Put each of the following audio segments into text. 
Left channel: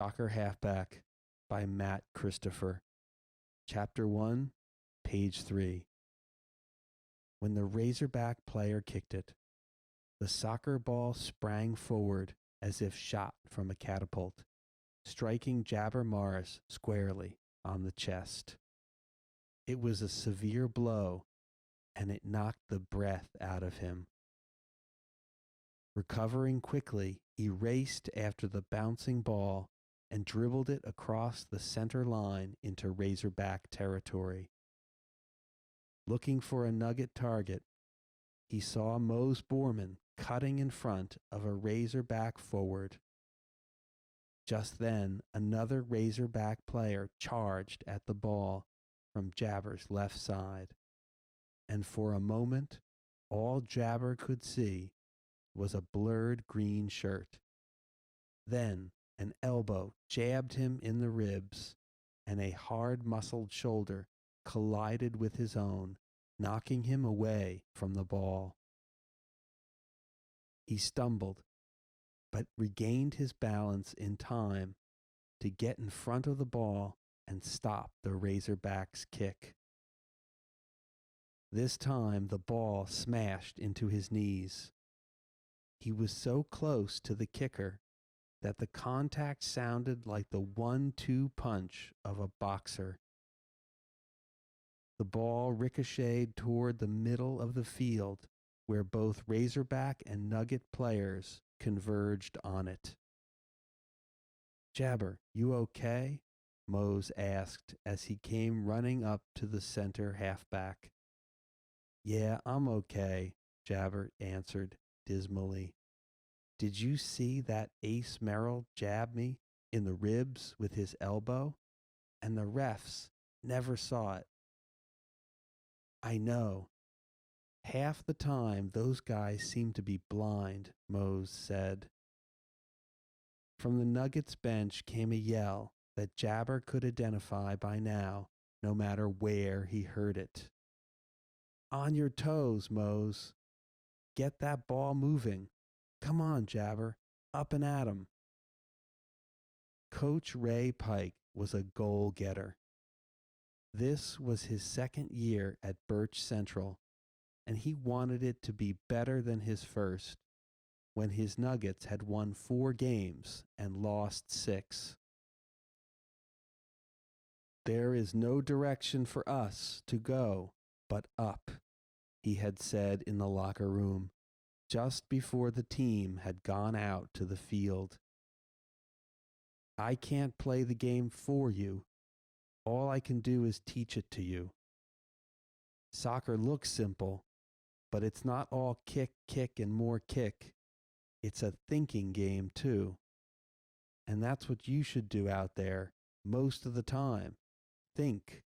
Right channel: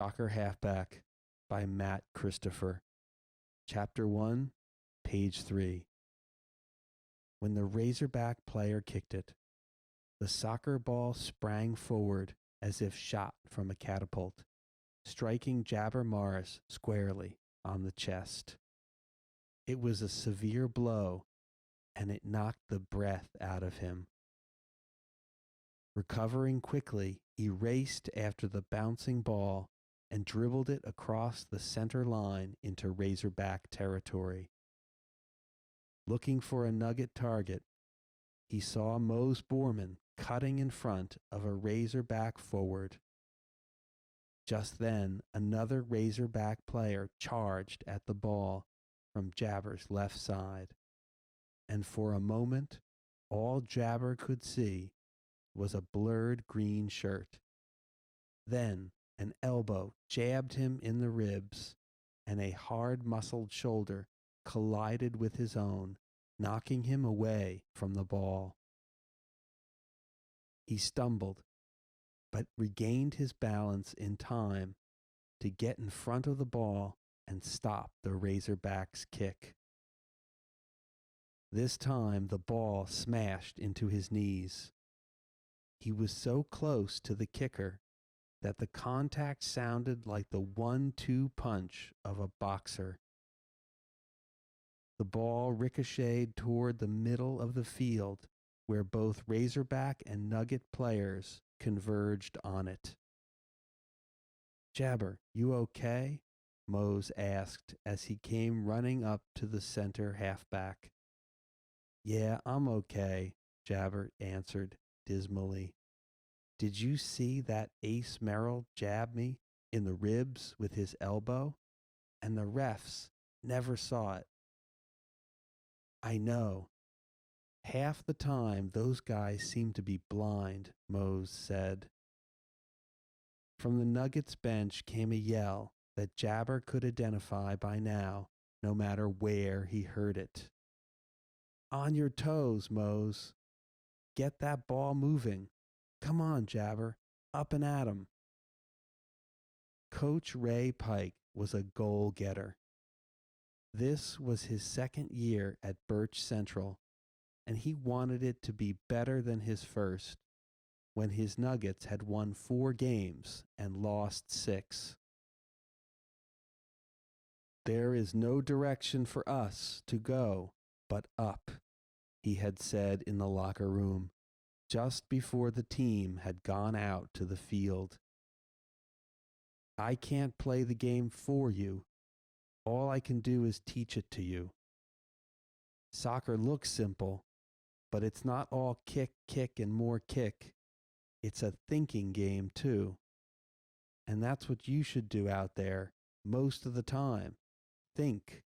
Soccer Halfback by Matt Christopher. Chapter 1, page 3. When the Razorback player kicked it, the soccer ball sprang forward as if shot from a catapult, striking Jabber Morris squarely on the chest. It was a severe blow, and it knocked the breath out of him. Recovering quickly, he raced after the bouncing ball and dribbled it across the center line into Razorback territory. Looking for a Nugget target, he saw Mose Borman cutting in front of a Razorback forward. Just then, another Razorback player charged at the ball from Jabber's left side, and for a moment, all Jabber could see was a blurred green shirt. Then an elbow jabbed him in the ribs, and a hard-muscled shoulder collided with his own, knocking him away from the ball. He stumbled, but regained his balance in time to get in front of the ball and stop the Razorback's kick. This time the ball smashed into his knees. He was so close to the kicker that the contact sounded like the 1-2 punch of a boxer. The ball ricocheted toward the middle of the field, where both Razorback and Nugget players converged on it. Jabber, you okay? Mose asked as he came running up to the center halfback. Yeah, I'm okay, Jabber answered dismally. Did you see that Ace Merrill jab me in the ribs with his elbow? And the refs never saw it. I know. Half the time those guys seem to be blind, Mose said. From the Nuggets bench came a yell that Jabber could identify by now, no matter where he heard it. On your toes, Mose. Get that ball moving. Come on, Jabber. Up and at 'em. Coach Ray Pike was a goal-getter. This was his second year at Birch Central, and he wanted it to be better than his first, when his Nuggets had won 4 games and lost 6. There is no direction for us to go but up, he had said in the locker room just before the team had gone out to the field. I can't play the game for you. All I can do is teach it to you. Soccer looks simple, but it's not all kick, kick, and more kick. It's a thinking game, too. And that's what you should do out there most of the time. Think.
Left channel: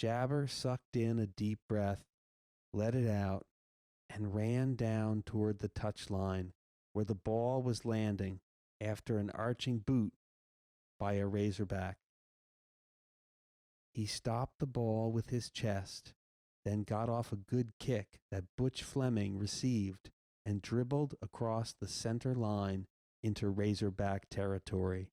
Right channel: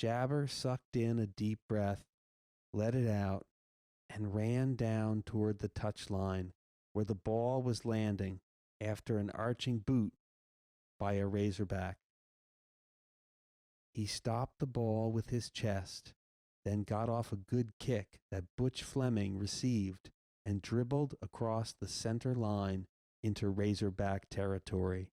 Jabber sucked in a deep breath, let it out, and ran down toward the touchline, where the ball was landing after an arching boot by a Razorback. He stopped the ball with his chest, then got off a good kick that Butch Fleming received and dribbled across the center line into Razorback territory.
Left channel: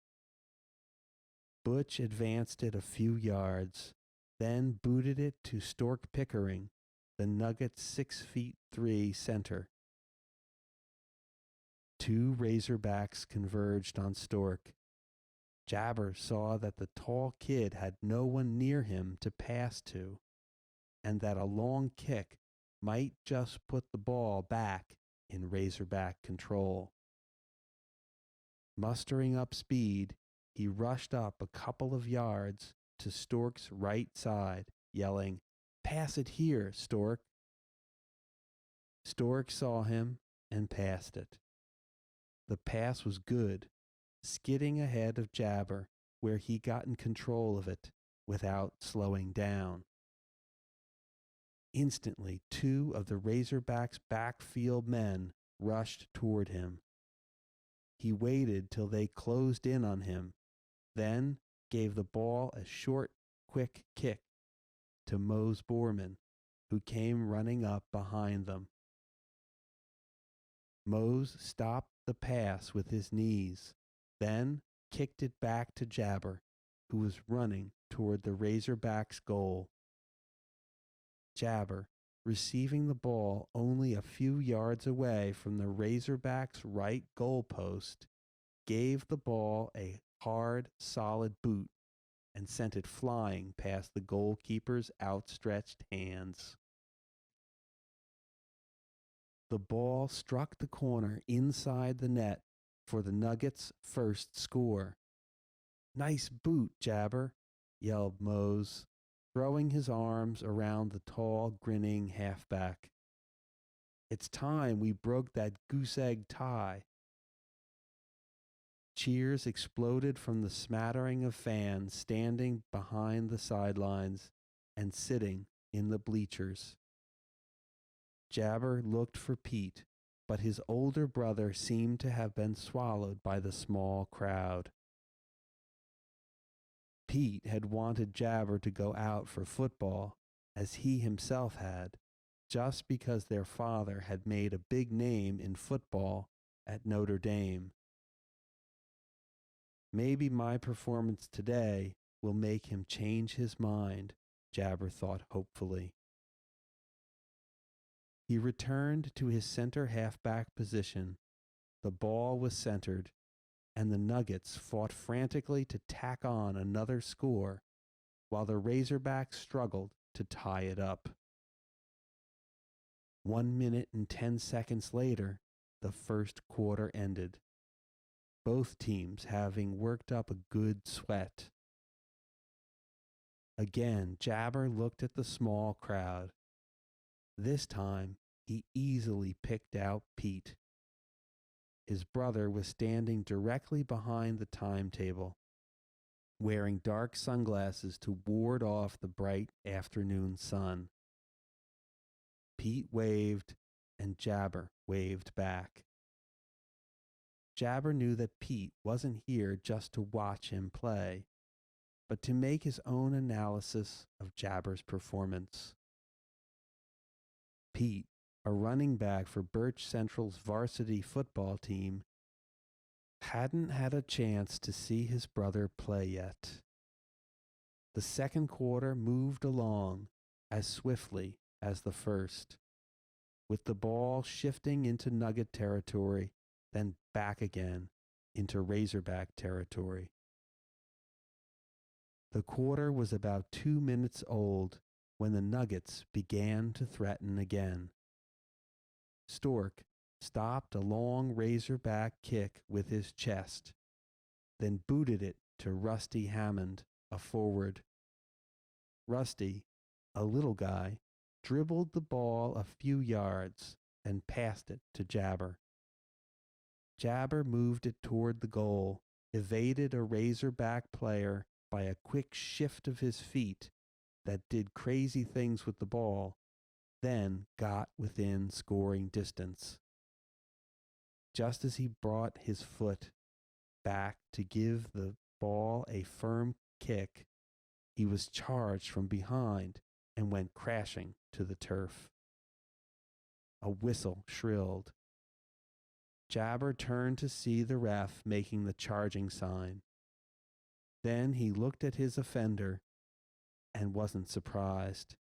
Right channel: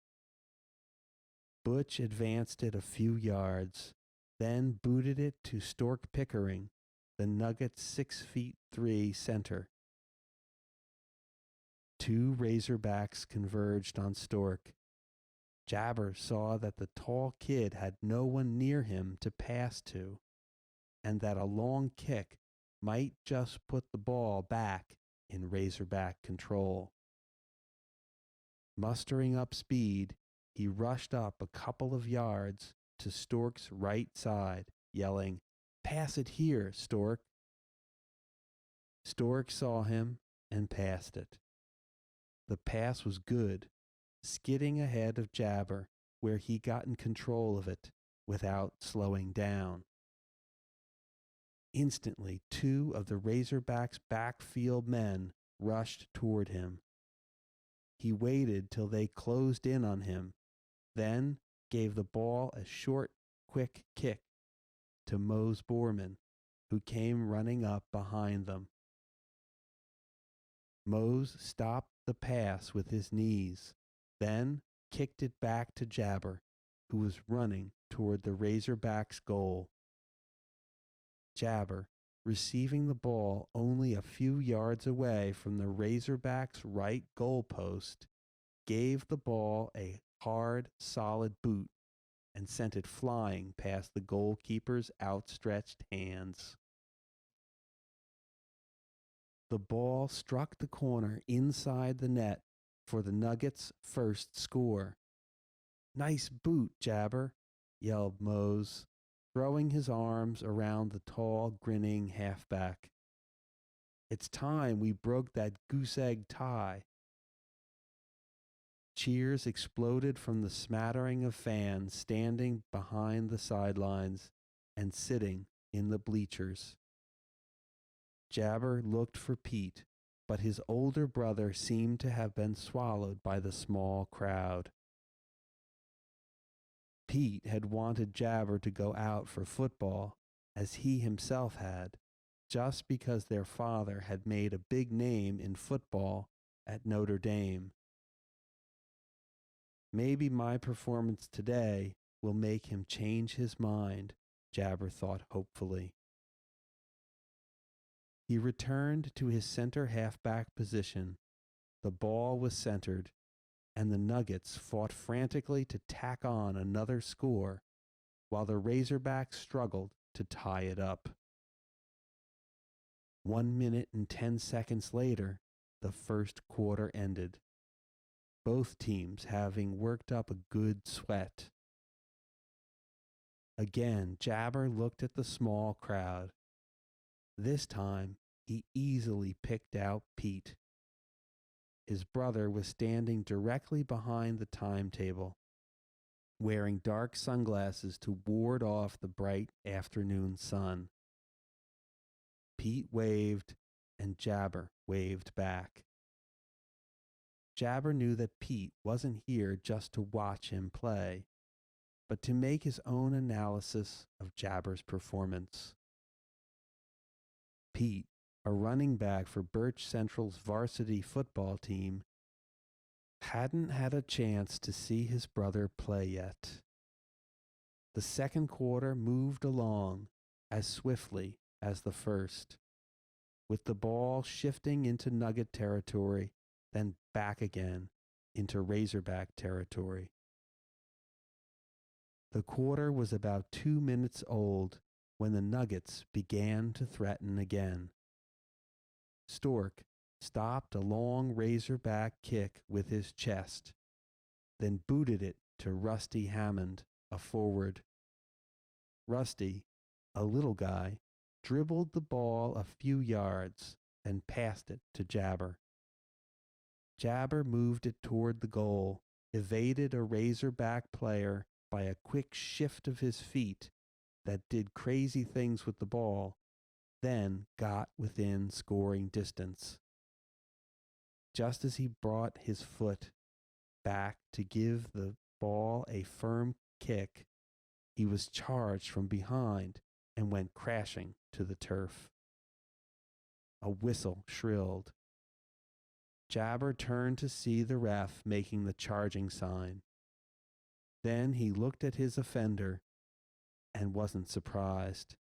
Butch advanced it a few yards, then booted it to Stork Pickering, the Nuggets 6'3" center. 2 Razorbacks converged on Stork. Jabber saw that the tall kid had no one near him to pass to, and that a long kick might just put the ball back in Razorback control. Mustering up speed, he rushed up a couple of yards to Stork's right side, yelling, "Pass it here, Stork." Stork saw him and passed it. The pass was good, skidding ahead of Jabber, where he got in control of it without slowing down. Instantly, 2 of the Razorbacks' backfield men rushed toward him. He waited till they closed in on him, then gave the ball a short, quick kick to Mose Borman, who came running up behind them. Mose stopped the pass with his knees, then kicked it back to Jabber, who was running toward the Razorbacks' goal. Jabber, receiving the ball only a few yards away from the Razorbacks' right goalpost, gave the ball a hard, solid boot and sent it flying past the goalkeeper's outstretched hands. The ball struck the corner inside the net for the Nuggets' first score. Nice boot, Jabber, yelled Mose, throwing his arms around the tall, grinning halfback. It's time we broke that goose egg tie. Cheers exploded from the smattering of fans standing behind the sidelines and sitting in the bleachers. Jabber looked for Pete, but his older brother seemed to have been swallowed by the small crowd. Pete had wanted Jabber to go out for football, as he himself had, just because their father had made a big name in football at Notre Dame. Maybe my performance today will make him change his mind, Jabber thought hopefully. He returned to his center halfback position. The ball was centered, and the Nuggets fought frantically to tack on another score while the Razorbacks struggled to tie it up. 1 minute and 10 seconds later, the first quarter ended, both teams having worked up a good sweat. Again, Jabber looked at the small crowd. This time, he easily picked out Pete. His brother was standing directly behind the timetable, wearing dark sunglasses to ward off the bright afternoon sun. Pete waved, and Jabber waved back. Jabber knew that Pete wasn't here just to watch him play, but to make his own analysis of Jabber's performance. Pete, a running back for Birch Central's varsity football team, hadn't had a chance to see his brother play yet. The second quarter moved along as swiftly as the first, with the ball shifting into Nugget territory, then back again into Razorback territory. The quarter was about 2 minutes old when the Nuggets began to threaten again. Stork stopped a long Razorback kick with his chest, then booted it to Rusty Hammond, a forward. Rusty, a little guy, dribbled the ball a few yards and passed it to Jabber. Jabber moved it toward the goal, evaded a Razorback player by a quick shift of his feet that did crazy things with the ball, then got within scoring distance. Just as he brought his foot back to give the ball a firm kick, he was charged from behind and went crashing to the turf. A whistle shrilled. Jabber turned to see the ref making the charging sign. Then he looked at his offender and wasn't surprised.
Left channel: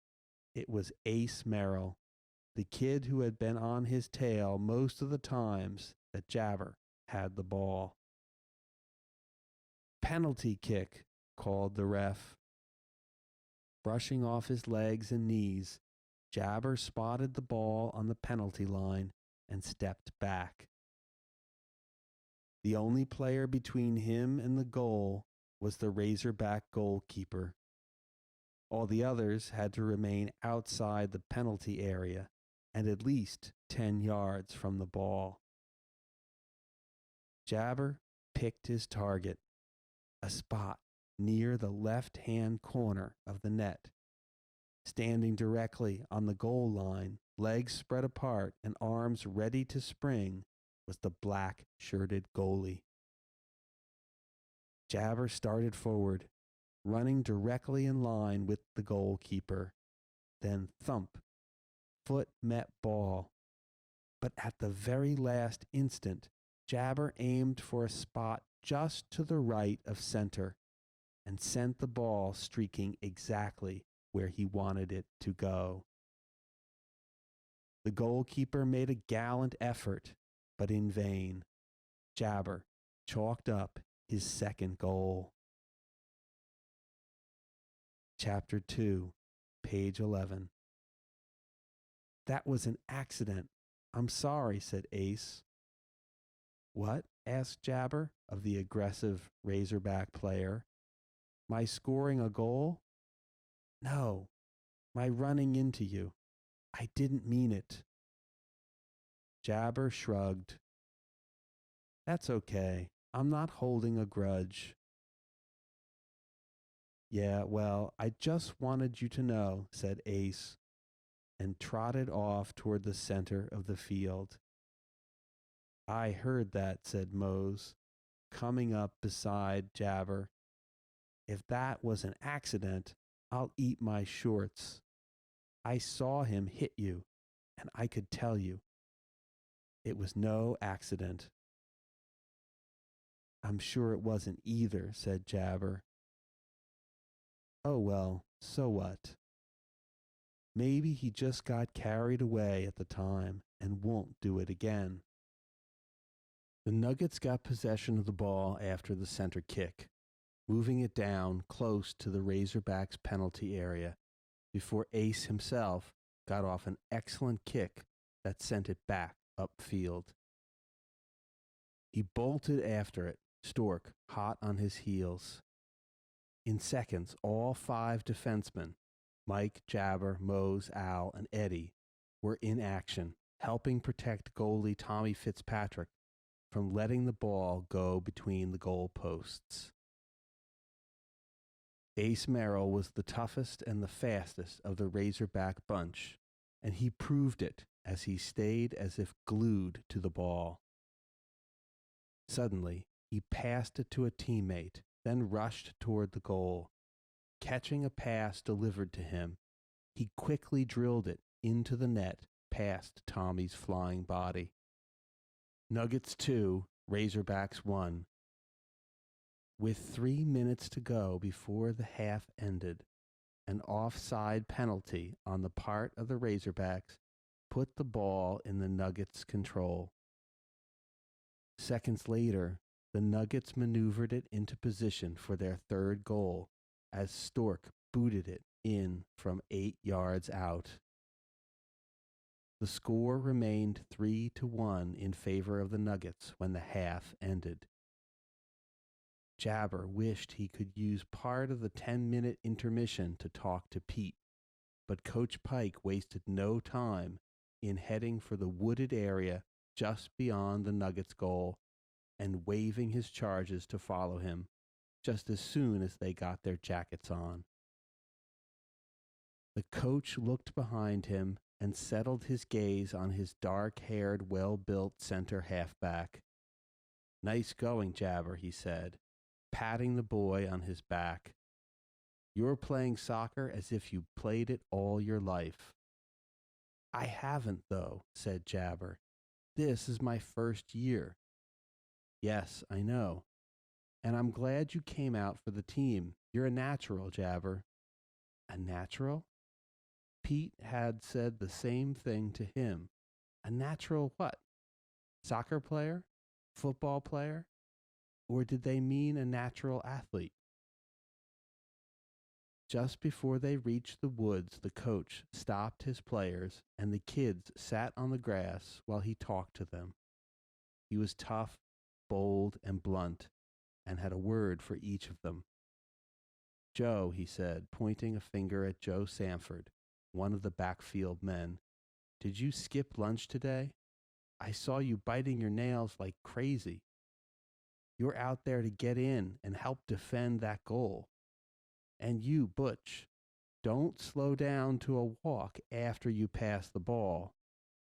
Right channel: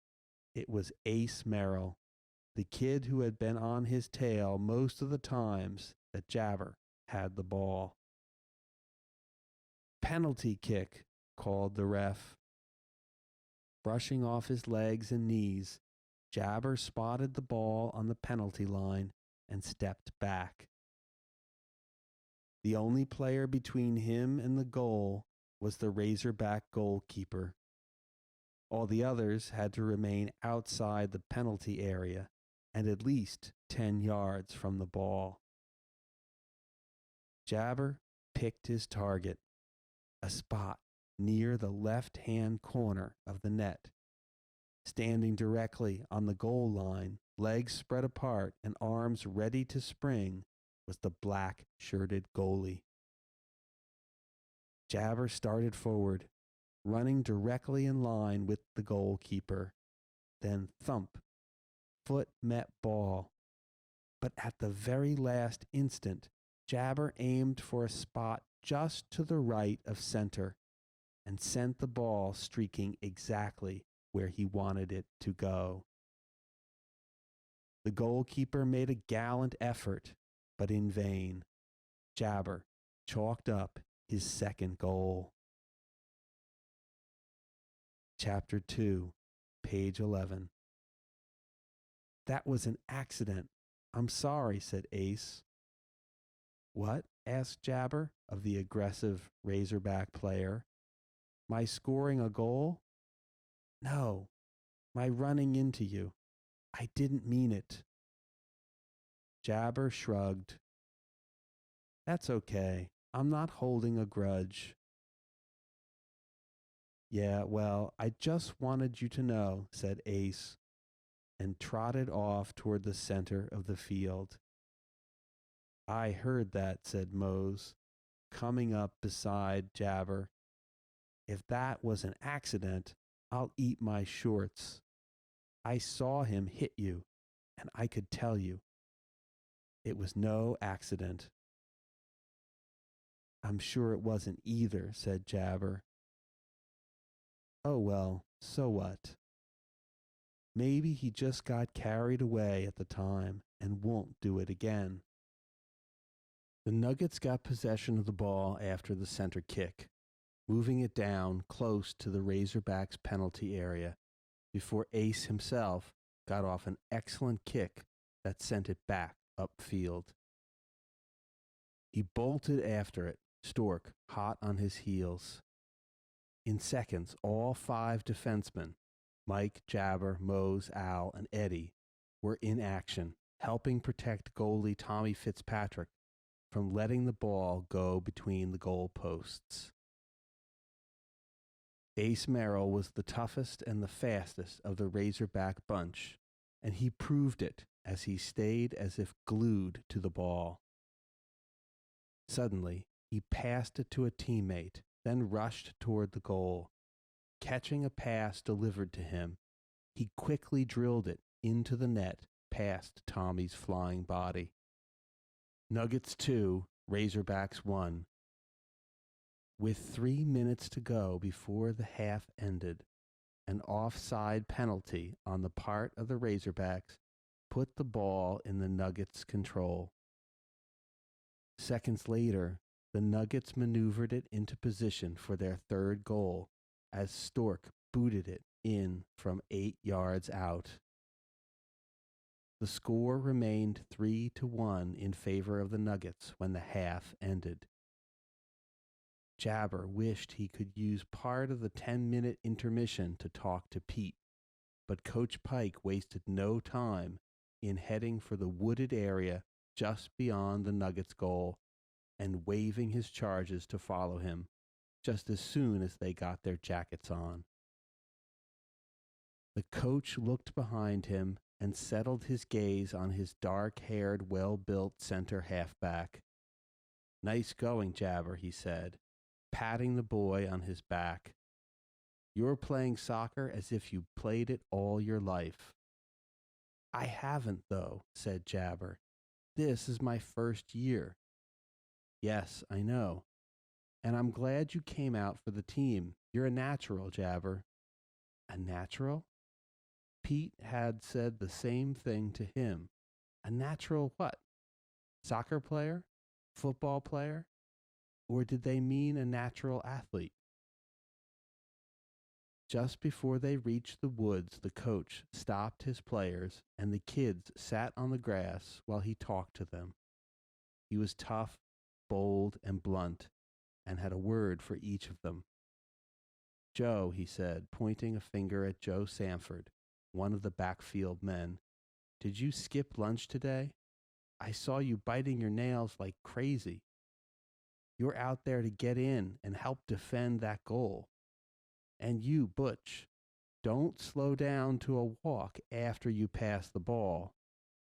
It was Ace Merrill, the kid who had been on his tail most of the times that Jabber had the ball. Penalty kick, called the ref. Brushing off his legs and knees, Jabber spotted the ball on the penalty line and stepped back. The only player between him and the goal was the Razorback goalkeeper. All the others had to remain outside the penalty area and at least 10 yards from the ball. Jabber picked his target, a spot near the left-hand corner of the net. Standing directly on the goal line, legs spread apart and arms ready to spring, was the black-shirted goalie. Jabber started forward, running directly in line with the goalkeeper. Then thump, foot met ball. But at the very last instant, Jabber aimed for a spot just to the right of center and sent the ball streaking exactly where he wanted it to go. The goalkeeper made a gallant effort, but in vain. Jabber chalked up his second goal. Chapter 2, page 11. That was an accident. I'm sorry, said Ace. What? Asked Jabber of the aggressive Razorback player. My scoring a goal? No, my running into you. I didn't mean it. Jabber shrugged. That's okay. I'm not holding a grudge. Yeah, well, I just wanted you to know, said Ace, and trotted off toward the center of the field. I heard that, said Mose, coming up beside Jabber. If that was an accident, I'll eat my shorts. I saw him hit you, and I could tell you it was no accident. I'm sure it wasn't either, said Jabber. Oh well, so what? Maybe he just got carried away at the time and won't do it again. The Nuggets got possession of the ball after the center kick, moving it down close to the Razorbacks' penalty area before Ace himself got off an excellent kick that sent it back upfield. He bolted after it, Stork hot on his heels. In seconds, all five defensemen, Mike, Jabber, Mose, Al, and Eddie, were in action, helping protect goalie Tommy Fitzpatrick from letting the ball go between the goal posts. Ace Merrill was the toughest and the fastest of the Razorback bunch, and he proved it as he stayed as if glued to the ball. Suddenly, he passed it to a teammate, then rushed toward the goal. Catching a pass delivered to him, he quickly drilled it into the net past Tommy's flying body. Nuggets 2, Razorbacks 1. With 3 minutes to go before the half ended, an offside penalty on the part of the Razorbacks put the ball in the Nuggets' control. Seconds later, the Nuggets maneuvered it into position for their third goal as Stork booted it in from 8 yards out. The score remained 3-1 in favor of the Nuggets when the half ended. Jabber wished he could use part of the 10-minute intermission to talk to Pete, but Coach Pike wasted no time in heading for the wooded area just beyond the Nuggets' goal and waving his charges to follow him just as soon as they got their jackets on. The coach looked behind him and settled his gaze on his dark-haired, well-built center halfback. Nice going, Jabber, he said, patting the boy on his back. You're playing soccer as if you played it all your life. I haven't, though, said Jabber. This is my first year. Yes, I know. And I'm glad you came out for the team. You're a natural, Jabber. A natural? Pete had said the same thing to him. A natural what? Soccer player? Football player? Or did they mean a natural athlete? Just before they reached the woods, the coach stopped his players, and the kids sat on the grass while he talked to them. He was tough, bold, and blunt, and had a word for each of them. Joe, he said, pointing a finger at Joe Sanford, one of the backfield men, did you skip lunch today? I saw you biting your nails like crazy. You're out there to get in and help defend that goal. And you, Butch, don't slow down to a walk after you pass the ball.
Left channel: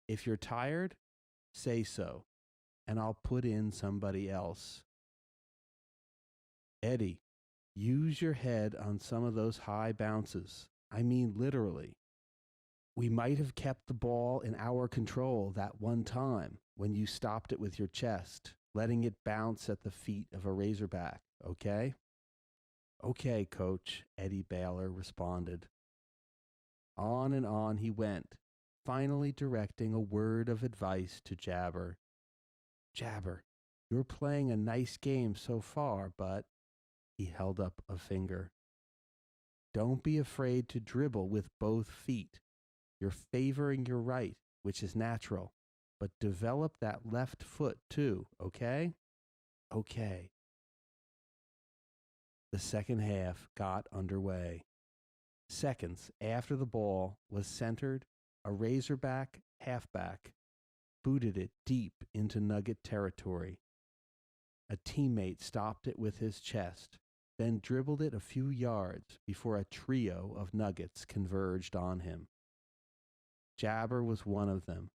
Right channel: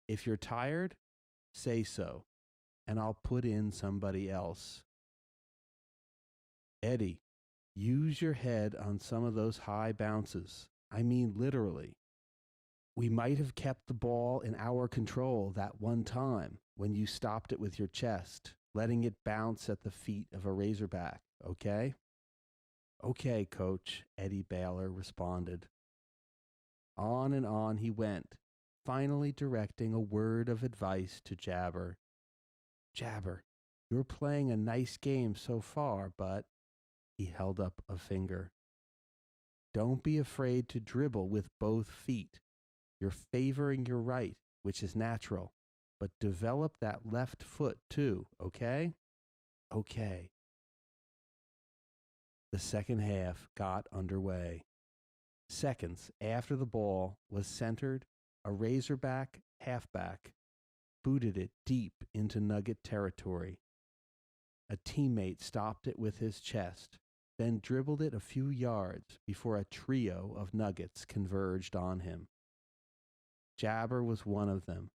If you're tired, say so, and I'll put in somebody else. Eddie, use your head on some of those high bounces. I mean, literally. We might have kept the ball in our control that one time when you stopped it with your chest, letting it bounce at the feet of a Razorback, okay? Okay, coach, Eddie Baylor responded. On and on he went, finally directing a word of advice to Jabber. Jabber, you're playing a nice game so far, but he held up a finger. Don't be afraid to dribble with both feet. You're favoring your right, which is natural, but develop that left foot too, okay? Okay. The second half got underway. Seconds after the ball was centered, a Razorback halfback booted it deep into Nugget territory. A teammate stopped it with his chest, then dribbled it a few yards before a trio of Nuggets converged on him. Jabber was one of them.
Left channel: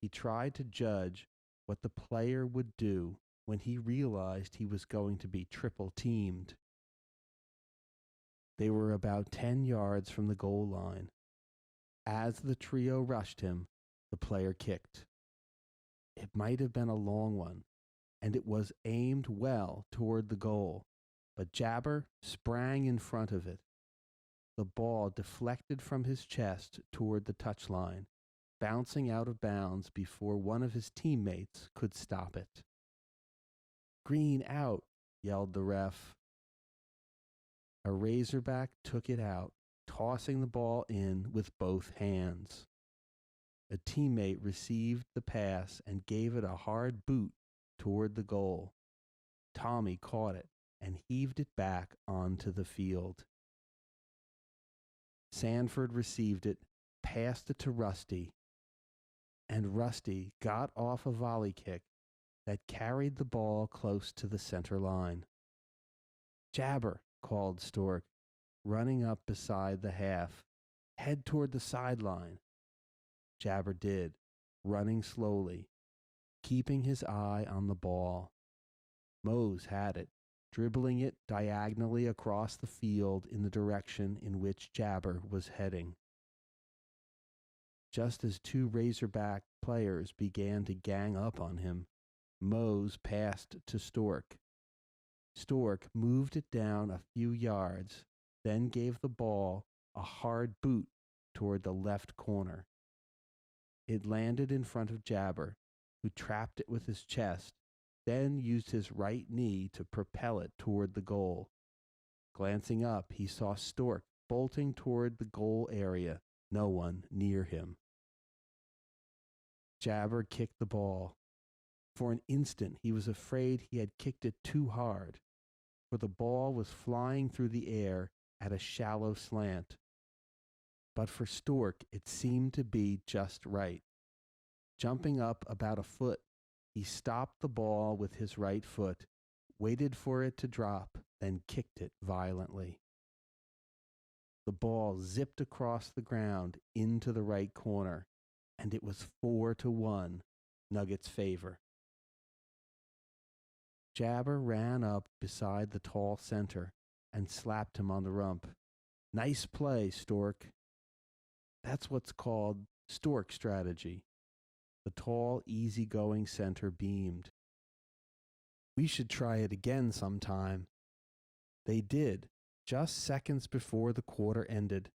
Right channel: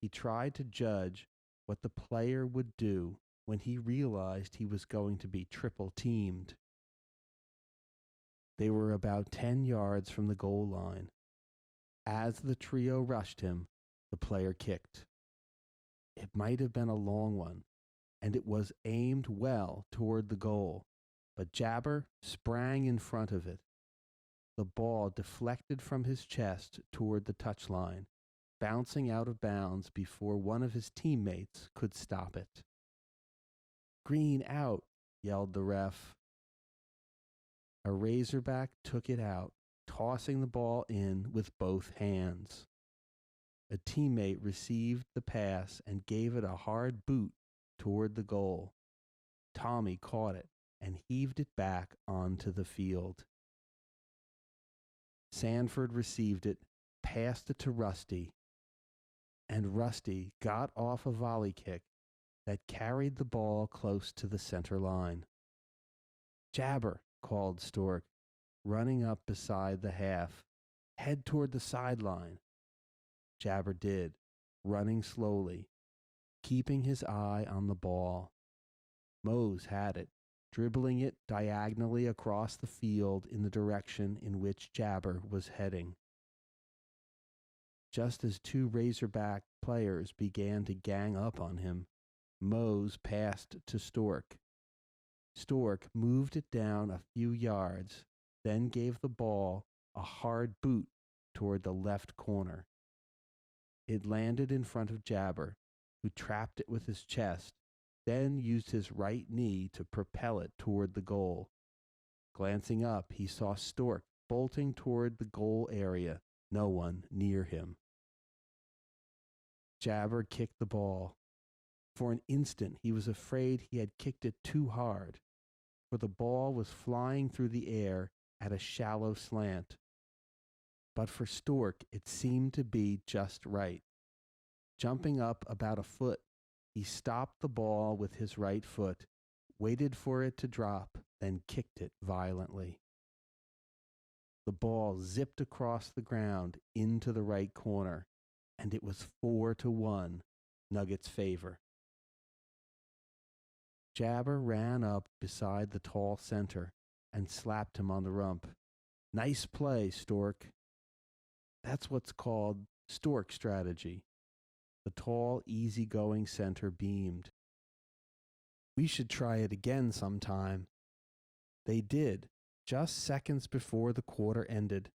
He tried to judge what the player would do when he realized he was going to be triple teamed. They were about 10 yards from the goal line. As the trio rushed him, the player kicked. It might have been a long one, and it was aimed well toward the goal, but Jabber sprang in front of it. The ball deflected from his chest toward the touchline, bouncing out of bounds before one of his teammates could stop it. Green out, yelled the ref. A Razorback took it out, tossing the ball in with both hands. A teammate received the pass and gave it a hard boot toward the goal. Tommy caught it and heaved it back onto the field. Sanford received it, passed it to Rusty, and Rusty got off a volley kick that carried the ball close to the center line. Jabber, called Stork, running up beside the half. Head toward the sideline. Jabber did, running slowly, keeping his eye on the ball. Mose had it, dribbling it diagonally across the field in the direction in which Jabber was heading. Just as two Razorback players began to gang up on him, Mose passed to Stork. Stork moved it down a few yards, then gave the ball a hard boot toward the left corner. It landed in front of Jabber, who trapped it with his chest, then used his right knee to propel it toward the goal. Glancing up, he saw Stork bolting toward the goal area, no one near him. Jabber kicked the ball. For an instant, he was afraid he had kicked it too hard, for the ball was flying through the air at a shallow slant. But for Stork, it seemed to be just right. Jumping up about a foot, he stopped the ball with his right foot, waited for it to drop, and kicked it violently. The ball zipped across the ground into the right corner, and it was 4-1, Nuggets' favor. Jabber ran up beside the tall center and slapped him on the rump. Nice play, Stork. That's what's called Stork strategy. The tall, easygoing center beamed. We should try it again sometime. They did, just seconds before the quarter ended.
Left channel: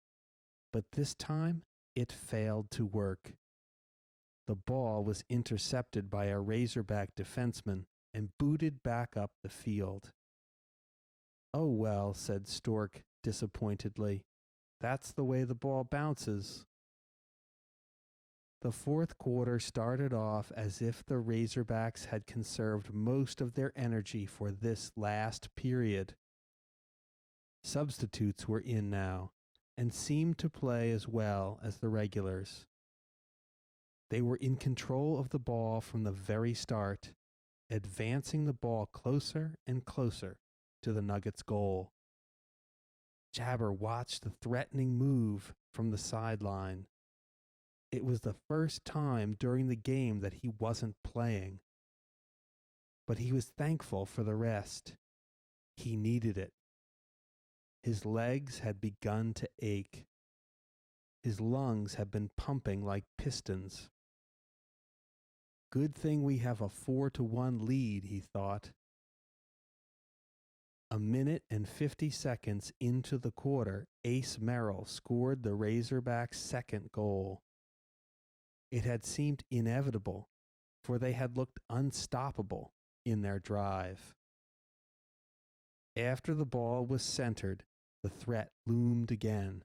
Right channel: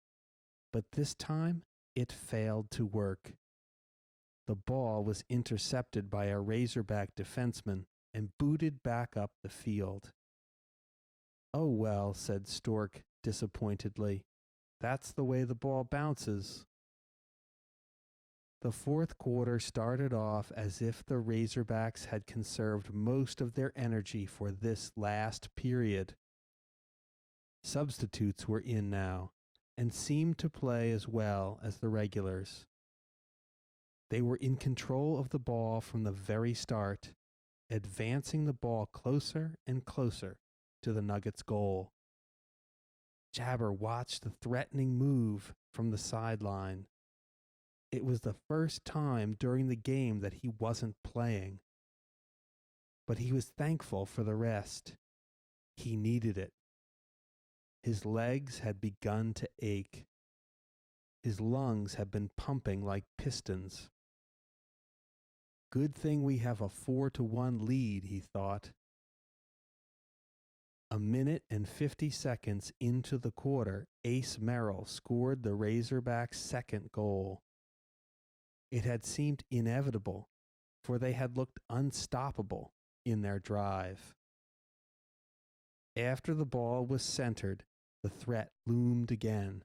But this time, it failed to work. The ball was intercepted by a Razorback defenseman and booted back up the field. Oh well, said Stork disappointedly. That's the way the ball bounces. The fourth quarter started off as if the Razorbacks had conserved most of their energy for this last period. Substitutes were in now and seemed to play as well as the regulars. They were in control of the ball from the very start, advancing the ball closer and closer to the Nuggets' goal. Jabber watched the threatening move from the sideline. It was the first time during the game that he wasn't playing. But he was thankful for the rest. He needed it. His legs had begun to ache. His lungs had been pumping like pistons. Good thing we have a 4-1 lead, he thought. A minute and 50 seconds into the quarter, Ace Merrill scored the Razorbacks' second goal. It had seemed inevitable, for they had looked unstoppable in their drive. After the ball was centered, the threat loomed again.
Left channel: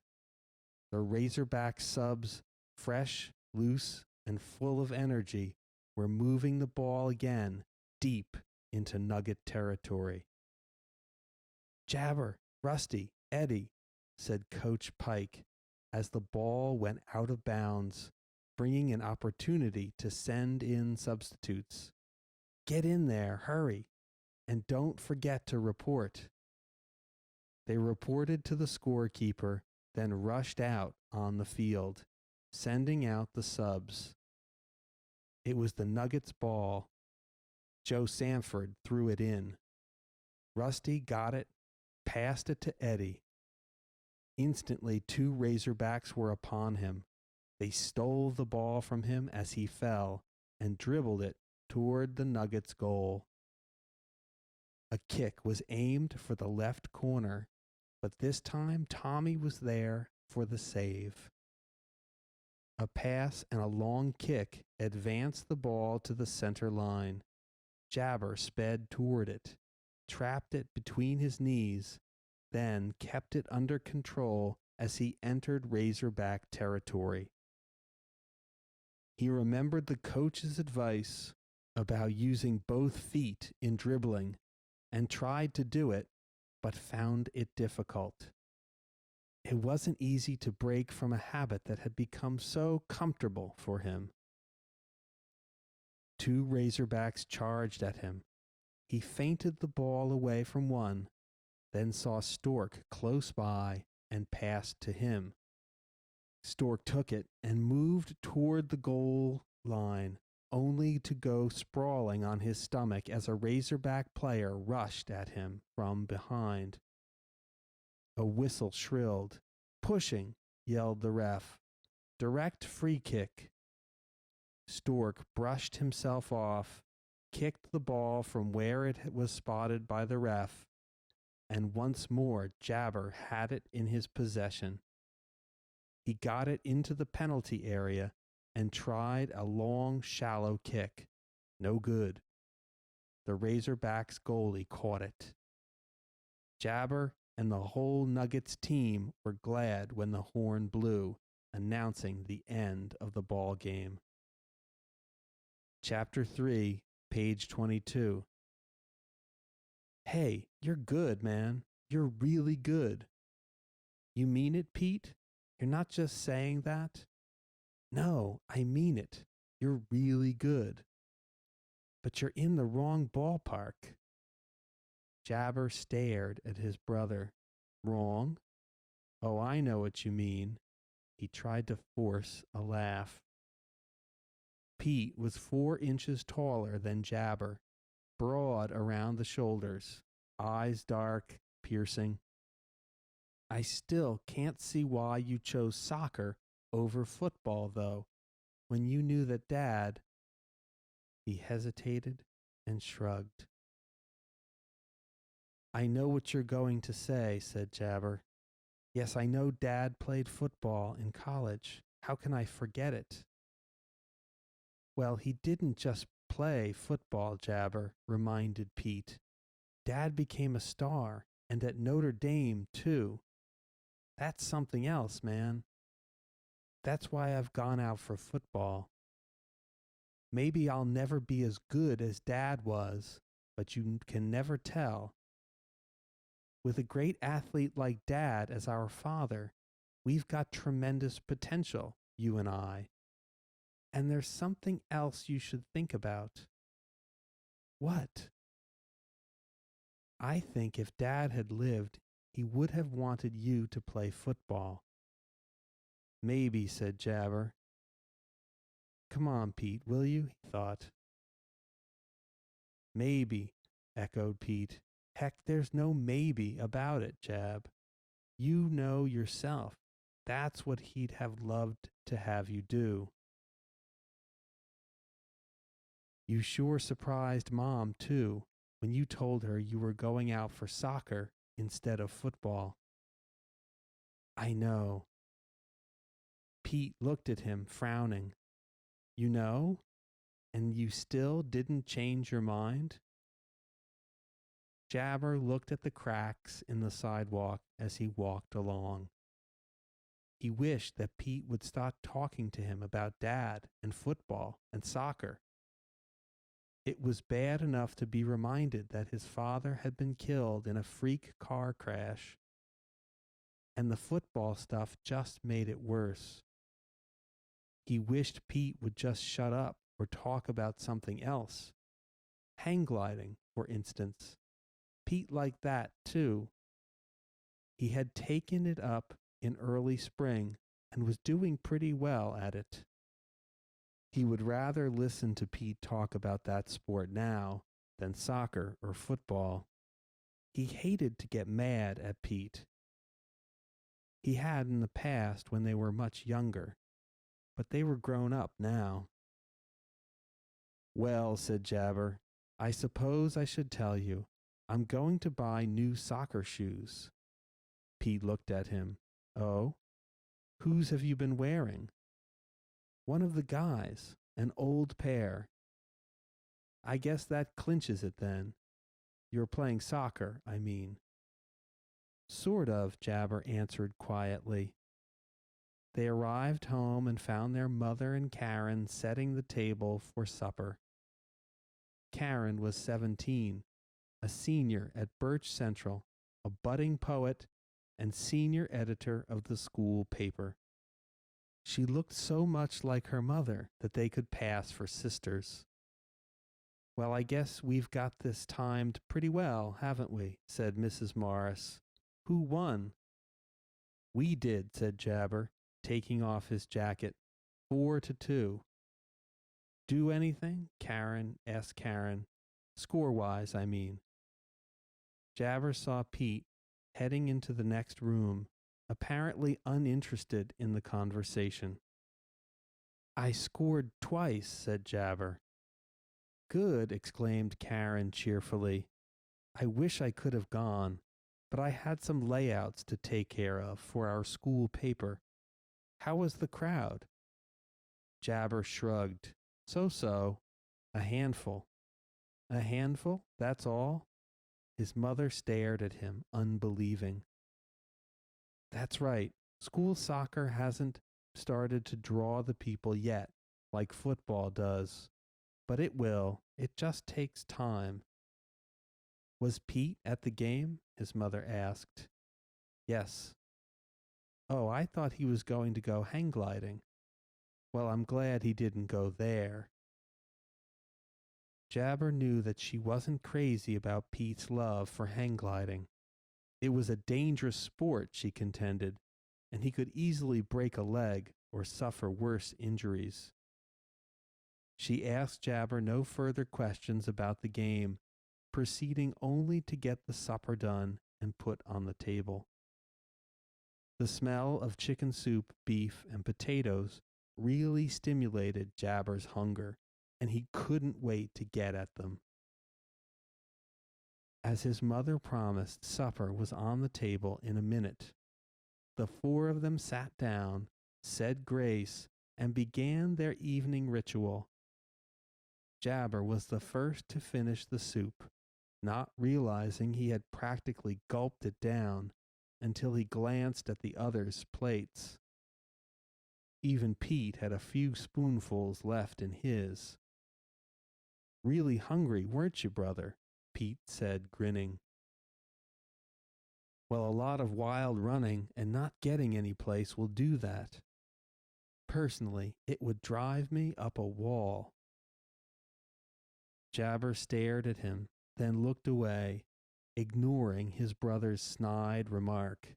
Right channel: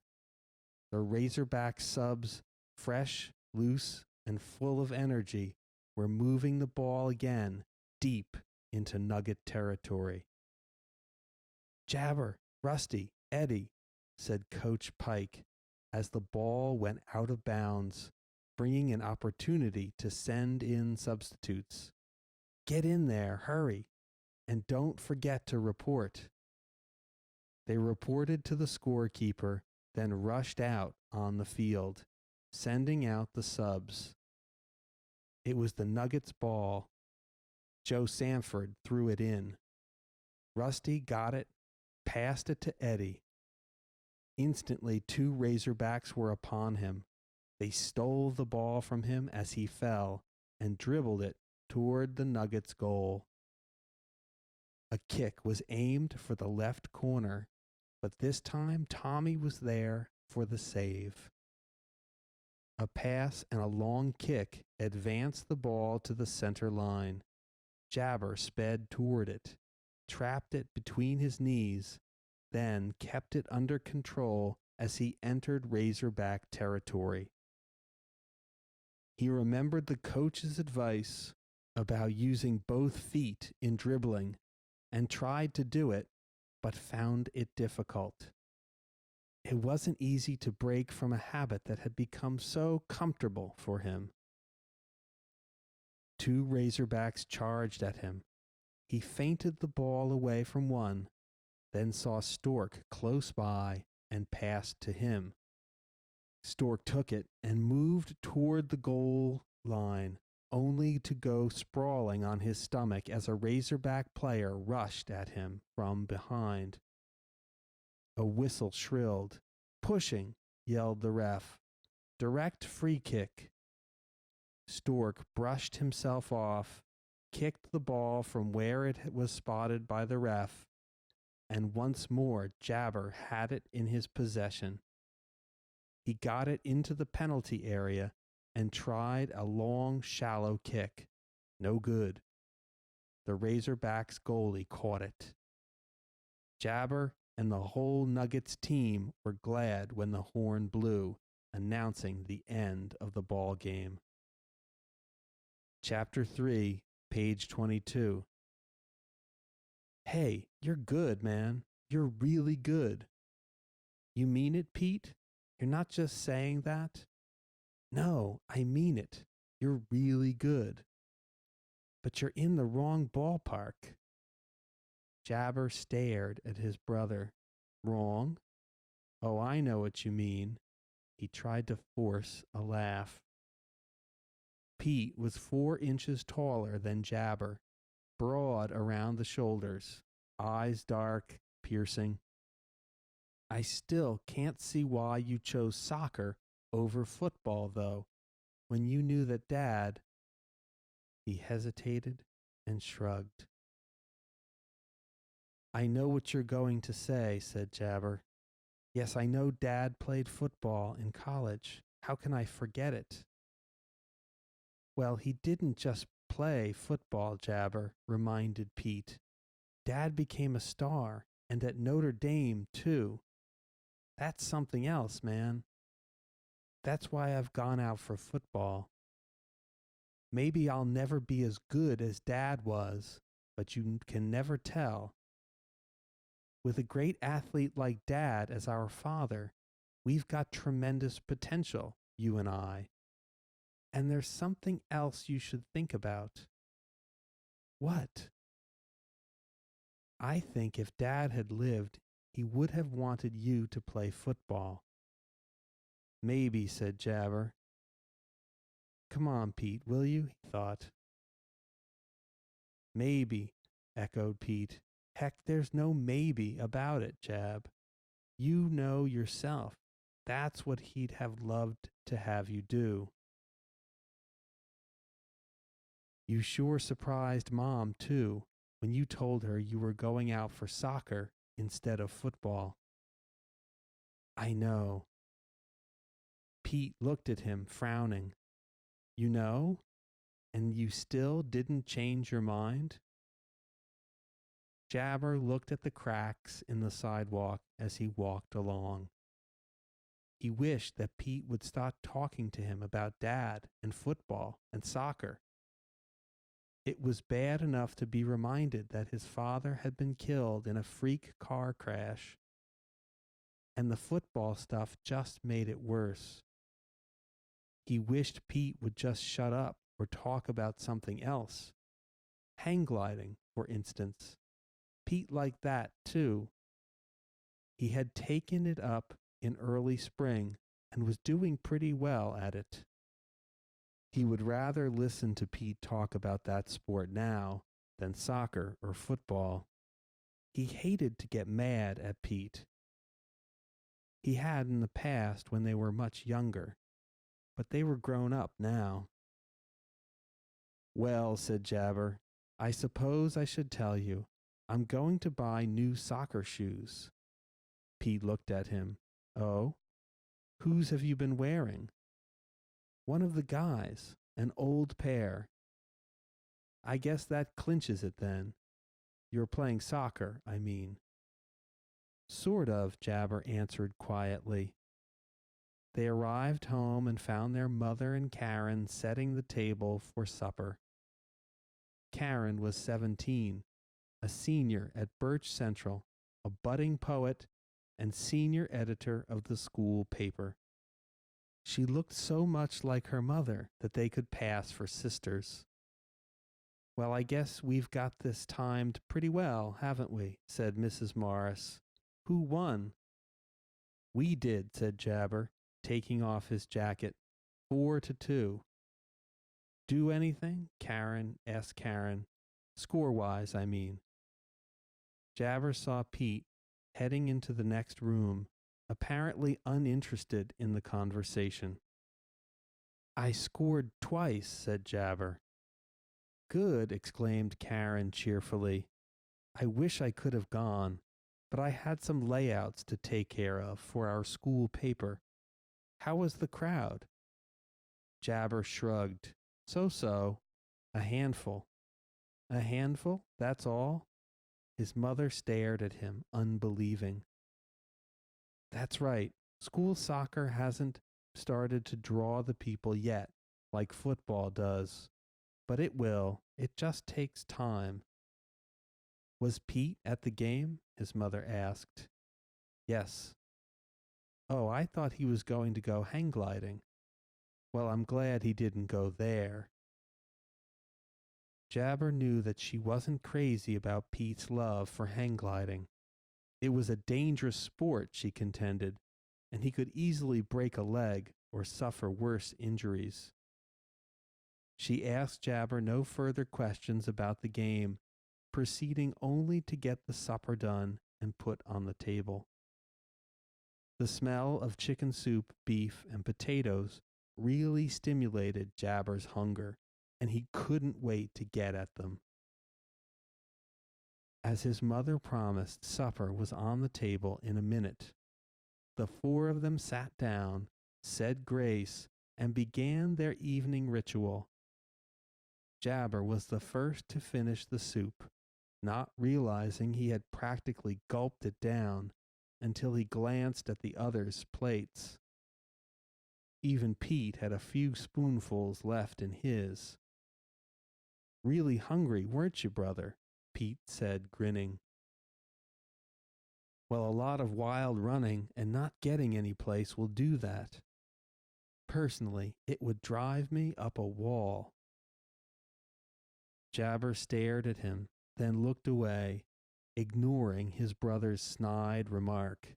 The Razorback subs, fresh, loose, and full of energy, were moving the ball again deep into Nugget territory. Jabber, Rusty, Eddie, said Coach Pike as the ball went out of bounds, bringing an opportunity to send in substitutes. Get in there, hurry, and don't forget to report. They reported to the scorekeeper, then rushed out on the field, sending out the subs. It was the Nuggets' ball. Joe Sanford threw it in. Rusty got it, passed it to Eddie. Instantly, 2 Razorbacks were upon him. They stole the ball from him as he fell and dribbled it toward the Nuggets' goal. A kick was aimed for the left corner, but this time Tommy was there for the save. A pass and a long kick advanced the ball to the center line. Jabber sped toward it, trapped it between his knees, then kept it under control as he entered Razorback territory. He remembered the coach's advice about using both feet in dribbling and tried to do it, but found it difficult. It wasn't easy to break from a habit that had become so comfortable for him. 2 Razorbacks charged at him. He feinted the ball away from one, then saw Stork close by and passed to him. Stork took it and moved toward the goal line, only to go sprawling on his stomach as a Razorback player rushed at him from behind. A whistle shrilled. Pushing, yelled the ref. Direct free kick. Stork brushed himself off, kicked the ball from where it was spotted by the ref, and once more Jabber had it in his possession. He got it into the penalty area and tried a long, shallow kick. No good. The Razorbacks goalie caught it. Jabber and the whole Nuggets team were glad when the horn blew, announcing the end of the ball game. Chapter 3, page 22. Hey, you're good, man. You're really good. You mean it, Pete? You're not just saying that? No, I mean it. You're really good. But you're in the wrong ballpark. Jabber stared at his brother. Wrong? Oh, I know what you mean. He tried to force a laugh. Pete was 4 inches taller than Jabber, broad around the shoulders, eyes dark, piercing. I still can't see why you chose soccer over football, though, when you knew that Dad... He hesitated and shrugged. I know what you're going to say, said Jabber. Yes, I know Dad played football in college. How can I forget it? Well, he didn't just play football, Jabber reminded Pete. Dad became a star, and at Notre Dame, too. That's something else, man. That's why I've gone out for football. Maybe I'll never be as good as Dad was, but you can never tell. With a great athlete like Dad as our father, we've got tremendous potential, you and I. And there's something else you should think about. What? I think if Dad had lived, he would have wanted you to play football. Maybe, said Jabber. Come on, Pete, will you? He thought. Maybe, echoed Pete. Heck, there's no maybe about it, Jab. You know yourself. That's what he'd have loved to have you do. You sure surprised Mom, too, when you told her you were going out for soccer instead of football. I know. Pete looked at him, frowning. You know? And you still didn't change your mind? Jabber looked at the cracks in the sidewalk as he walked along. He wished that Pete would stop talking to him about Dad and football and soccer. It was bad enough to be reminded that his father had been killed in a freak car crash, and the football stuff just made it worse. He wished Pete would just shut up or talk about something else. Hang gliding, for instance. Pete liked that, too. He had taken it up in early spring and was doing pretty well at it. He would rather listen to Pete talk about that sport now than soccer or football. He hated to get mad at Pete. He had in the past when they were much younger, but they were grown up now. Well, said Jabber, I suppose I should tell you. I'm going to buy new soccer shoes. Pete looked at him. Oh? Whose have you been wearing? One of the guys, an old pair. I guess that clinches it then. You're playing soccer, I mean. Sort of, Jabber answered quietly. They arrived home and found their mother and Karen setting the table for supper. Karen was 17, a senior at Birch Central, a budding poet, and senior editor of the school paper. She looked so much like her mother that they could pass for sisters. Well, I guess we've got this timed pretty well, haven't we? Said Mrs. Morris. Who won? We did, said Jabber, taking off his jacket. 4-2. Do anything? Karen asked Karen. Score-wise, I mean. Jabber saw Pete heading into the next room, apparently uninterested in the conversation. I scored twice, said Jabber. Good, exclaimed Karen cheerfully. I wish I could have gone, but I had some layouts to take care of for our school paper. How was the crowd? Jabber shrugged. So-so. A handful. A handful? That's all? His mother stared at him, unbelieving. That's right. School soccer hasn't started to draw the people yet, like football does. But it will. It just takes time. Was Pete at the game? His mother asked. Yes. Oh, I thought he was going to go hang gliding. Well, I'm glad he didn't go there. Jabber knew that she wasn't crazy about Pete's love for hang gliding. It was a dangerous sport, she contended, and he could easily break a leg or suffer worse injuries. She asked Jabber no further questions about the game, proceeding only to get the supper done and put on the table. The smell of chicken soup, beef, and potatoes really stimulated Jabber's hunger, and he couldn't wait to get at them. As his mother promised, supper was on the table in a minute. The four of them sat down, said grace, and began their evening ritual. Jabber was the first to finish the soup, not realizing he had practically gulped it down until he glanced at the others' plates. Even Pete had a few spoonfuls left in his. Really hungry, weren't you, brother? Pete said, grinning. Well, a lot of wild running and not getting any place will do that. Personally, it would drive me up a wall. Jabber stared at him, then looked away, ignoring his brother's snide remark.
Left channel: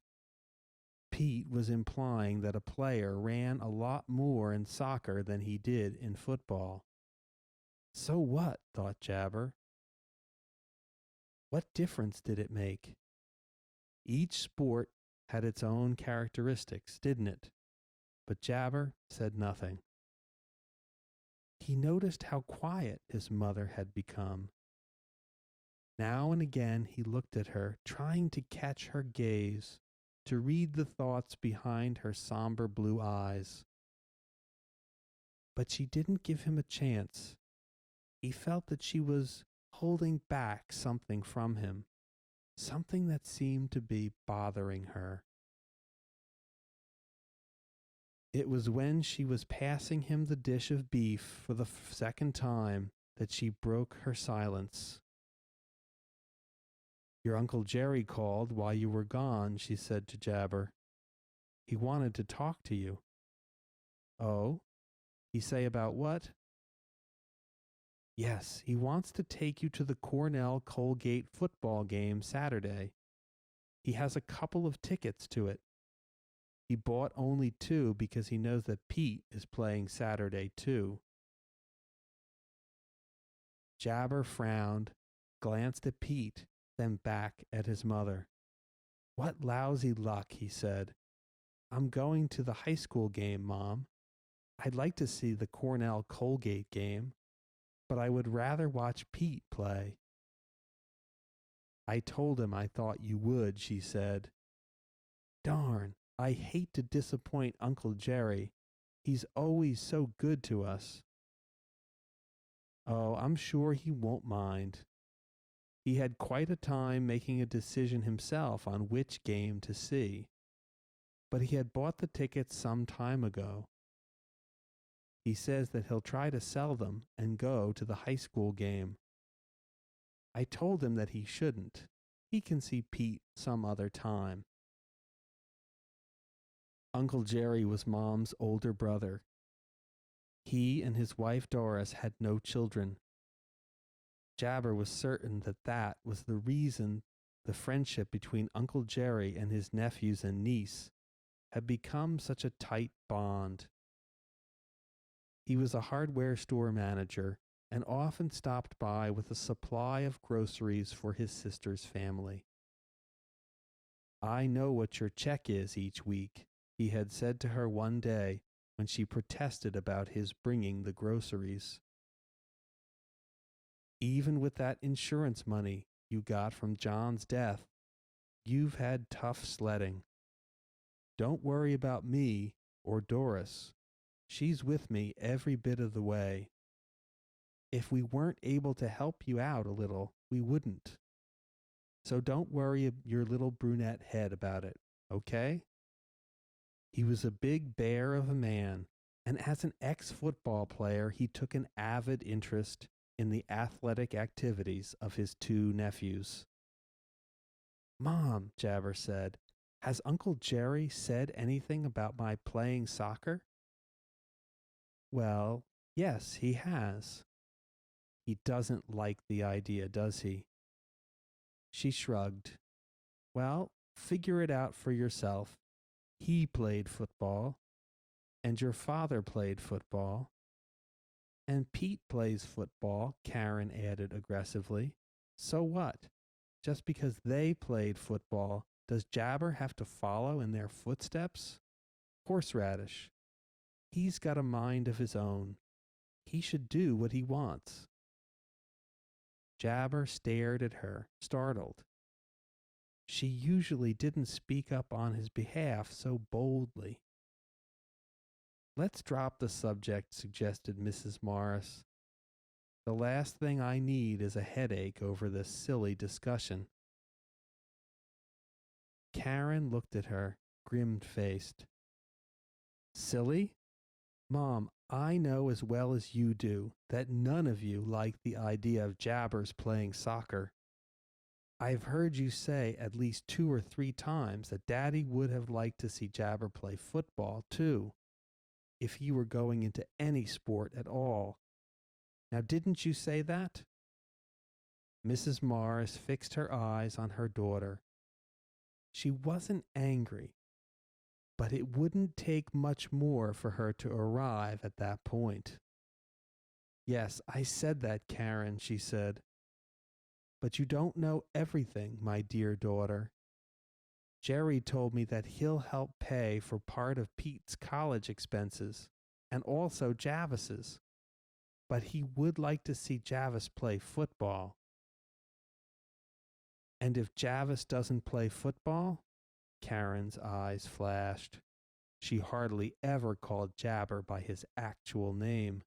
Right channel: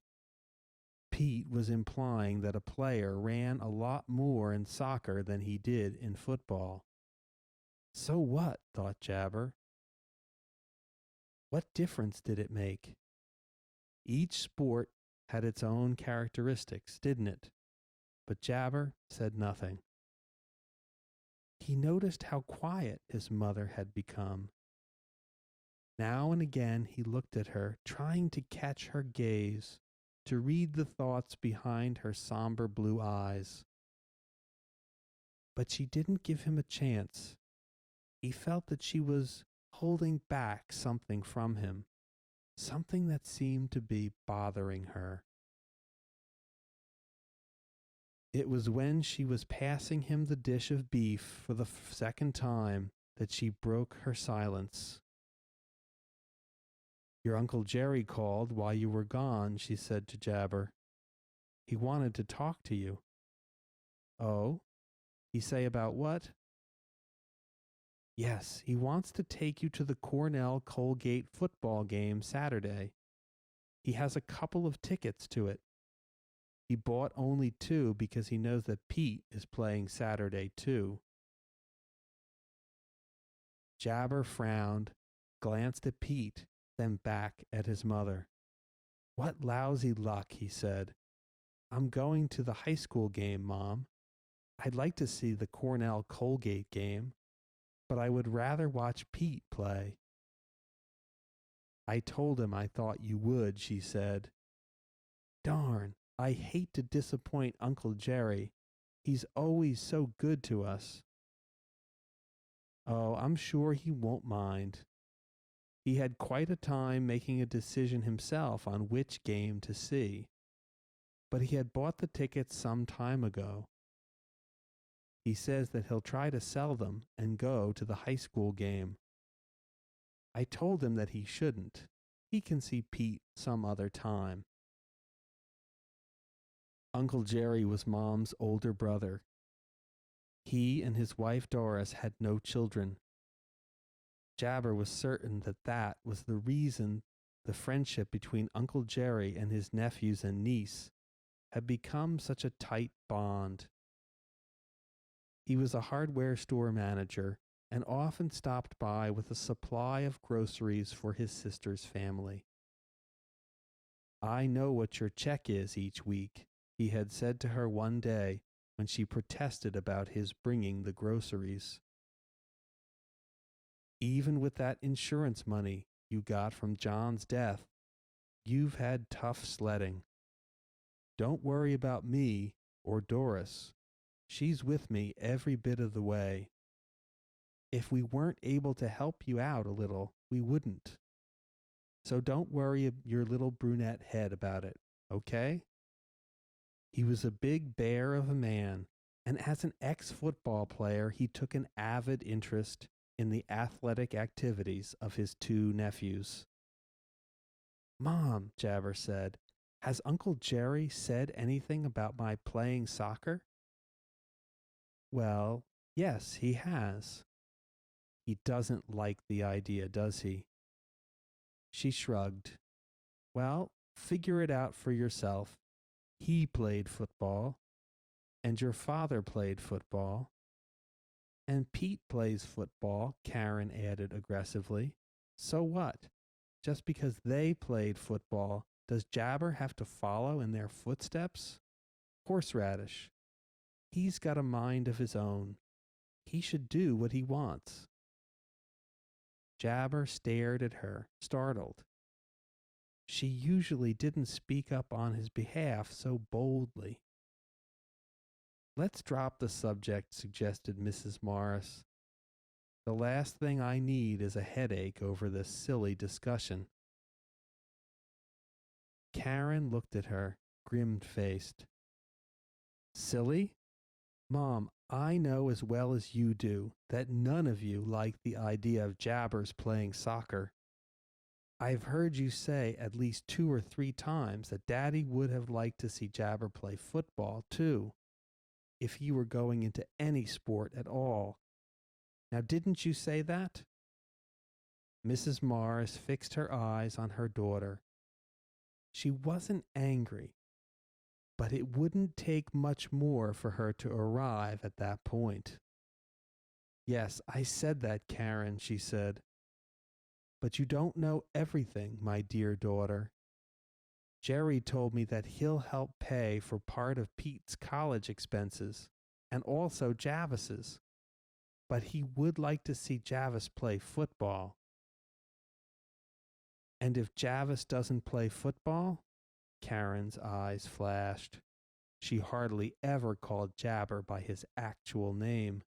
Pete was implying that a player ran a lot more in soccer than he did in football. So what? Thought Jabber. What difference did it make? Each sport had its own characteristics, didn't it? But Jabber said nothing. He noticed how quiet his mother had become. Now and again he looked at her, trying to catch her gaze, to read the thoughts behind her somber blue eyes. But she didn't give him a chance. He felt that she was holding back something from him, something that seemed to be bothering her. It was when she was passing him the dish of beef for the second time that she broke her silence. Your Uncle Jerry called while you were gone, she said to Jabber. He wanted to talk to you. Oh? He say about what? Yes, he wants to take you to the Cornell Colgate football game Saturday. He has a couple of tickets to it. He bought only two because he knows that Pete is playing Saturday too. Jabber frowned, glanced at Pete, then back at his mother. What lousy luck, he said. I'm going to the high school game, Mom. I'd like to see the Cornell Colgate game, but I would rather watch Pete play. I told him I thought you would, she said. Darn, I hate to disappoint Uncle Jerry. He's always so good to us. Oh, I'm sure he won't mind. He had quite a time making a decision himself on which game to see, but he had bought the tickets some time ago. He says that he'll try to sell them and go to the high school game. I told him that he shouldn't. He can see Pete some other time. Uncle Jerry was Mom's older brother. He and his wife Doris had no children. Jabber was certain that that was the reason the friendship between Uncle Jerry and his nephews and niece had become such a tight bond. He was a hardware store manager and often stopped by with a supply of groceries for his sister's family. I know what your check is each week, he had said to her one day when she protested about his bringing the groceries. Even with that insurance money you got from John's death, you've had tough sledding. Don't worry about me or Doris. She's with me every bit of the way. If we weren't able to help you out a little, we wouldn't. So don't worry your little brunette head about it, okay? He was a big bear of a man, and as an ex-football player, he took an avid interest in the athletic activities of his two nephews. Mom, Jabber said, has Uncle Jerry said anything about my playing soccer? Well, yes, he has. He doesn't like the idea, does he? She shrugged. Well, figure it out for yourself. He played football, and your father played football. And Pete plays football, Karen added aggressively. So what? Just because they played football, does Jabber have to follow in their footsteps? Horseradish. He's got a mind of his own. He should do what he wants. Jabber stared at her, startled. She usually didn't speak up on his behalf so boldly. Let's drop the subject, suggested Mrs. Morris. The last thing I need is a headache over this silly discussion. Karen looked at her, grim-faced. Silly? Mom, I know as well as you do that none of you like the idea of Jabbers playing soccer. I've heard you say at least 2 or 3 times that Daddy would have liked to see Jabber play football, too, if he were going into any sport at all. Now, didn't you say that? Mrs. Morris fixed her eyes on her daughter. She wasn't angry, but it wouldn't take much more for her to arrive at that point. Yes, I said that, Karen, she said. But you don't know everything, my dear daughter. Jerry told me that he'll help pay for part of Pete's college expenses and also Javis's. but he would like to see Javis play football. And if Javis doesn't play football? Karen's eyes flashed. She hardly ever called Jabber by his actual name.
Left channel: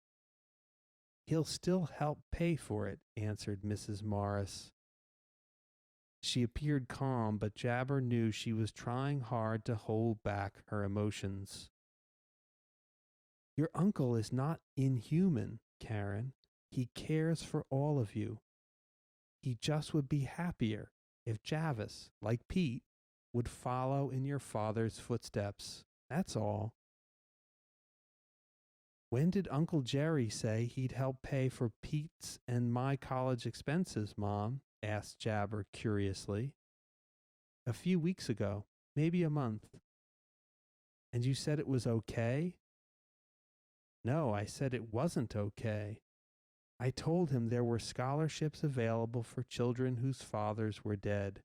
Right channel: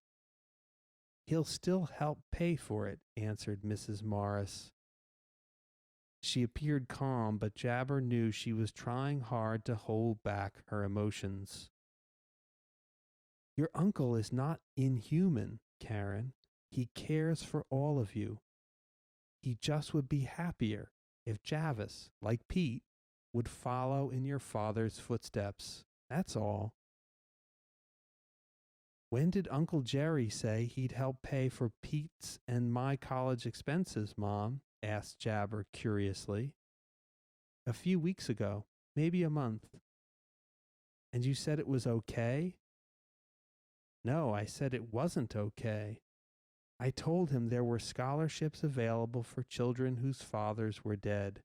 He'll still help pay for it, answered Mrs. Morris. She appeared calm, but Jabber knew she was trying hard to hold back her emotions. Your uncle is not inhuman, Karen. He cares for all of you. He just would be happier if Javis, like Pete, would follow in your father's footsteps. That's all. When did Uncle Jerry say he'd help pay for Pete's and my college expenses, Mom? Asked Jabber curiously. A few weeks ago, maybe a month. And you said it was okay? No, I said it wasn't okay. I told him there were scholarships available for children whose fathers were dead,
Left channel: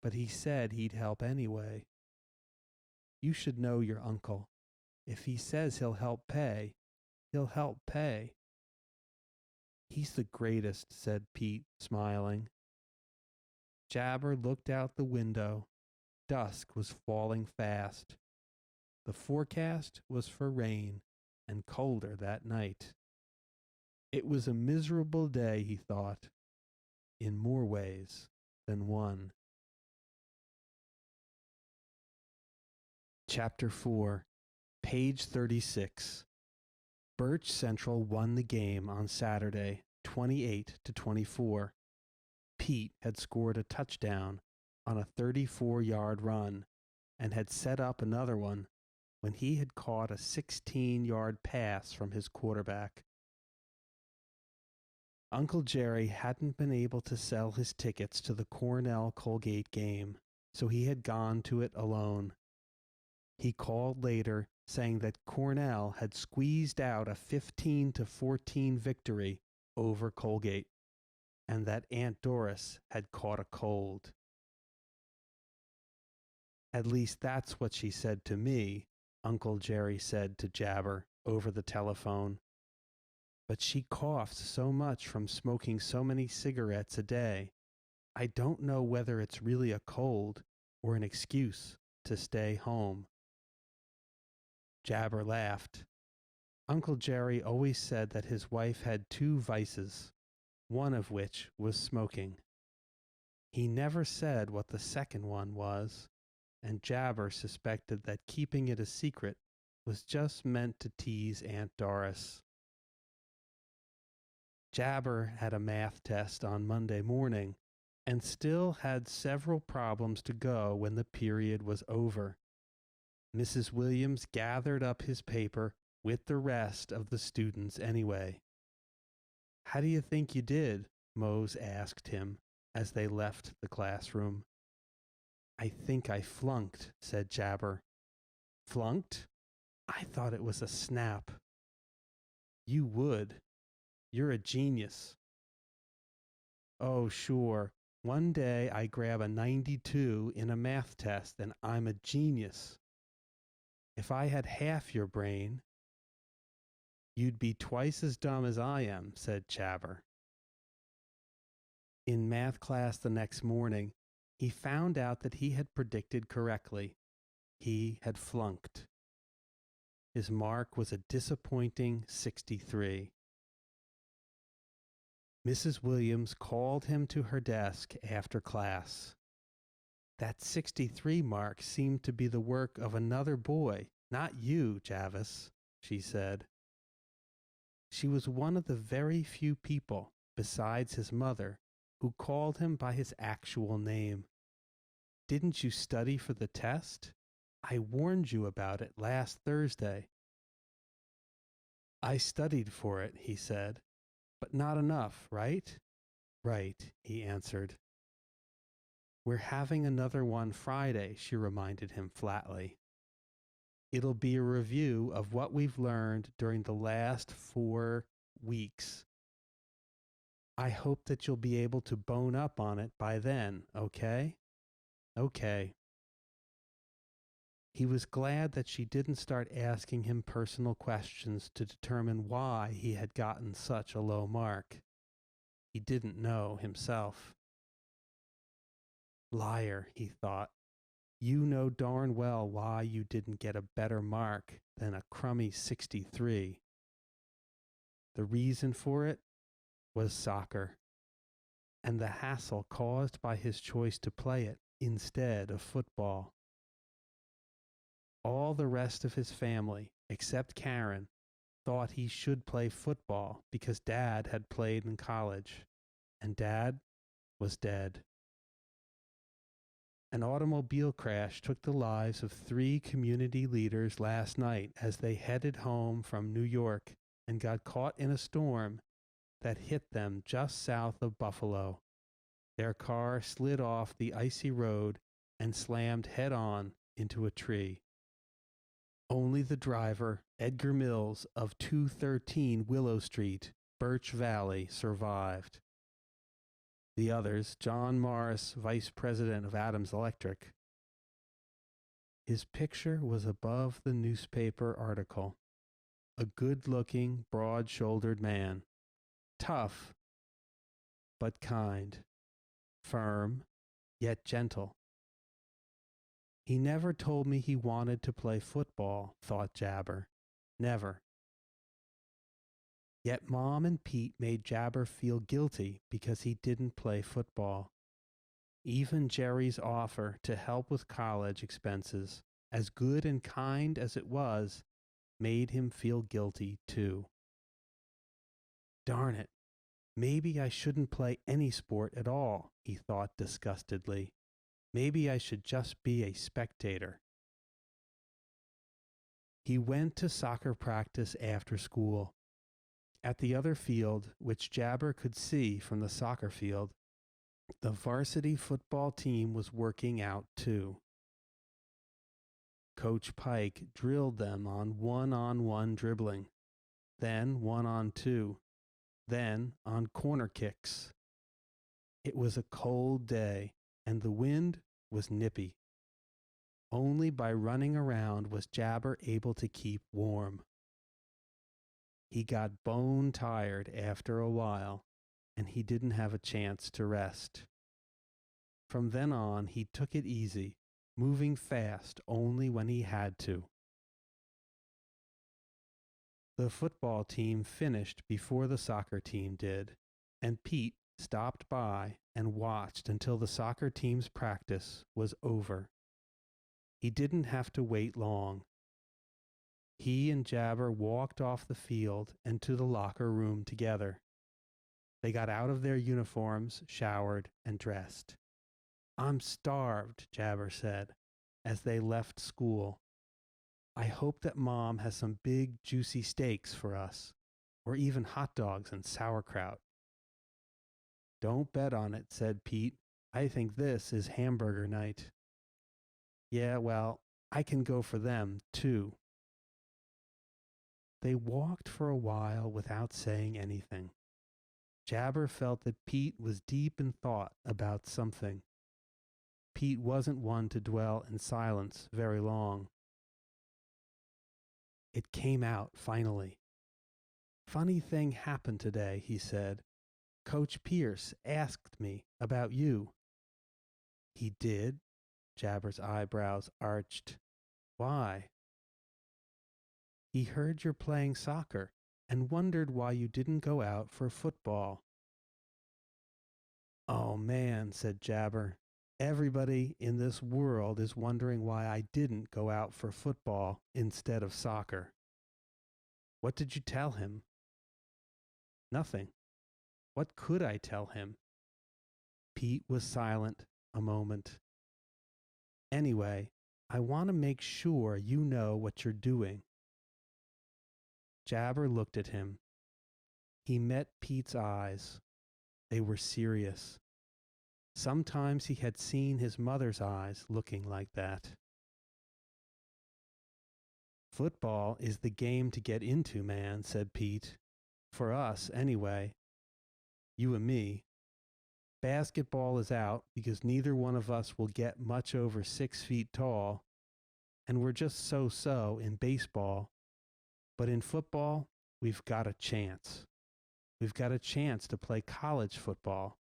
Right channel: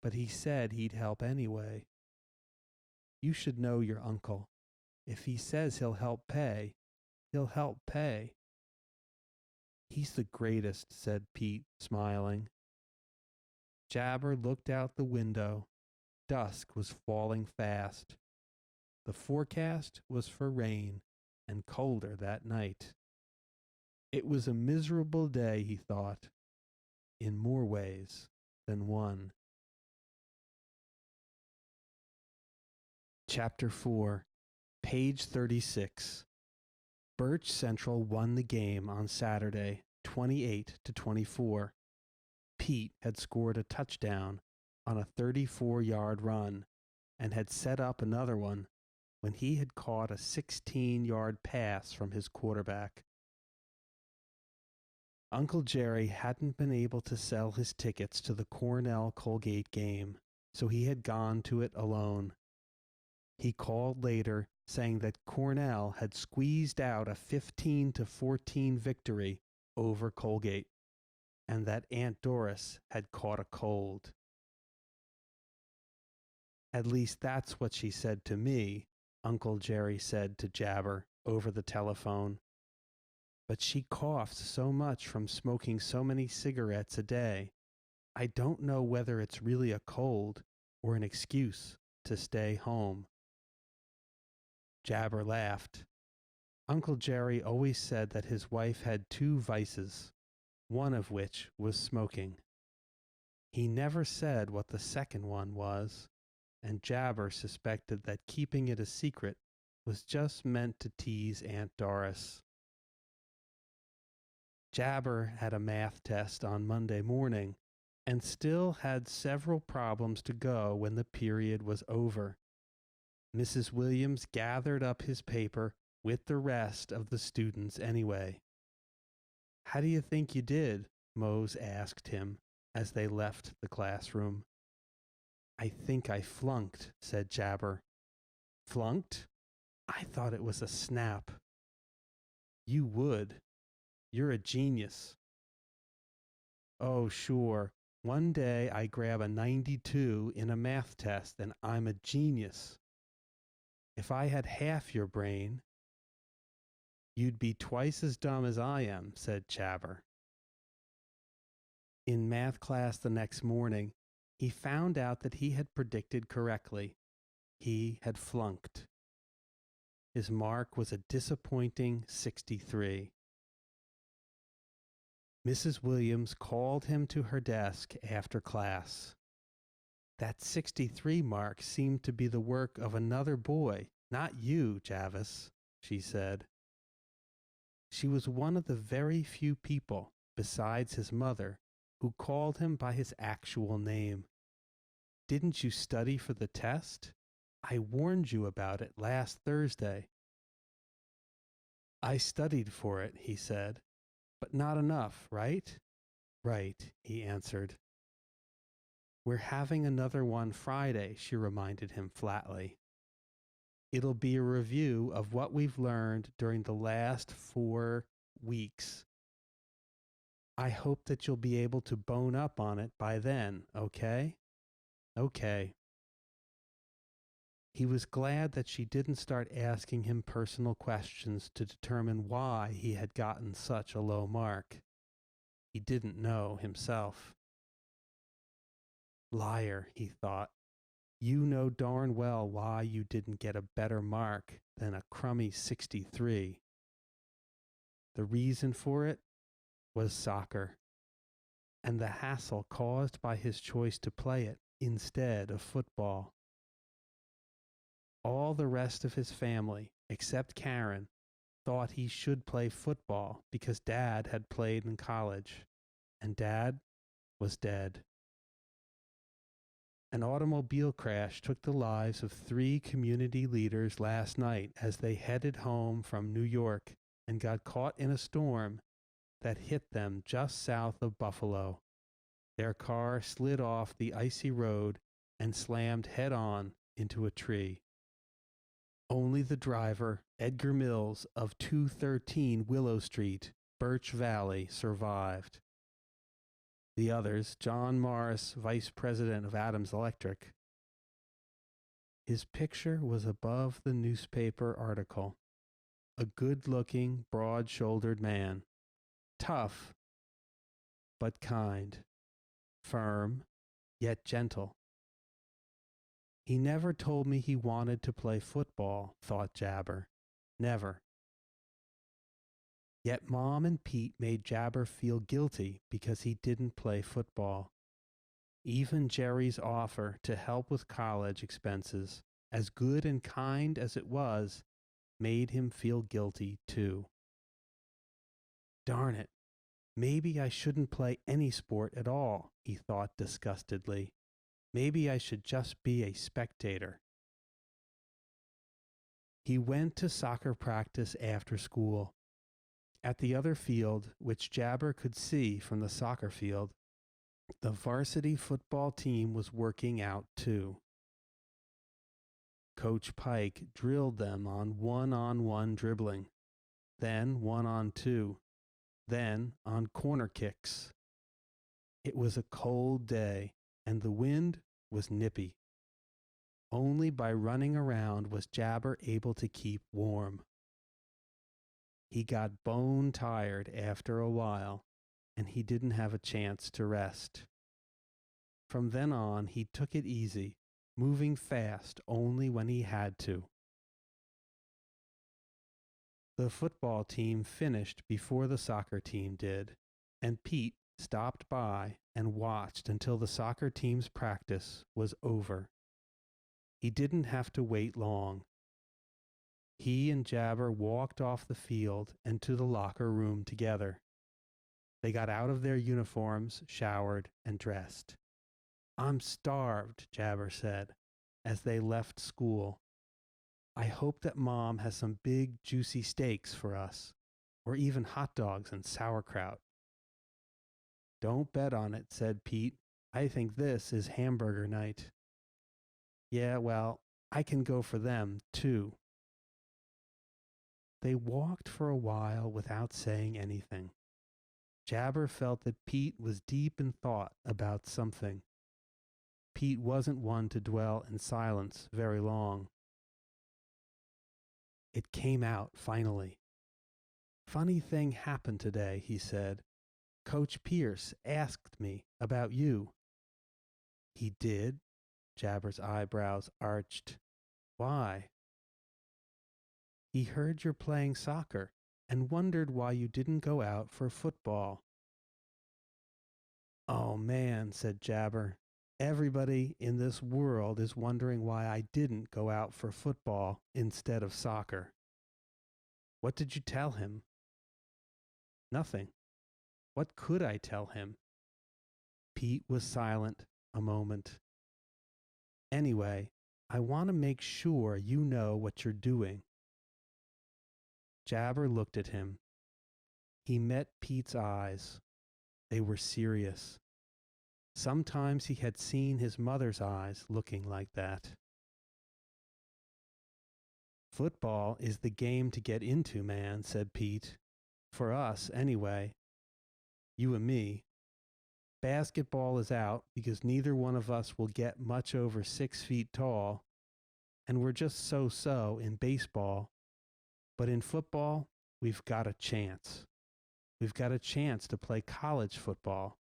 but he said he'd help anyway. You should know your uncle. If he says he'll help pay, he'll help pay. He's the greatest, said Pete, smiling. Jabber looked out the window. Dusk was falling fast. The forecast was for rain and colder that night. It was a miserable day, he thought, in more ways than one. Chapter 4, page 36. Birch Central won the game on Saturday, 28-24. Pete had scored a touchdown on a 34-yard run and had set up another one when he had caught a 16-yard pass from his quarterback. Uncle Jerry hadn't been able to sell his tickets to the Cornell-Colgate game, so he had gone to it alone. He called later saying that Cornell had squeezed out a 15-14 victory over Colgate, and that Aunt Doris had caught a cold. At least that's what she said to me, Uncle Jerry said to Jabber over the telephone. But she coughs so much from smoking so many cigarettes a day. I don't know whether it's really a cold or an excuse to stay home. Jabber laughed. Uncle Jerry always said that his wife had two vices, one of which was smoking. He never said what the second one was, and Jabber suspected that keeping it a secret was just meant to tease Aunt Doris. Jabber had a math test on Monday morning and still had several problems to go when the period was over. Mrs. Williams gathered up his paper with the rest of the students anyway. How do you think you did? Mose asked him as they left the classroom. I think I flunked, said Jabber. Flunked? I thought it was a snap. You would. You're a genius. Oh, sure. One day I grab a 92 in a math test and I'm a genius. If I had half your brain, you'd be twice as dumb as I am, said Jabber. In math class the next morning, he found out that he had predicted correctly. He had flunked. His mark was a disappointing 63. Mrs. Williams called him to her desk after class. That 63 mark seemed to be the work of another boy, not you, Javis, she said. She was one of the very few people, besides his mother, who called him by his actual name. Didn't you study for the test? I warned you about it last Thursday. I studied for it, he said, but not enough, right? Right, he answered. We're having another one Friday, she reminded him flatly. It'll be a review of what we've learned during the last 4 weeks. I hope that you'll be able to bone up on it by then, okay? Okay. He was glad that she didn't start asking him personal questions to determine why he had gotten such a low mark. He didn't know himself. Liar, he thought. You know darn well why you didn't get a better mark than a crummy 63. The reason for it was soccer, and the hassle caused by his choice to play it instead of football. All the rest of his family, except Karen, thought he should play football because Dad had played in college, and Dad was dead. An automobile crash took the lives of 3 community leaders last night as they headed home from New York and got caught in a storm that hit them just south of Buffalo. Their car slid off the icy road and slammed head-on into a tree. Only the driver, Edgar Mills of 213 Willow Street, Birch Valley, survived. The others, John Morris, vice president of Adams Electric. His picture was above the newspaper article. A good-looking, broad-shouldered man. Tough, but kind. Firm, yet gentle. He never told me he wanted to play football, thought Jabar. Never. Yet Mom and Pete made Jabar feel guilty because he didn't play football. Even Jerry's offer to help with college expenses, as good and kind as it was, made him feel guilty too. Darn it. Maybe I shouldn't play any sport at all, he thought disgustedly. Maybe I should just be a spectator. He went to soccer practice after school. At the other field, which Jabar could see from the soccer field, the varsity football team was working out too. Coach Pike drilled them on one-on-one dribbling, then one-on-two, then on corner kicks. It was a cold day, and the wind was nippy. Only by running around was Jabar able to keep warm. He got bone tired after a while, and he didn't have a chance to rest. From then on, he took it easy, moving fast only when he had to. The football team finished before the soccer team did, and Pete stopped by and watched until the soccer team's practice was over. He didn't have to wait long. He and Jabar walked off the field and to the locker room together. They got out of their uniforms, showered, and dressed. I'm starved, Jabar said, as they left school. I hope that Mom has some big, juicy steaks for us, or even hot dogs and sauerkraut. Don't bet on it, said Pete. I think this is hamburger night. Yeah, well, I can go for them, too. They walked for a while without saying anything. Jabar felt that Pete was deep in thought about something. Pete wasn't one to dwell in silence very long. It came out finally. Funny thing happened today, he said. Coach Pierce asked me about you. He did? Jabar's eyebrows arched. Why? He heard you're playing soccer and wondered why you didn't go out for football. Oh man, said Jabar. Everybody in this world is wondering why I didn't go out for football instead of soccer. What did you tell him? Nothing. What could I tell him? Pete was silent a moment. Anyway, I want to make sure you know what you're doing. Jabar looked at him. He met Pete's eyes. They were serious. Sometimes he had seen his mother's eyes looking like that. Football is the game to get into, man, said Pete. For us, anyway. You and me. Basketball is out because neither one of us will get much over 6 feet tall. and we're just so in baseball. But in football, we've got a chance. We've got a chance to play college football,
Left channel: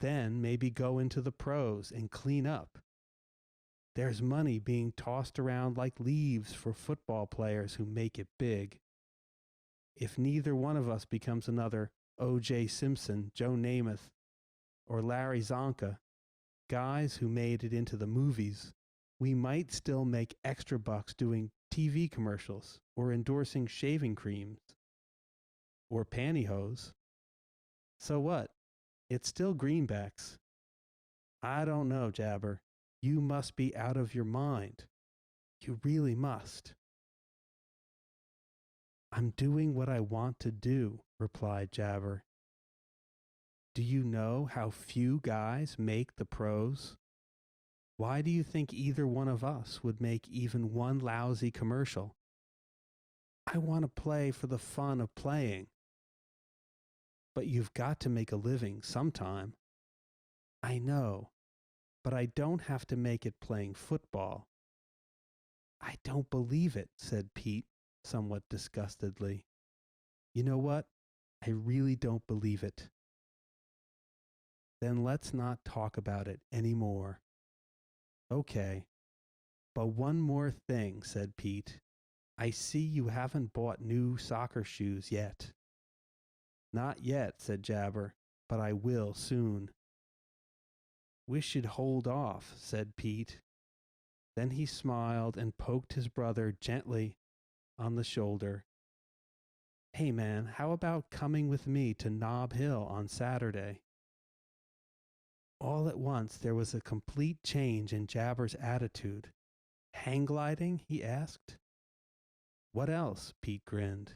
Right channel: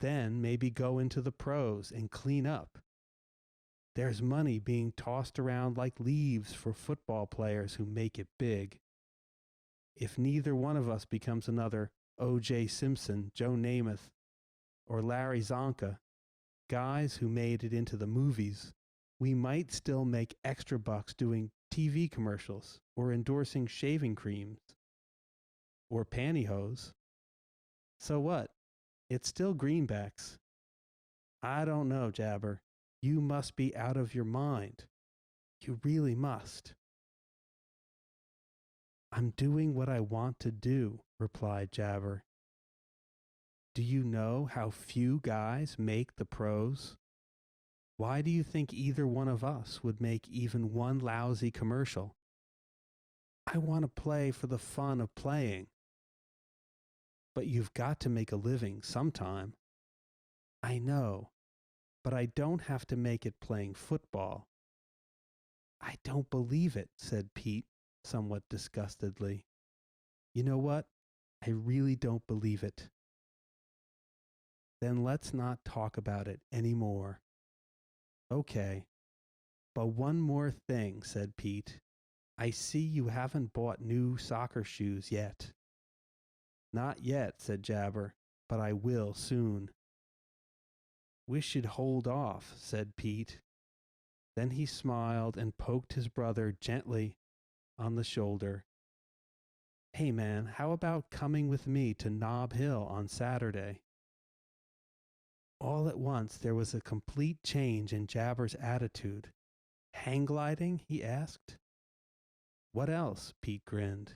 then maybe go into the pros and clean up. There's money being tossed around like leaves for football players who make it big. If neither one of us becomes another O.J. Simpson, Joe Namath, or Larry Zonka, guys who made it into the movies, we might still make extra bucks doing TV commercials or endorsing shaving creams or pantyhose. So what? It's still greenbacks. I don't know, Jabber. You must be out of your mind. You really must. I'm doing what I want to do, replied Jabber. Do you know how few guys make the pros? Why do you think either one of us would make even one lousy commercial? I want to play for the fun of playing. But you've got to make a living sometime. I know, but I don't have to make it playing football. I don't believe it, said Pete, somewhat disgustedly. You know what? I really don't believe it. Then let's not talk about it any more. Okay, but one more thing, said Pete. I see you haven't bought new soccer shoes yet. Not yet, said Jabber, but I will soon. We should hold off, said Pete. Then he smiled and poked his brother gently on the shoulder. Hey man, how about coming with me to Nob Hill on Saturday? All at once there was a complete change in Jabber's attitude. Hang gliding? He asked. What else? Pete grinned.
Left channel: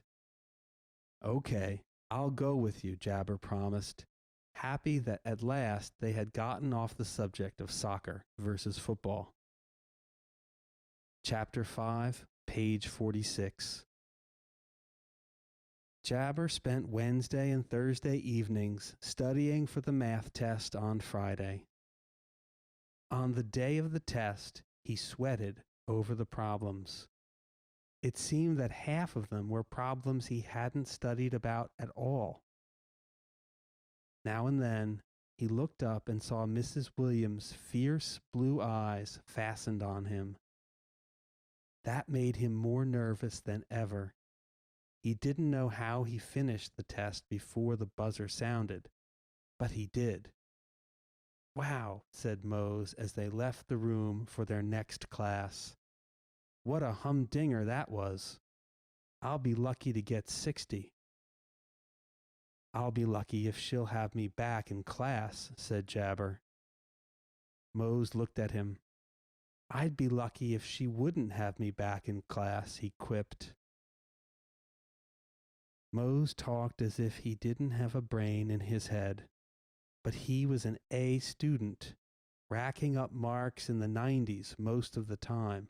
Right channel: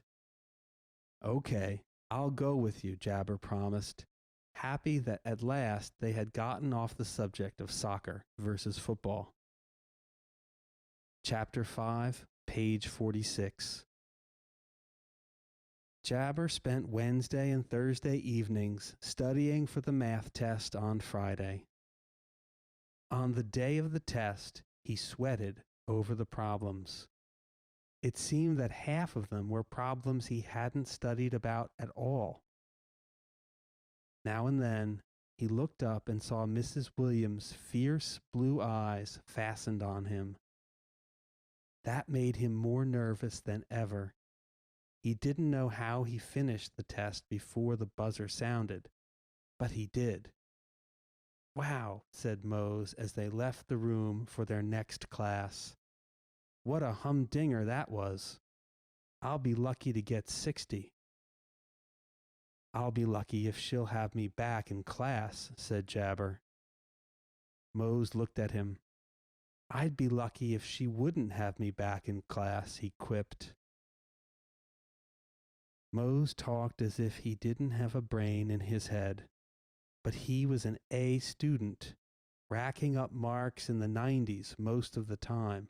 Okay, I'll go with you, Jabber promised, happy that at last they had gotten off the subject of soccer versus football. Chapter 5, page 46. Jabber spent Wednesday and Thursday evenings studying for the math test on Friday. On the day of the test, he sweated over the problems. It seemed that half of them were problems he hadn't studied about at all. Now and then, he looked up and saw Mrs. Williams' fierce blue eyes fastened on him. That made him more nervous than ever. He didn't know how he finished the test before the buzzer sounded, but he did. Wow, said Mose as they left the room for their next class. What a humdinger that was. I'll be lucky to get 60. I'll be lucky if she'll have me back in class, said Jabber. Mose looked at him. I'd be lucky if she wouldn't have me back in class, he quipped. Mose talked as if he didn't have a brain in his head, but he was an A student, racking up marks in the 90s most of the time.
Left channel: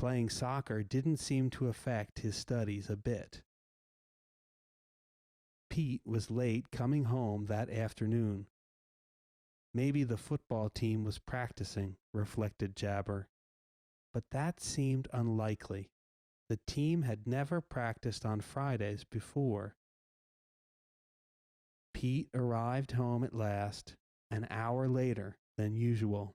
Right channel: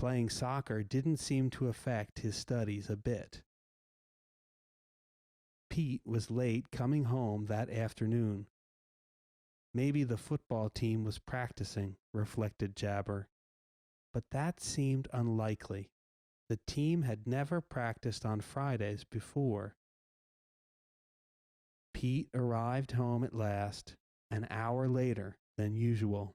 Playing soccer didn't seem to affect his studies a bit. Pete was late coming home that afternoon. Maybe the football team was practicing, reflected Jabber. But that seemed unlikely. The team had never practiced on Fridays before. Pete arrived home at last, an hour later than usual.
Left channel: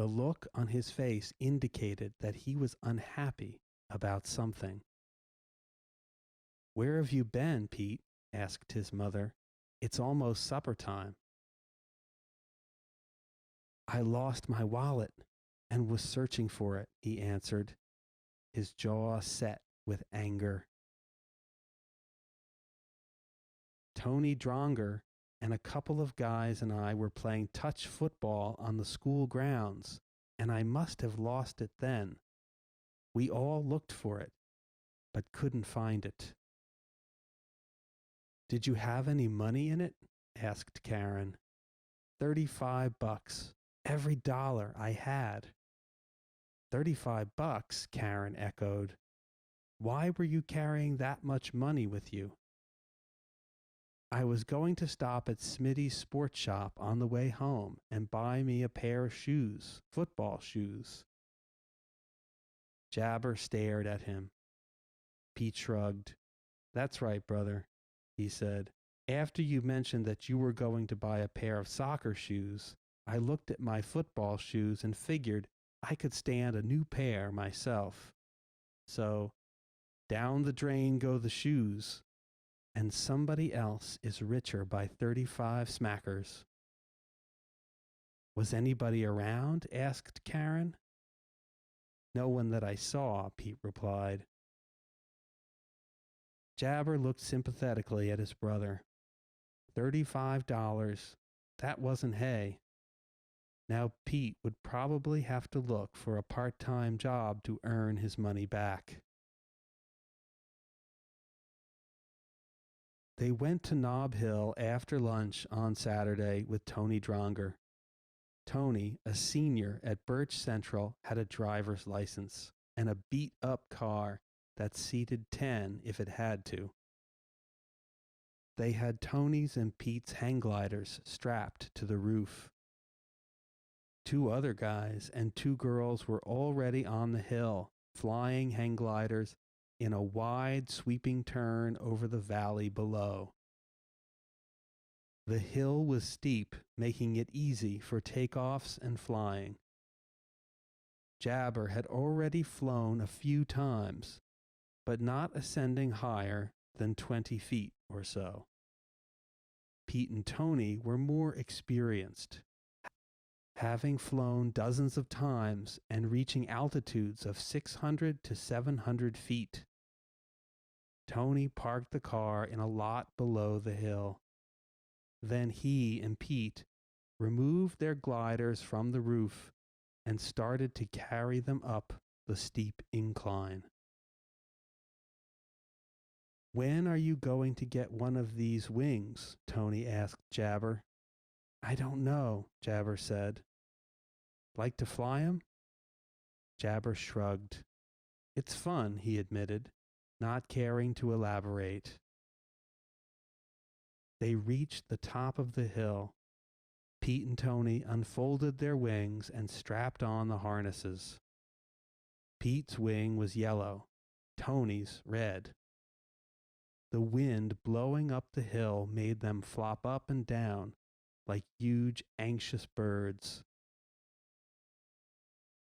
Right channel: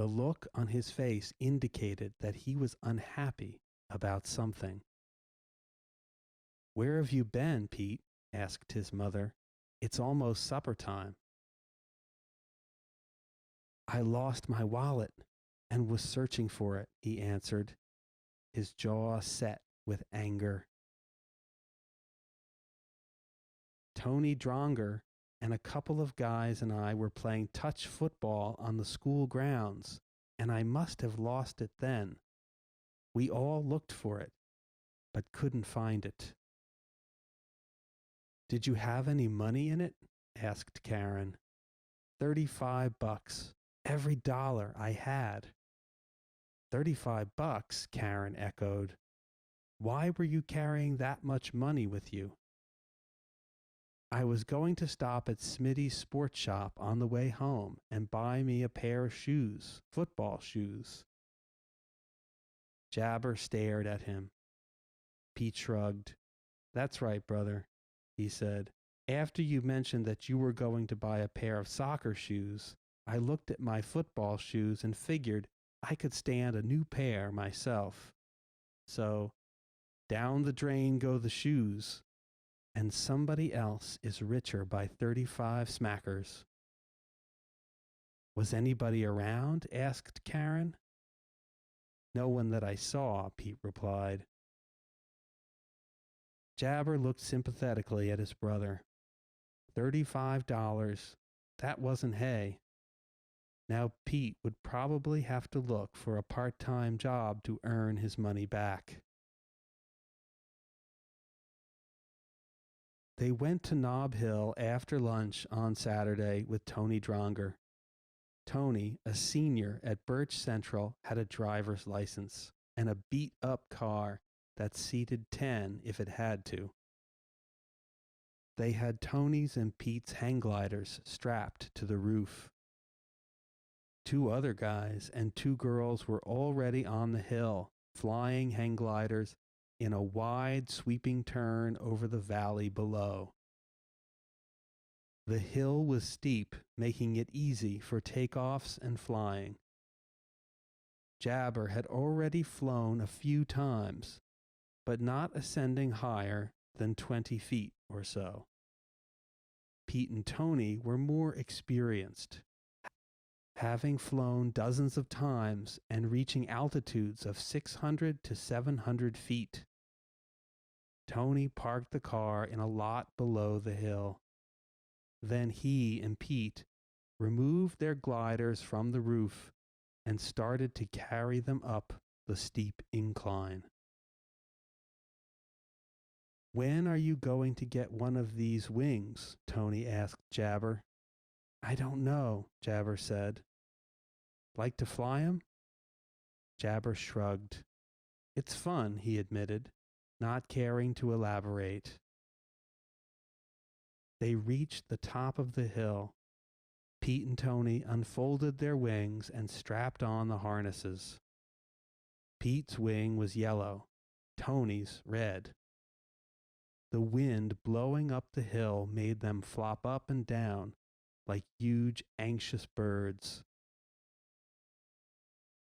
The look on his face indicated that he was unhappy about something. Where have you been, Pete? Asked his mother. It's almost supper time. I lost my wallet and was searching for it, he answered, his jaw set with anger. Tony Dronger and a couple of guys and I were playing touch football on the school grounds, and I must have lost it then. We all looked for it, but couldn't find it. Did you have any money in it? Asked Karen. $35, every dollar I had. $35, Karen echoed. Why were you carrying that much money with you? I was going to stop at Smitty's sports shop on the way home and buy me a pair of shoes, football shoes. Jabber stared at him. Pete shrugged. That's right, brother, he said. After you mentioned that you were going to buy a pair of soccer shoes, I looked at my football shoes and figured I could stand a new pair myself. So, down the drain go the shoes, and somebody else is richer by 35 smackers. Was anybody around? Asked Karen. No one that I saw, Pete replied. Jabber looked sympathetically at his brother. $35. That wasn't hay. Now Pete would probably have to look for a part-time job to earn his money back. They went to Nob Hill after lunch on Saturday with Tony Dronger. Tony, a senior at Birch Central, had a driver's license and a beat-up car that seated 10 if it had to. They had Tony's and Pete's hang gliders strapped to the roof. Two other guys and two girls were already on the hill, flying hang gliders in a wide, sweeping turn over the valley below. The hill was steep, making it easy for takeoffs and flying. Jabber had already flown a few times, but not ascending higher than 20 feet or so. Pete and Tony were more experienced, having flown dozens of times and reaching altitudes of 600 to 700 feet. Tony parked the car in a lot below the hill. Then he and Pete removed their gliders from the roof and started to carry them up the steep incline. When are you going to get one of these wings? Tony asked Jabber. I don't know, Jabber said. Like to fly 'em? Jabber shrugged. It's fun, he admitted, not caring to elaborate. They reached the top of the hill. Pete and Tony unfolded their wings and strapped on the harnesses. Pete's wing was yellow, Tony's red. The wind blowing up the hill made them flop up and down like huge, anxious birds.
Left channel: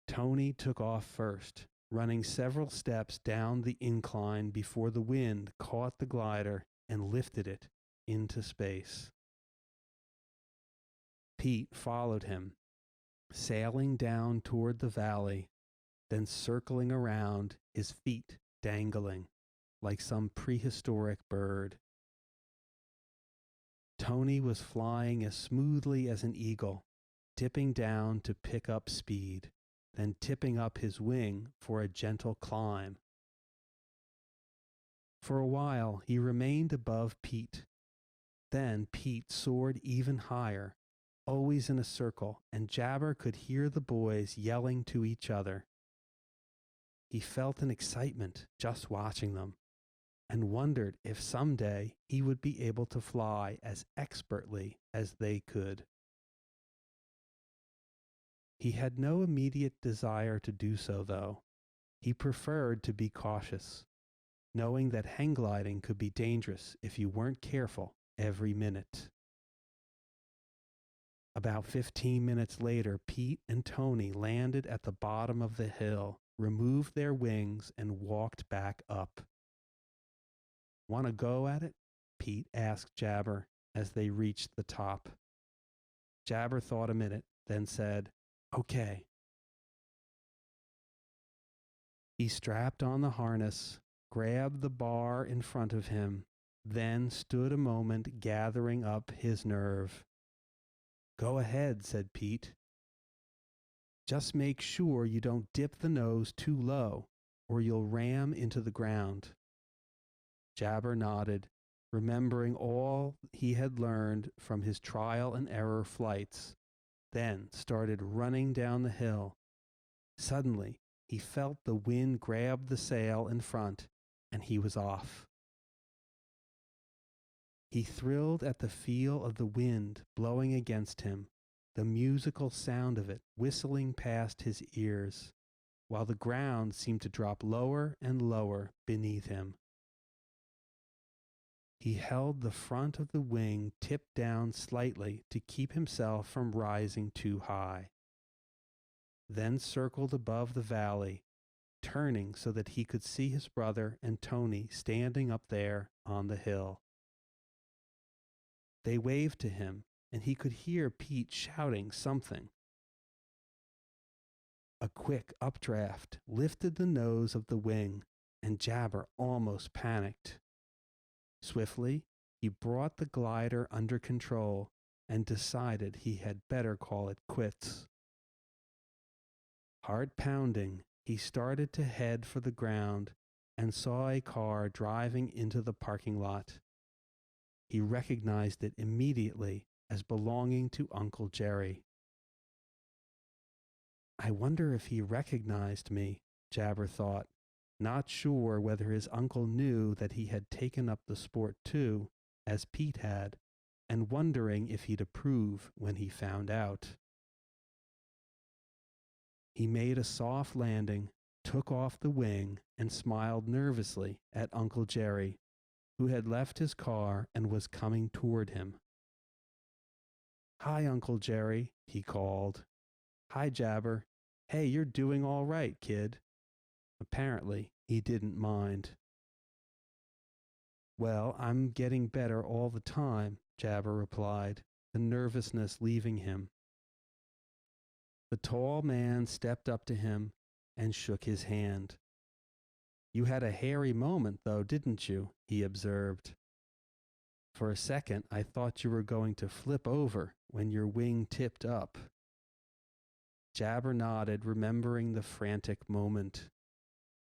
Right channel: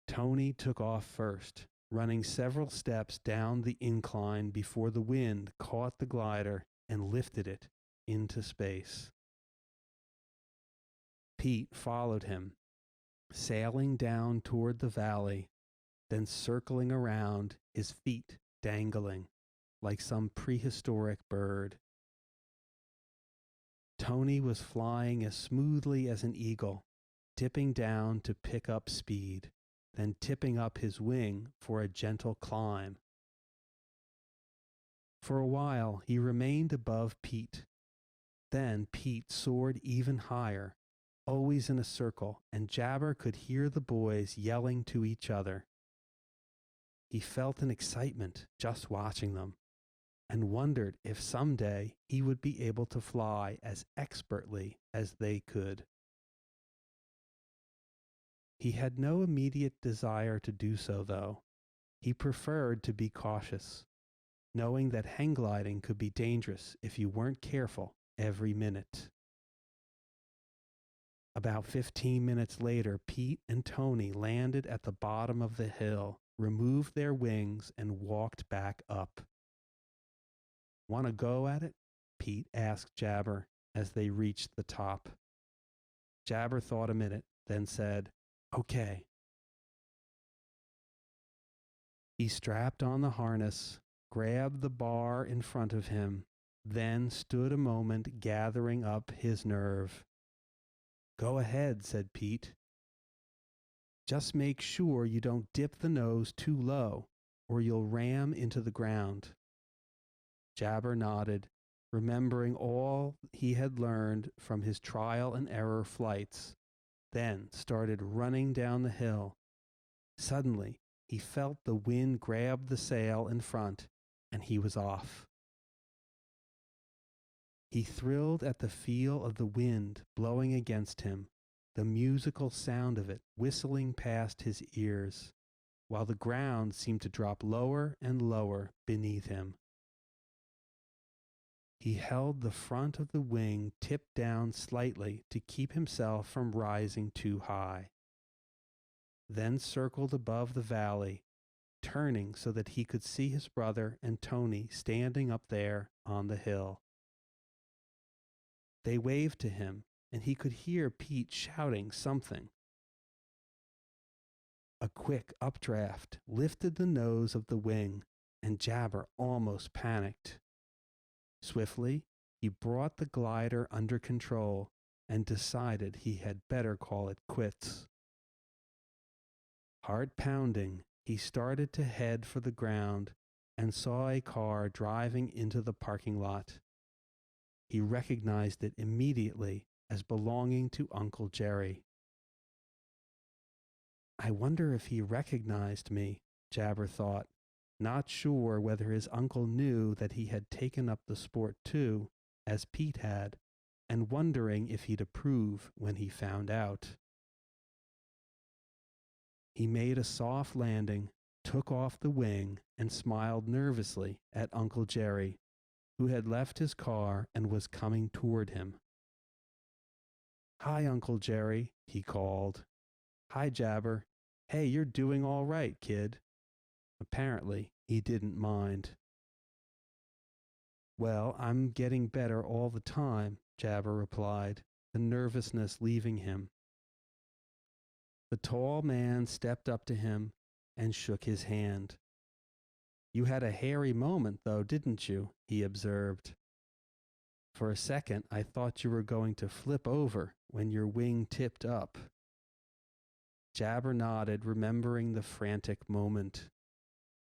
Tony took off first, running several steps down the incline before the wind caught the glider and lifted it into space. Pete followed him, sailing down toward the valley, then circling around, his feet dangling like some prehistoric bird. Tony was flying as smoothly as an eagle, dipping down to pick up speed, then tipping up his wing for a gentle climb. For a while, he remained above Pete. Then Pete soared even higher, always in a circle, and Jabber could hear the boys yelling to each other. He felt an excitement just watching them, and wondered if someday he would be able to fly as expertly as they could. He had no immediate desire to do so, though. He preferred to be cautious, knowing that hang gliding could be dangerous if you weren't careful every minute. About 15 minutes later, Pete and Tony landed at the bottom of the hill, removed their wings, and walked back up. Want to go at it? Pete asked Jabber as they reached the top. Jabber thought a minute, then said, Okay. He strapped on the harness, grabbed the bar in front of him, then stood a moment gathering up his nerve. Go ahead, said Pete. Just make sure you don't dip the nose too low, or you'll ram into the ground. Jabber nodded, remembering all he had learned from his trial and error flights, then started running down the hill. Suddenly, he felt the wind grab the sail in front, and he was off. He thrilled at the feel of the wind blowing against him, the musical sound of it whistling past his ears. while the ground seemed to drop lower and lower beneath him. He held the front of the wing tipped down slightly to keep himself from rising too high, then circled above the valley, turning so that he could see his brother and Tony standing up there on the hill. They waved to him, and he could hear Pete shouting something. A quick updraft lifted the nose of the wing, and Jabber almost panicked. Swiftly, he brought the glider under control and decided he had better call it quits. Heart pounding, he started to head for the ground and saw a car driving into the parking lot. He recognized it immediately as belonging to Uncle Jerry. I wonder if he recognized me, Jabber thought, not sure whether his uncle knew that he had taken up the sport too, as Pete had, and wondering if he'd approve when he found out. He made a soft landing, took off the wing, and smiled nervously at Uncle Jerry, who had left his car and was coming toward him. "Hi, Uncle Jerry," he called. "Hi, Jabber. Hey, you're doing all right, kid." Apparently, he didn't mind. "Well, I'm getting better all the time," Jabber replied, nervousness leaving him. The tall man stepped up to him and shook his hand. "You had a hairy moment, though, didn't you?" he observed. "For a second, I thought you were going to flip over when your wing tipped up." Jabber nodded, remembering the frantic moment.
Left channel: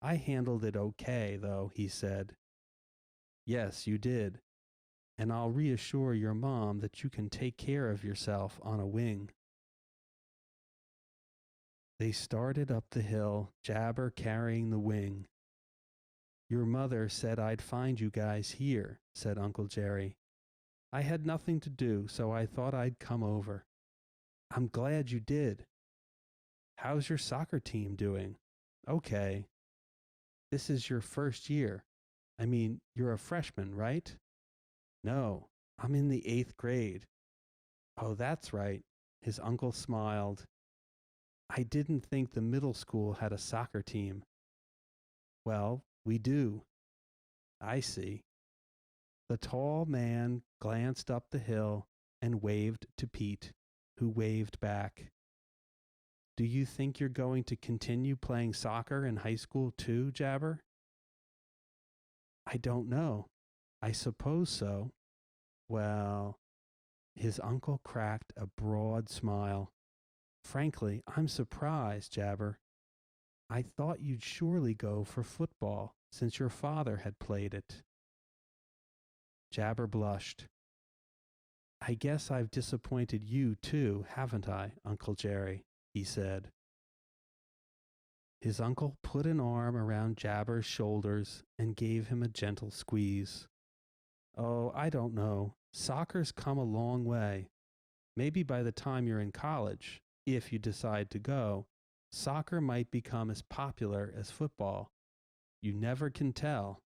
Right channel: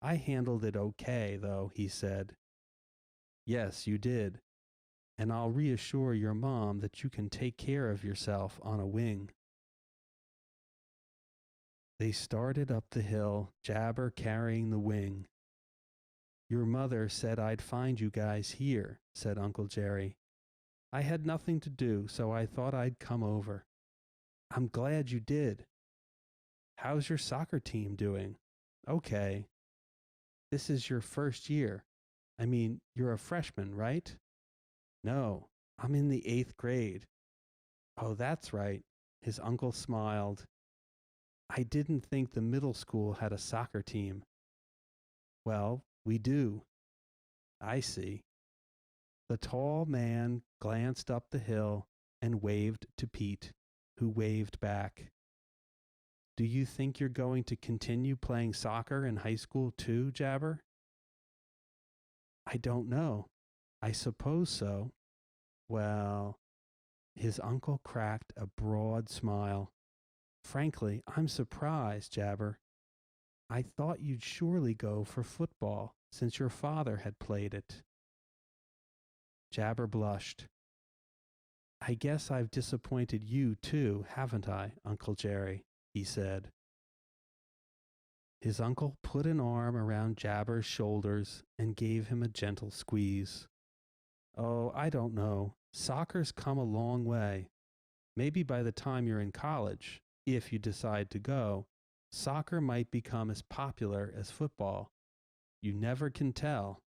"I handled it okay, though," he said. "Yes, you did. And I'll reassure your mom that you can take care of yourself on a wing." They started up the hill, Jabber carrying the wing. "Your mother said I'd find you guys here," said Uncle Jerry. "I had nothing to do, so I thought I'd come over." "I'm glad you did. How's your soccer team doing?" "Okay." "This is your first year. I mean, you're a freshman, right?" "No, I'm in the 8th grade." "Oh, that's right." His uncle smiled. "I didn't think the middle school had a soccer team." "Well, we do." "I see." The tall man glanced up the hill and waved to Pete, who waved back. "Do you think you're going to continue playing soccer in high school too, Jabber?" "I don't know. I suppose so." "Well," his uncle cracked a broad smile. "Frankly, I'm surprised, Jabber. I thought you'd surely go for football, since your father had played it." Jabber blushed. "I guess I've disappointed you too, haven't I, Uncle Jerry?" he said. His uncle put an arm around Jabber's shoulders and gave him a gentle squeeze. "Oh, I don't know. Soccer's come a long way. Maybe by the time you're in college, if you decide to go, soccer might become as popular as football. You never can tell."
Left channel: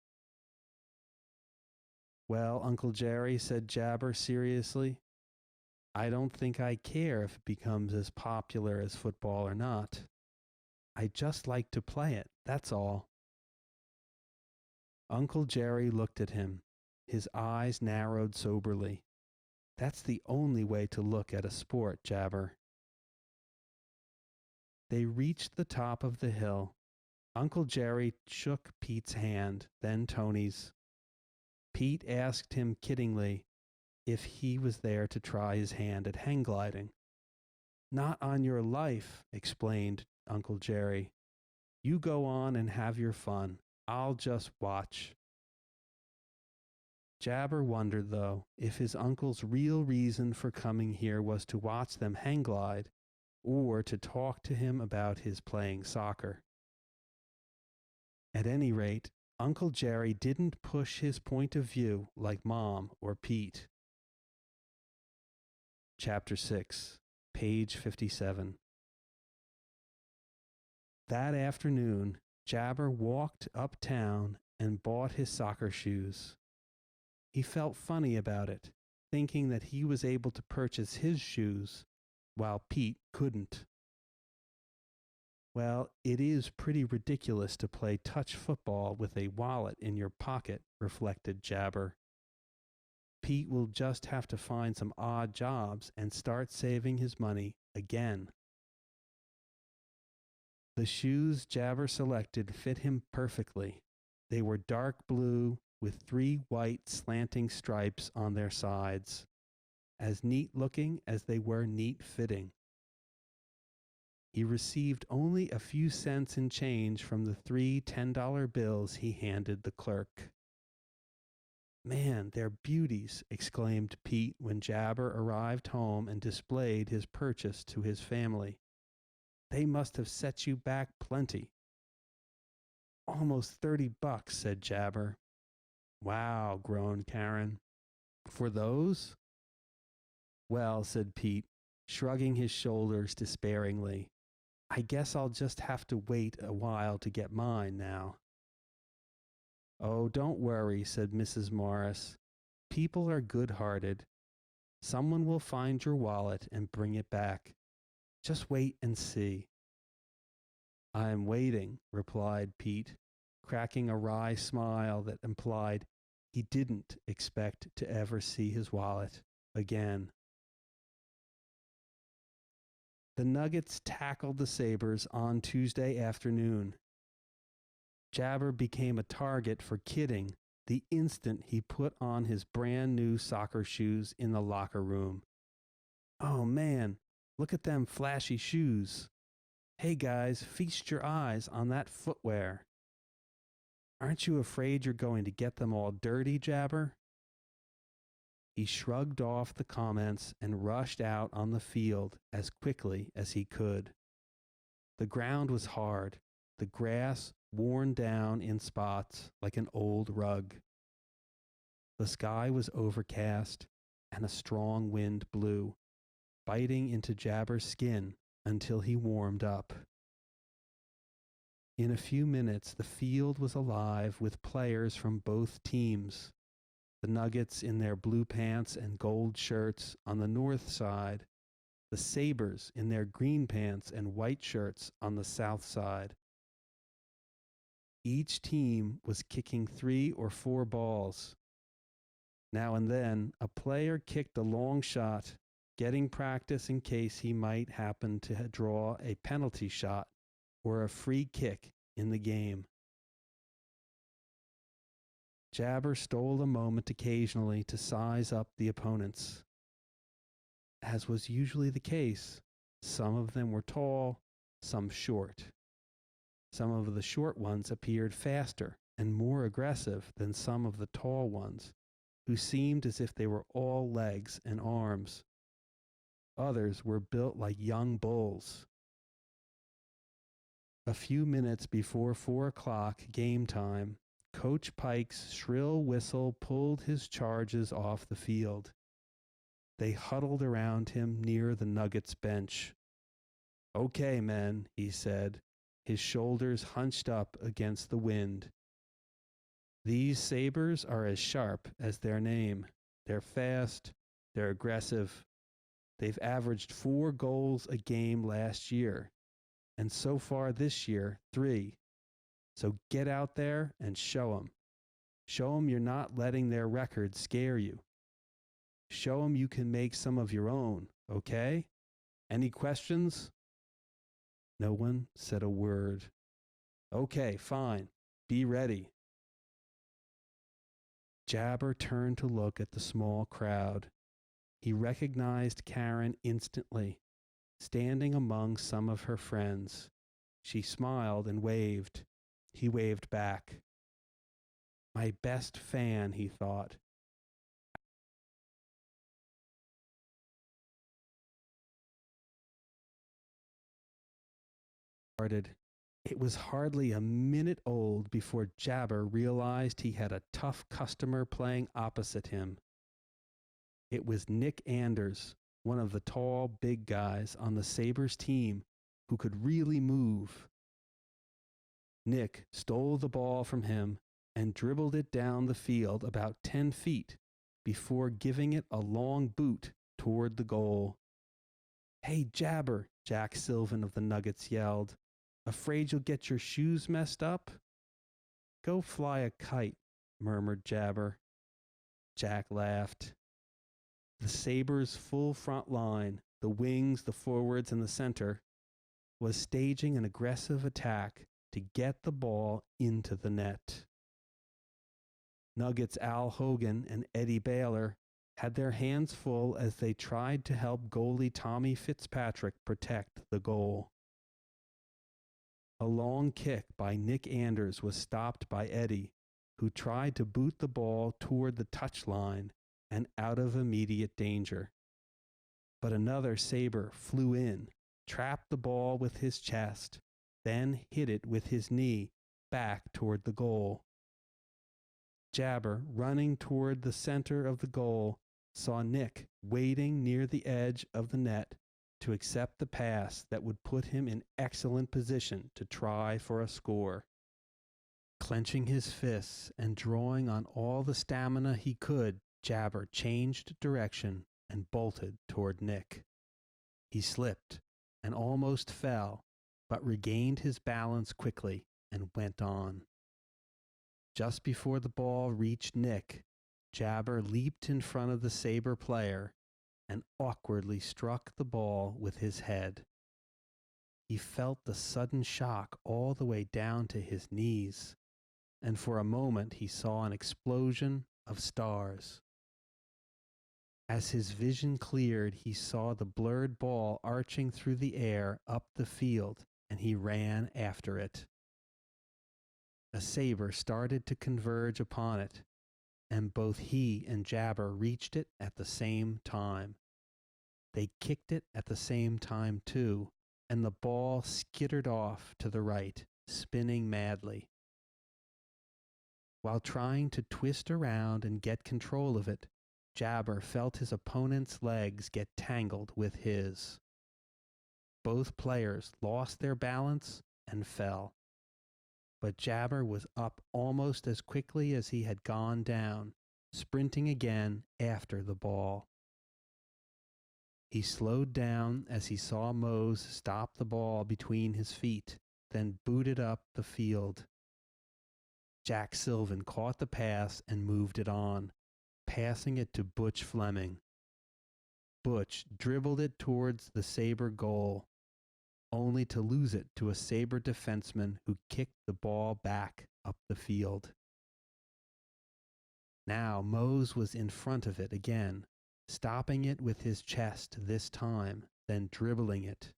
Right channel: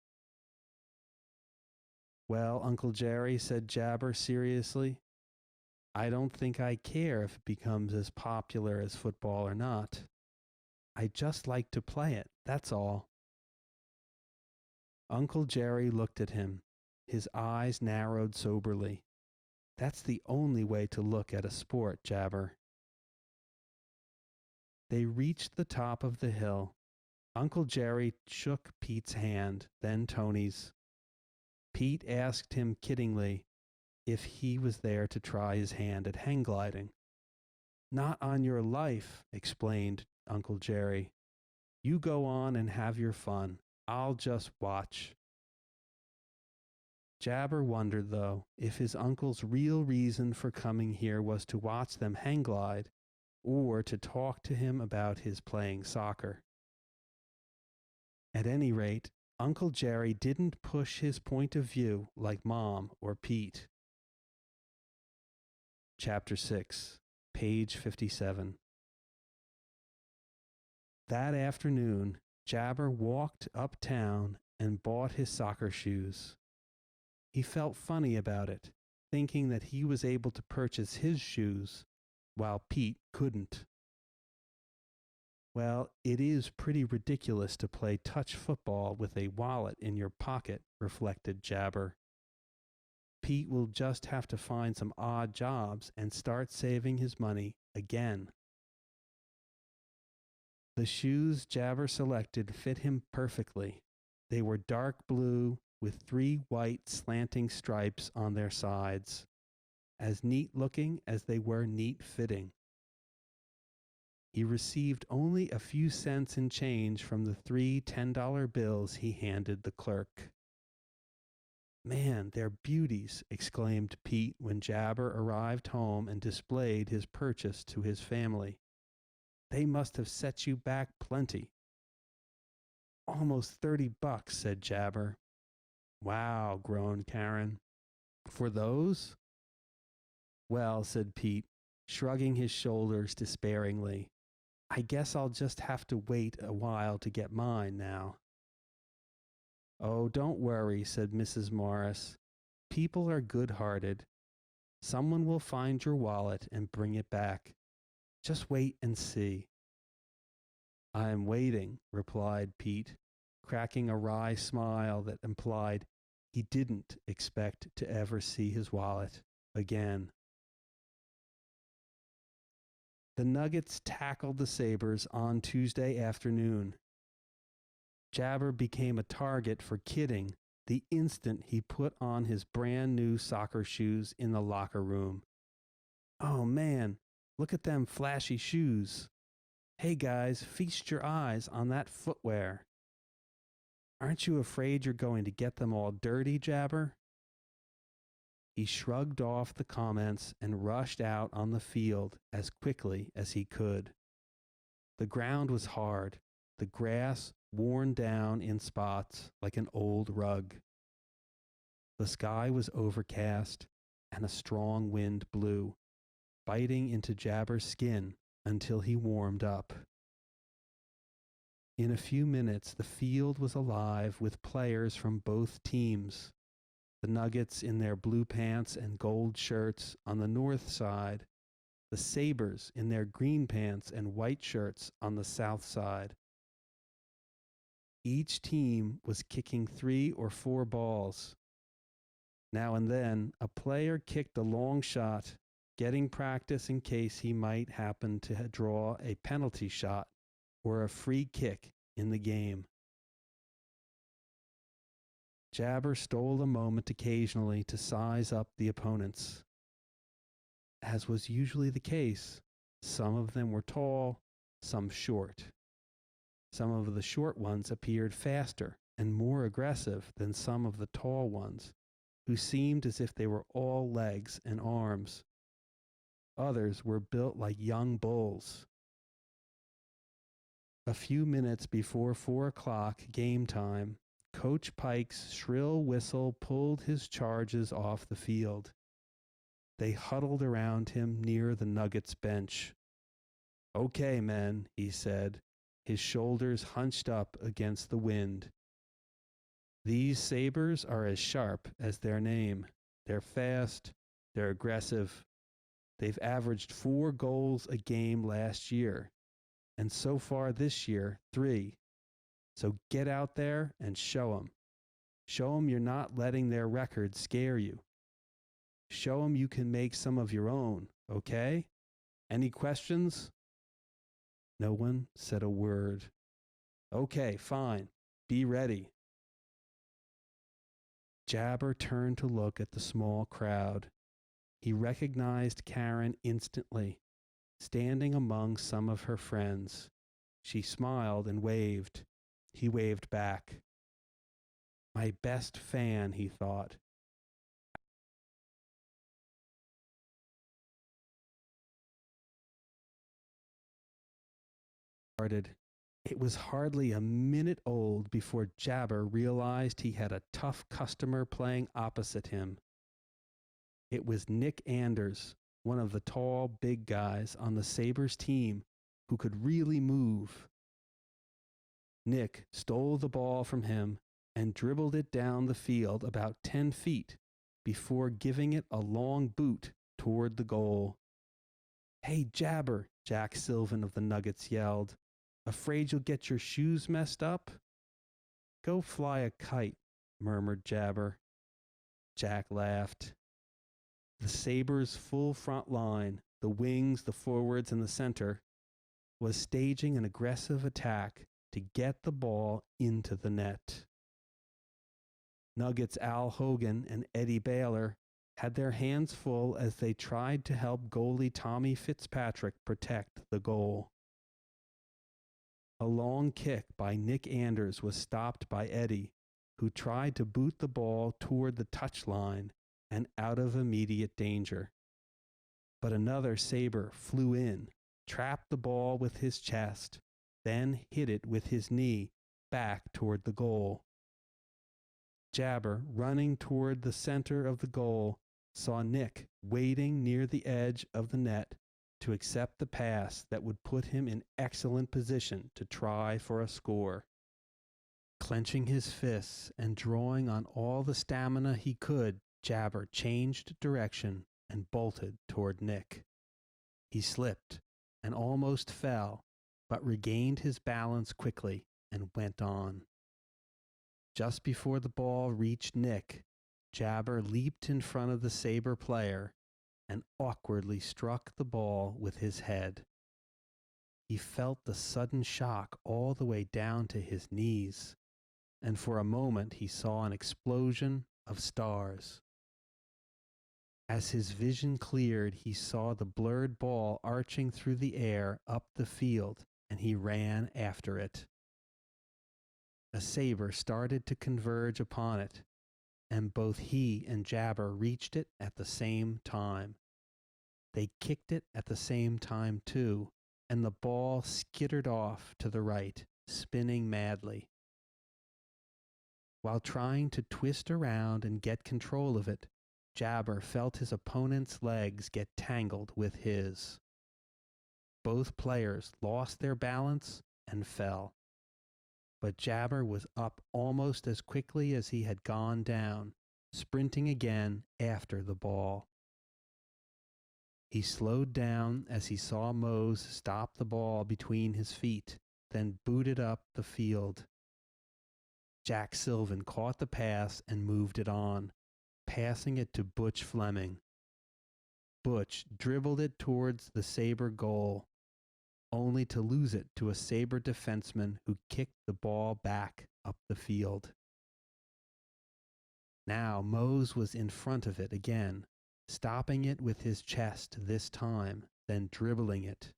"Well, Uncle Jerry," said Jabber seriously, "I don't think I care if it becomes as popular as football or not. I just like to play it, that's all." Uncle Jerry looked at him. His eyes narrowed soberly. "That's the only way to look at a sport, Jabber." They reached the top of the hill. Uncle Jerry shook Pete's hand, then Tony's. Pete asked him kiddingly if he was there to try his hand at hang gliding. "Not on your life," explained Uncle Jerry. "You go on and have your fun. I'll just watch." Jabber wondered, though, if his uncle's real reason for coming here was to watch them hang glide or to talk to him about his playing soccer. At any rate, Uncle Jerry didn't push his point of view like Mom or Pete. Chapter 6, page 57. That afternoon, Jabber walked uptown and bought his soccer shoes. He felt funny about it, thinking that he was able to purchase his shoes while Pete couldn't. Well, it is pretty ridiculous to play touch football with a wallet in your pocket, reflected Jabber. Pete will just have to find some odd jobs and start saving his money again. The shoes Jabber selected fit him perfectly. They were dark blue with 3 white slanting stripes on their sides, as neat looking as they were neat fitting. He received only a few cents in change from the 3 $10 bills he handed the clerk. Man, they're beauties, exclaimed Pete when Jabber arrived home and displayed his purchase to his family. They must have set you back plenty. Almost $30, said Jabber. Wow, groaned Karen. For those? Well, said Pete, shrugging his shoulders despairingly. I guess I'll just have to wait a while to get mine now. Oh, don't worry, said Mrs. Morris. People are good-hearted. Someone will find your wallet and bring it back. Just wait and see. I am waiting, replied Pete, cracking a wry smile that implied he didn't expect to ever see his wallet again. The Nuggets tackled the Sabres on Tuesday afternoon. Jabber became a target for kidding the instant he put on his brand new soccer shoes in the locker room. Oh man, look at them flashy shoes. Hey guys, feast your eyes on that footwear. Aren't you afraid you're going to get them all dirty, Jabber? He shrugged off the comments and rushed out on the field as quickly as he could. The ground was hard, the grass worn down in spots like an old rug. The sky was overcast, and a strong wind blew, biting into Jabber's skin until he warmed up. In a few minutes, the field was alive with players from both teams. The Nuggets in their blue pants and gold shirts on the north side, the Sabres in their green pants and white shirts on the south side. Each team was kicking 3 or 4 balls. Now and then, a player kicked a long shot, getting practice in case he might happen to draw a penalty shot or a free kick in the game. Jabber stole a moment occasionally to size up the opponents. As was usually the case, some of them were tall, some short. Some of the short ones appeared faster and more aggressive than some of the tall ones, who seemed as if they were all legs and arms. Others were built like young bulls. A few minutes before 4 o'clock game time, Coach Pike's shrill whistle pulled his charges off the field. They huddled around him near the Nuggets bench. Okay, men, he said, his shoulders hunched up against the wind. These Sabres are as sharp as their name. They're fast, they're aggressive. They've averaged 4 goals a game last year, and so far this year, 3. So get out there and show them. Show them you're not letting their record scare you. Show them you can make some of your own, okay? Any questions? No one said a word. Okay, fine. Be ready. Jabber turned to look at the small crowd. He recognized Karen instantly, standing among some of her friends. She smiled and waved. He waved back. My best fan, he thought. It was hardly a minute old before Jabber realized he had a tough customer playing opposite him. It was Nick Anders, one of the tall, big guys on the Sabres team who could really move. Nick stole the ball from him and dribbled it down the field about 10 feet before giving it a long boot toward the goal. "Hey, Jabber," Jack Sylvan of the Nuggets yelled. "Afraid you'll get your shoes messed up?" "Go fly a kite," murmured Jabber. Jack laughed. The Sabres' full front line, the wings, the forwards, and the center, was staging an aggressive attack to get the ball into the net. Nuggets' Al Hogan and Eddie Baylor had their hands full as they tried to help goalie Tommy Fitzpatrick protect the goal. A long kick by Nick Anders was stopped by Eddie, who tried to boot the ball toward the touchline and out of immediate danger. But another Sabre flew in, trapped the ball with his chest, then hit it with his knee back toward the goal. Jabber, running toward the center of the goal, saw Nick waiting near the edge of the net to accept the pass that would put him in excellent position to try for a score. Clenching his fists and drawing on all the stamina he could, Jabber changed direction and bolted toward Nick. He slipped and almost fell, but regained his balance quickly and went on. Just before the ball reached Nick, Jabber leaped in front of the Sabre player and awkwardly struck the ball with his head. He felt the sudden shock all the way down to his knees, and for a moment he saw an explosion of stars. As his vision cleared, he saw the blurred ball arching through the air up the field, and he ran after it. A Sabre started to converge upon it, and both he and Jabber reached it at the same time. They kicked it at the same time, too, and the ball skittered off to the right, spinning madly. While trying to twist around and get control of it, Jabber felt his opponent's legs get tangled with his. Both players lost their balance and fell. But Jabber was up almost as quickly as he had gone down, sprinting again after the ball. He slowed down as he saw Mose stop the ball between his feet, then booted up the field. Jack Sylvan caught the pass and moved it on, passing it to Butch Fleming. Butch dribbled it towards the Sabre goal, only to lose it to a Sabre defenseman who kicked the ball back up the field. Now Mose was in front of it again, stopping it with his chest this time, then dribbling it.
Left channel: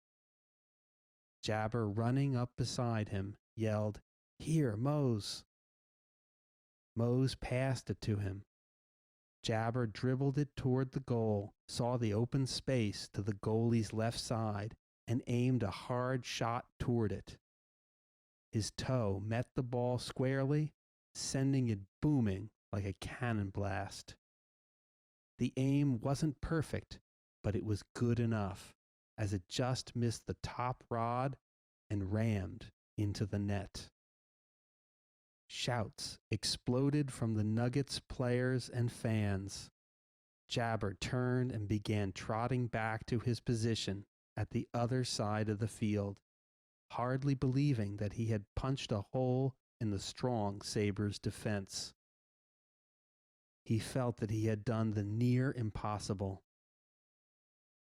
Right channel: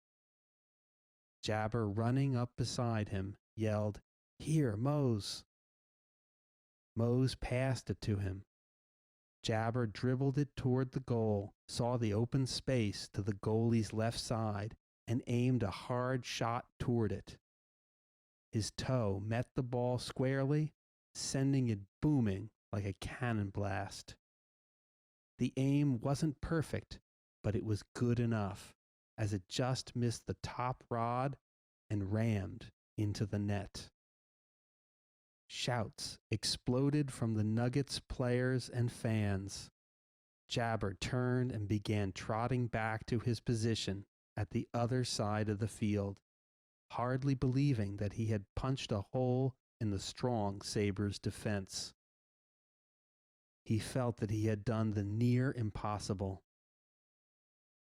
Jabber, running up beside him, yelled, "Here, Mose!" Mose passed it to him. Jabber dribbled it toward the goal, saw the open space to the goalie's left side, and aimed a hard shot toward it. His toe met the ball squarely, sending it booming like a cannon blast. The aim wasn't perfect, but it was good enough, as it just missed the top rod and rammed into the net. Shouts exploded from the Nuggets players and fans. Jabber turned and began trotting back to his position at the other side of the field, hardly believing that he had punched a hole in the strong Sabres' defense. He felt that he had done the near impossible,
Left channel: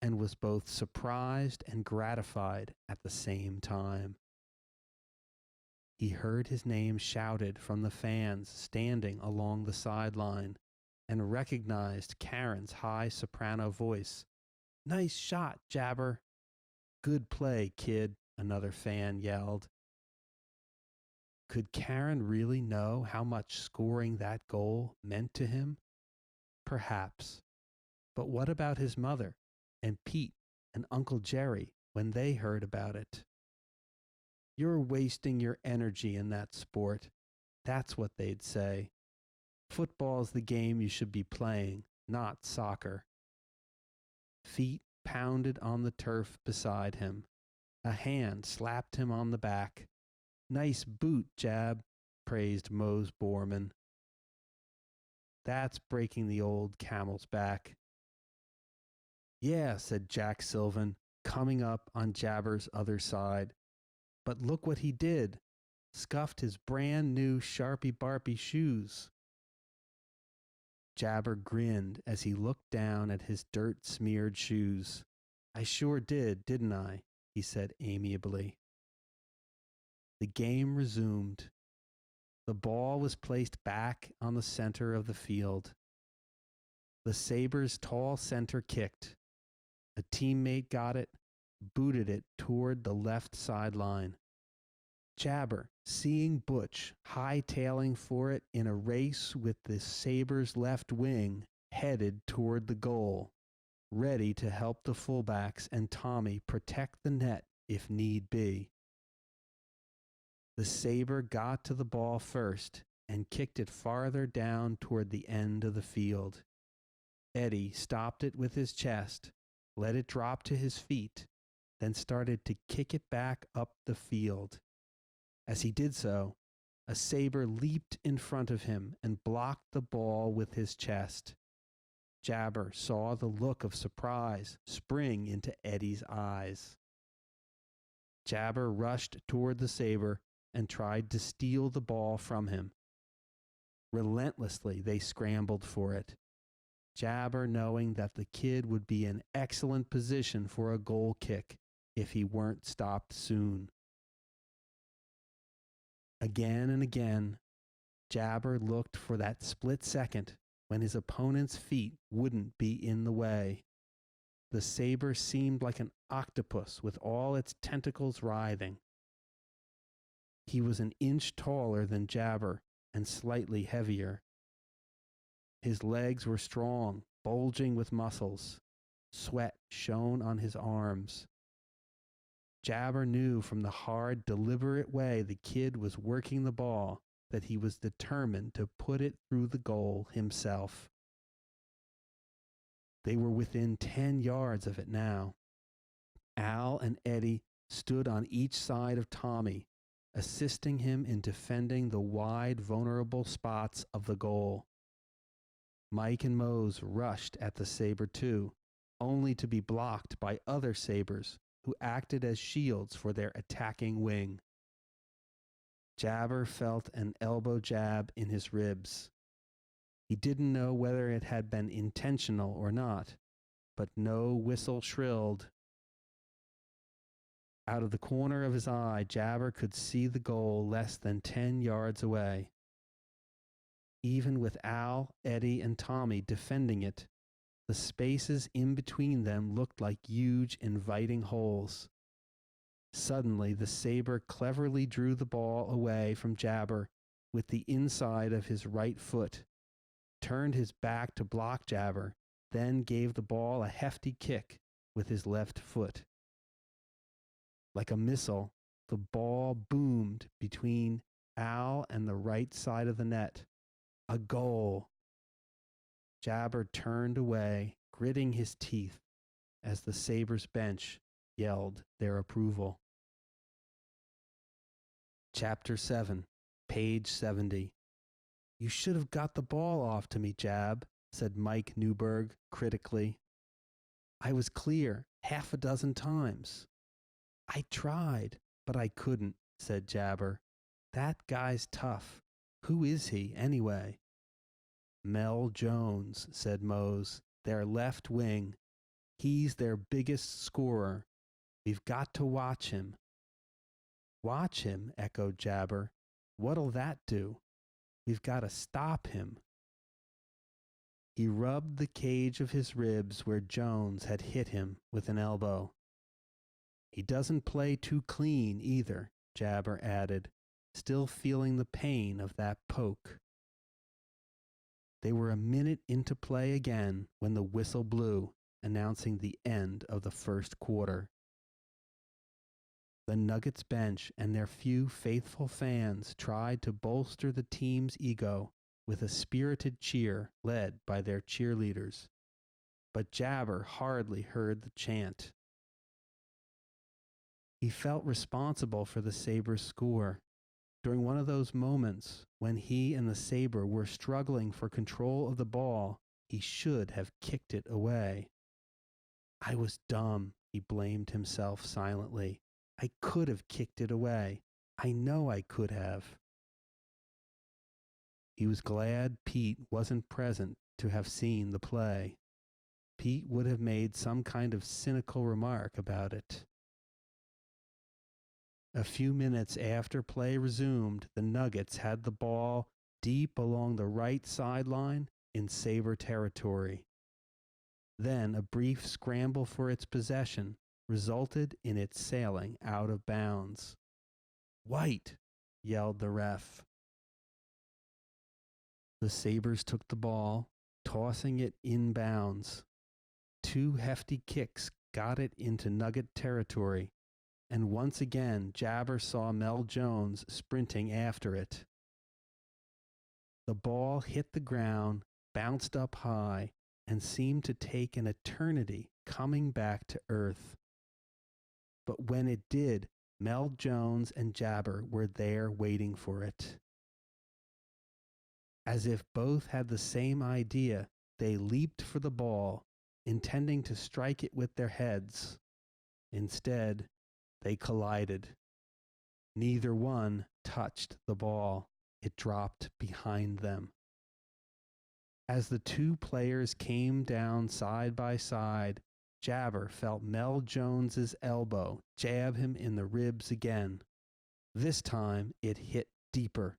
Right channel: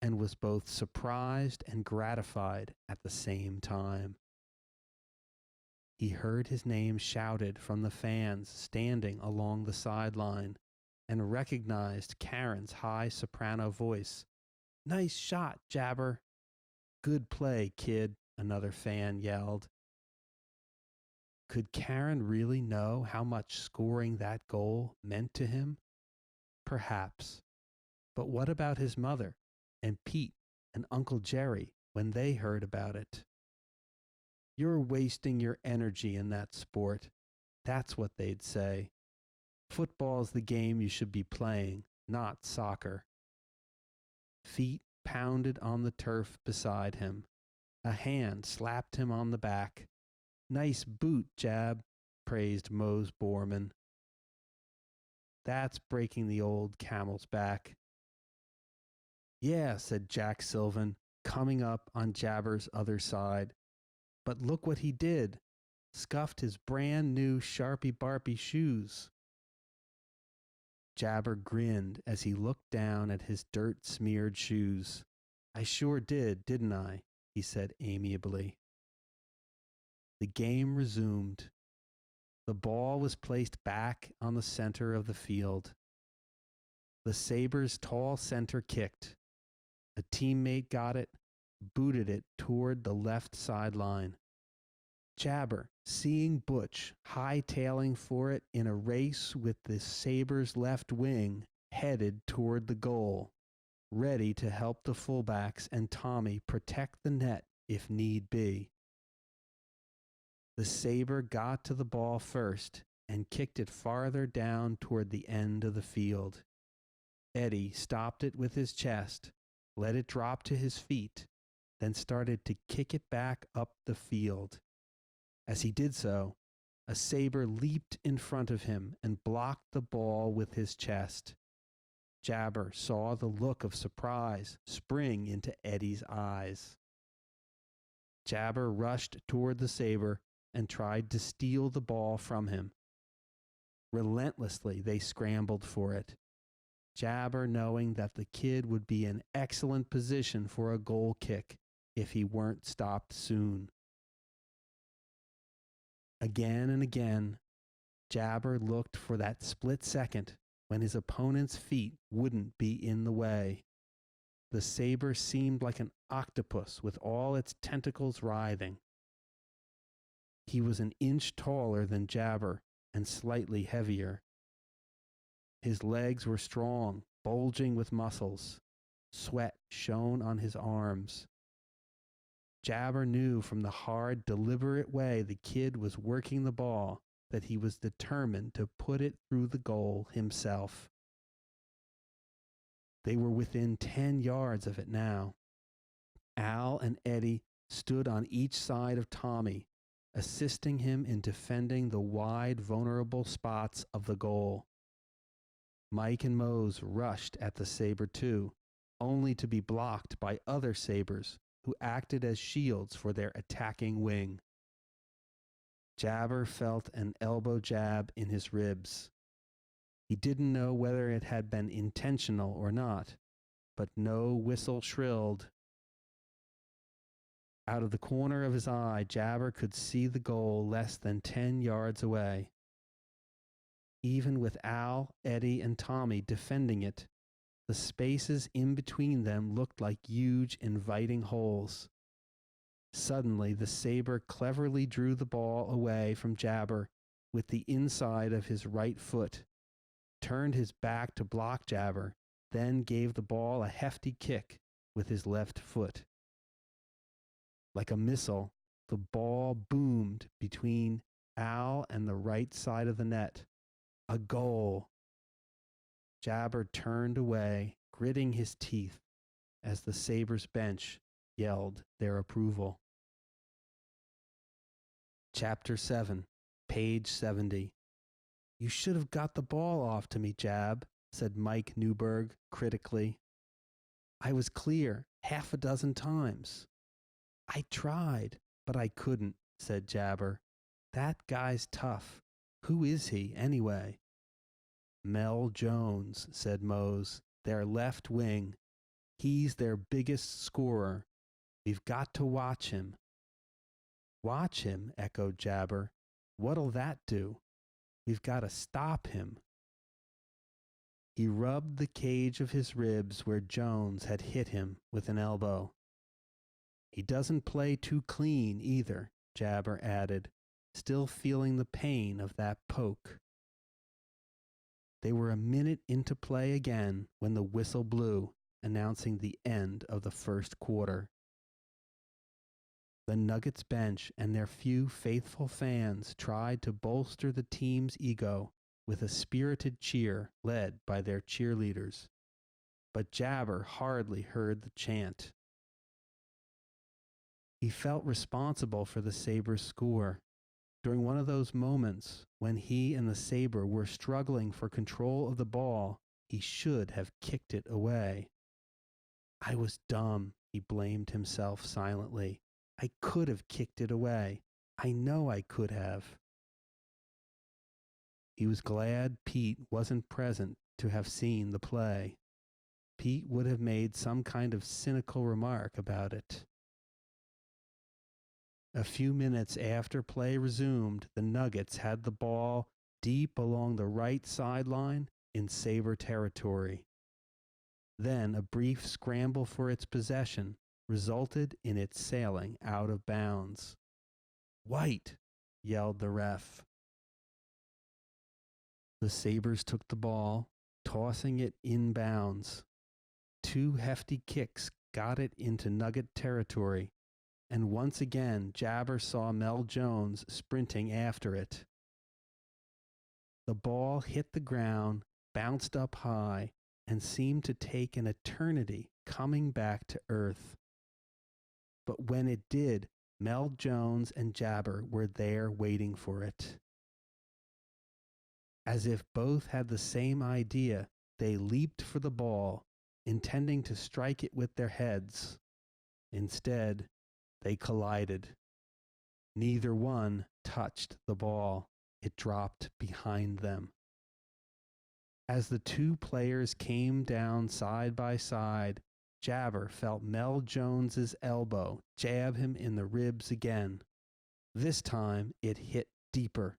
and was both surprised and gratified at the same time. He heard his name shouted from the fans standing along the sideline, and recognized Karen's high soprano voice. "Nice shot, Jabber." "Good play, kid," another fan yelled. Could Karen really know how much scoring that goal meant to him? Perhaps. But what about his mother and Pete and Uncle Jerry when they heard about it? "You're wasting your energy in that sport." That's what they'd say. "Football's the game you should be playing, not soccer." Feet pounded on the turf beside him. A hand slapped him on the back. Nice boot, Jab, praised Mose Borman. That's breaking the old camel's back. Yeah, said Jack Sylvan, coming up on Jabber's other side. But look what he did. Scuffed his brand new Sharpie Barpy shoes. Jabber grinned as he looked down at his dirt-smeared shoes. I sure did, didn't I? He said amiably. The game resumed. The ball was placed back on the center of the field. The Sabres' tall center kicked. A teammate got it, booted it toward the left sideline. Jabber, seeing Butch hightailing for it in a race with the Sabres' left wing, headed toward the goal, ready to help the fullbacks and Tommy protect the net if need be. The Sabre got to the ball first and kicked it farther down toward the end of the field. Eddie stopped it with his chest, let it drop to his feet, then started to kick it back up the field. As he did so, a Sabre leaped in front of him and blocked the ball with his chest. Jabber saw the look of surprise spring into Eddie's eyes. Jabber rushed toward the Sabre and tried to steal the ball from him. Relentlessly, they scrambled for it. Jabber knowing that the kid would be in excellent position for a goal kick if he weren't stopped soon. Again and again, Jabber looked for that split second when his opponent's feet wouldn't be in the way. The Sabre seemed like an octopus with all its tentacles writhing. He was an inch taller than Jabber and slightly heavier. His legs were strong, bulging with muscles. Sweat shone on his arms. Jabber knew from the hard, deliberate way the kid was working the ball that he was determined to put it through the goal himself. They were within 10 yards of it now. Al and Eddie stood on each side of Tommy, assisting him in defending the wide, vulnerable spots of the goal. Mike and Mose rushed at the Sabre too, only to be blocked by other Sabres who acted as shields for their attacking wing. Jabber felt an elbow jab in his ribs. He didn't know whether it had been intentional or not, but no whistle shrilled. Out of the corner of his eye, Jabber could see the goal less than 10 yards away. Even with Al, Eddie, and Tommy defending it, the spaces in between them looked like huge, inviting holes. Suddenly, the Sabre cleverly drew the ball away from Jabber with the inside of his right foot, turned his back to block Jabber, then gave the ball a hefty kick with his left foot. Like a missile, the ball boomed between Al and the right side of the net. A goal. Jabber turned away, gritting his teeth, as the Sabres bench yelled their approval. Chapter 7, page 70. You should have got the ball off to me, Jab, said Mike Newberg critically. I was clear half a dozen times. I tried, but I couldn't, said Jabber. That guy's tough. Who is he, anyway? Mel Jones, said Mose, their left wing. He's their biggest scorer. We've got to watch him. Watch him, echoed Jabber. What'll that do? We've got to stop him. He rubbed the cage of his ribs where Jones had hit him with an elbow. He doesn't play too clean either, Jabber added, still feeling the pain of that poke. They were a minute into play again when the whistle blew, announcing the end of the first quarter. The Nuggets bench and their few faithful fans tried to bolster the team's ego with a spirited cheer led by their cheerleaders, but Jabber hardly heard the chant. He felt responsible for the Sabres' score. During one of those moments when he and the Sabre were struggling for control of the ball, he should have kicked it away. I was dumb, he blamed himself silently. I could have kicked it away. I know I could have. He was glad Pete wasn't present to have seen the play. Pete would have made some kind of cynical remark about it. A few minutes after play resumed, the Nuggets had the ball deep along the right sideline in Sabre territory. Then a brief scramble for its possession resulted in it sailing out of bounds. "White!" yelled the ref. The Sabres took the ball, tossing it inbounds. Two hefty kicks got it into Nugget territory, and once again Jabar saw Mel Jones sprinting after it. The ball hit the ground, bounced up high, and seemed to take an eternity coming back to earth. But when it did, Mel Jones and Jabar were there waiting for it. As if both had the same idea, they leaped for the ball, intending to strike it with their heads. Instead, they collided. Neither one touched the ball. It dropped behind them. As the two players came down side by side, Jabar felt Mel Jones's elbow jab him in the ribs again. This time it hit deeper,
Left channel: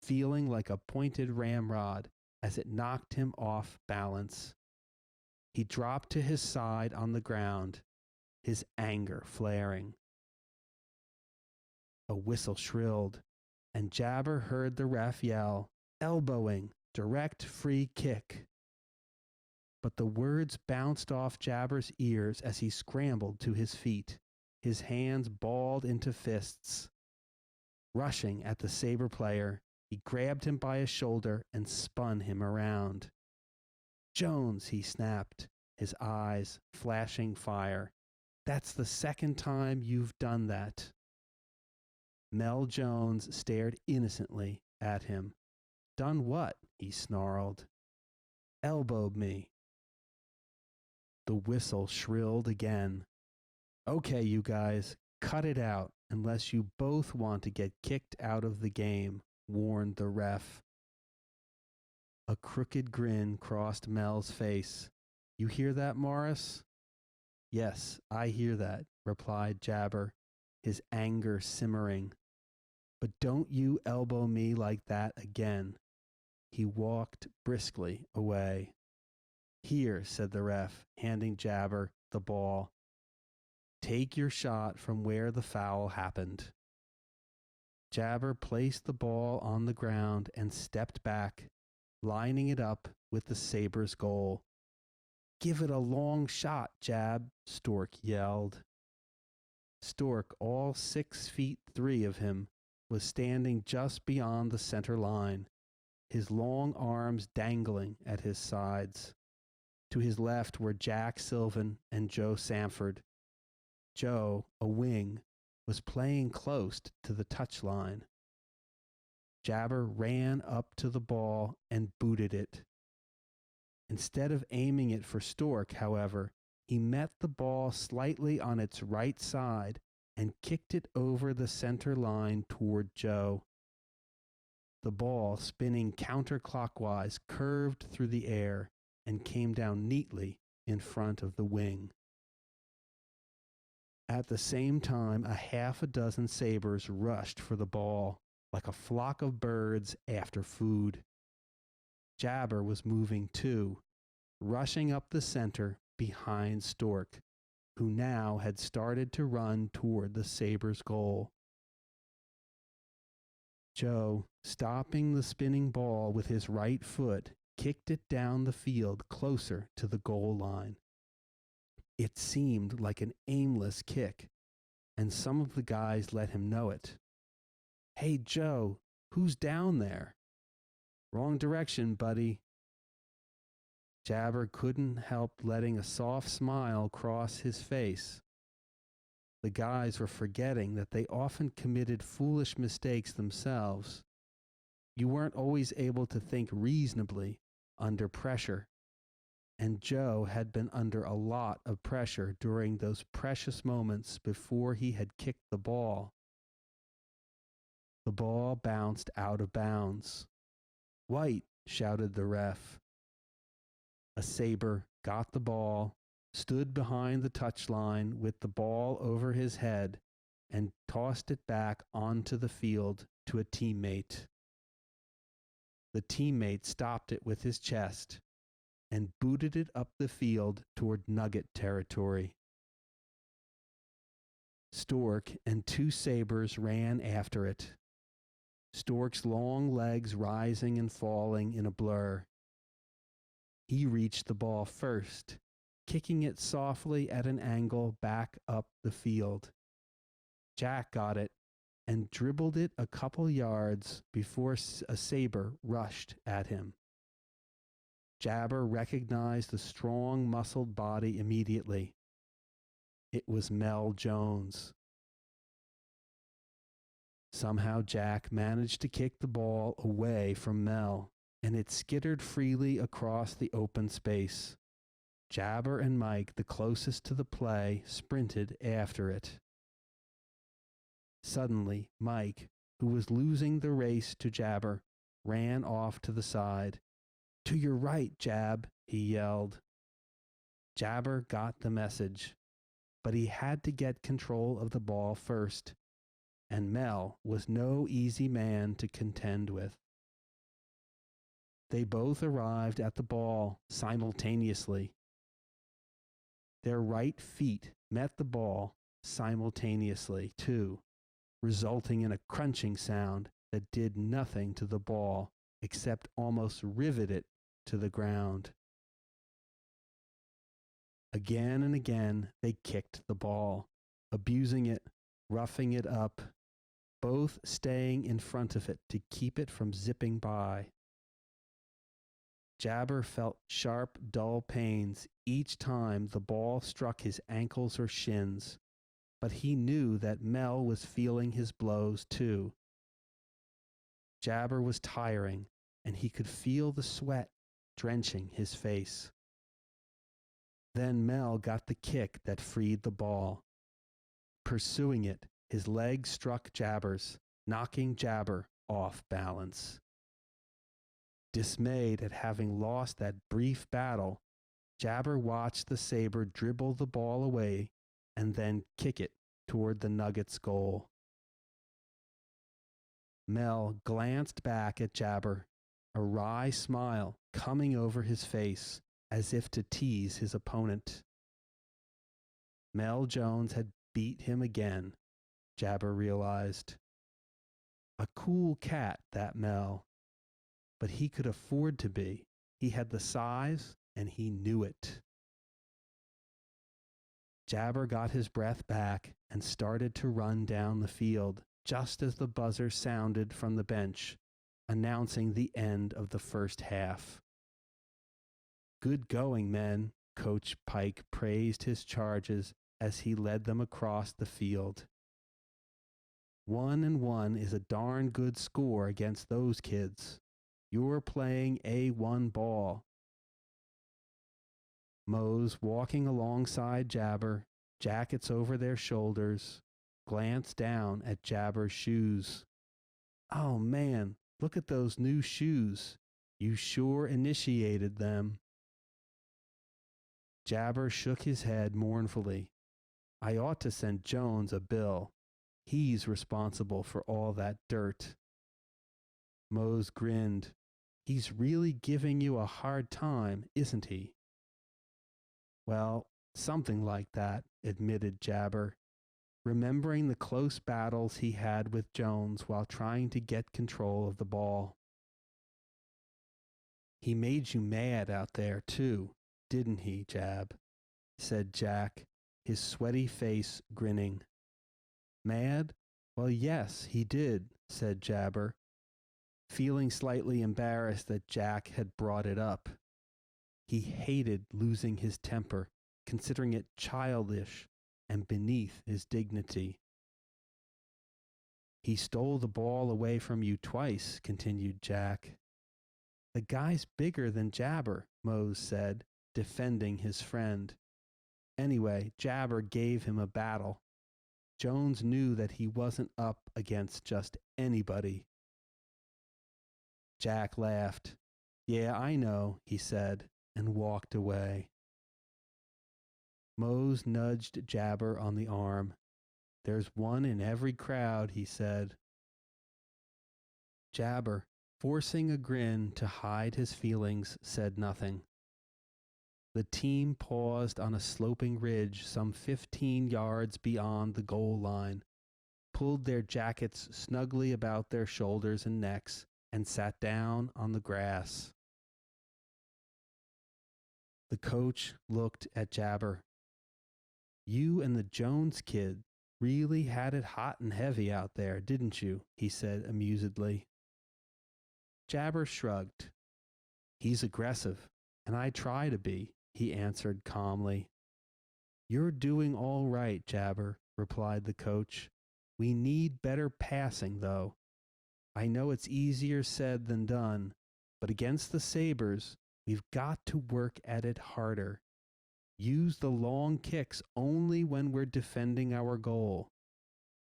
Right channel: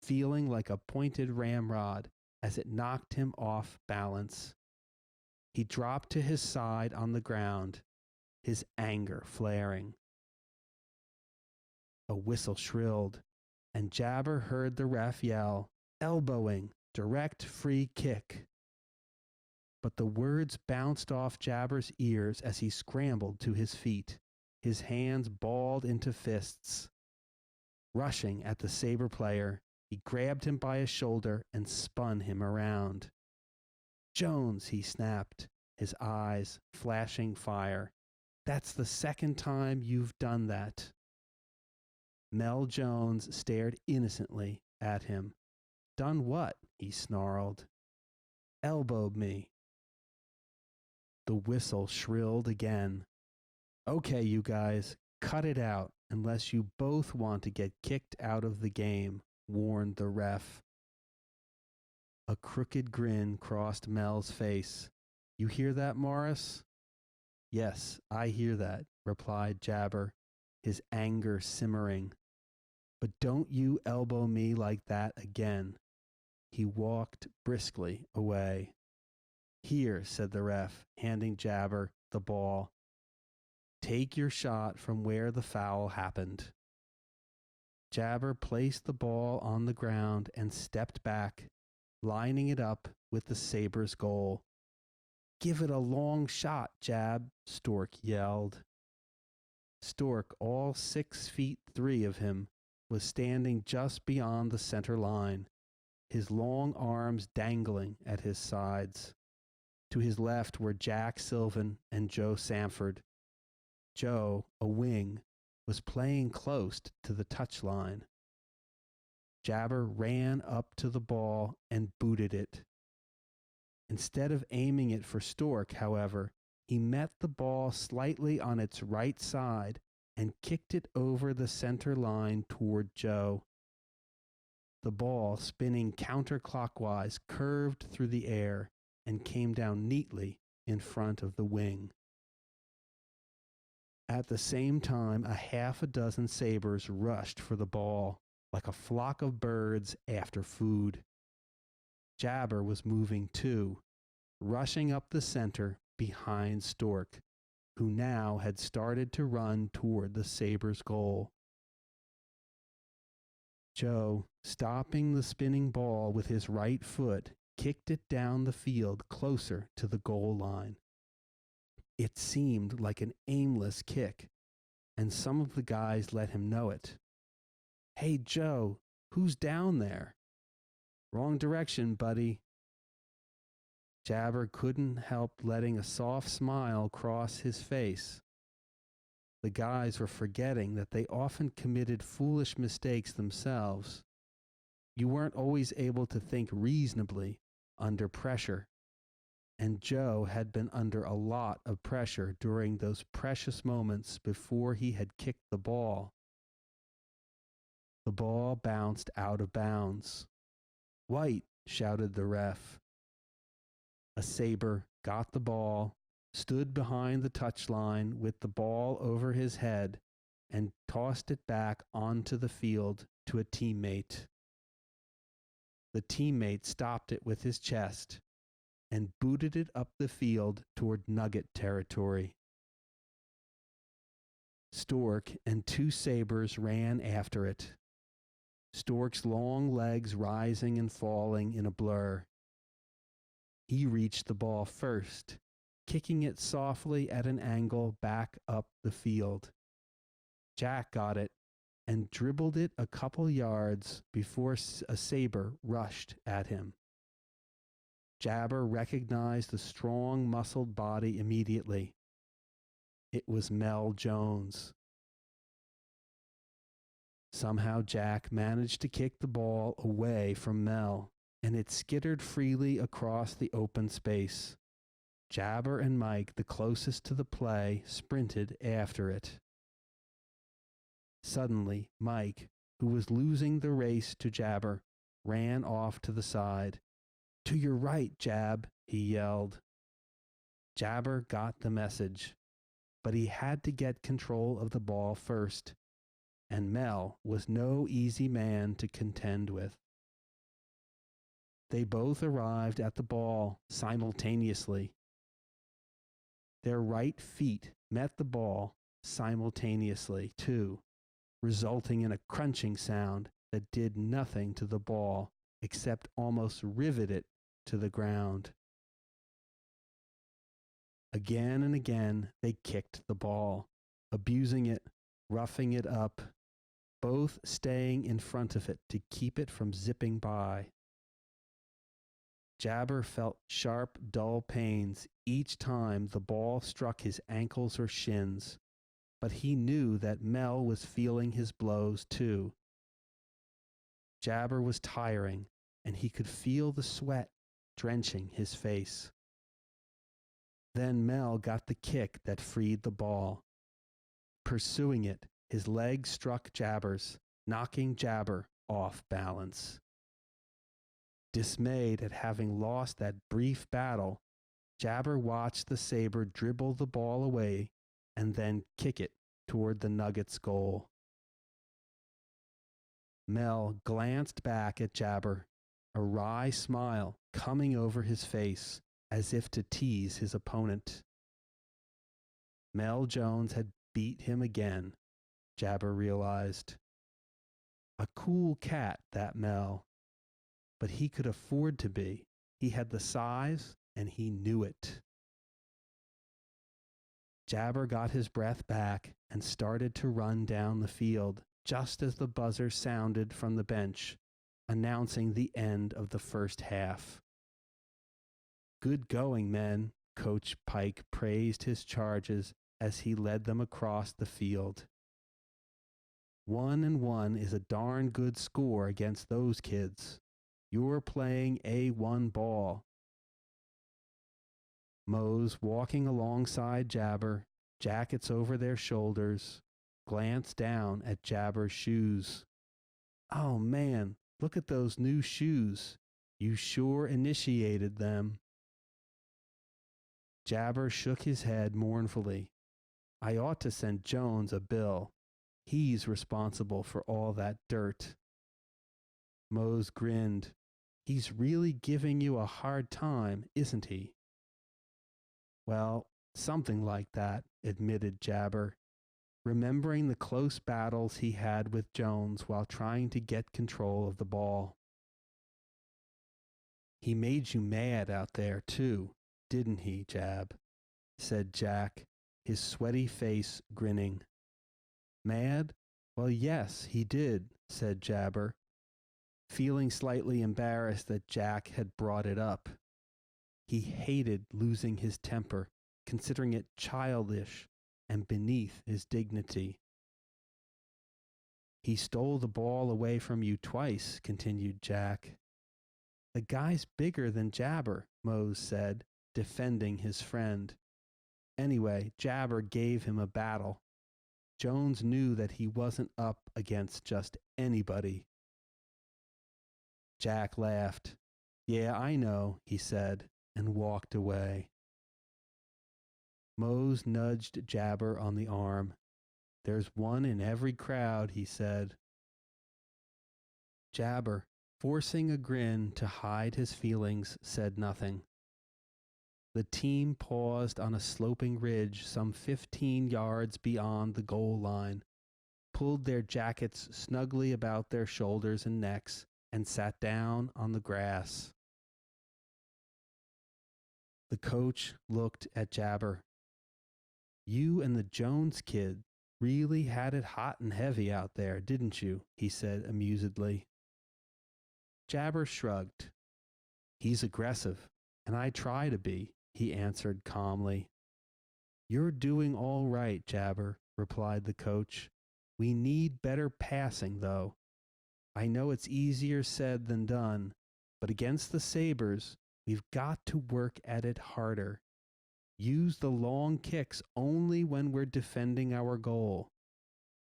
feeling like a pointed ramrod as it knocked him off balance. He dropped to his side on the ground, his anger flaring. A whistle shrilled, and Jabar heard the ref yell, "Elbowing, direct free kick." But the words bounced off Jabar's ears as he scrambled to his feet, his hands balled into fists. Rushing at the Sabre player, he grabbed him by a shoulder and spun him around. "Jones," he snapped, his eyes flashing fire. "That's the second time you've done that." Mel Jones stared innocently at him. "Done what?" he snarled. "Elbowed me." The whistle shrilled again. "Okay, you guys, cut it out unless you both want to get kicked out of the game," warned the ref. A crooked grin crossed Mel's face. "You hear that, Morris?" "Yes, I hear that," replied Jabar, his anger simmering. "But don't you elbow me like that again." He walked briskly away. "Here," said the ref, handing Jabar the ball. "Take your shot from where the foul happened." Jabar placed the ball on the ground and stepped back, lining it up with the Sabres' goal. "Give it a long shot, Jab," Stork yelled. Stork, all 6'3" of him, was standing just beyond the center line, his long arms dangling at his sides. To his left were Jack Sylvan and Joe Sanford. Joe, a wing, was playing close to the touchline. Jabar ran up to the ball and booted it. Instead of aiming it for Stork, however, he met the ball slightly on its right side and kicked it over the center line toward Joe. The ball, spinning counterclockwise, curved through the air and came down neatly in front of the wing. At the same time, half a dozen Sabres rushed for the ball, like a flock of birds after food. Jabar was moving too, rushing up the center behind Stork, who now had started to run toward the Sabres' goal. Joe, stopping the spinning ball with his right foot, kicked it down the field closer to the goal line. It seemed like an aimless kick, and some of the guys let him know it. "Hey, Joe, who's down there?" "Wrong direction, buddy." Jabar couldn't help letting a soft smile cross his face. The guys were forgetting that they often committed foolish mistakes themselves. You weren't always able to think reasonably under pressure. And Joe had been under a lot of pressure during those precious moments before he had kicked the ball. The ball bounced out of bounds. "White," shouted the ref. A Sabre got the ball, stood behind the touchline with the ball over his head, and tossed it back onto the field to a teammate. The teammate stopped it with his chest and booted it up the field toward Nugget territory. Stork and two Sabres ran after it, Stork's long legs rising and falling in a blur. He reached the ball first, kicking it softly at an angle back up the field. Jack got it and dribbled it a couple yards before a Sabre rushed at him. Jabar recognized the strong, muscled body immediately. It was Mel Jones. Somehow Jack managed to kick the ball away from Mel, and it skittered freely across the open space. Jabar and Mike, the closest to the play, sprinted after it. Suddenly, Mike, who was losing the race to Jabar, ran off to the side. "To your right, Jab," he yelled. Jabar got the message, but he had to get control of the ball first, and Mel was no easy man to contend with. They both arrived at the ball simultaneously. Their right feet met the ball simultaneously, too, resulting in a crunching sound that did nothing to the ball except almost rivet it to the ground. Again and again, they kicked the ball, abusing it, roughing it up, both staying in front of it to keep it from zipping by. Jabar felt sharp, dull pains each time the ball struck his ankles or shins, but he knew that Mel was feeling his blows too. Jabar was tiring, and he could feel the sweat drenching his face. Then Mel got the kick that freed the ball. Pursuing it, his leg struck Jabar's, knocking Jabar off balance. Dismayed at having lost that brief battle, Jabar watched the Sabre dribble the ball away and then kick it toward the Nuggets' goal. Mel glanced back at Jabar, a wry smile coming over his face as if to tease his opponent. Mel Jones had beat him again, Jabar realized. A cool cat, that Mel. But he could afford to be. He had the size, and he knew it. Jabar got his breath back and started to run down the field just as the buzzer sounded from the bench, announcing the end of the first half. "Good going, men," Coach Pike praised his charges as he led them across the field. 1-1 is a darn good score against those kids. You're playing A1 ball. Mose, walking alongside Jabar, jackets over their shoulders, glanced down at Jabar's shoes. "Oh man, look at those new shoes. You sure initiated them." Jabar shook his head mournfully. "I ought to send Jones a bill. He's responsible for all that dirt." Mose grinned. "He's really giving you a hard time, isn't he?" "Well, something like that," admitted Jabar, remembering the close battles he had with Jones while trying to get control of the ball. "He made you mad out there, too, didn't he, Jab?" said Jack, his sweaty face grinning. "Mad? Well, yes, he did," said Jabar, feeling slightly embarrassed that Jack had brought it up. He hated losing his temper, considering it childish and beneath his dignity. He stole the ball away from you twice, continued Jack. The guy's bigger than Jabber, Mose said, defending his friend. Anyway, Jabber gave him a battle. Jones knew that he wasn't up against just anybody. Jack laughed. Yeah, I know, he said, and walked away. Mose nudged Jabber on the arm. There's one in every crowd, he said. Jabber, forcing a grin to hide his feelings, said nothing. The team paused on a sloping ridge some 15 yards beyond the goal line, pulled their jackets snugly about their shoulders and necks, and sat down on the grass. The coach looked at Jabber. You and the Jones kid really had it hot and heavy out there, didn't you? He said amusedly. Jabber shrugged. He's aggressive, and I try to be, he answered calmly. You're doing all right, Jabber, replied the coach. We need better passing, though. I know it's easier said than done, but against the Sabres, we've got to work at it harder. Use the long kicks only when we're defending our goal.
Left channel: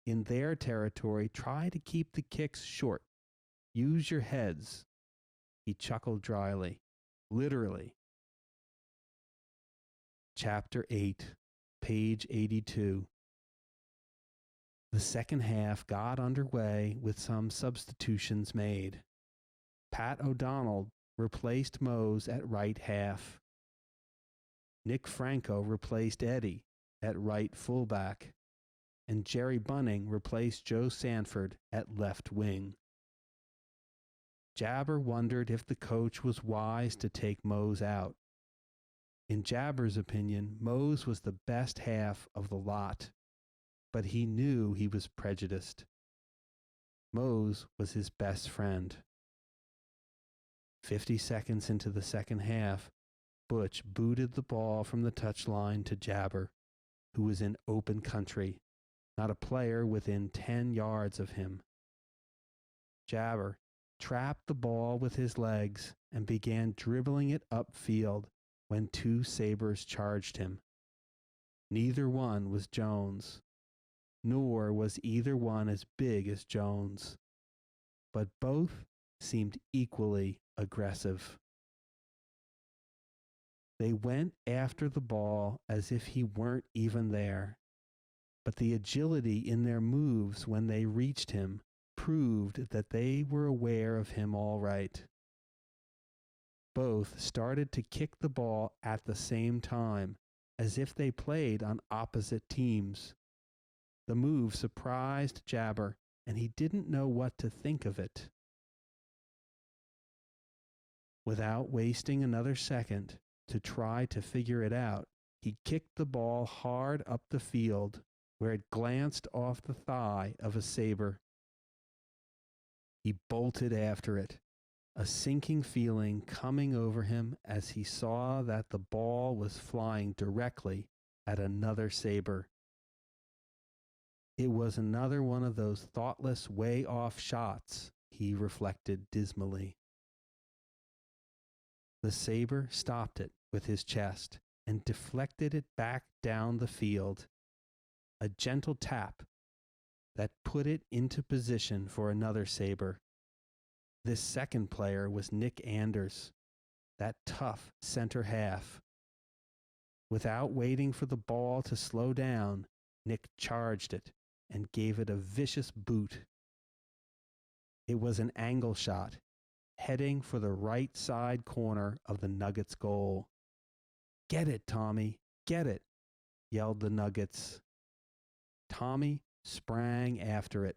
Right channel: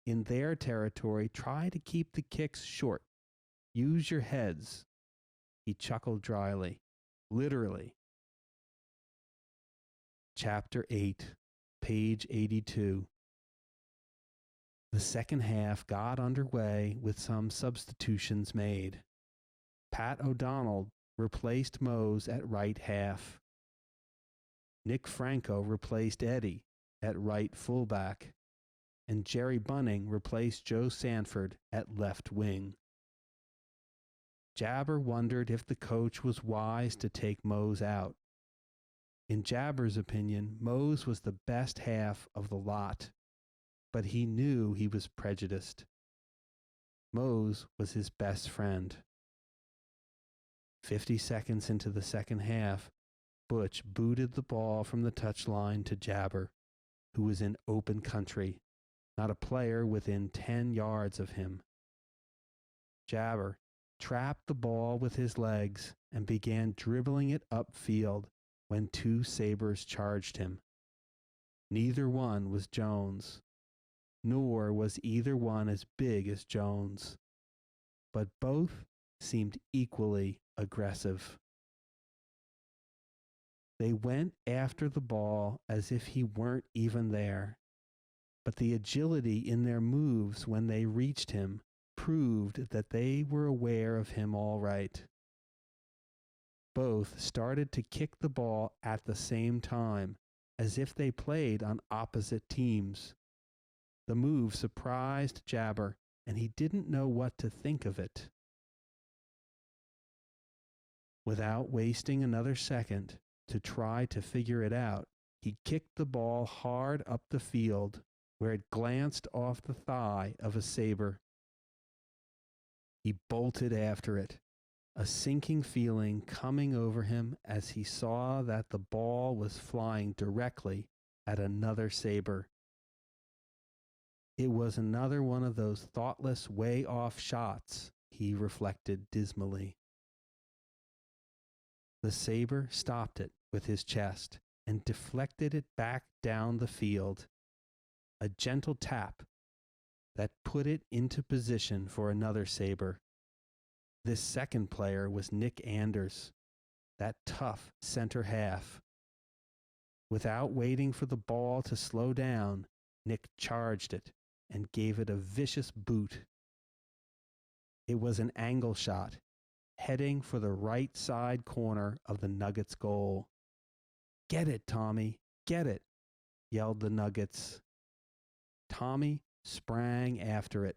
In their territory, try to keep the kicks short. Use your heads. He chuckled dryly. Literally. Chapter 8, page 82. The second half got underway with some substitutions made. Pat O'Donnell replaced Mose at right half. Nick Franco replaced Eddie at right fullback, and Jerry Bunning replaced Joe Sanford at left wing. Jabber wondered if the coach was wise to take Mose out. In Jabber's opinion, Mose was the best half of the lot, but he knew he was prejudiced. Mose was his best friend. 50 seconds into the second half, Butch booted the ball from the touchline to Jabber, who was in open country, not a player within 10 yards of him. Jabber trapped the ball with his legs and began dribbling it upfield when two Sabres charged him. Neither one was Jones, nor was either one as big as Jones, but both seemed equally aggressive. They went after the ball as if he weren't even there, but the agility in their moves when they reached him proved that they were aware of him all right. Both started to kick the ball at the same time, as if they played on opposite teams. The move surprised Jabber, and he didn't know what to think of it. Without wasting another second to try to figure it out, he kicked the ball hard up the field, where it glanced off the thigh of a Sabre. He bolted after it, a sinking feeling coming over him as he saw that the ball was flying directly at another Sabre. It was another one of those thoughtless way-off shots, he reflected dismally. The Sabre stopped it with his chest and deflected it back down the field. A gentle tap that put it into position for another Sabre. This second player was Nick Anders, that tough center half. Without waiting for the ball to slow down, Nick charged it and gave it a vicious boot. It was an angle shot, heading for the right side corner of the Nuggets' goal. Get it, Tommy, get it, yelled the Nuggets. Tommy sprang after it,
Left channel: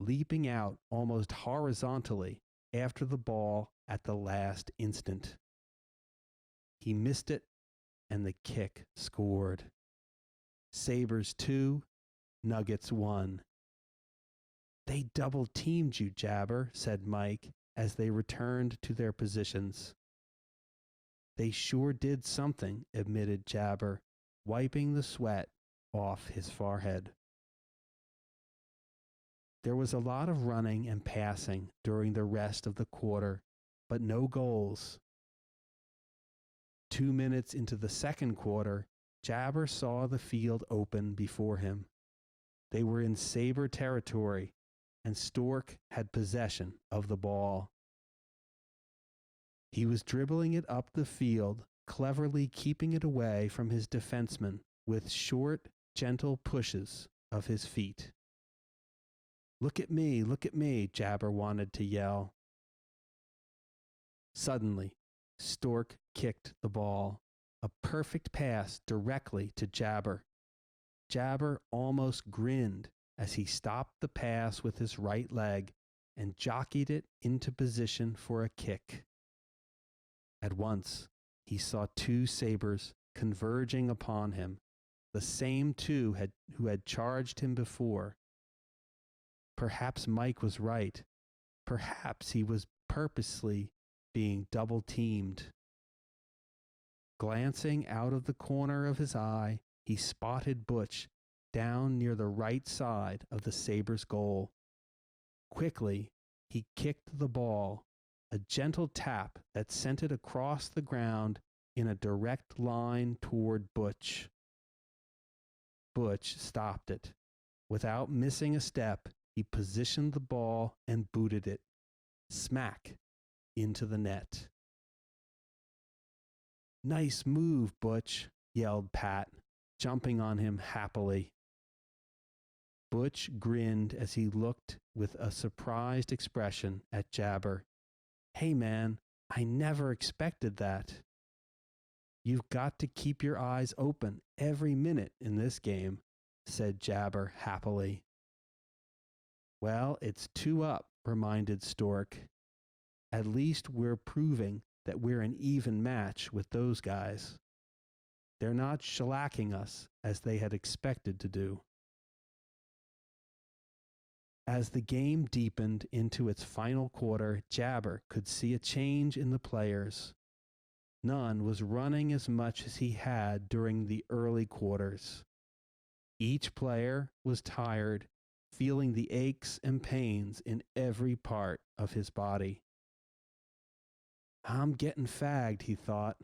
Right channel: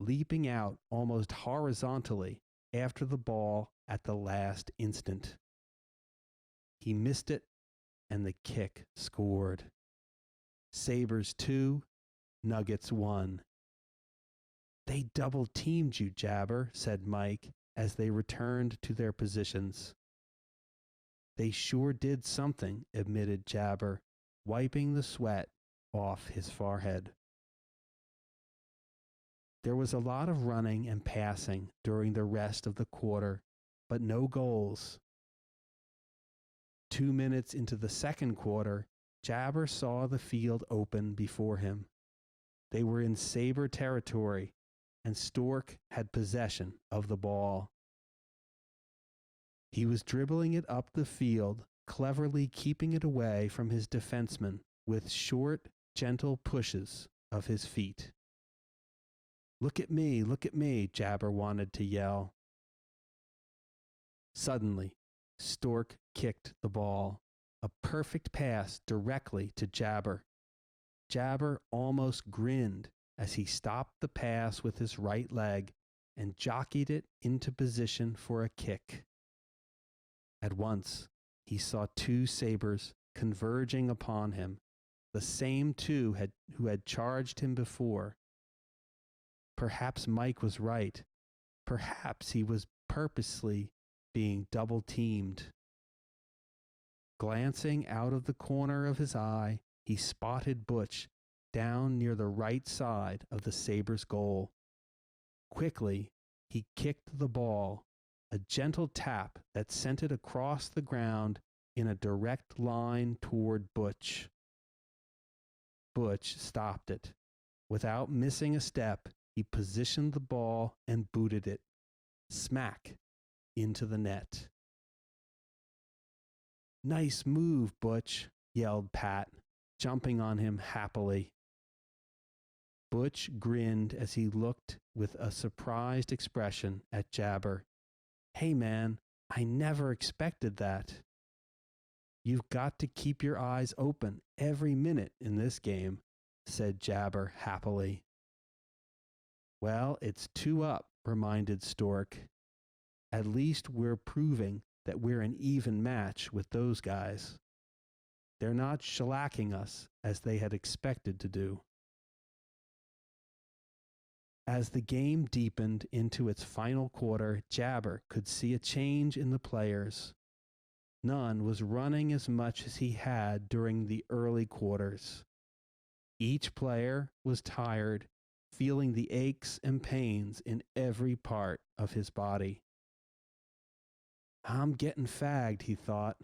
leaping out almost horizontally after the ball at the last instant. He missed it, and the kick scored. Sabres 2, Nuggets 1. They double-teamed you, Jabber, said Mike as they returned to their positions. They sure did something, admitted Jabber, wiping the sweat off his forehead. There was a lot of running and passing during the rest of the quarter, but no goals. 2 minutes into the second quarter, Jabber saw the field open before him. They were in Sabre territory, and Stork had possession of the ball. He was dribbling it up the field, cleverly keeping it away from his defenseman with short, gentle pushes of his feet. Look at me, Jabber wanted to yell. Suddenly, Stork kicked the ball, a perfect pass directly to Jabber. Jabber almost grinned as he stopped the pass with his right leg and jockeyed it into position for a kick. At once, he saw two Sabres converging upon him, the same two who had charged him before. Perhaps Mike was right. Perhaps he was purposely being double-teamed. Glancing out of the corner of his eye, he spotted Butch down near the right side of the Sabres' goal. Quickly, he kicked the ball, a gentle tap that sent it across the ground in a direct line toward Butch. Butch stopped it. Without missing a step, he positioned the ball and booted it, smack, into the net. Nice move, Butch, yelled Pat, jumping on him happily. Butch grinned as he looked with a surprised expression at Jabber. Hey, man, I never expected that. You've got to keep your eyes open every minute in this game, said Jabber happily. Well, it's 2-2, reminded Stork. At least we're proving that we're an even match with those guys. They're not shellacking us as they had expected to do. As the game deepened into its final quarter, Jabber could see a change in the players. None was running as much as he had during the early quarters. Each player was tired, feeling the aches and pains in every part of his body. I'm getting fagged, he thought,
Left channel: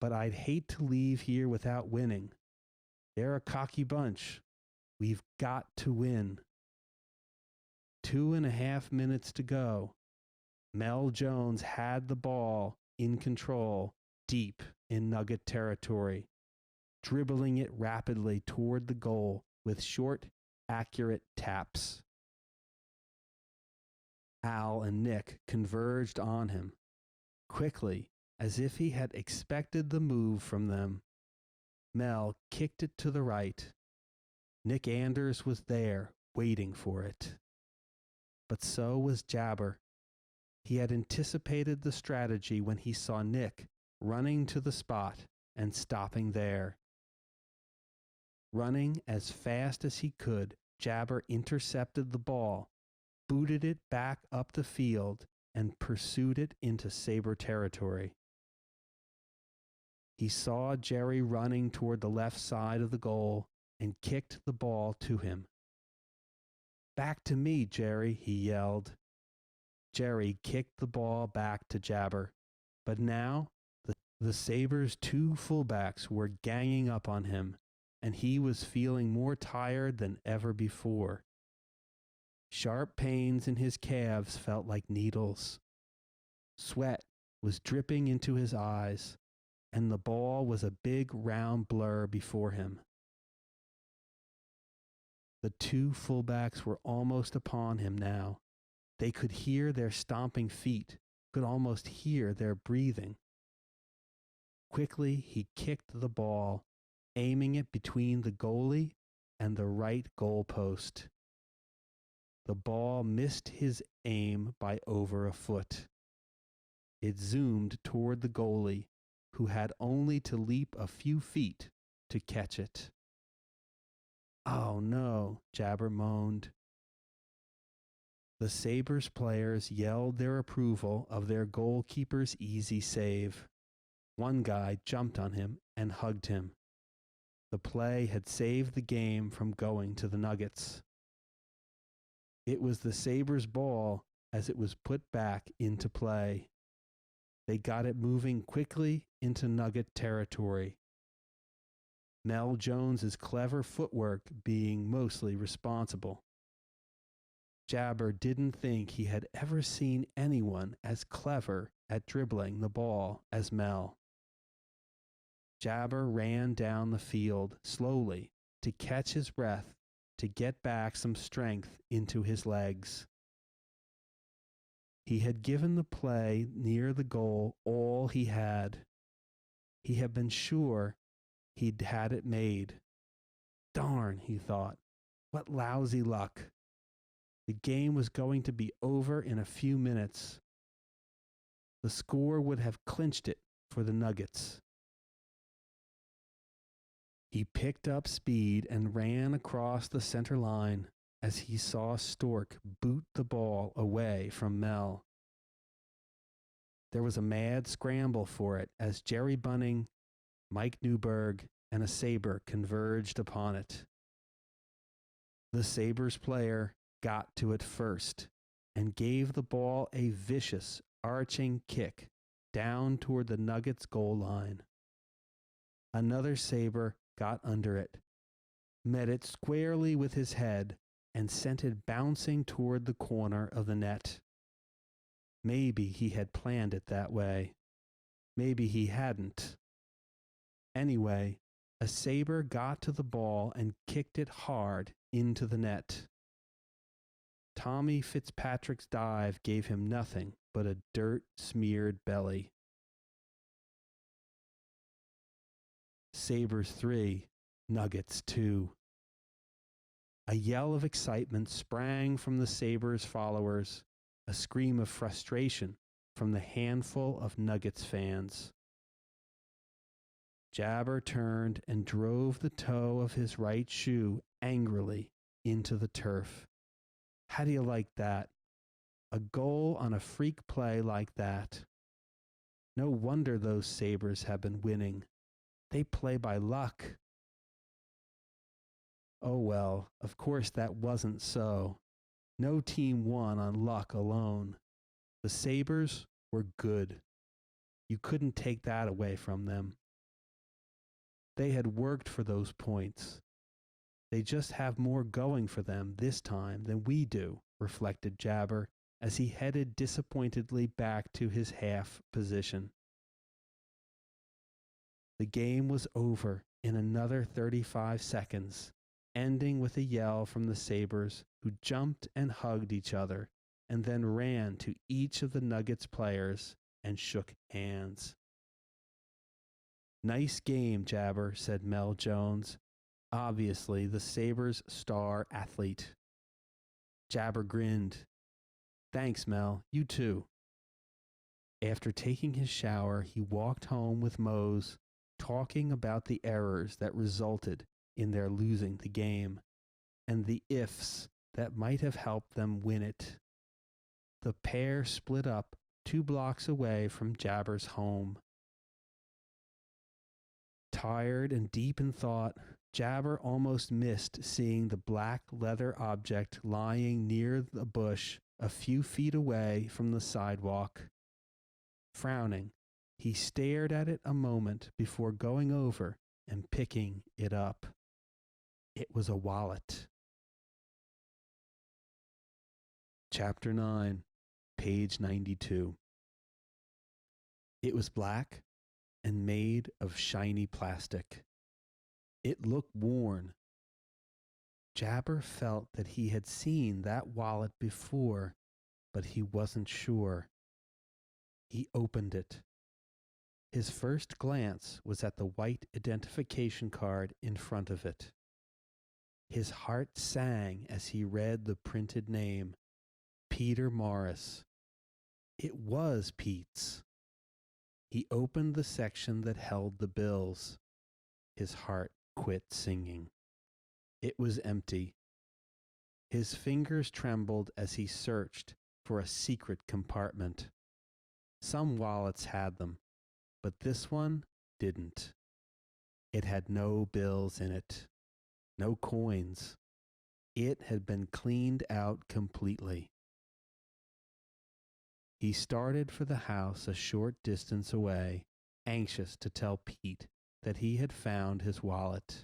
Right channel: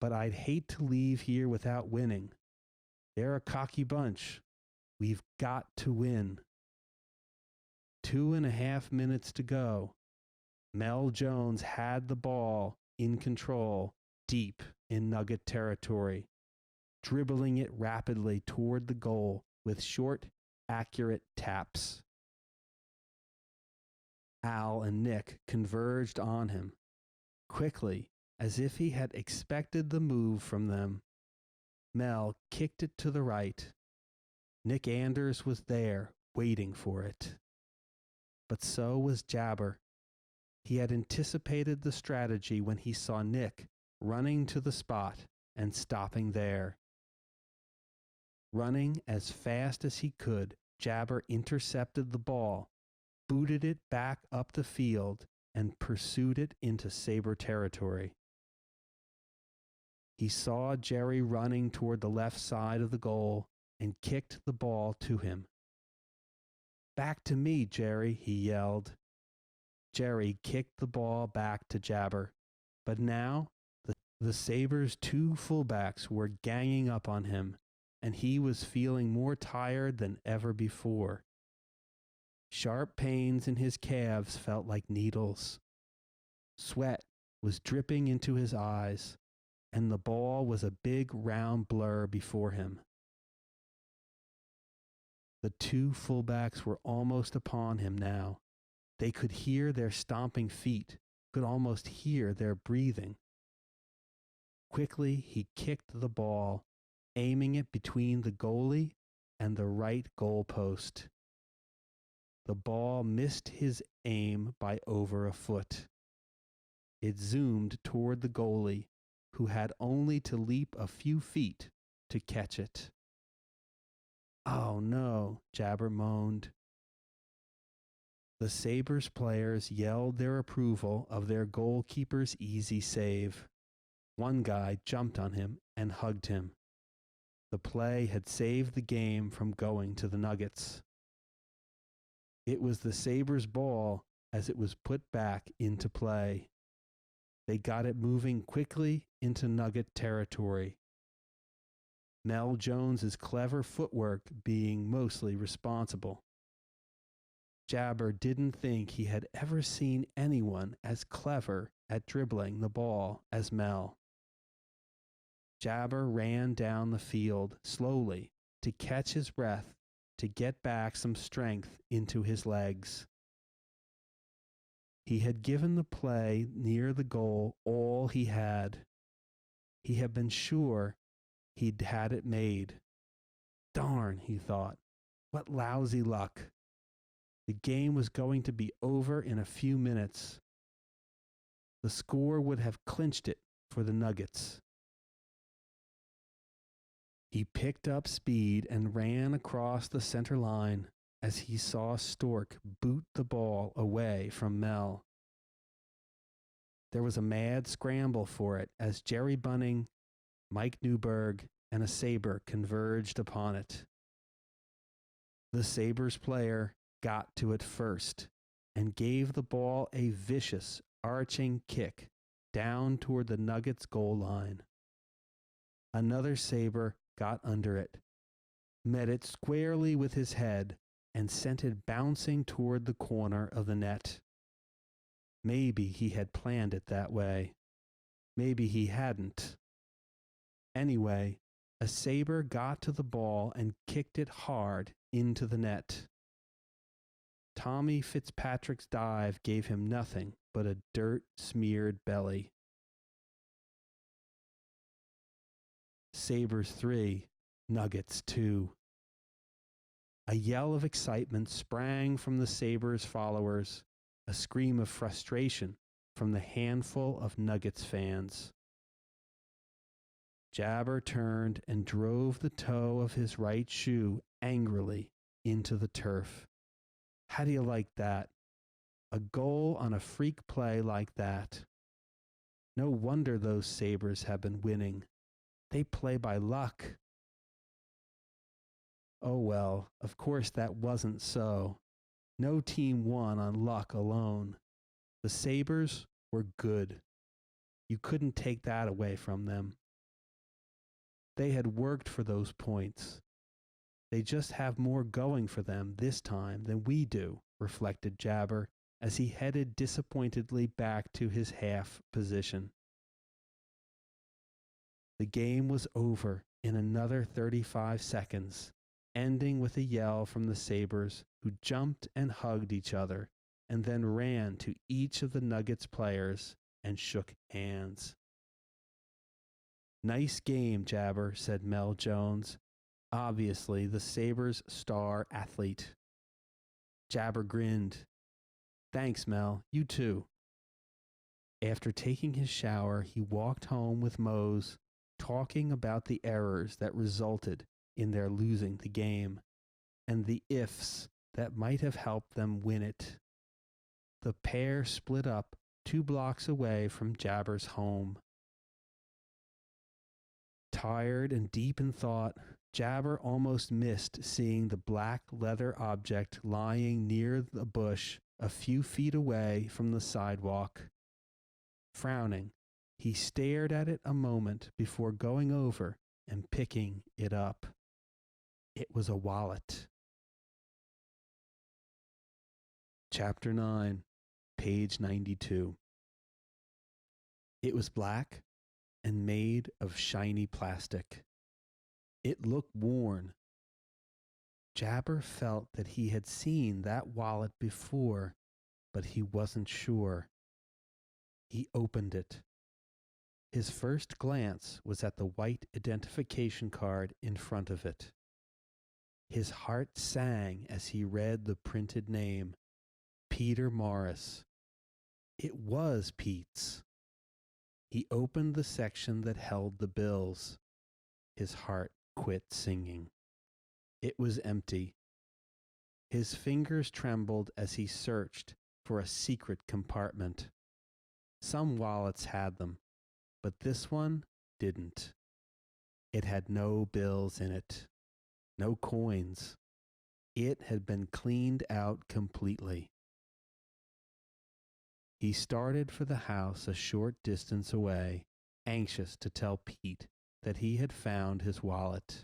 but I'd hate to leave here without winning. They're a cocky bunch. We've got to win. 2.5 minutes to go. Mel Jones had the ball in control deep in Nugget territory, dribbling it rapidly toward the goal with short, accurate taps. Al and Nick converged on him. Quickly, as if he had expected the move from them, Mel kicked it to the right. Nick Anders was there, waiting for it. But so was Jabber. He had anticipated the strategy when he saw Nick running to the spot and stopping there. Running as fast as he could, Jabber intercepted the ball, booted it back up the field, and pursued it into Sabre territory. He saw Jerry running toward the left side of the goal and kicked the ball to him. Back to me, Jerry, he yelled. Jerry kicked the ball back to Jabber, but now the Sabres' two fullbacks were ganging up on him, and he was feeling more tired than ever before. Sharp pains in his calves felt like needles. Sweat was dripping into his eyes, and the ball was a big round blur before him. The two fullbacks were almost upon him now. They could hear their stomping feet, could almost hear their breathing. Quickly, he kicked the ball, aiming it between the goalie and the right goal post. The ball missed his aim by over a foot. It zoomed toward the goalie, who had only to leap a few feet to catch it. Oh no, Jabber moaned. The Sabres players yelled their approval of their goalkeeper's easy save. One guy jumped on him and hugged him. The play had saved the game from going to the Nuggets. It was the Sabres' ball as it was put back into play. They got it moving quickly into Nugget territory. Mel Jones's clever footwork being mostly responsible. Jabber didn't think he had ever seen anyone as clever at dribbling the ball as Mel. Jabber ran down the field slowly to catch his breath, to get back some strength into his legs. He had given the play near the goal all he had. He had been sure he'd had it made. Darn, he thought. What lousy luck. The game was going to be over in a few minutes. The score would have clinched it for the Nuggets. He picked up speed and ran across the center line as he saw Stork boot the ball away from Mel. There was a mad scramble for it as Jerry Bunning, Mike Newberg, and a Sabre converged upon it. The Sabres player got to it first and gave the ball a vicious, arching kick down toward the Nuggets' goal line. Another Sabre got under it, met it squarely with his head, and sent it bouncing toward the corner of the net. Maybe he had planned it that way. Maybe he hadn't. Anyway, a Sabre got to the ball and kicked it hard into the net. Tommy Fitzpatrick's dive gave him nothing but a dirt-smeared belly. Sabres 3, Nuggets 2. A yell of excitement sprang from the Sabres followers, a scream of frustration from the handful of Nuggets fans. Jabber turned and drove the toe of his right shoe angrily into the turf. How do you like that? A goal on a freak play like that. No wonder those Sabres have been winning. They play by luck. Oh well, of course that wasn't so. No team won on luck alone. The Sabres were good. You couldn't take that away from them. They had worked for those points. They just have more going for them this time than we do, reflected Jabber as he headed disappointedly back to his half position. The game was over in another 35 seconds, ending with a yell from the Sabres, who jumped and hugged each other, and then ran to each of the Nuggets players and shook hands. Nice game, Jabber, said Mel Jones, obviously the Sabres' star athlete. Jabber grinned. Thanks, Mel. You too. After taking his shower, he walked home with Mose, talking about the errors that resulted in their losing the game, and the ifs that might have helped them win it. The pair split up 2 blocks away from Jabber's home. Tired and deep in thought, Jabber almost missed seeing the black leather object lying near the bush a few feet away from the sidewalk. Frowning, he stared at it a moment before going over and picking it up. It was a wallet. Chapter 9, page 92. It was black and made of shiny plastic. It looked worn. Jabber felt that he had seen that wallet before, but he wasn't sure. He opened it. His first glance was at the white identification card in front of it. His heart sang as he read the printed name, Peter Morris. It was Pete's. He opened the section that held the bills. His heart quit singing. It was empty. His fingers trembled as he searched for a secret compartment. Some wallets had them, but this one didn't. It had no bills in it, no coins. It had been cleaned out completely. He started for the house a short distance away, anxious to tell Pete that he had found his wallet.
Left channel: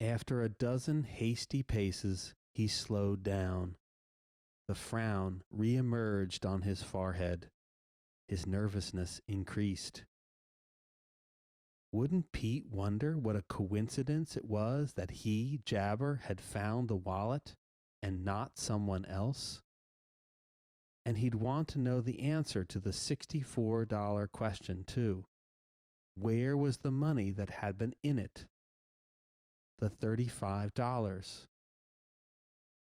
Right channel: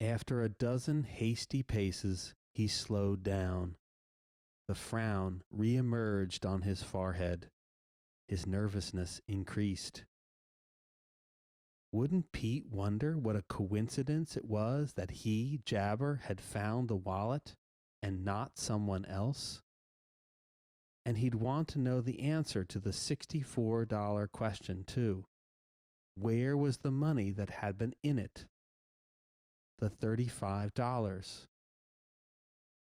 After a dozen hasty paces, he slowed down. The frown re-emerged on his forehead. His nervousness increased. Wouldn't Pete wonder what a coincidence it was that he, Jabber, had found the wallet and not someone else? And he'd want to know the answer to the $64 question, too. Where was the money that had been in it? The $35.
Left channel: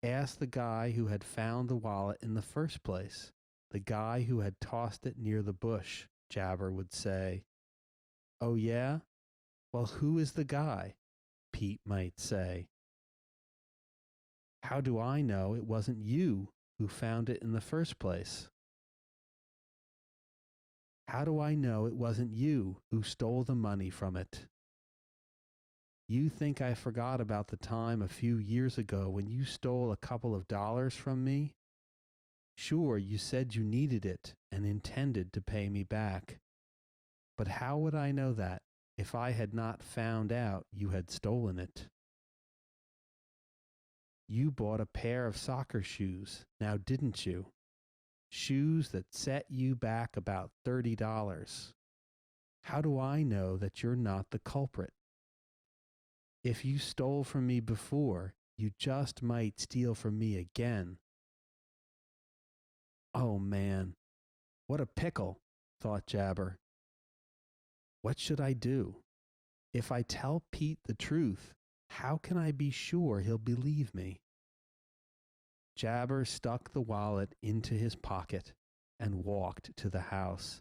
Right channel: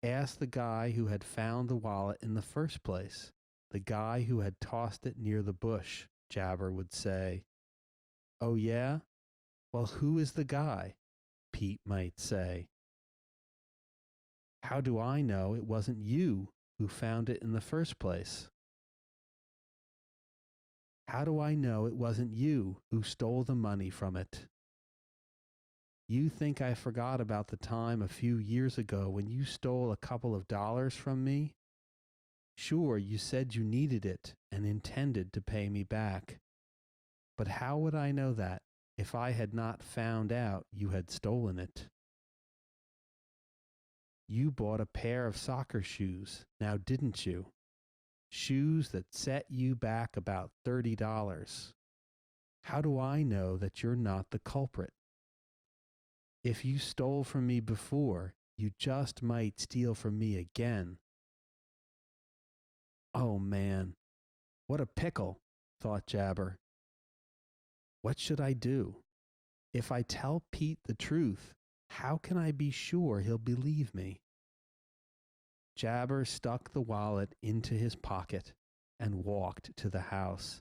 Ask the guy who had found the wallet in the first place, the guy who had tossed it near the bush, Jabber would say. Oh, yeah? Well, who is the guy? Pete might say. How do I know it wasn't you who found it in the first place? How do I know it wasn't you who stole the money from it? You think I forgot about the time a few years ago when you stole a couple of dollars from me? Sure, you said you needed it and intended to pay me back. But how would I know that if I had not found out you had stolen it? You bought a pair of soccer shoes, now didn't you? Shoes that set you back about $30. How do I know that you're not the culprit? If you stole from me before, you just might steal from me again. Oh man, what a pickle, thought Jabber. What should I do? If I tell Pete the truth, how can I be sure he'll believe me? Jabber stuck the wallet into his pocket and walked to the house,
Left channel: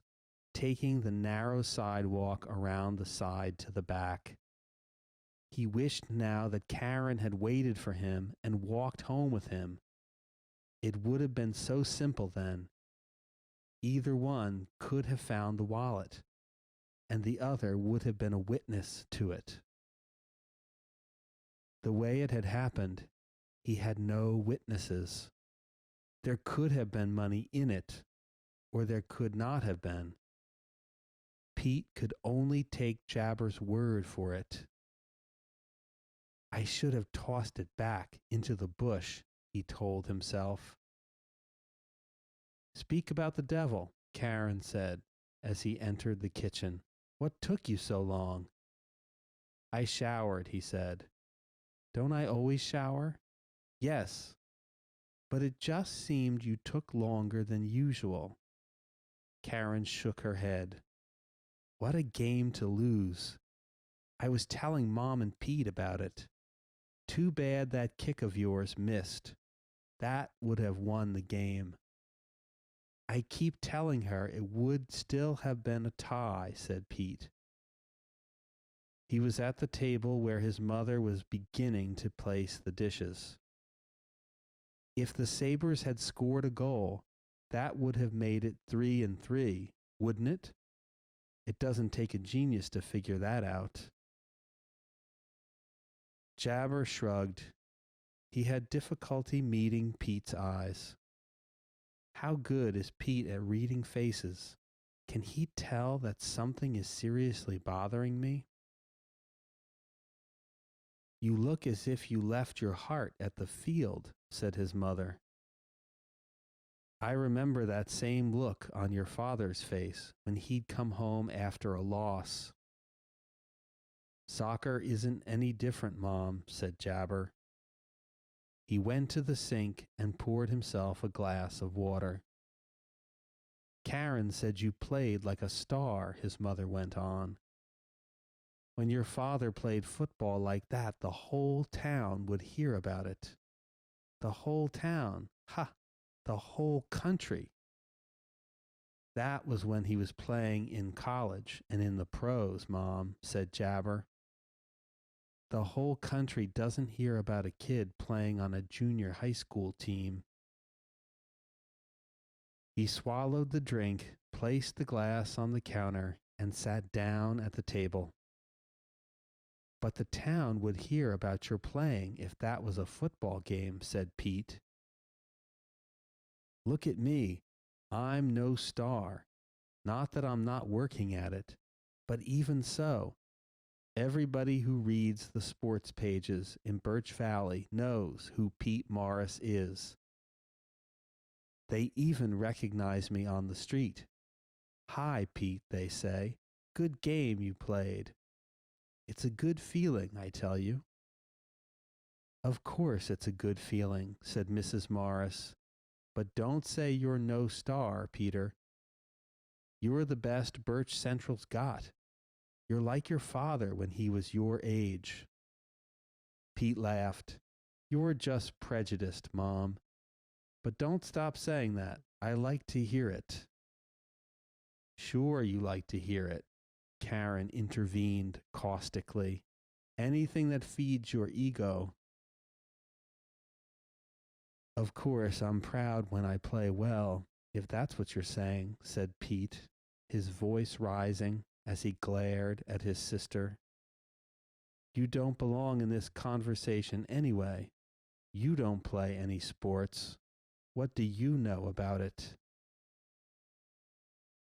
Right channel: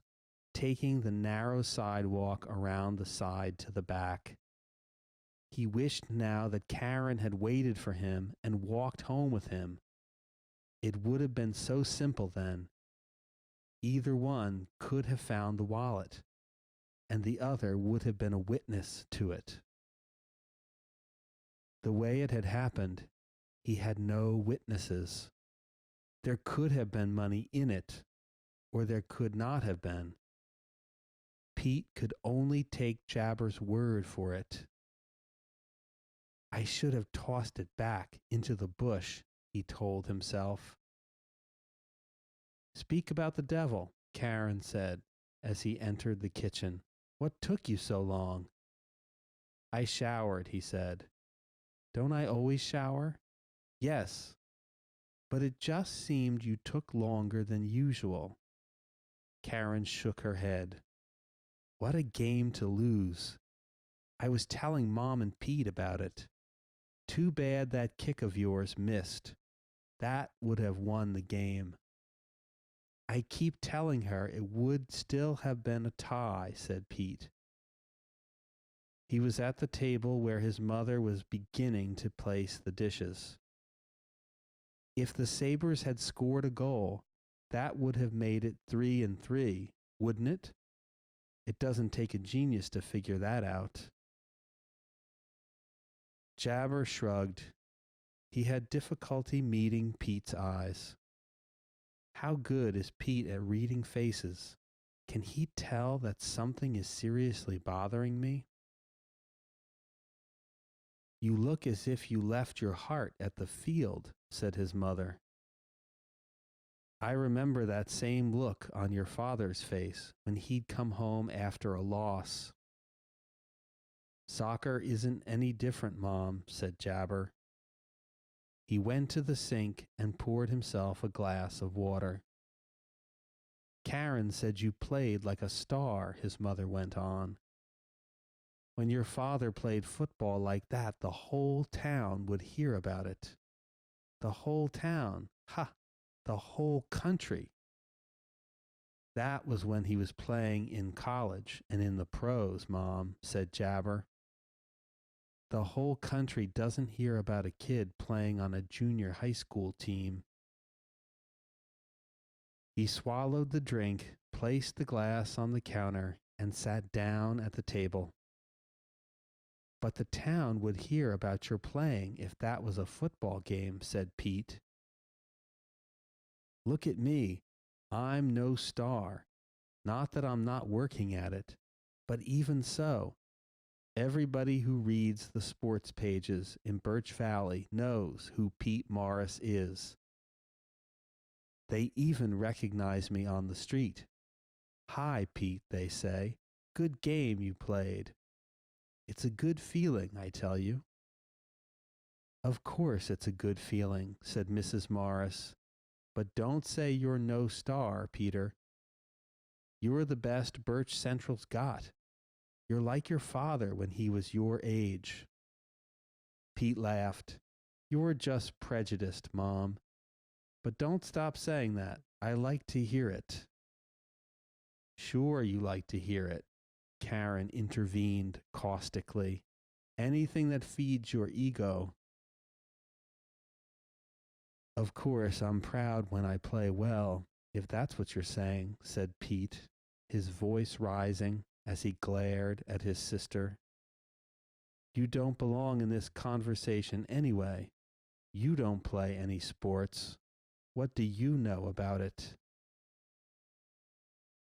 taking the narrow sidewalk around the side to the back. He wished now that Karen had waited for him and walked home with him. It would have been so simple then. Either one could have found the wallet, and the other would have been a witness to it. The way it had happened, he had no witnesses. There could have been money in it, or there could not have been. Pete could only take Jabber's word for it. I should have tossed it back into the bush, he told himself. Speak about the devil, Karen said as he entered the kitchen. What took you so long? I showered, he said. Don't I always shower? Yes, but it just seemed you took longer than usual. Karen shook her head. What a game to lose. I was telling Mom and Pete about it. Too bad that kick of yours missed. That would have won the game. I keep telling her it would still have been a tie, said Pete. He was at the table where his mother was beginning to place the dishes. If the Sabres had scored a goal, that would have made it 3-3, wouldn't it? It doesn't take a genius to figure that out. Jabber shrugged. He had difficulty meeting Pete's eyes. How good is Pete at reading faces? Can he tell that something is seriously bothering me? You look as if you left your heart at the field, said his mother. I remember that same look on your father's face when he'd come home after a loss. Soccer isn't any different, Mom, said Jabber. He went to the sink and poured himself a glass of water. Karen said you played like a star, his mother went on. When your father played football like that, the whole town would hear about it. The whole town. Ha! The whole country. That was when he was playing in college and in the pros, Mom, said Jabber. The whole country doesn't hear about a kid playing on a junior high school team. He swallowed the drink, placed the glass on the counter, and sat down at the table. But the town would hear about your playing if that was a football game, said Pete. Look at me. I'm no star. Not that I'm not working at it, but even so, everybody who reads the sports pages in Birch Valley knows who Pete Morris is. They even recognize me on the street. Hi, Pete, they say. Good game you played. It's a good feeling, I tell you. Of course it's a good feeling, said Mrs. Morris. But don't say you're no star, Peter. You're the best Birch Central's got. You're like your father when he was your age. Pete laughed. You're just prejudiced, Mom. But don't stop saying that. I like to hear it. Sure, you like to hear it, Karen intervened caustically. Anything that feeds your ego. Of course, I'm proud when I play well, if that's what you're saying, said Pete, his voice rising as he glared at his sister. You don't belong in this conversation anyway. You don't play any sports. What do you know about it?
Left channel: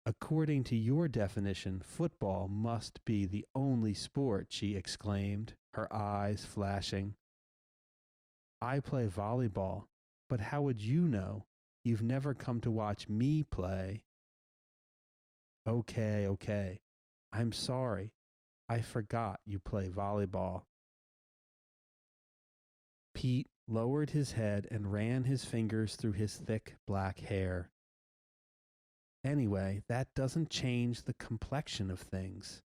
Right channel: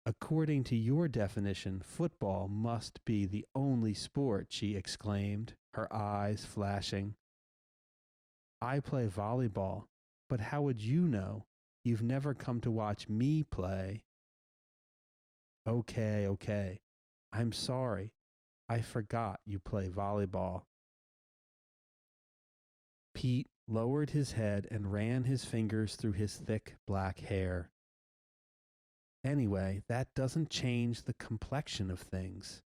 According to your definition, football must be the only sport, she exclaimed, her eyes flashing. I play volleyball, but how would you know? You've never come to watch me play. Okay. I'm sorry. I forgot you play volleyball. Pete lowered his head and ran his fingers through his thick black hair. Anyway, that doesn't change the complexion of things.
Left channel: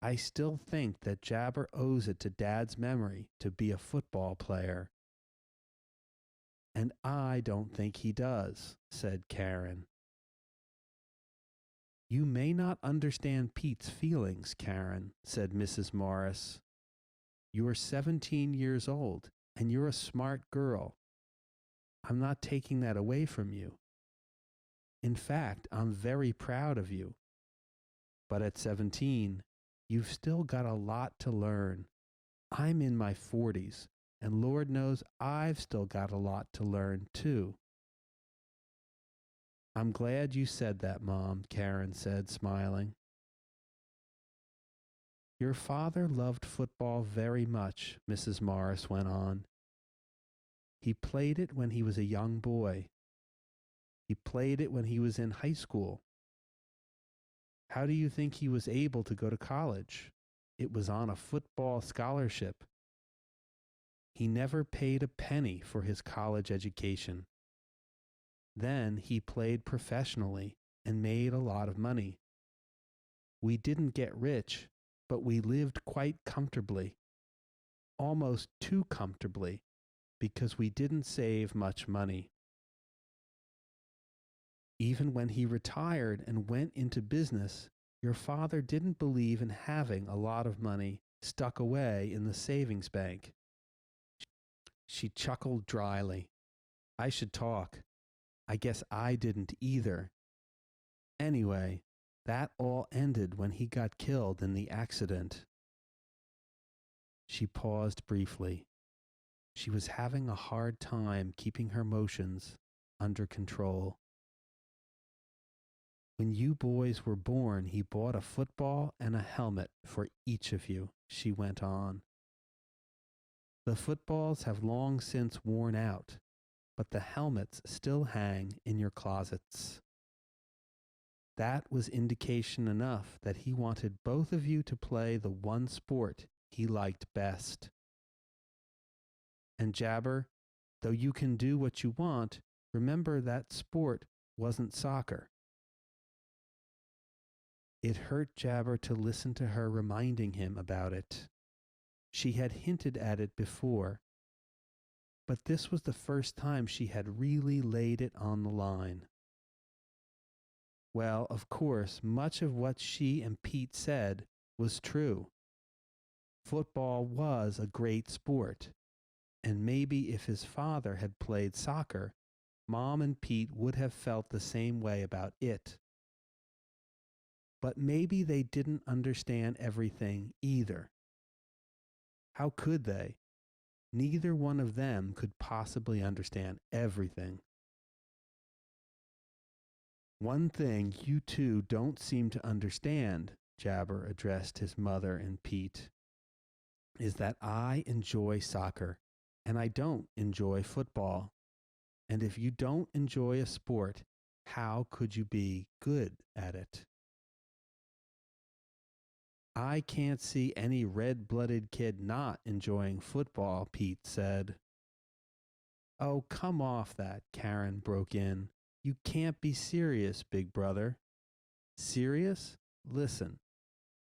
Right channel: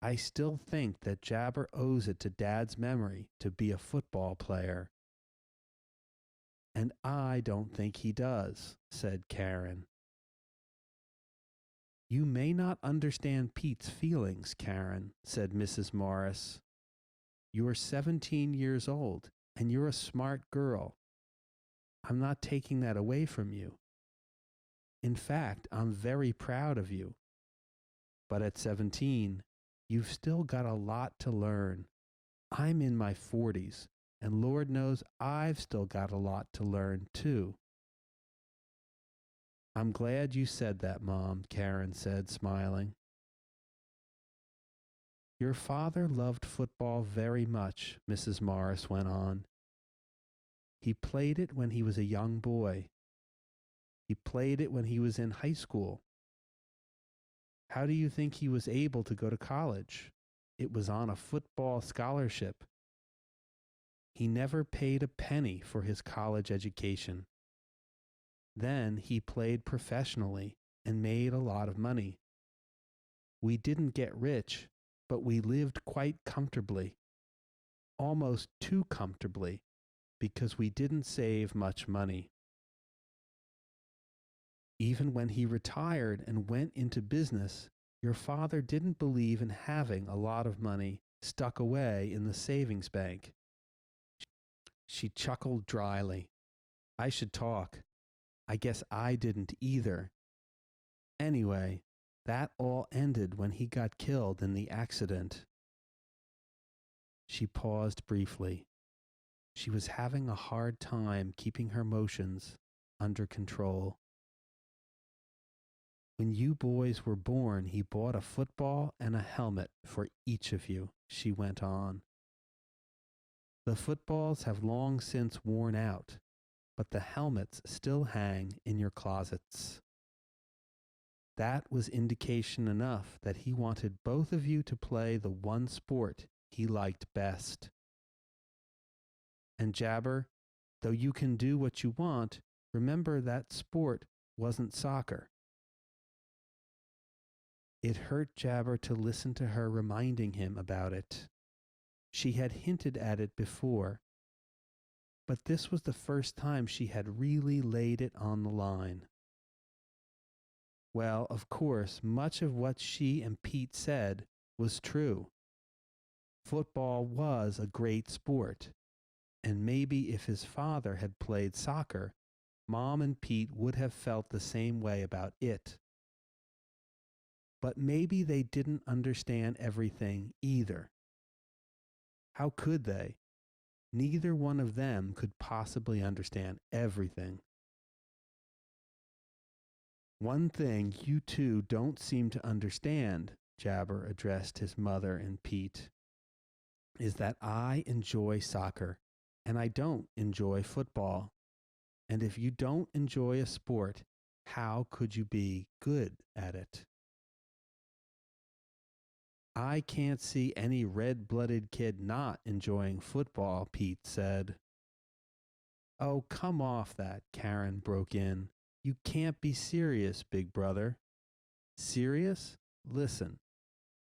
I still think that Jabar owes it to Dad's memory to be a football player. And I don't think he does, said Karen. You may not understand Pete's feelings, Karen, said Mrs. Morris. You're 17 years old, and you're a smart girl. I'm not taking that away from you. In fact, I'm very proud of you. But at 17, you've still got a lot to learn. I'm in my 40s, and Lord knows I've still got a lot to learn, too. I'm glad you said that, Mom, Karen said, smiling. Your father loved football very much, Mrs. Morris went on. He played it when he was a young boy. He played it when he was in high school. How do you think he was able to go to college? It was on a football scholarship. He never paid a penny for his college education. Then he played professionally and made a lot of money. We didn't get rich, but we lived quite comfortably, almost too comfortably, because we didn't save much money. Even when he retired and went into business, your father didn't believe in having a lot of money stuck away in the savings bank. She chuckled dryly. I should talk. I guess I didn't either. Anyway, that all ended when he got killed in the accident. She paused briefly. She was having a hard time keeping her emotions under control. When you boys were born, he bought a football and a helmet for each of you, she went on. The footballs have long since worn out, but the helmets still hang in your closets. That was indication enough that he wanted both of you to play the one sport he liked best. And Jabar, though you can do what you want, remember that sport wasn't soccer. It hurt Jabar to listen to her reminding him about it. She had hinted at it before, but this was the first time she had really laid it on the line. Well, of course, much of what she and Pete said was true. Football was a great sport, and maybe if his father had played soccer, Mom and Pete would have felt the same way about it. But maybe they didn't understand everything either. How could they? Neither one of them could possibly understand everything. One thing you two don't seem to understand, Jabber addressed his mother and Pete, is that I enjoy soccer and I don't enjoy football. And if you don't enjoy a sport, how could you be good at it? I can't see any red blooded kid not enjoying football, Pete said. Oh, come off that, Karen broke in. You can't be serious, big brother. Serious? Listen.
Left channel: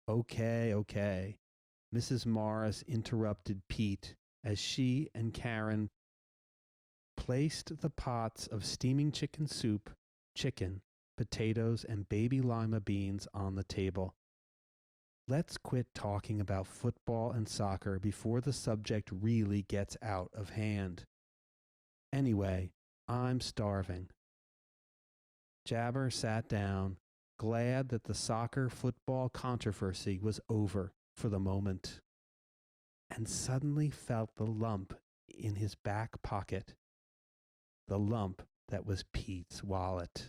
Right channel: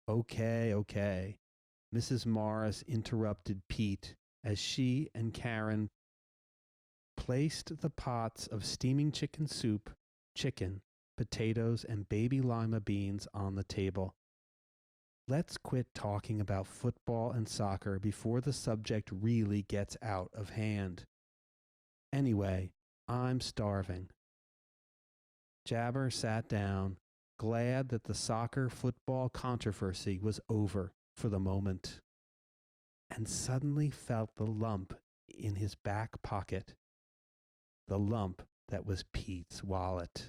Okay, okay. Mrs. Morris interrupted Pete as she and Karen placed the pots of steaming chicken soup, chicken, potatoes, and baby lima beans on the table. Let's quit talking about football and soccer before the subject really gets out of hand. Anyway, I'm starving. Jabber sat down, glad that the soccer football controversy was over for the moment, and suddenly felt the lump in his back pocket, the lump that was Pete's wallet.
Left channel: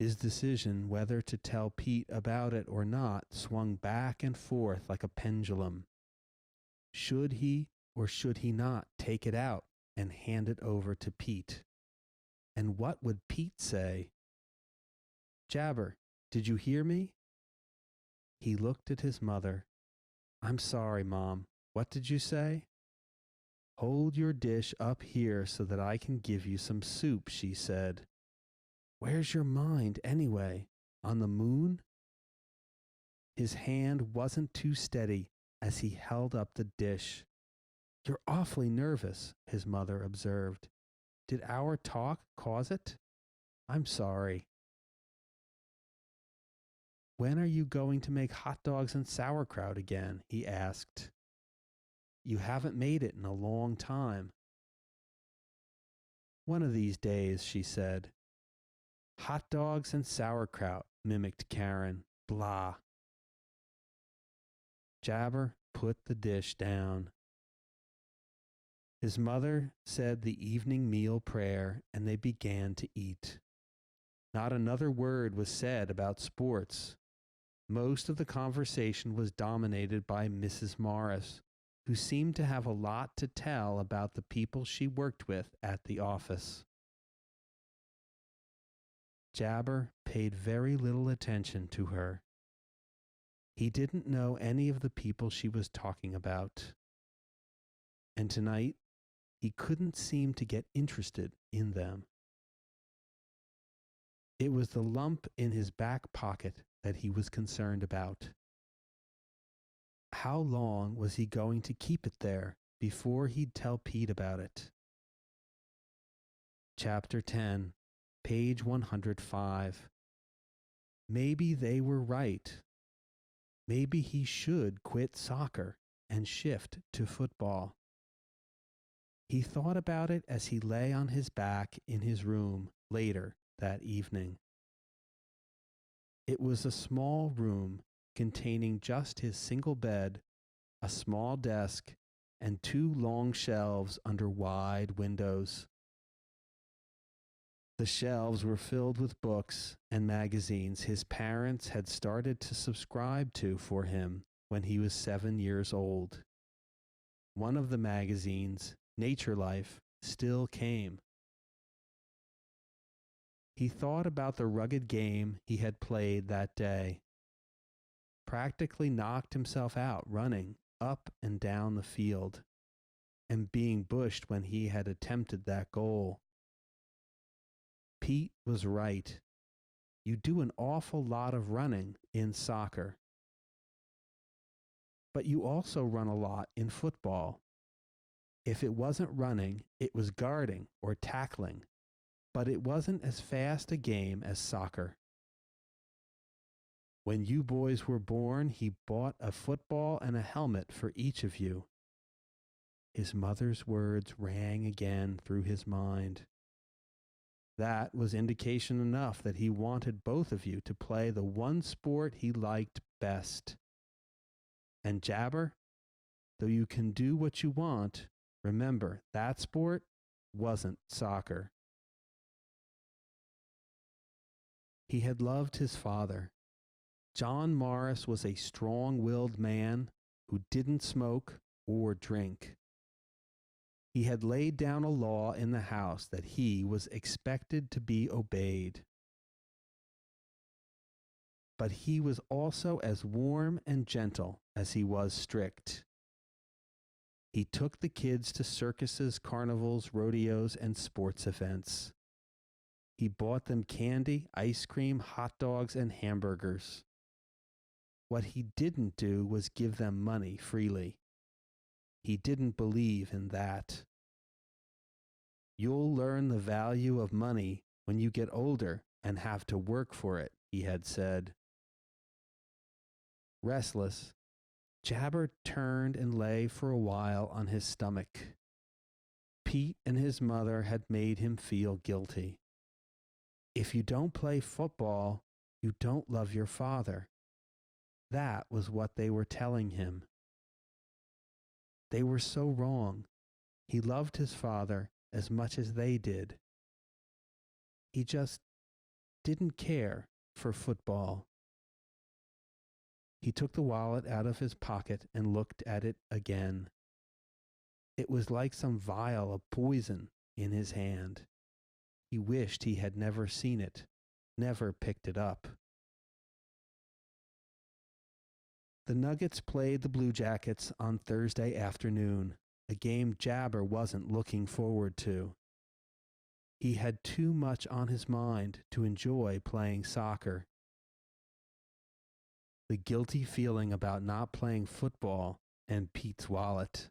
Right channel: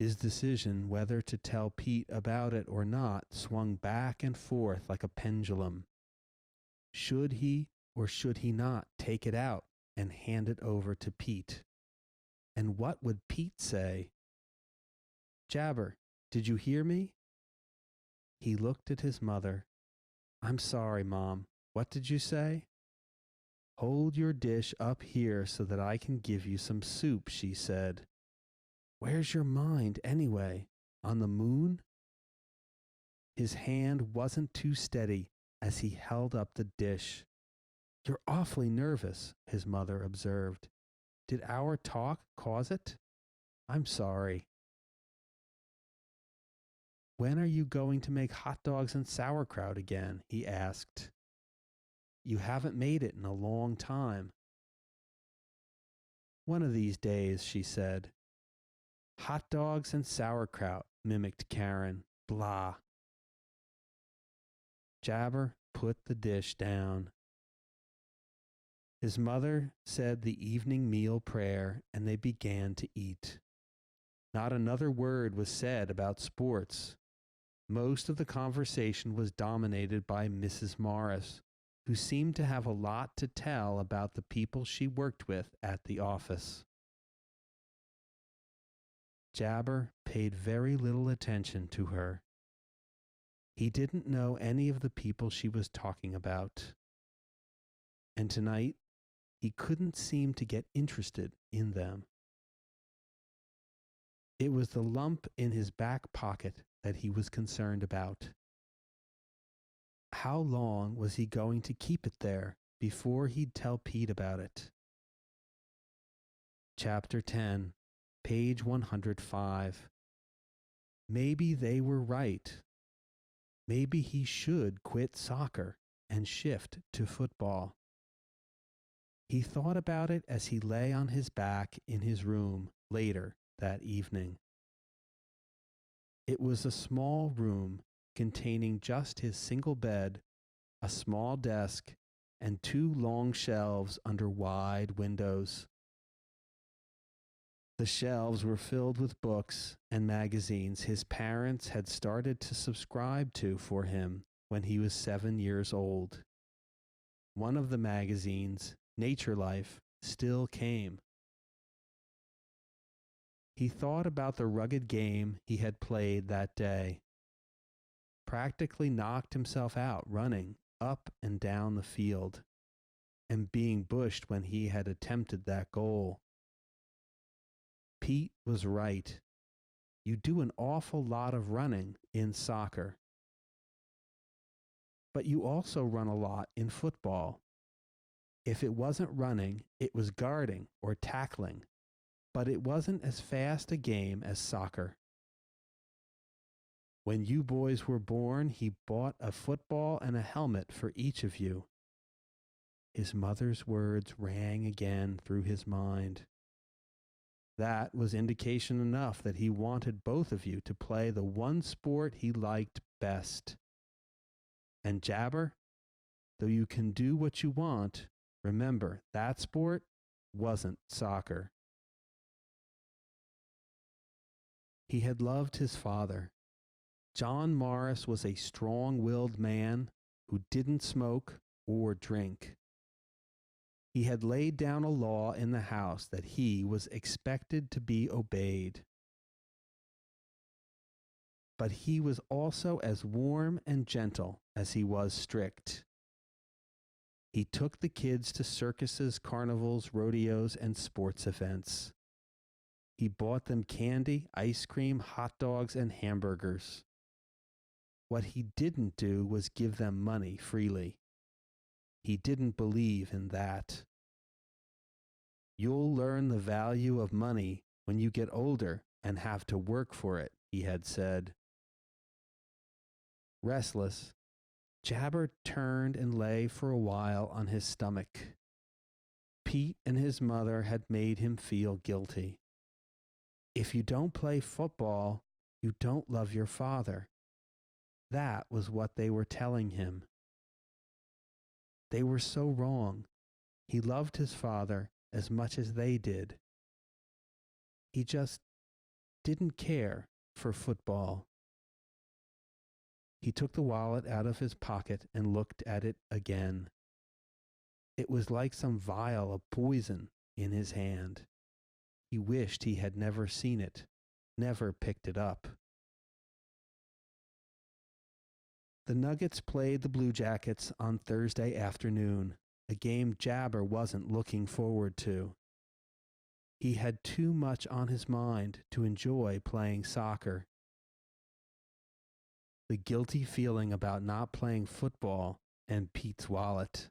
His decision whether to tell Pete about it or not swung back and forth like a pendulum. Should he or should he not take it out and hand it over to Pete? And what would Pete say? Jabber, did you hear me? He looked at his mother. I'm sorry, Mom. What did you say? Hold your dish up here so that I can give you some soup, she said. Where's your mind, anyway? On the moon? His hand wasn't too steady as he held up the dish. You're awfully nervous, his mother observed. Did our talk cause it? I'm sorry. When are you going to make hot dogs and sauerkraut again? He asked. You haven't made it in a long time. One of these days, she said. Hot dogs and sauerkraut, mimicked Karen. Blah. Jabber put the dish down. His mother said the evening meal prayer, and they began to eat. Not another word was said about sports. Most of the conversation was dominated by Mrs. Morris, who seemed to have a lot to tell about the people she worked with at the office. Jabber paid very little attention to her. He didn't know any of the people she was talking about. And tonight, he couldn't seem to get interested in them. It was the lump in his back pocket that he was concerned about. How long was he going to keep it there before he'd tell Pete about it? Chapter 10, page 105. Maybe they were right. Maybe he should quit soccer and shift to football. He thought about it as he lay on his back in his room later that evening. It was a small room containing just his single bed, a small desk, and two long shelves under wide windows. The shelves were filled with books and magazines his parents had started to subscribe to for him when he was 7 years old. One of the magazines, Nature Life, still came. He thought about the rugged game he had played that day. Practically knocked himself out running up and down the field and being bushed when he had attempted that goal. Pete was right. You do an awful lot of running in soccer. But you also run a lot in football. If it wasn't running, it was guarding or tackling, but it wasn't as fast a game as soccer. When you boys were born, he bought a football and a helmet for each of you. His mother's words rang again through his mind. That was indication enough that he wanted both of you to play the one sport he liked best. And Jabber, though you can do what you want, remember that sport wasn't soccer. He had loved his father. John Morris was a strong willed man who didn't smoke or drink. He had laid down a law in the house that he was expected to be obeyed. But he was also as warm and gentle as he was strict. He took the kids to circuses, carnivals, rodeos, and sports events. He bought them candy, ice cream, hot dogs, and hamburgers. What he didn't do was give them money freely. He didn't believe in that. You'll learn the value of money when you get older and have to work for it, he had said. Restless, Jabber turned and lay for a while on his stomach. Pete and his mother had made him feel guilty. If you don't play football, you don't love your father. That was what they were telling him. They were so wrong. He loved his father as much as they did. He just didn't care for football. He took the wallet out of his pocket and looked at it again. It was like some vial of poison in his hand. He wished he had never seen it, never picked it up. The Nuggets played the Blue Jackets on Thursday afternoon, a game Jabber wasn't looking forward to. He had too much on his mind to enjoy playing soccer. The guilty feeling about not playing football and Pete's wallet.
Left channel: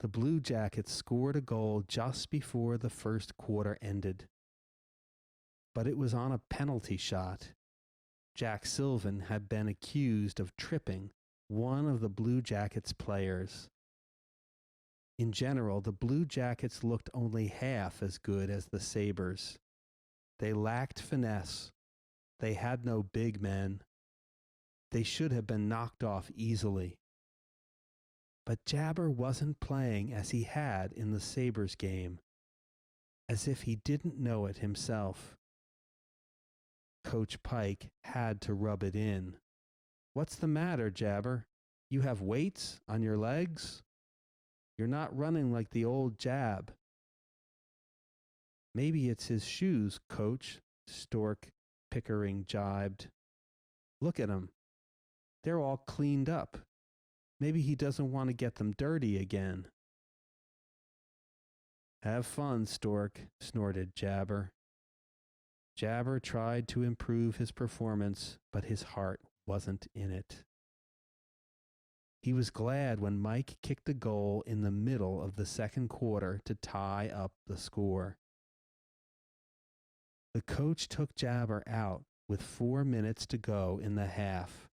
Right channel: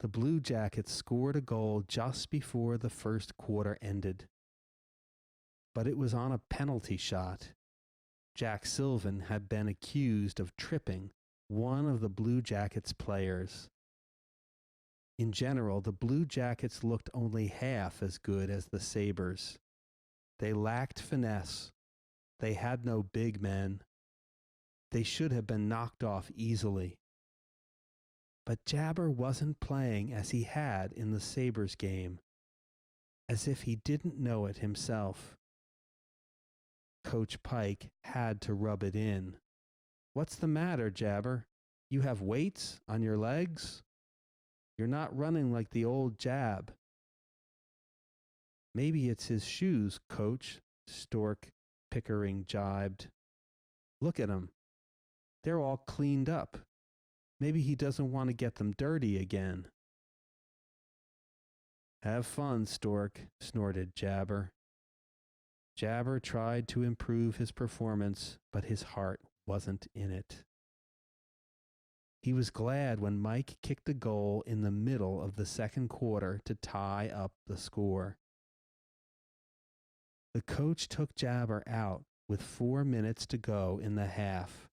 The Blue Jackets scored a goal just before the first quarter ended. But it was on a penalty shot. Jack Sylvan had been accused of tripping one of the Blue Jackets players. In general, the Blue Jackets looked only half as good as the Sabres. They lacked finesse. They had no big men. They should have been knocked off easily. But Jabber wasn't playing as he had in the Sabres game, as if he didn't know it himself. Coach Pike had to rub it in. What's the matter, Jabber? You have weights on your legs? You're not running like the old Jab. Maybe it's his shoes, Coach, Stork Pickering jibed. Look at him. They're all cleaned up. Maybe he doesn't want to get them dirty again. Have fun, Stork, snorted Jabber. Jabber tried to improve his performance, but his heart wasn't in it. He was glad when Mike kicked a goal in the middle of the second quarter to tie up the score. The coach took Jabber out with 4 minutes to go in the half.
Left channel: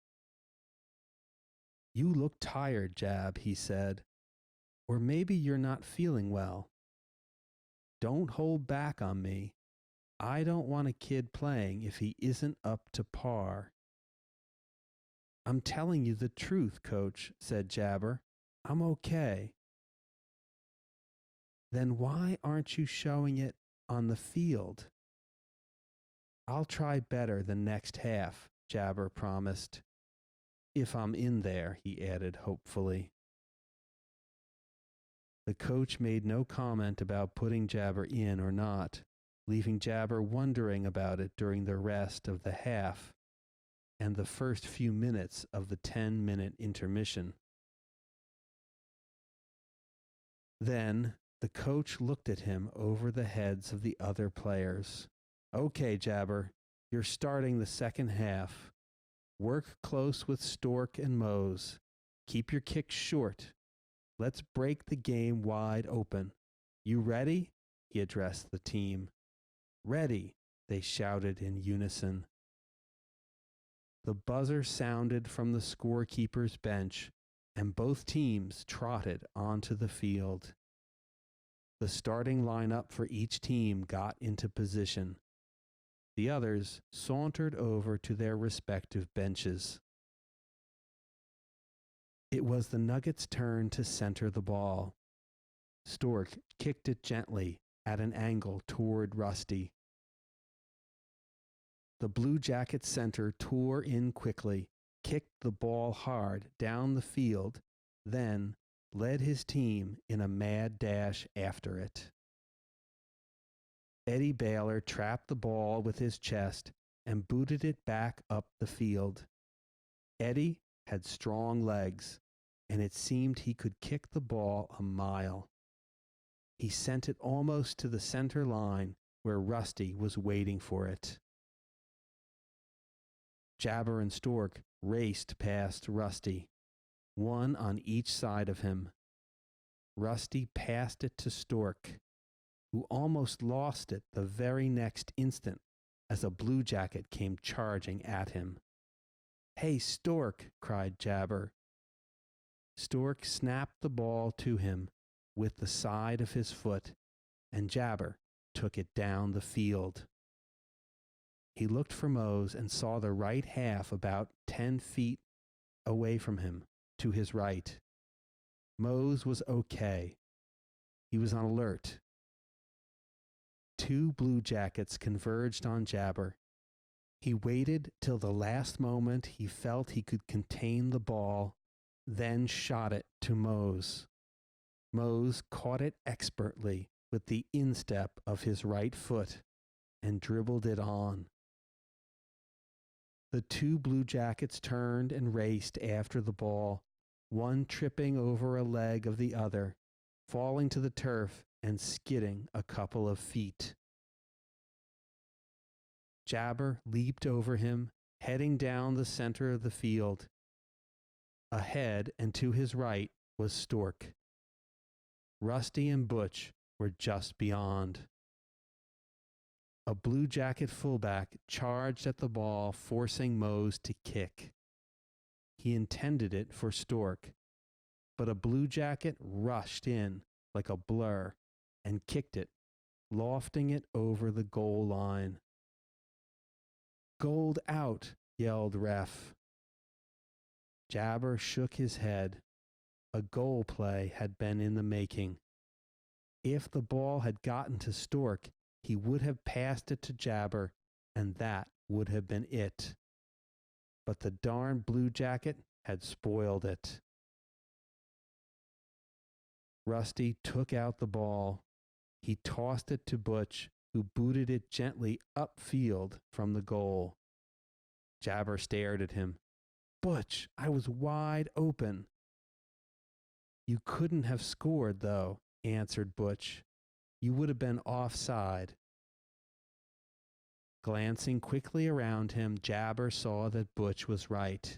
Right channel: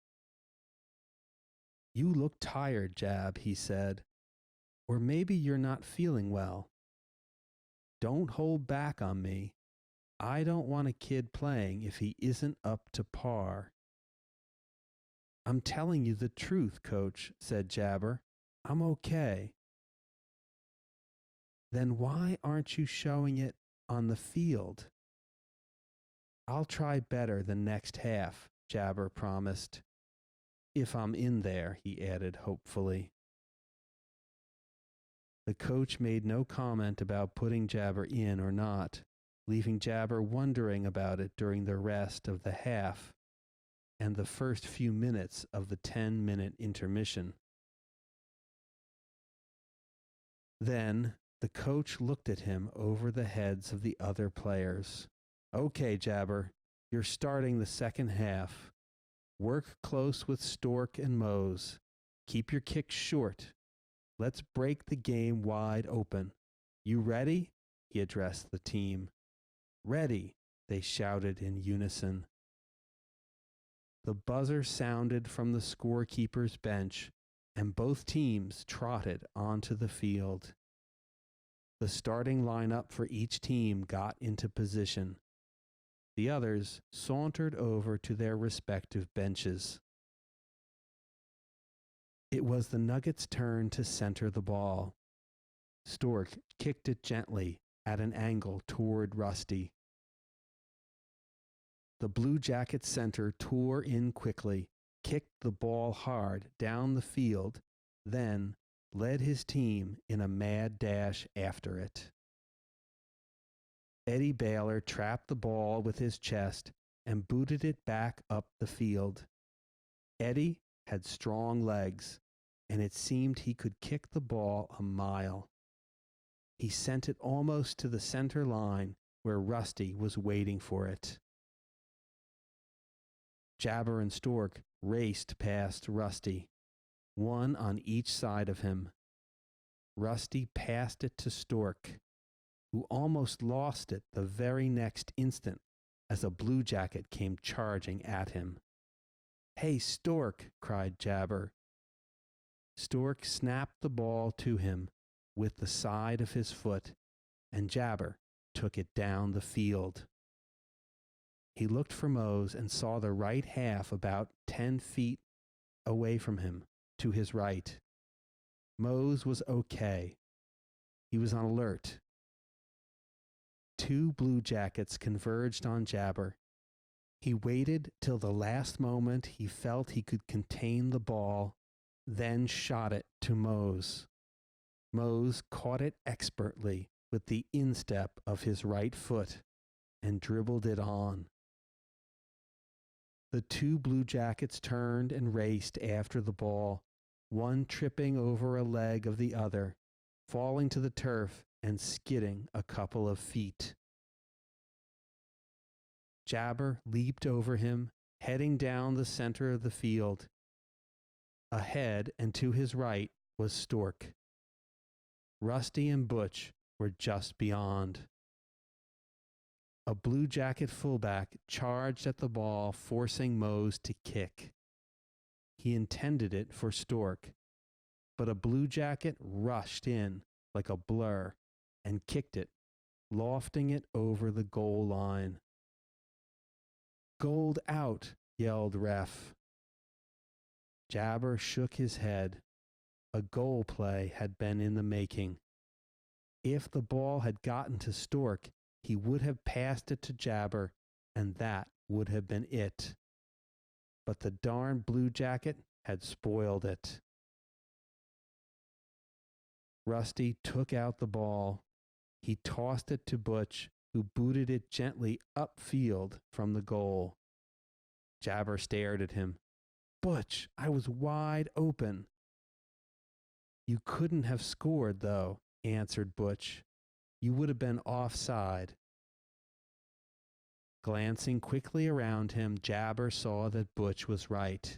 You look tired, Jab, he said. Or maybe you're not feeling well. Don't hold back on me. I don't want a kid playing if he isn't up to par. I'm telling you the truth, Coach, said Jabber. I'm okay. Then why aren't you showing it on the field? I'll try better the next half, Jabber promised. If I'm in there, he added hopefully. The coach made no comment about putting Jabber in or not, leaving Jabber wondering about it during the rest of the half and the first few minutes of the 10-minute intermission. Then the coach looked at him over the heads of the other players. Okay, Jabber, you're starting the second half. Work close with Stork and Mose. Keep your kicks short. Let's break the game wide open. You ready? He addressed the team. Ready, they shouted in unison. The buzzer sounded from the scorekeeper's bench, and both teams trotted onto the field. The starting lineup for each team got into position. The others sauntered over to their respective benches. It was the Nuggets' turn to center the ball. Stork kicked it gently at an angle toward Rusty. The Blue Jackets center tore in quickly, kicked the ball hard down the field, then led his team in a mad dash after it. Eddie Baylor trapped the ball with his chest and booted it back up the field. Eddie had strong legs, and it seemed he could kick the ball a mile. He sent it almost to the center line where Rusty was waiting for it. Jabar and Stork raced past Rusty, one on each side of him. Rusty passed it to Stork, who almost lost it the very next instant as a Blue Jacket came charging at him. "Hey, Stork!" cried Jabar. Stork snapped the ball to him with the side of his foot, and Jabar took it down the field. He looked for Mose and saw the right half about 10 feet away from him to his right. Mose was okay. He was on alert. Two Blue Jackets converged on Jabar. He waited till the last moment he felt he could contain the ball, then shot it to Mose. Mose caught it expertly with the instep of his right foot and dribbled it on. The two Blue Jackets turned and raced after the ball, one tripping over a leg of the other, falling to the turf and skidding a couple of feet. Jabar leaped over him, heading down the center of the field. Ahead and to his right was Stork. Rusty and Butch were just beyond. A Blue Jacket fullback charged at the ball, forcing Mose to kick. He intended it for Stork, but a Blue Jacket rushed in like a blur and kicked it, lofting it over the goal line. "Goaled out," yelled ref. Jabar shook his head. A goal play had been in the making. If the ball had gotten to Stork, he would have passed it to Jabar, and that would have been it. But the darn Blue Jacket had spoiled it. Rusty took out the ball. He tossed it to Butch, who booted it gently upfield from the goal. Jabar stared at him. "Butch, I was wide open." "You couldn't have scored, though," answered Butch. "You would have been offside." Glancing quickly around him, Jabar saw that Butch was right.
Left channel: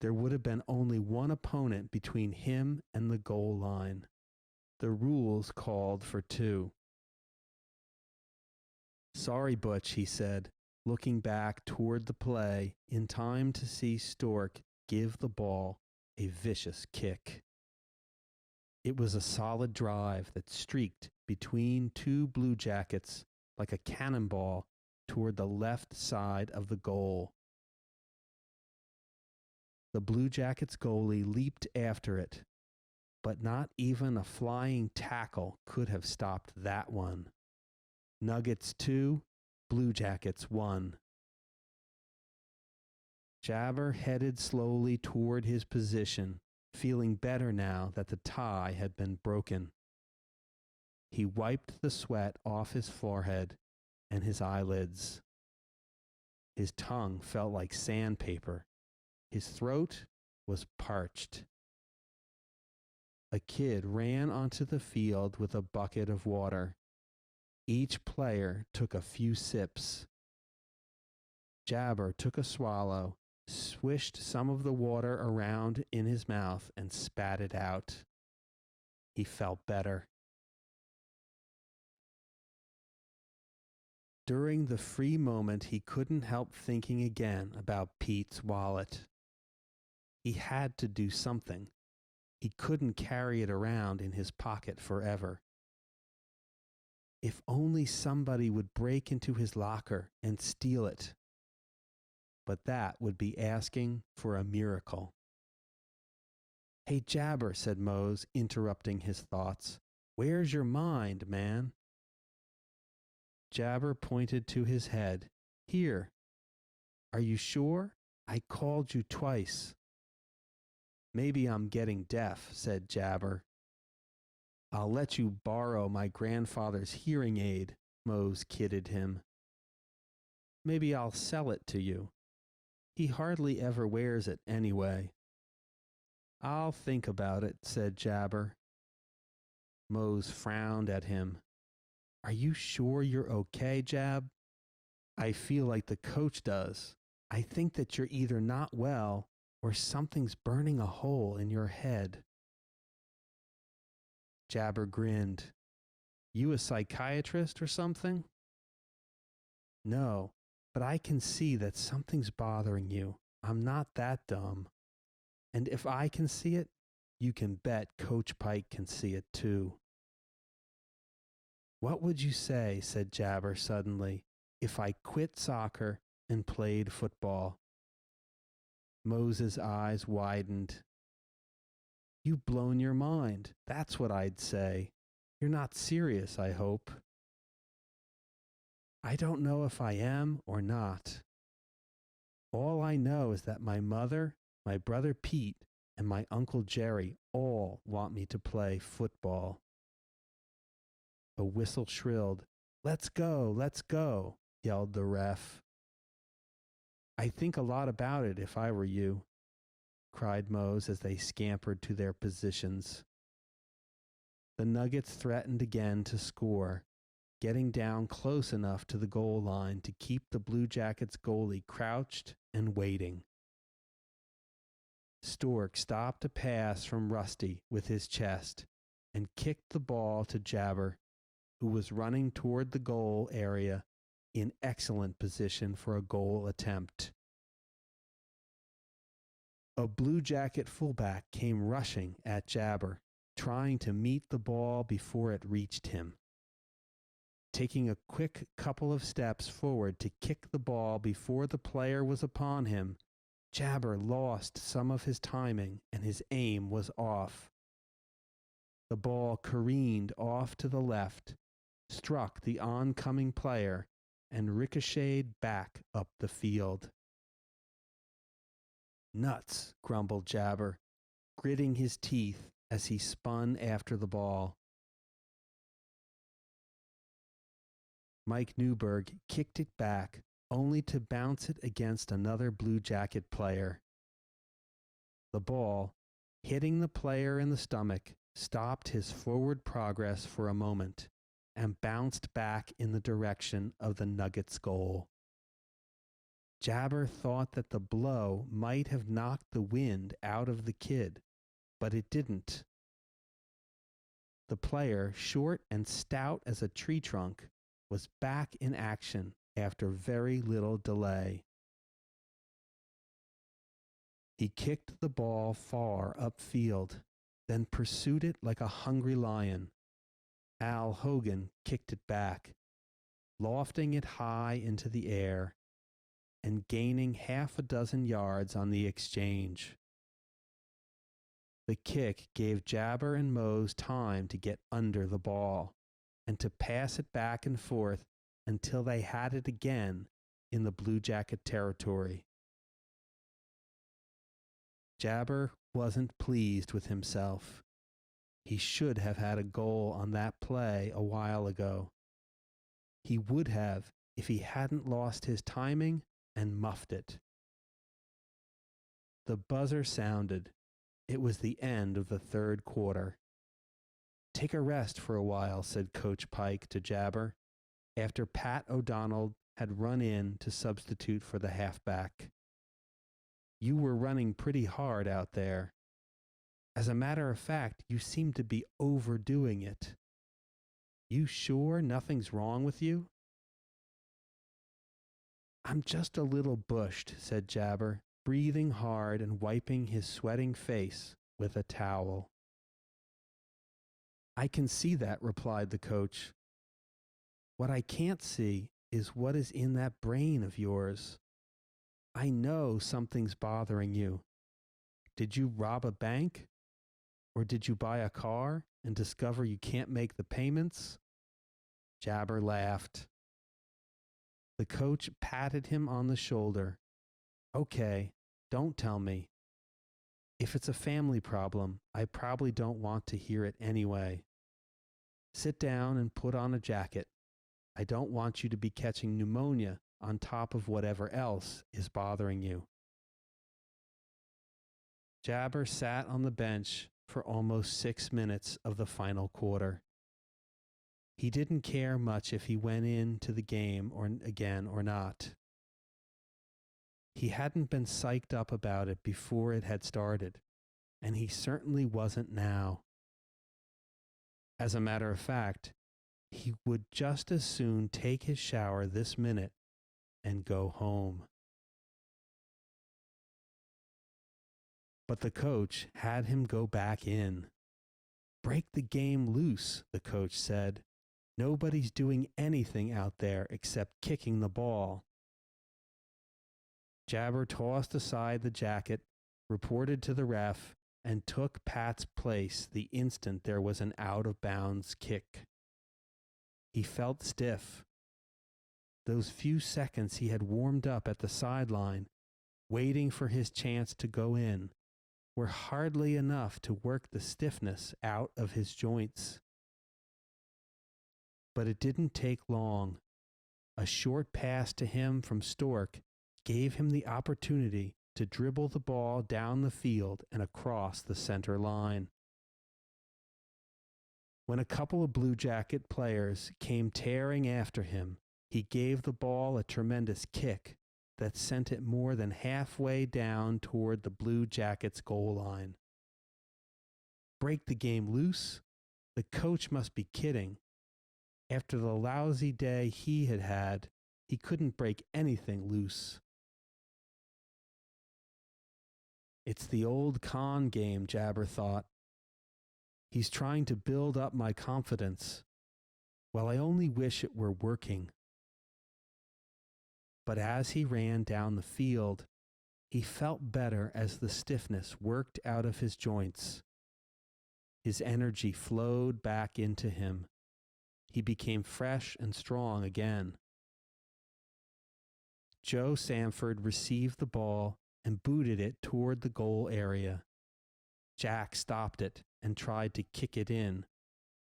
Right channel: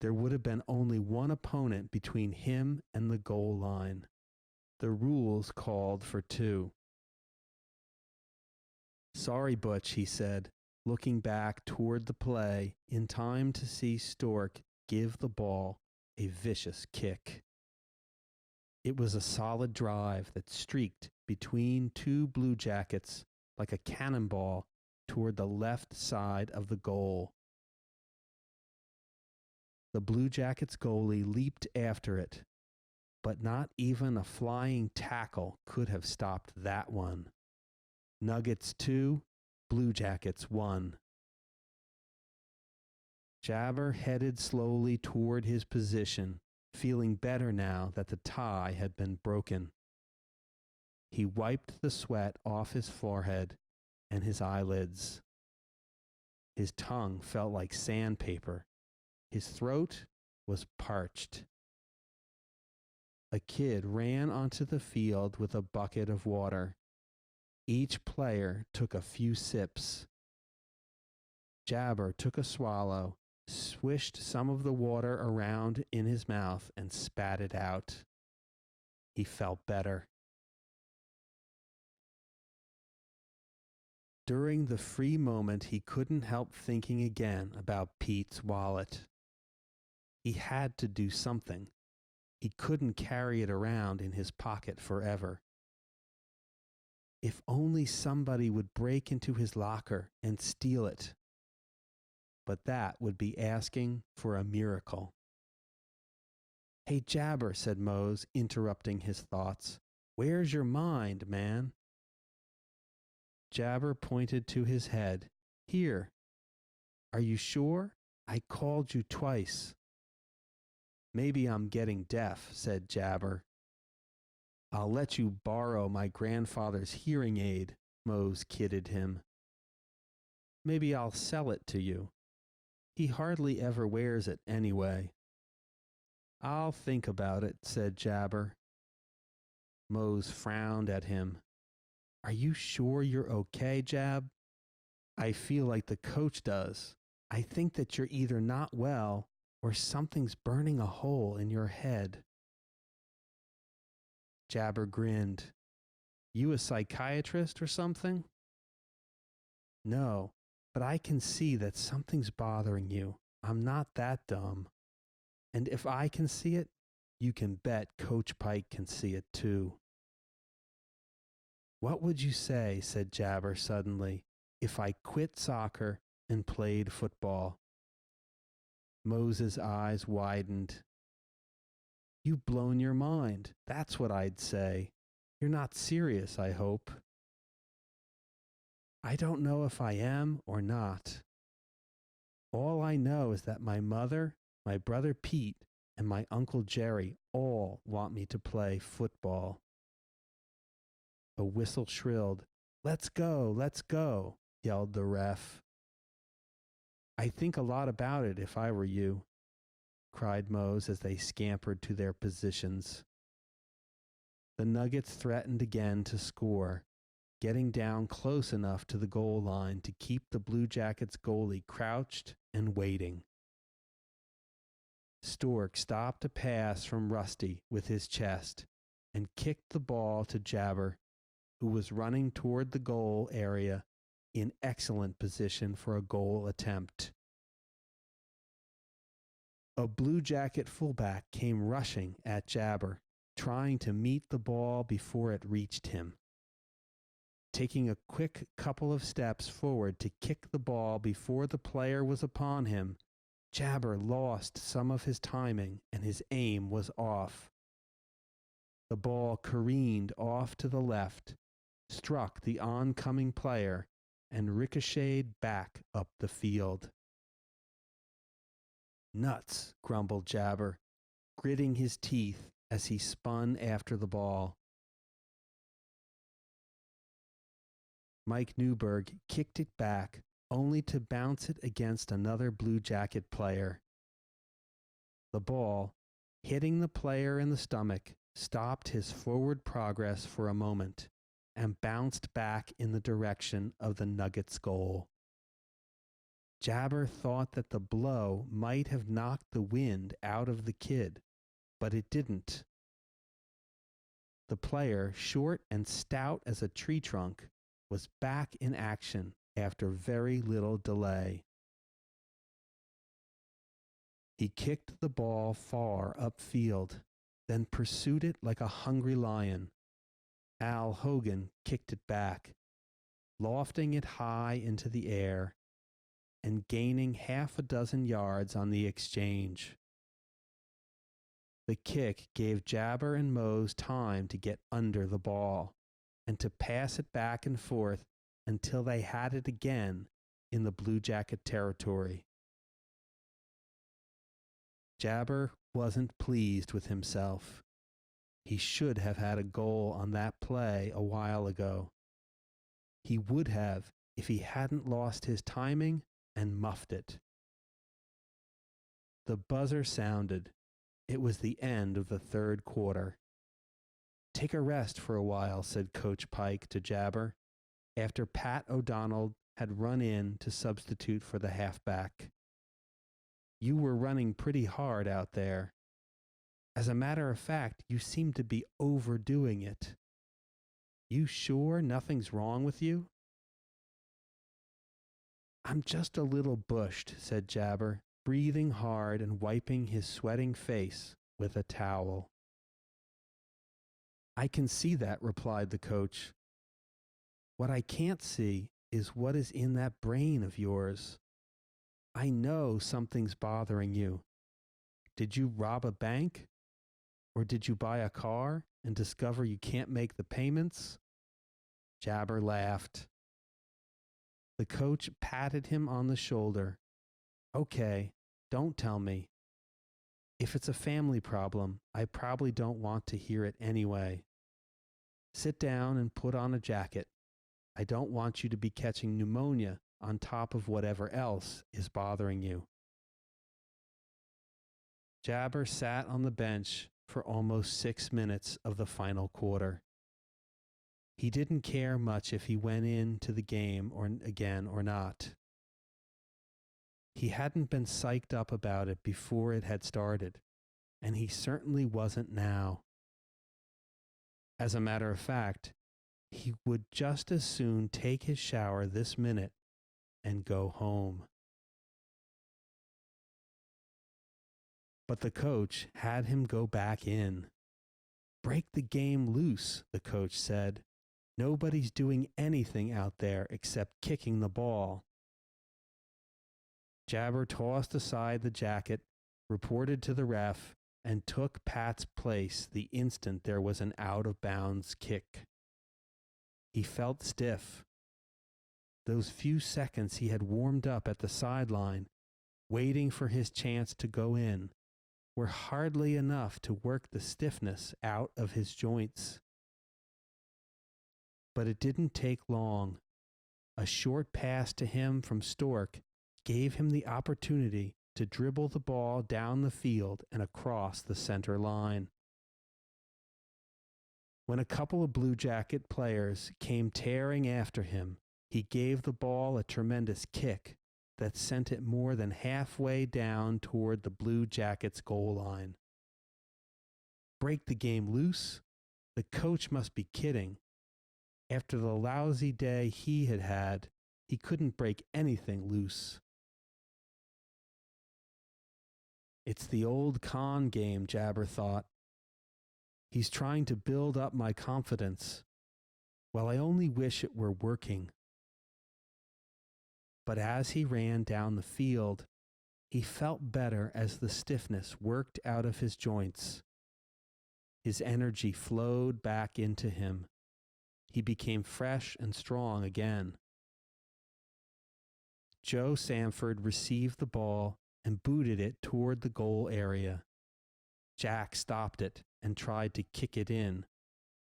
There would have been only one opponent between him and the goal line. The rules called for two. "Sorry, Butch," he said, looking back toward the play in time to see Stork give the ball a vicious kick. It was a solid drive that streaked between two Blue Jackets like a cannonball toward the left side of the goal. The Blue Jackets goalie leaped after it, but not even a flying tackle could have stopped that one. Nuggets 2, Blue Jackets 1. Jabar headed slowly toward his position, feeling better now that the tie had been broken. He wiped the sweat off his forehead and his eyelids. His tongue felt like sandpaper. His throat was parched. A kid ran onto the field with a bucket of water. Each player took a few sips. Jabar took a swallow, swished some of the water around in his mouth, and spat it out. He felt better. During the free moment, he couldn't help thinking again about Pete's wallet. He had to do something. He couldn't carry it around in his pocket forever. If only somebody would break into his locker and steal it. But that would be asking for a miracle. Hey, Jabber, said Mose, interrupting his thoughts. Where's your mind, man? Jabber pointed to his head. Here. Are you sure? I called you twice. Maybe I'm getting deaf, said Jabber. I'll let you borrow my grandfather's hearing aid, Mose kidded him. Maybe I'll sell it to you. He hardly ever wears it anyway. I'll think about it, said Jabber. Mose frowned at him. Are you sure you're okay, Jab? I feel like the coach does. I think that you're either not well or something's burning a hole in your head. Jabber grinned. You a psychiatrist or something? No, but I can see that something's bothering you. I'm not that dumb. And if I can see it, you can bet Coach Pike can see it too. What would you say, said Jabber suddenly, if I quit soccer and played football? Mose's eyes widened. You've blown your mind. That's what I'd say. You're not serious, I hope. I don't know if I am or not. All I know is that my mother, my brother Pete, and my Uncle Jerry all want me to play football. A whistle shrilled. Let's go, yelled the ref. I think a lot about it if I were you, cried Mose as they scampered to their positions. The Nuggets threatened again to score, getting down close enough to the goal line to keep the Blue Jackets goalie crouched and waiting. Stork stopped a pass from Rusty with his chest and kicked the ball to Jabber, who was running toward the goal area in excellent position for a goal attempt. A Blue Jacket fullback came rushing at Jabber, trying to meet the ball before it reached him. Taking a quick couple of steps forward to kick the ball before the player was upon him, Jabber lost some of his timing and his aim was off. The ball careened off to the left, struck the oncoming player, and ricocheted back up the field. Nuts, grumbled Jabber, gritting his teeth as he spun after the ball. Mike Newberg kicked it back, only to bounce it against another Blue Jacket player. The ball, hitting the player in the stomach, stopped his forward progress for a moment and bounced back in the direction of the Nuggets' goal. Jabber thought that the blow might have knocked the wind out of the kid, but it didn't. The player, short and stout as a tree trunk, was back in action after very little delay. He kicked the ball far upfield, then pursued it like a hungry lion. Al Hogan kicked it back, lofting it high into the air and gaining half a dozen yards on the exchange. The kick gave Jabber and Mose time to get under the ball and to pass it back and forth until they had it again in the Blue Jacket territory. Jabber wasn't pleased with himself. He should have had a goal on that play a while ago. He would have if he hadn't lost his timing and muffed it. The buzzer sounded. It was the end of the third quarter. Take a rest for a while, said Coach Pike to Jabber, after Pat O'Donnell had run in to substitute for the halfback. You were running pretty hard out there. As a matter of fact, you seem to be overdoing it. You sure nothing's wrong with you? I'm just a little bushed, said Jabber, breathing hard and wiping his sweating face with a towel. "I can see that," replied the coach. "What I can't see is what is in that brain of yours. I know something's bothering you. Did you rob a bank? Or did you buy a car and discover you can't make the payments?" Jabber laughed. The coach patted him on the shoulder. "Okay, don't tell me. If it's a family problem, I probably don't want to hear it anyway. Sit down and put on a jacket. I don't want you to be catching pneumonia on top of whatever else is bothering you." Jabber sat on the bench for almost 6 minutes of the final quarter. He didn't care much if he went into the game again or not. He hadn't been psyched up about it before it had started, and he certainly wasn't now. As a matter of fact, he would just as soon take his shower this minute and go home. But the coach had him go back in. "Break the game loose," the coach said. "Nobody's doing anything out there except kicking the ball." Jabber tossed aside the jacket, reported to the ref, and took Pat's place the instant there was an out-of-bounds kick. He felt stiff. Those few seconds he had warmed up at the sideline, waiting for his chance to go in, were hardly enough to work the stiffness out of his joints. But it didn't take long. A short pass to him from Stork gave him the opportunity to dribble the ball down the field and across the center line. When a couple of Blue Jacket players came tearing after him, he gave the ball a tremendous kick that sent it more than halfway down toward the Blue Jackets' goal line. Break the game loose? The coach must be kidding. After the lousy day he had had, he couldn't break anything loose. It's the old con game, Jabber thought. He's trying to build up my confidence. Well, I only wish it were working. But as he ran down the field, he felt better as the stiffness worked out of his joints. His energy flowed back into him. He became fresh and strong again. Joe Sanford received the ball and booted it toward the goal area. Jack stopped it and tried to kick it in,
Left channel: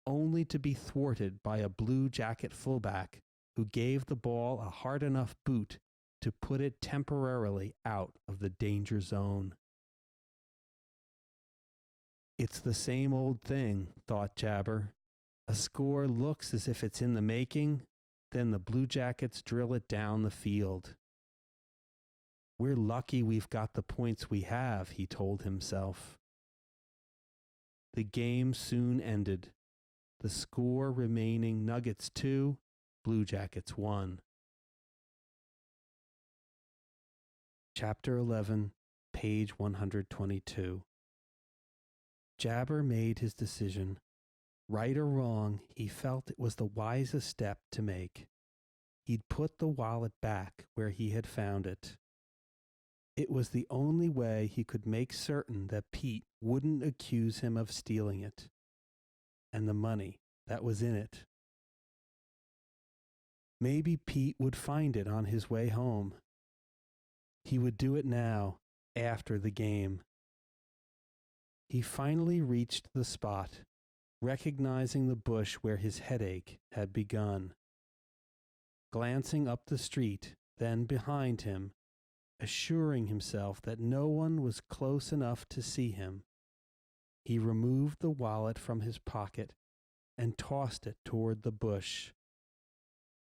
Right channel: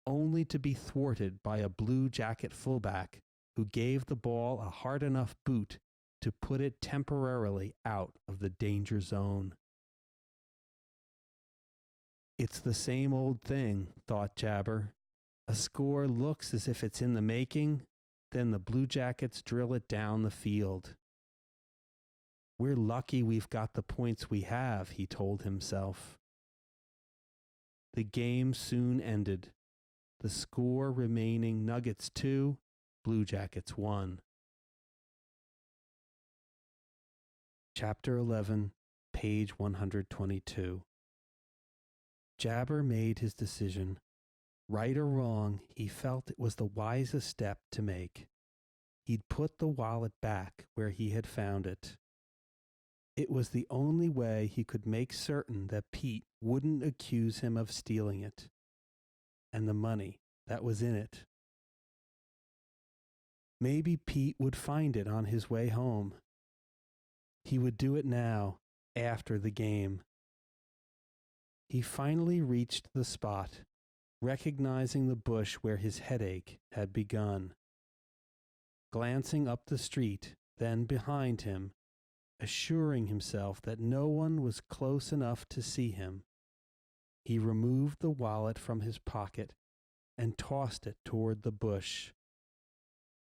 only to be thwarted by a Blue Jacket fullback who gave the ball a hard enough boot to put it temporarily out of the danger zone. It's the same old thing, thought Jabber. A score looks as if it's in the making, then the Blue Jackets drill it down the field. We're lucky we've got the points we have, he told himself. The game soon ended, the score remaining Nuggets 2, Blue Jackets 1. Chapter 11, page 122. Jabber made his decision. Right or wrong, he felt it was the wisest step to make. He'd put the wallet back where he had found it. It was the only way he could make certain that Pete wouldn't accuse him of stealing it, and the money that was in it. Maybe Pete would find it on his way home. He would do it now, after the game. He finally reached the spot, recognizing the bush where his headache had begun. Glancing up the street, then behind him, assuring himself that no one was close enough to see him, he removed the wallet from his pocket and tossed it toward the bush.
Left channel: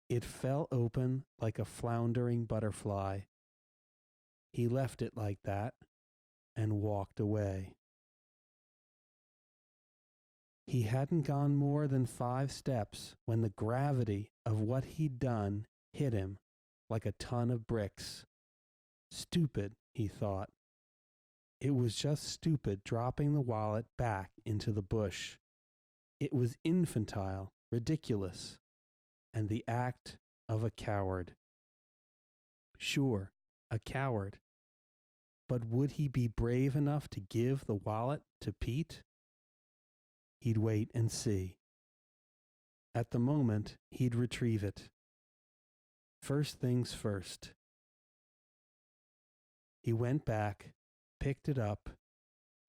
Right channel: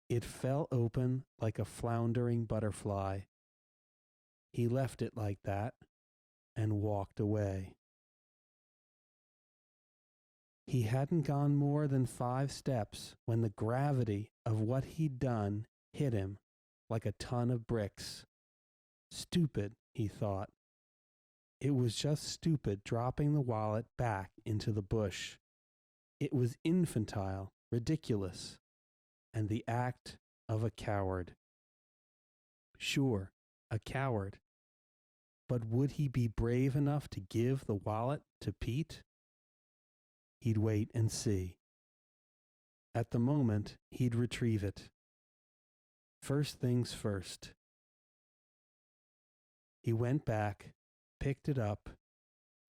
It fell open like a floundering butterfly. He left it like that and walked away. He hadn't gone more than 5 steps when the gravity of what he'd done hit him like a ton of bricks. Stupid, he thought. It was just stupid dropping the wallet back into the bush. It was infantile, ridiculous, and the act of a coward. Sure, a coward. But would he be brave enough to give the wallet to Pete? He'd wait and see. At the moment, he'd retrieve it. First things first. He went back, picked it up,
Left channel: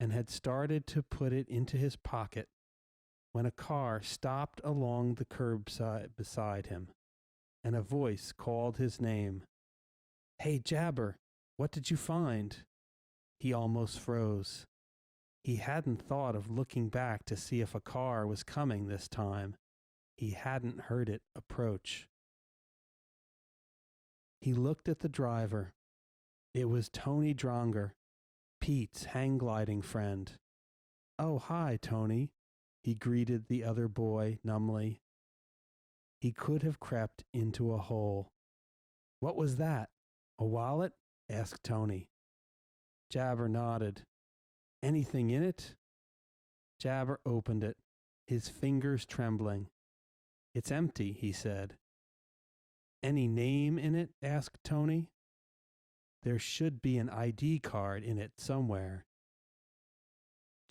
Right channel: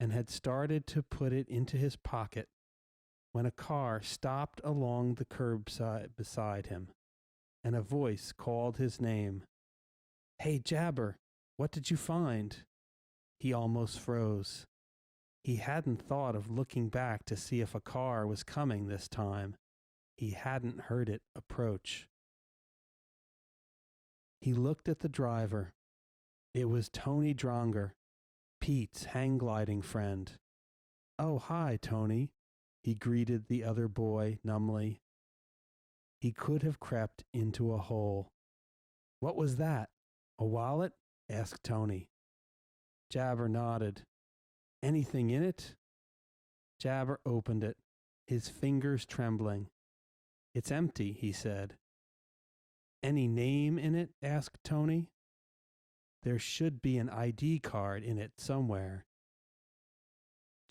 and had started to put it into his pocket when a car stopped along the curbside beside him, and a voice called his name. Hey, Jabar, what did you find? He almost froze. He hadn't thought of looking back to see if a car was coming this time. He hadn't heard it approach. He looked at the driver. It was Tony Dronger, Pete's hang gliding friend. Oh, hi, Tony, he greeted the other boy numbly. He could have crept into a hole. What was that? A wallet? Asked Tony. Jabar nodded. Anything in it? Jabar opened it, his fingers trembling. It's empty, he said. Any name in it? Asked Tony. There should be an ID card in it somewhere.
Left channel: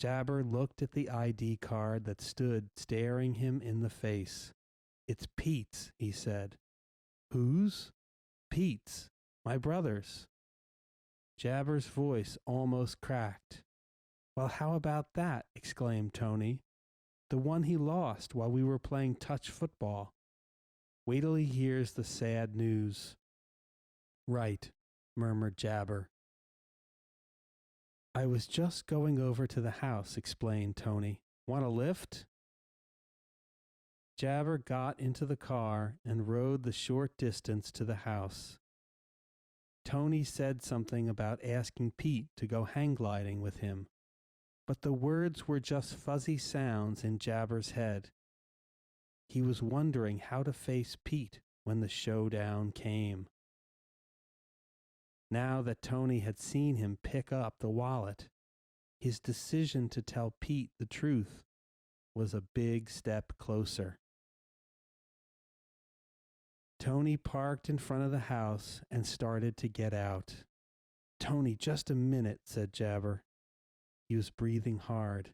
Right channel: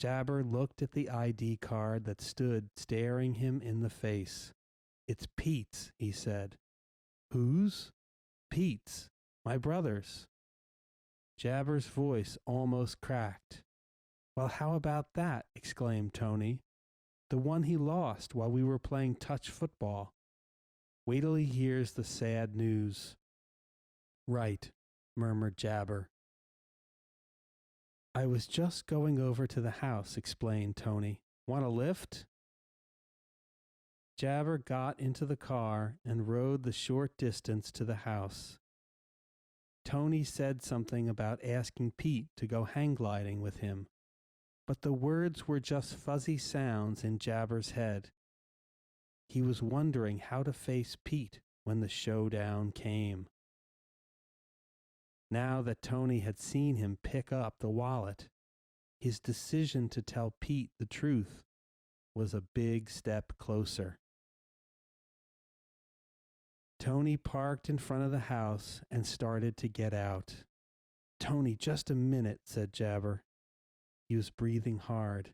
Jabar looked at the ID card that stood staring him in the face. It's Pete's, he said. Whose? Pete's, my brother's. Jabar's voice almost cracked. Well, how about that? Exclaimed Tony. The one he lost while we were playing touch football. Wait till he hears the sad news. Right, murmured Jabar. I was just going over to the house, explained Tony. Want a lift? Jabar got into the car and rode the short distance to the house. Tony said something about asking Pete to go hang gliding with him, but the words were just fuzzy sounds in Jabar's head. He was wondering how to face Pete when the showdown came. Now that Tony had seen him pick up the wallet, his decision to tell Pete the truth was a big step closer. Tony parked in front of the house and started to get out. Tony, just a minute, said Jabar. He was breathing hard.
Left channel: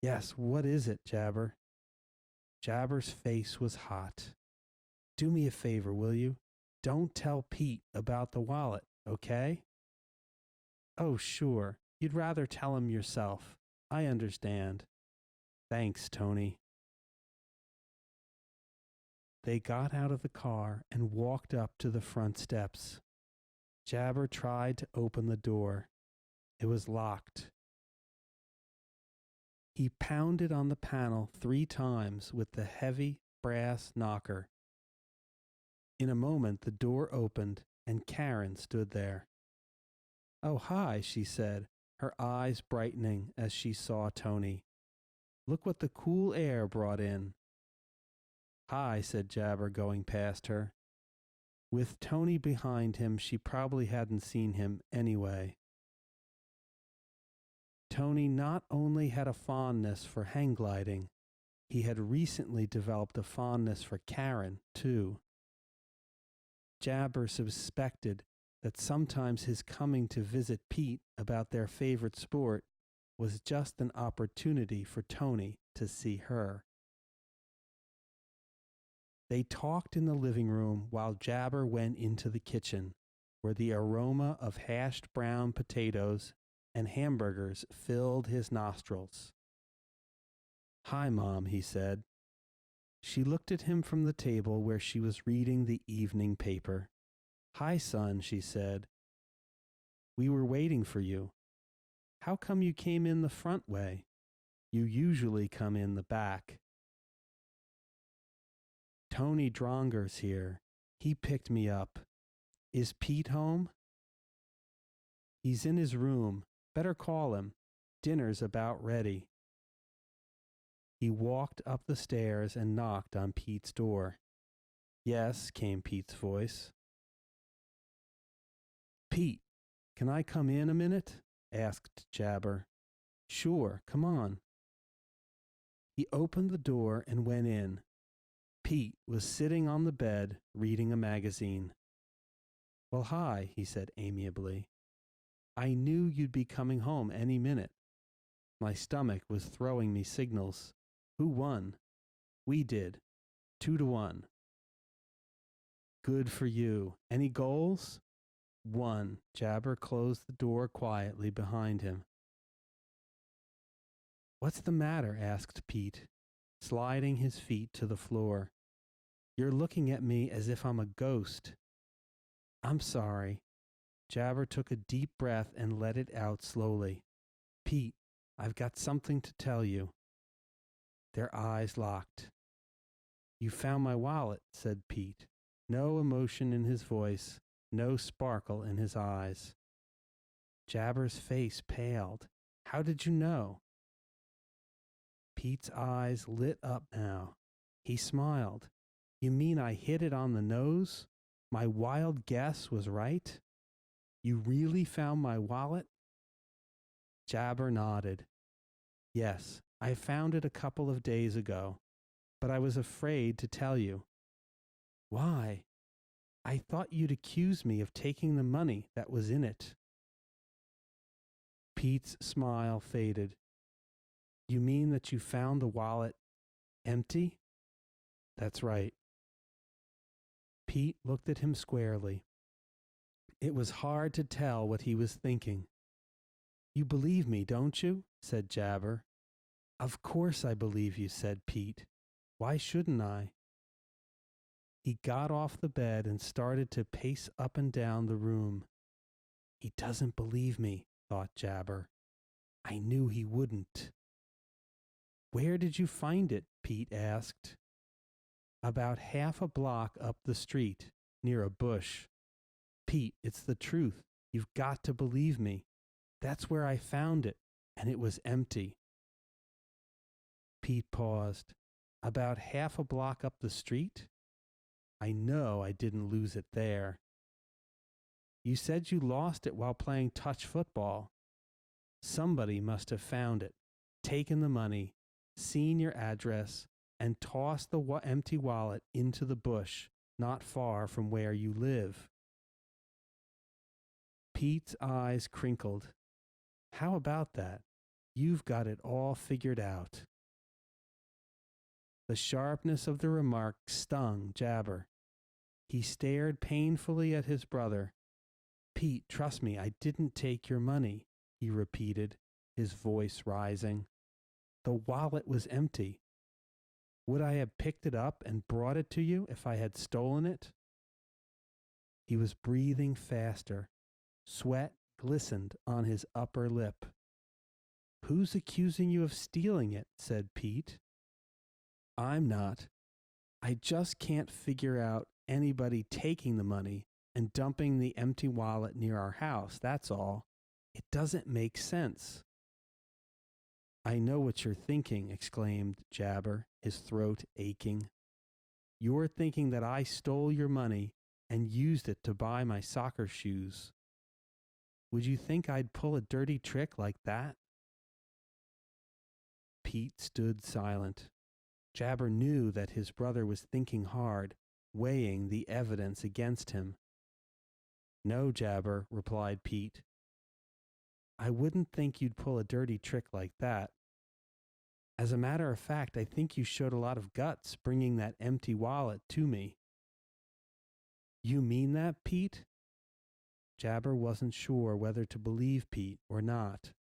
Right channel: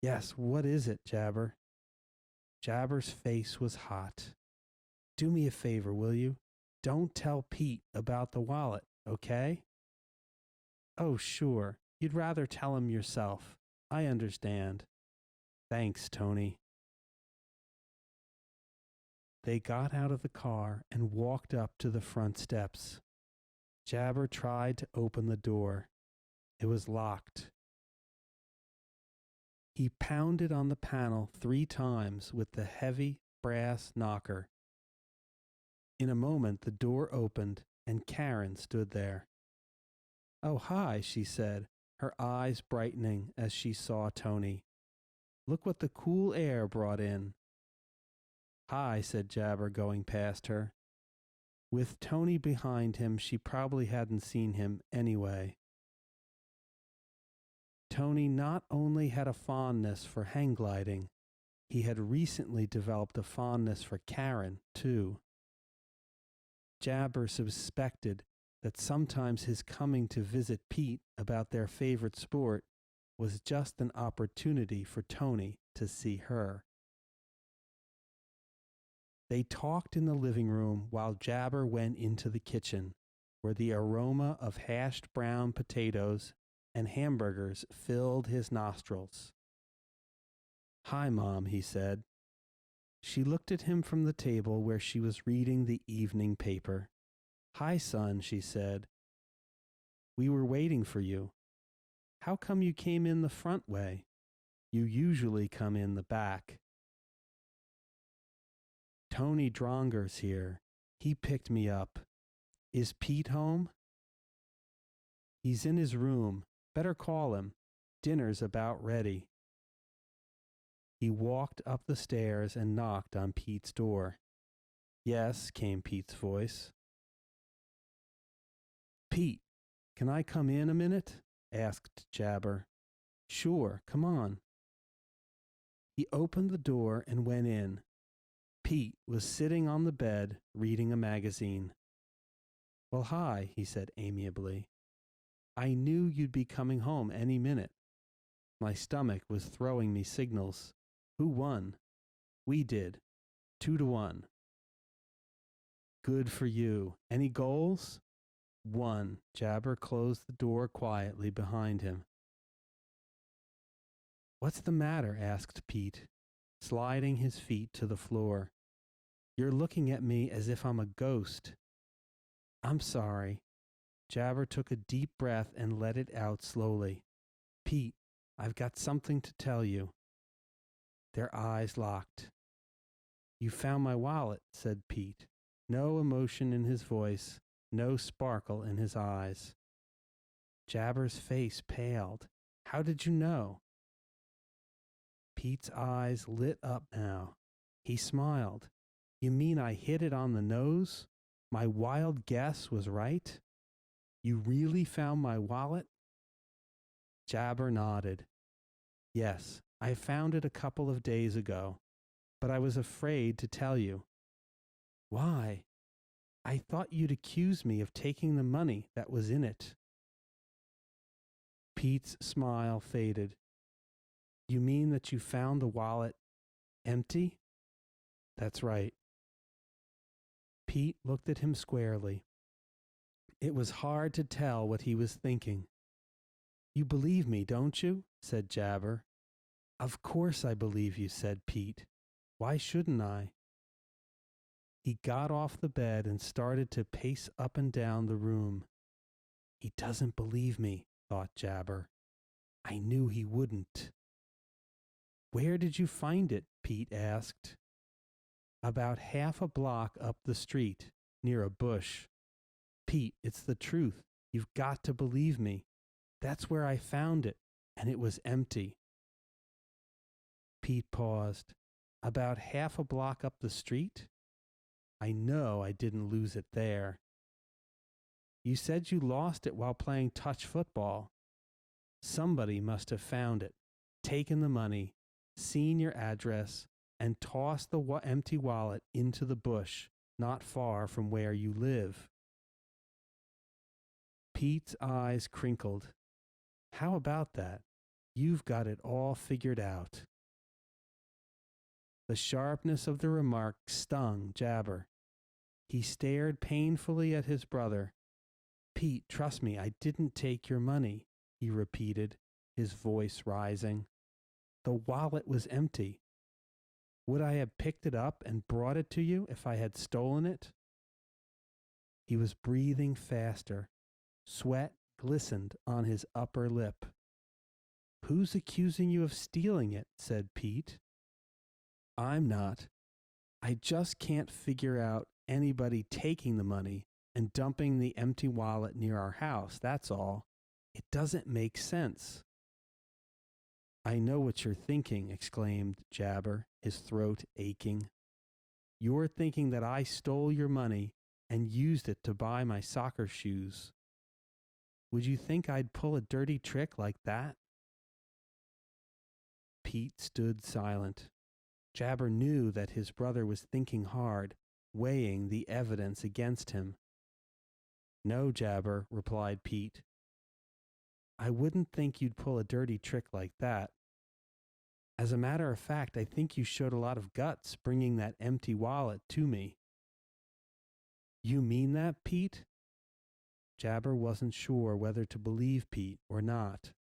Yes, what is it, Jabar? Jabar's face was hot. Do me a favor, will you? Don't tell Pete about the wallet, okay? Oh, sure. You'd rather tell him yourself. I understand. Thanks, Tony. They got out of the car and walked up to the front steps. Jabar tried to open the door. It was locked. He pounded on the panel 3 times with the heavy brass knocker. In a moment, the door opened and Karen stood there. Oh, hi, she said, her eyes brightening as she saw Tony. Look what the cool air brought in. Hi, said Jabar, going past her. With Tony behind him, she probably hadn't seen him anyway. Tony not only had a fondness for hang gliding, he had recently developed a fondness for Karen, too. Jabar suspected that sometimes his coming to visit Pete about their favorite sport was just an opportunity for Tony to see her. They talked in the living room while Jabar went into the kitchen, where the aroma of hashed brown potatoes and hamburgers filled his nostrils. Hi, Mom, he said. She looked at him from the table where she was reading the evening paper. Hi, son, she said. We were waiting for you. How come you came in the front way? You usually come in the back. Tony Dronger's here. He picked me up. Is Pete home? He's in his room. Better call him. Dinner's about ready. He walked up the stairs and knocked on Pete's door. Yes, came Pete's voice. Pete, Can I come in a minute? Asked Jabber. Sure, come on. He opened the door and went in. Pete was sitting on the bed reading a magazine. Well, hi, he said amiably. I knew you'd be coming home any minute. My stomach was throwing me signals. Who won? We did. 2-1. Good for you. Any goals? One. Jabber closed the door quietly behind him. What's the matter? Asked Pete, sliding his feet to the floor. You're looking at me as if I'm a ghost. I'm sorry. Jabber took a deep breath and let it out slowly. Pete, I've got something to tell you. Their eyes locked. You found my wallet, said Pete. No emotion in his voice, no sparkle in his eyes. Jabber's face paled. How did you know? Pete's eyes lit up now. He smiled. You mean I hit it on the nose? My wild guess was right? You really found my wallet? Jabber nodded. Yes, I found it a couple of days ago, but I was afraid to tell you. Why? I thought you'd accuse me of taking the money that was in it. Pete's smile faded. You mean that you found the wallet empty? That's right. Pete looked at him squarely. It was hard to tell what he was thinking. You believe me, don't you? Said Jabber. Of course I believe you, said Pete. Why shouldn't I? He got off the bed and started to pace up and down the room. He doesn't believe me, thought Jabber. I knew he wouldn't. Where did you find it? Pete asked. About half a block up the street, near a bush. Pete, it's the truth. You've got to believe me. That's where I found it, and it was empty. Pete paused. About half a block up the street? I know I didn't lose it there. You said you lost it while playing touch football. Somebody must have found it, taken the money, seen your address, and tossed the empty wallet into the bush not far from where you live. Pete's eyes crinkled. How about that? You've got it all figured out. The sharpness of the remark stung Jabber. He stared painfully at his brother. Pete, trust me, I didn't take your money, he repeated, his voice rising. The wallet was empty. Would I have picked it up and brought it to you if I had stolen it? He was breathing faster. Sweat glistened on his upper lip. Who's accusing you of stealing it? Said Pete. I'm not. I just can't figure out anybody taking the money and dumping the empty wallet near our house, that's all. It doesn't make sense. I know what you're thinking, exclaimed Jabber, his throat aching. You're thinking that I stole your money and used it to buy my soccer shoes. Would you think I'd pull a dirty trick like that? Pete stood silent. Jabber knew that his brother was thinking hard, weighing the evidence against him. No, Jabber, replied Pete. I wouldn't think you'd pull a dirty trick like that. As a matter of fact, I think you showed a lot of guts bringing that empty wallet to me. You mean that, Pete? Jabber wasn't sure whether to believe Pete or not.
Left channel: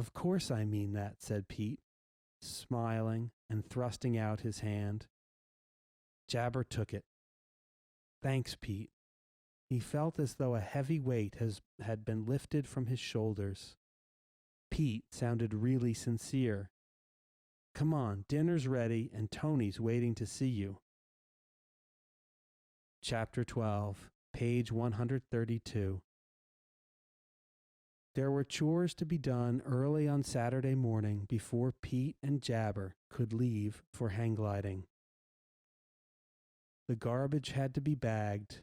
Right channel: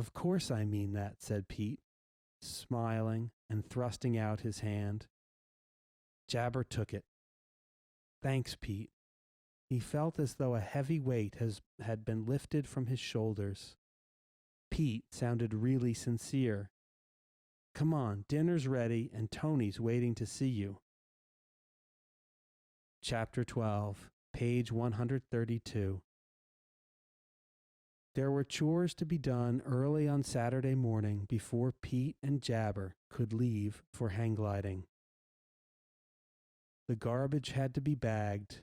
Of course I mean that, said Pete, smiling and thrusting out his hand. Jabber took it. Thanks, Pete. He felt as though a heavy weight had been lifted from his shoulders. Pete sounded really sincere. Come on, dinner's ready and Tony's waiting to see you. Chapter 12, page 132. There were chores to be done early on Saturday morning before Pete and Jabber could leave for hang gliding. The garbage had to be bagged.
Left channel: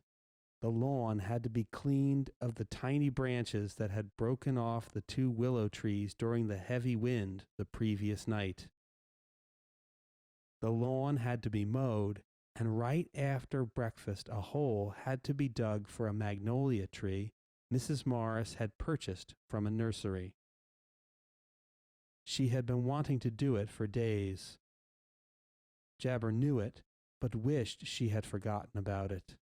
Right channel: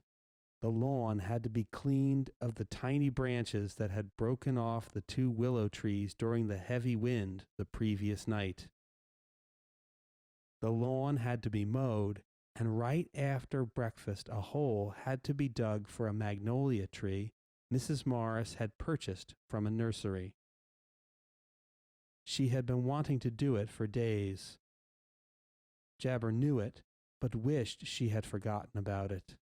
The lawn had to be cleaned of the tiny branches that had broken off the two willow trees during the heavy wind the previous night. The lawn had to be mowed, and right after breakfast a hole had to be dug for a magnolia tree Mrs. Morris had purchased from a nursery. She had been wanting to do it for days. Jabber knew it, but wished she had forgotten about it.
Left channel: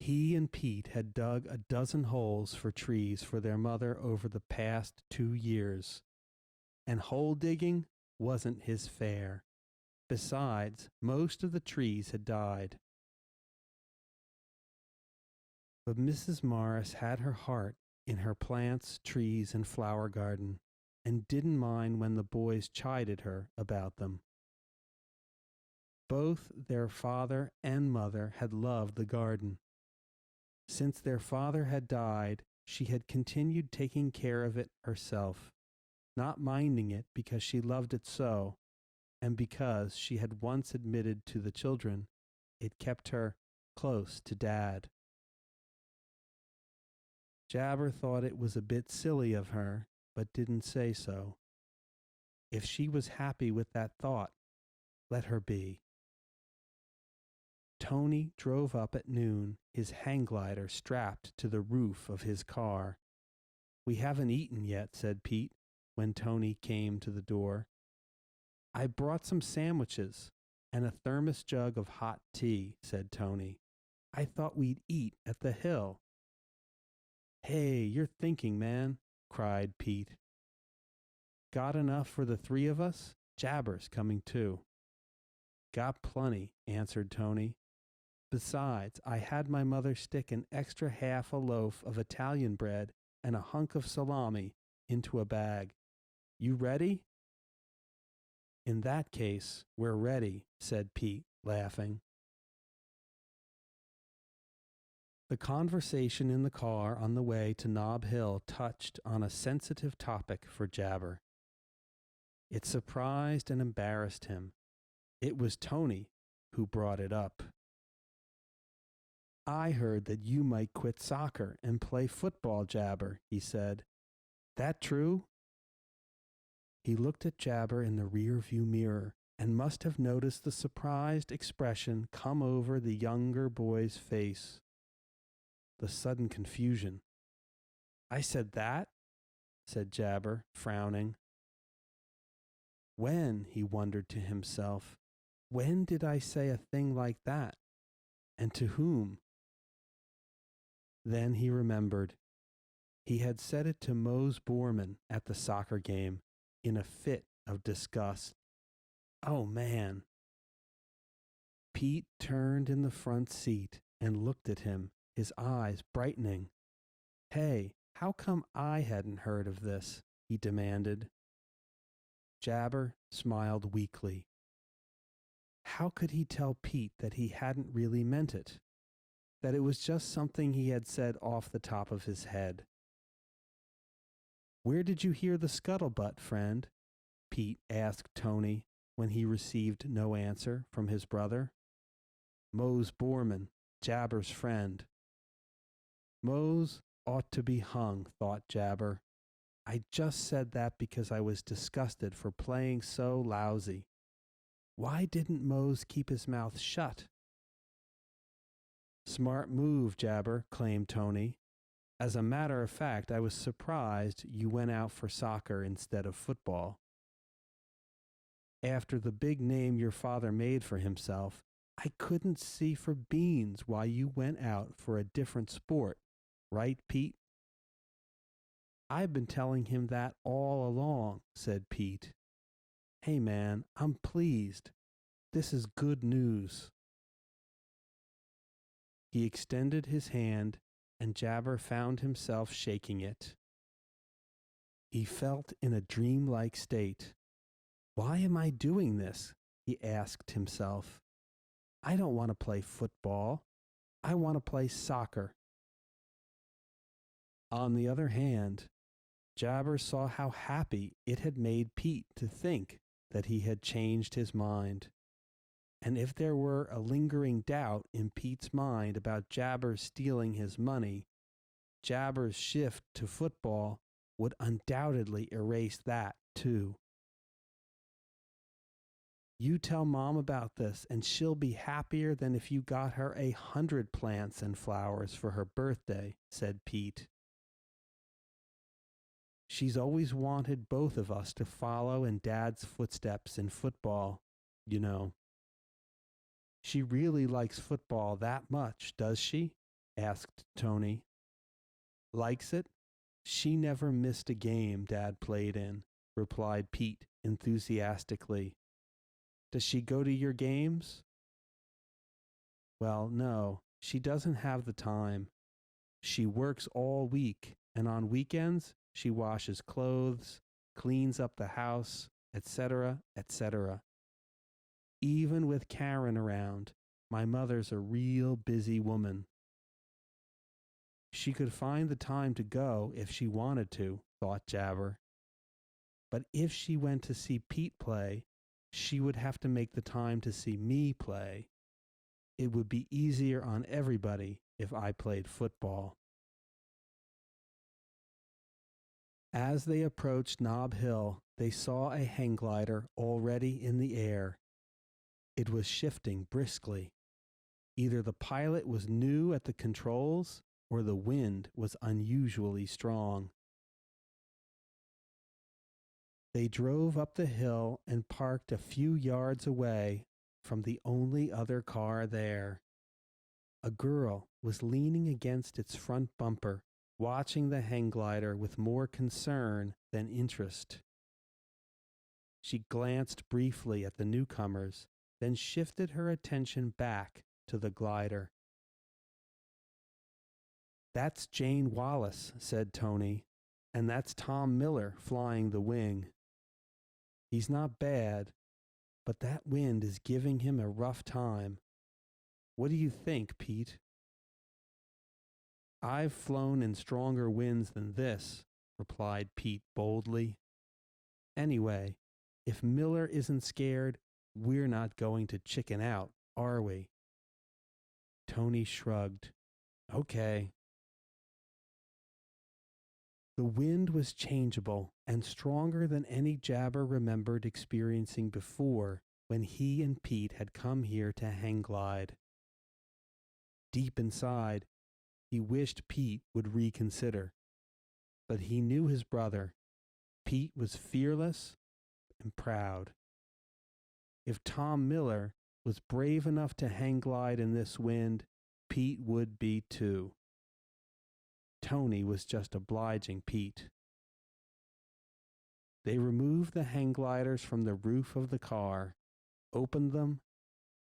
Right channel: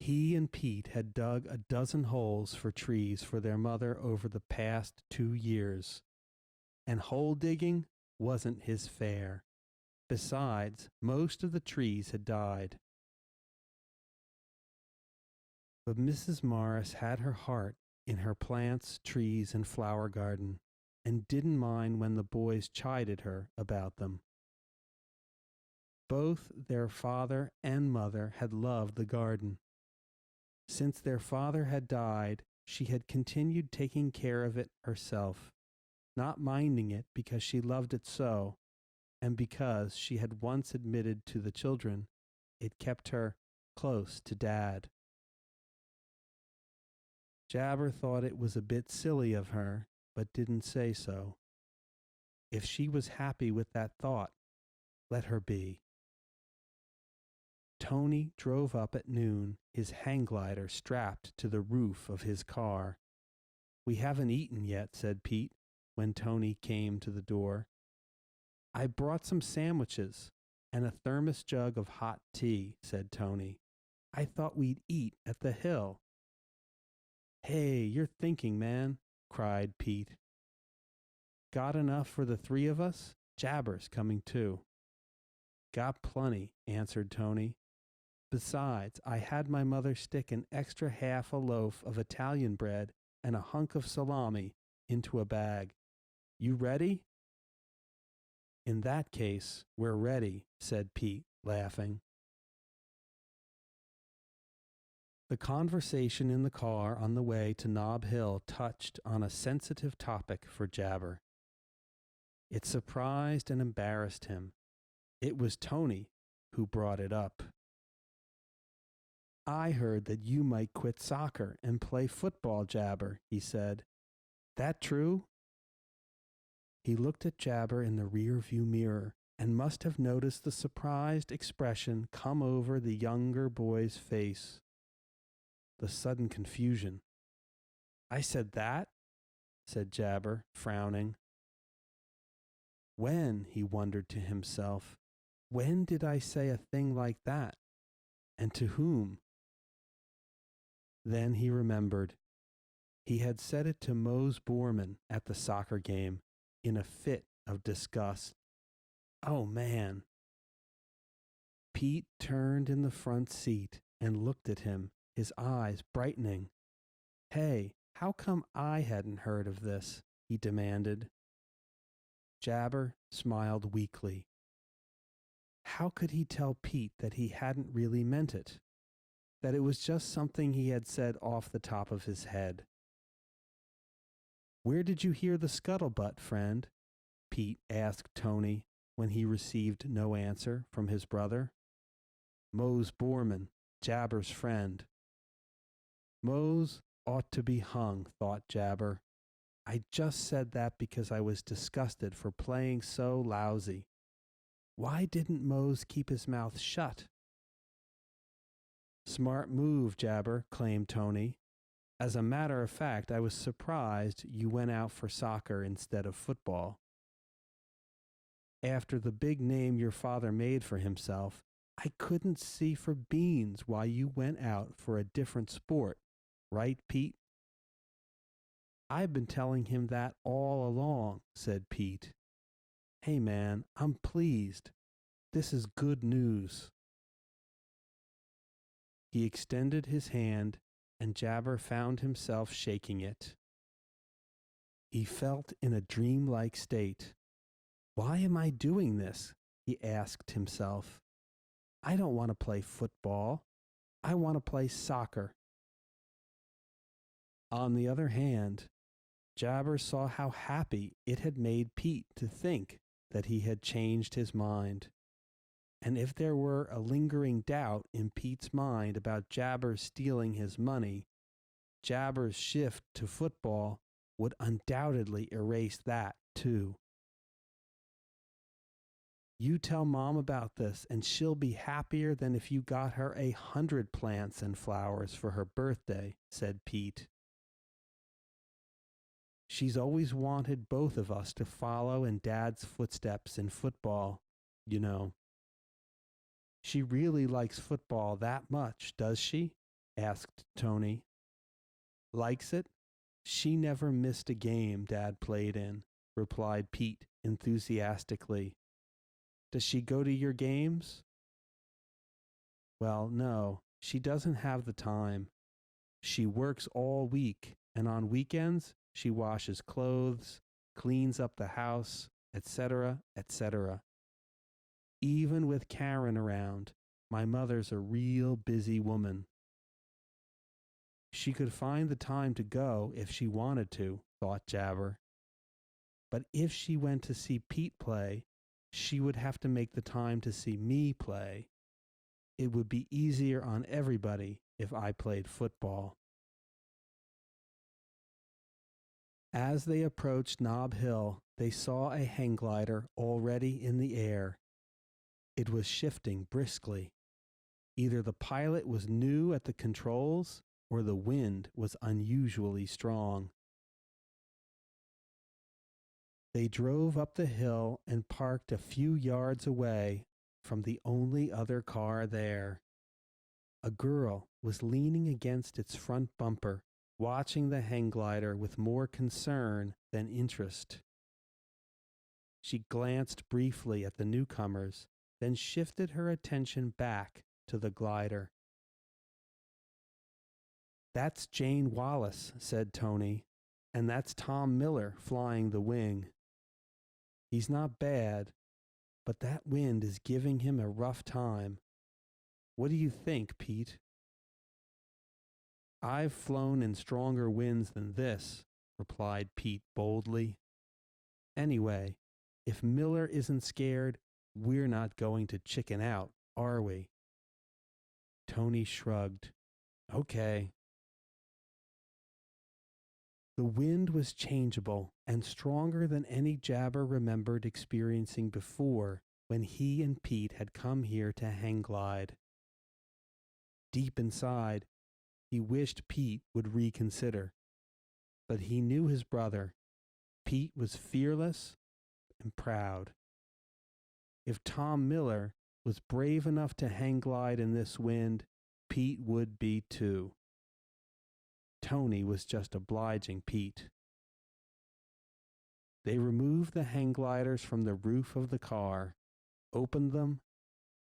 He and Pete had dug a dozen holes for trees for their mother over the past 2 years, and hole digging wasn't his fare. Besides, most of the trees had died. But Mrs. Morris had her heart in her plants, trees, and flower garden, and didn't mind when the boys chided her about them. Both their father and mother had loved the garden. Since their father had died, she had continued taking care of it herself, not minding it because she loved it so, and because she had once admitted to the children it kept her close to Dad. Jabber thought it was a bit silly of her, but didn't say so. If she was happy with that thought, let her be. Tony drove up at noon, his hang glider strapped to the roof of his car. "We haven't eaten yet," said Pete, when Tony came to the door. "I brought some sandwiches and a thermos jug of hot tea," said Tony. "I thought we'd eat at the hill." "Hey, you're thinking, man," cried Pete. "Got enough for the three of us? Jabber's coming too." "Got plenty," answered Tony. "Besides, I had my mother stick an extra half a loaf of Italian bread and a hunk of salami into a bag. You ready?" "In that case, we're ready," said Pete, laughing. The conversation in the car on the way to Nob Hill touched on a sensitive topic for Jabber. It surprised and embarrassed him. It was Tony who brought it up. "I heard that you might quit soccer and play football, Jabber," he said. "That true?" He looked at Jabber in the rear view mirror and must have noticed the surprised expression come over the younger boy's face. The sudden confusion. "I said that?" said Jabber, frowning. When, he wondered to himself, when did I say a thing like that? And to whom? Then he remembered. He had said it to Mose Borman at the soccer game in a fit of disgust. Oh, man. Pete turned in the front seat and looked at him, his eyes brightening. "Hey, how come I hadn't heard of this?" he demanded. Jabber smiled weakly. How could he tell Pete that he hadn't really meant it? That it was just something he had said off the top of his head? "Where did you hear the scuttlebutt, friend?" Pete asked Tony when he received no answer from his brother. "Mose Borman, Jabber's friend." Mose ought to be hung, thought Jabber. I just said that because I was disgusted for playing so lousy. Why didn't Mose keep his mouth shut? "Smart move, Jabber," claimed Tony. "As a matter of fact, I was surprised you went out for soccer instead of football. After the big name your father made for himself, I couldn't see for beans why you went out for a different sport. Right, Pete?" "I've been telling him that all along," said Pete. "Hey, man, I'm pleased. This is good news." He extended his hand, and Jabber found himself shaking it. He felt in a dreamlike state. "Why am I doing this?" he asked himself. "I don't want to play football. I want to play soccer." On the other hand, Jabber saw how happy it had made Pete to think that he had changed his mind. And if there were a lingering doubt in Pete's mind about Jabber stealing his money, Jabber's shift to football would undoubtedly erase that, too. You tell Mom about this, and she'll be happier than if you got her 100 plants and flowers for her birthday, said Pete. She's always wanted both of us to follow in Dad's footsteps in football, you know. She really likes football that much, does she? Asked Tony. Likes it? She never missed a game Dad played in, replied Pete enthusiastically. Does she go to your games? Well, no, she doesn't have the time. She works all week, and on weekends, she washes clothes, cleans up the house, etc., etc. Even with Karen around, my mother's a real busy woman. She could find the time to go if she wanted to, thought Jabber. But if she went to see Pete play, she would have to make the time to see me play. It would be easier on everybody if I played football. As they approached Nob Hill, they saw a hang glider already in the air. It was shifting briskly. Either the pilot was new at the controls or the wind was unusually strong. They drove up the hill and parked a few yards away from the only other car there. A girl was leaning against its front bumper, watching the hang glider with more concern than interest. She glanced briefly at the newcomers, then shifted her attention back to the glider. That's Jane Wallace, said Tony, and that's Tom Miller flying the wing. He's not bad, but that wind is giving him a rough time. What do you think, Pete? I've flown in stronger winds than this, replied Pete boldly. Anyway, if Miller isn't scared, we're not going to chicken out, are we? Tony shrugged. Okay. The wind was changeable and stronger than any Jabber remembered experiencing before when he and Pete had come here to hang glide. Deep inside, he wished Pete would reconsider. But he knew his brother. Pete was fearless and proud. If Tom Miller was brave enough to hang glide in this wind, Pete would be too. Tony was just obliging Pete. They removed the hang gliders from the roof of the car, opened them,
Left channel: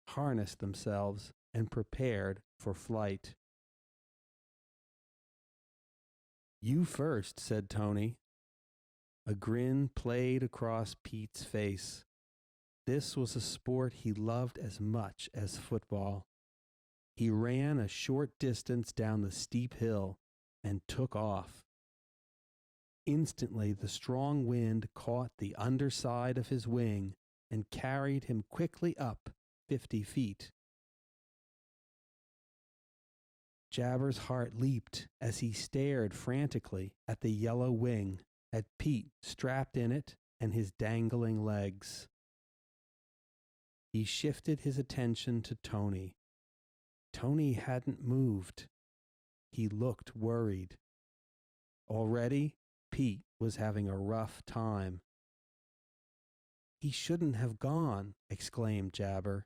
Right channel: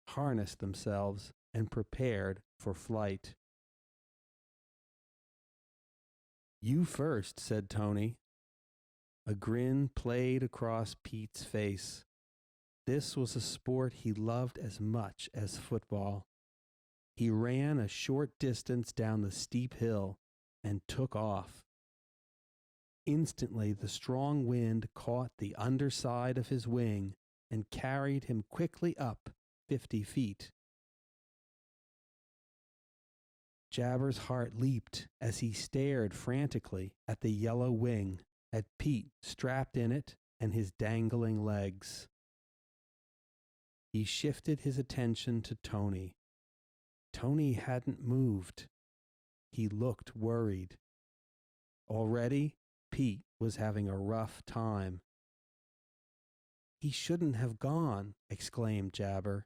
harnessed themselves, and prepared for flight. You first, said Tony. A grin played across Pete's face. This was a sport he loved as much as football. He ran a short distance down the steep hill and took off. Instantly, the strong wind caught the underside of his wing and carried him quickly up 50 feet. Jabber's heart leaped as he stared frantically at the yellow wing, at Pete strapped in it and his dangling legs. He shifted his attention to Tony. Tony hadn't moved. He looked worried. Already, Pete was having a rough time. He shouldn't have gone, exclaimed Jabber.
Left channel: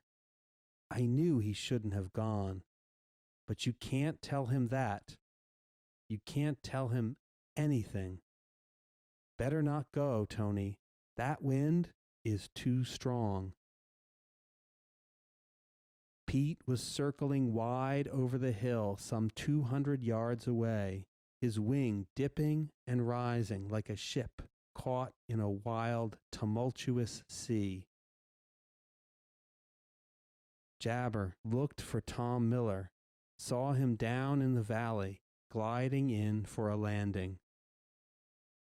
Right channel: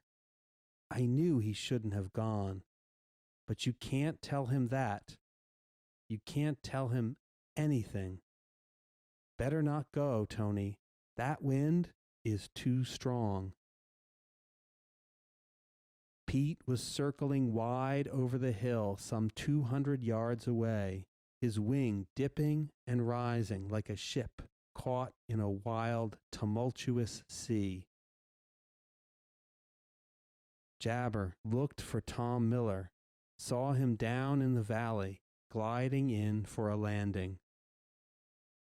I knew he shouldn't have gone. But you can't tell him that. You can't tell him anything. Better not go, Tony. That wind is too strong. Pete was circling wide over the hill some 200 yards away, his wing dipping and rising like a ship caught in a wild, tumultuous sea. Jabber looked for Tom Miller, saw him down in the valley, gliding in for a landing.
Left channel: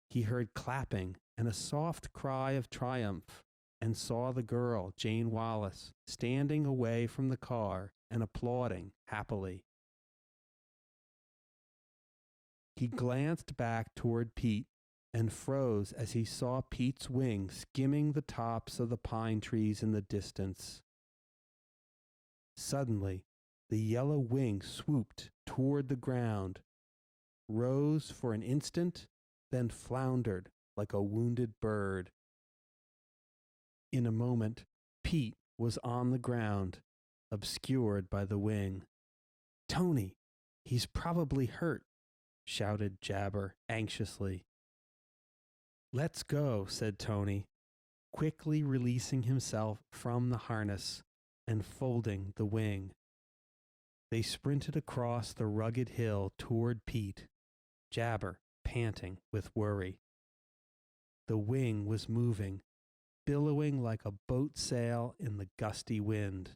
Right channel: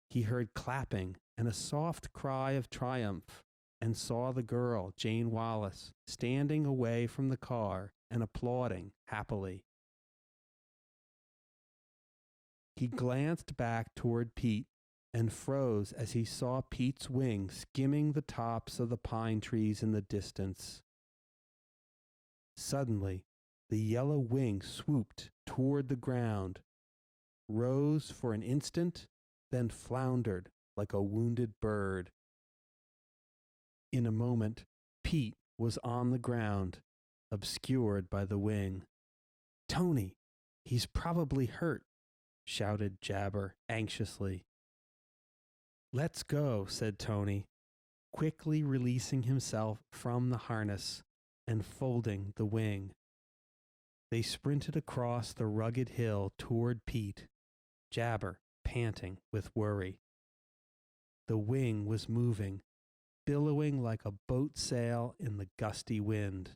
He heard clapping and a soft cry of triumph, and saw the girl, Jane Wallace, standing away from the car and applauding happily. He glanced back toward Pete and froze as he saw Pete's wing skimming the tops of the pine trees in the distance. Suddenly, the yellow wing swooped toward the ground, rose for an instant, then floundered like a wounded bird. In a moment, Pete was on the ground, obscured by the wing. "Tony, he's probably hurt," shouted Jabber anxiously. "Let's go," said Tony, quickly releasing himself from the harness and folding the wing. They sprinted across the rugged hill toward Pete, Jabber panting with worry. The wing was moving, billowing like a boat sail in the gusty wind.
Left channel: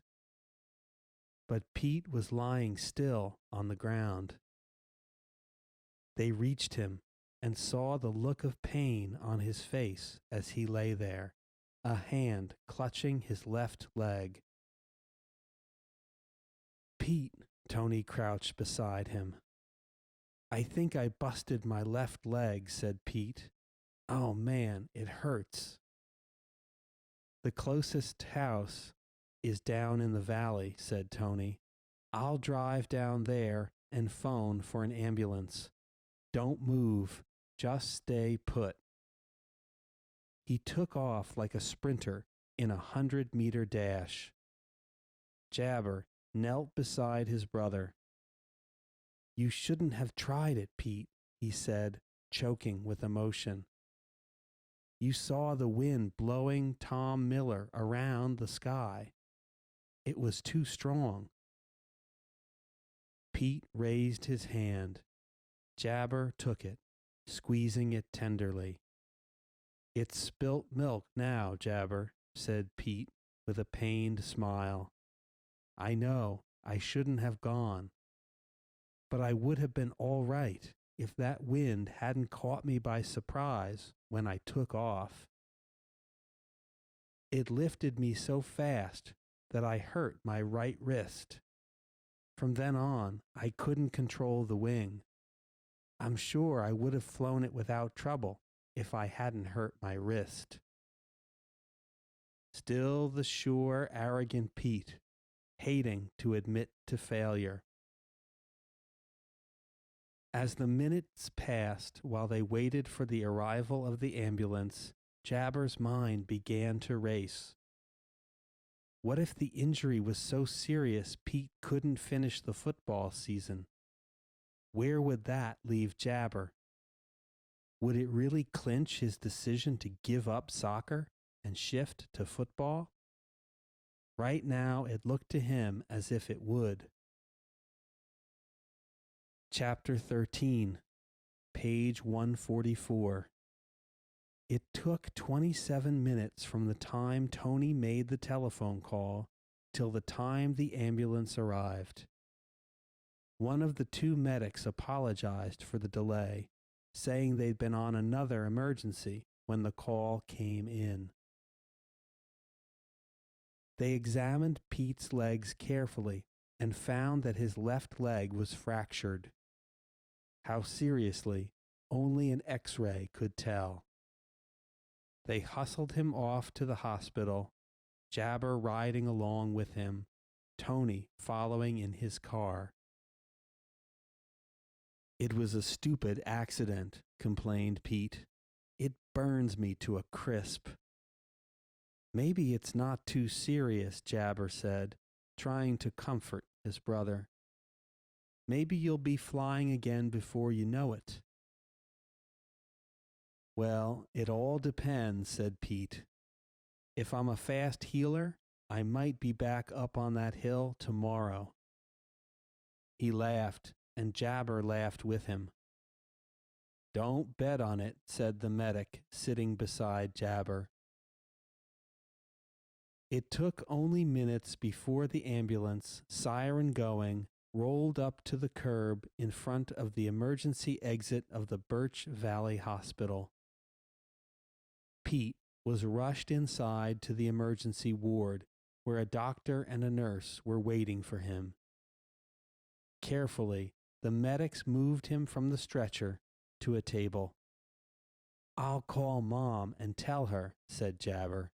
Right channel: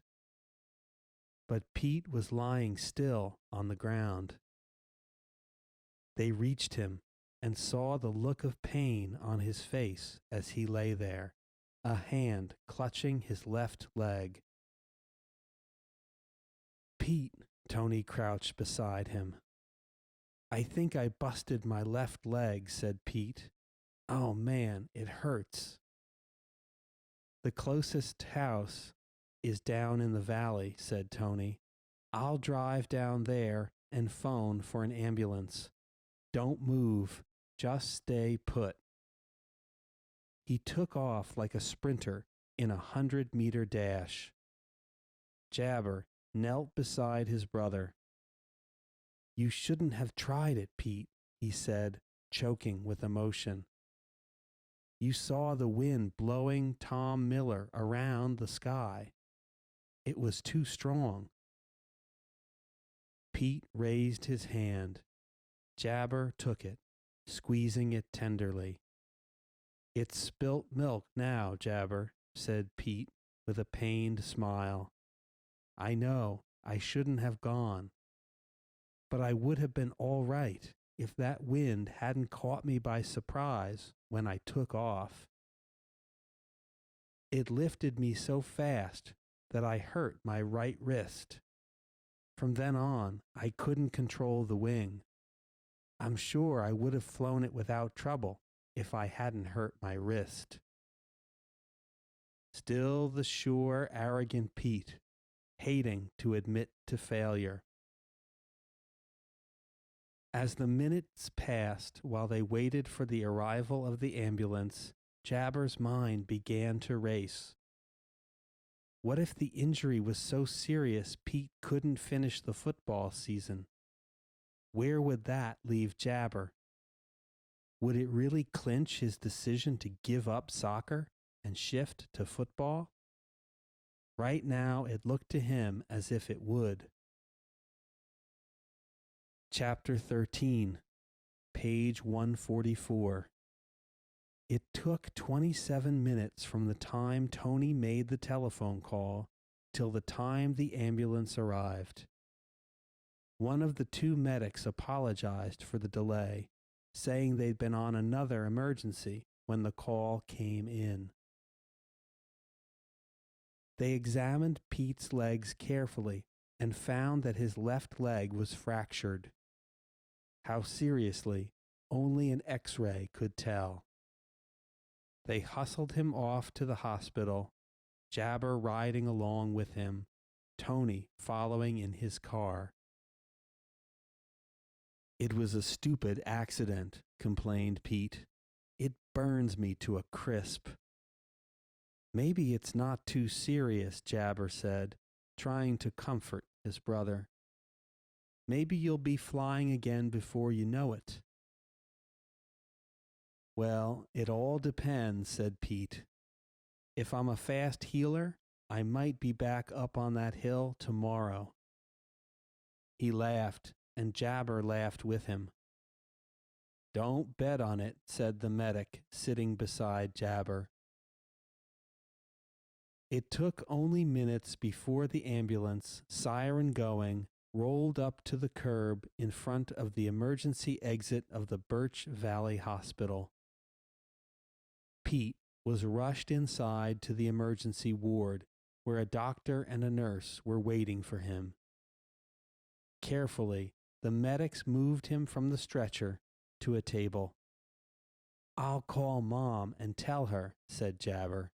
But Pete was lying still on the ground. They reached him and saw the look of pain on his face as he lay there, a hand clutching his left leg. "Pete," Tony crouched beside him. "I think I busted my left leg," said Pete. "Oh man, it hurts." "The closest house is down in the valley," said Tony. "I'll drive down there and phone for an ambulance. Don't move. Just stay put." He took off like a sprinter in a 100-meter dash. Jabber knelt beside his brother. "You shouldn't have tried it, Pete," he said, choking with emotion. "You saw the wind blowing Tom Miller around the sky. It was too strong." Pete raised his hand. Jabber took it, squeezing it tenderly. "It's spilt milk now, Jabber," said Pete with a pained smile. "I know I shouldn't have gone, but I would have been all right if that wind hadn't caught me by surprise when I took off. It lifted me so fast that I hurt my right wrist. From then on, I couldn't control the wing. I'm sure I would have flown it without trouble if I hadn't hurt my wrist." Still the sure, arrogant Pete, hating to admit to failure. As the minutes passed while they waited for the arrival of the ambulance, Jabber's mind began to race. What if the injury was so serious Pete couldn't finish the football season? Where would that leave Jabber? Would it really clinch his decision to give up soccer and shift to football? Right now, it looked to him as if it would. Chapter 13, page 144. It took 27 minutes from the time Tony made the telephone call till the time the ambulance arrived. One of the two medics apologized for the delay, saying they'd been on another emergency when the call came in. They examined Pete's legs carefully and found that his left leg was fractured. How seriously, only an X-ray could tell. They hustled him off to the hospital, Jabber riding along with him, Tony following in his car. "It was a stupid accident," complained Pete. "It burns me to a crisp." "Maybe it's not too serious," Jabber said, trying to comfort his brother. "Maybe you'll be flying again before you know it." "Well, it all depends," said Pete. "If I'm a fast healer, I might be back up on that hill tomorrow." He laughed, and Jabber laughed with him. "Don't bet on it," said the medic, sitting beside Jabber. It took only minutes before the ambulance, siren going, rolled up to the curb in front of the emergency exit of the Birch Valley Hospital. Pete was rushed inside to the emergency ward where a doctor and a nurse were waiting for him. Carefully, the medics moved him from the stretcher to a table. "I'll call Mom and tell her," said Jabber.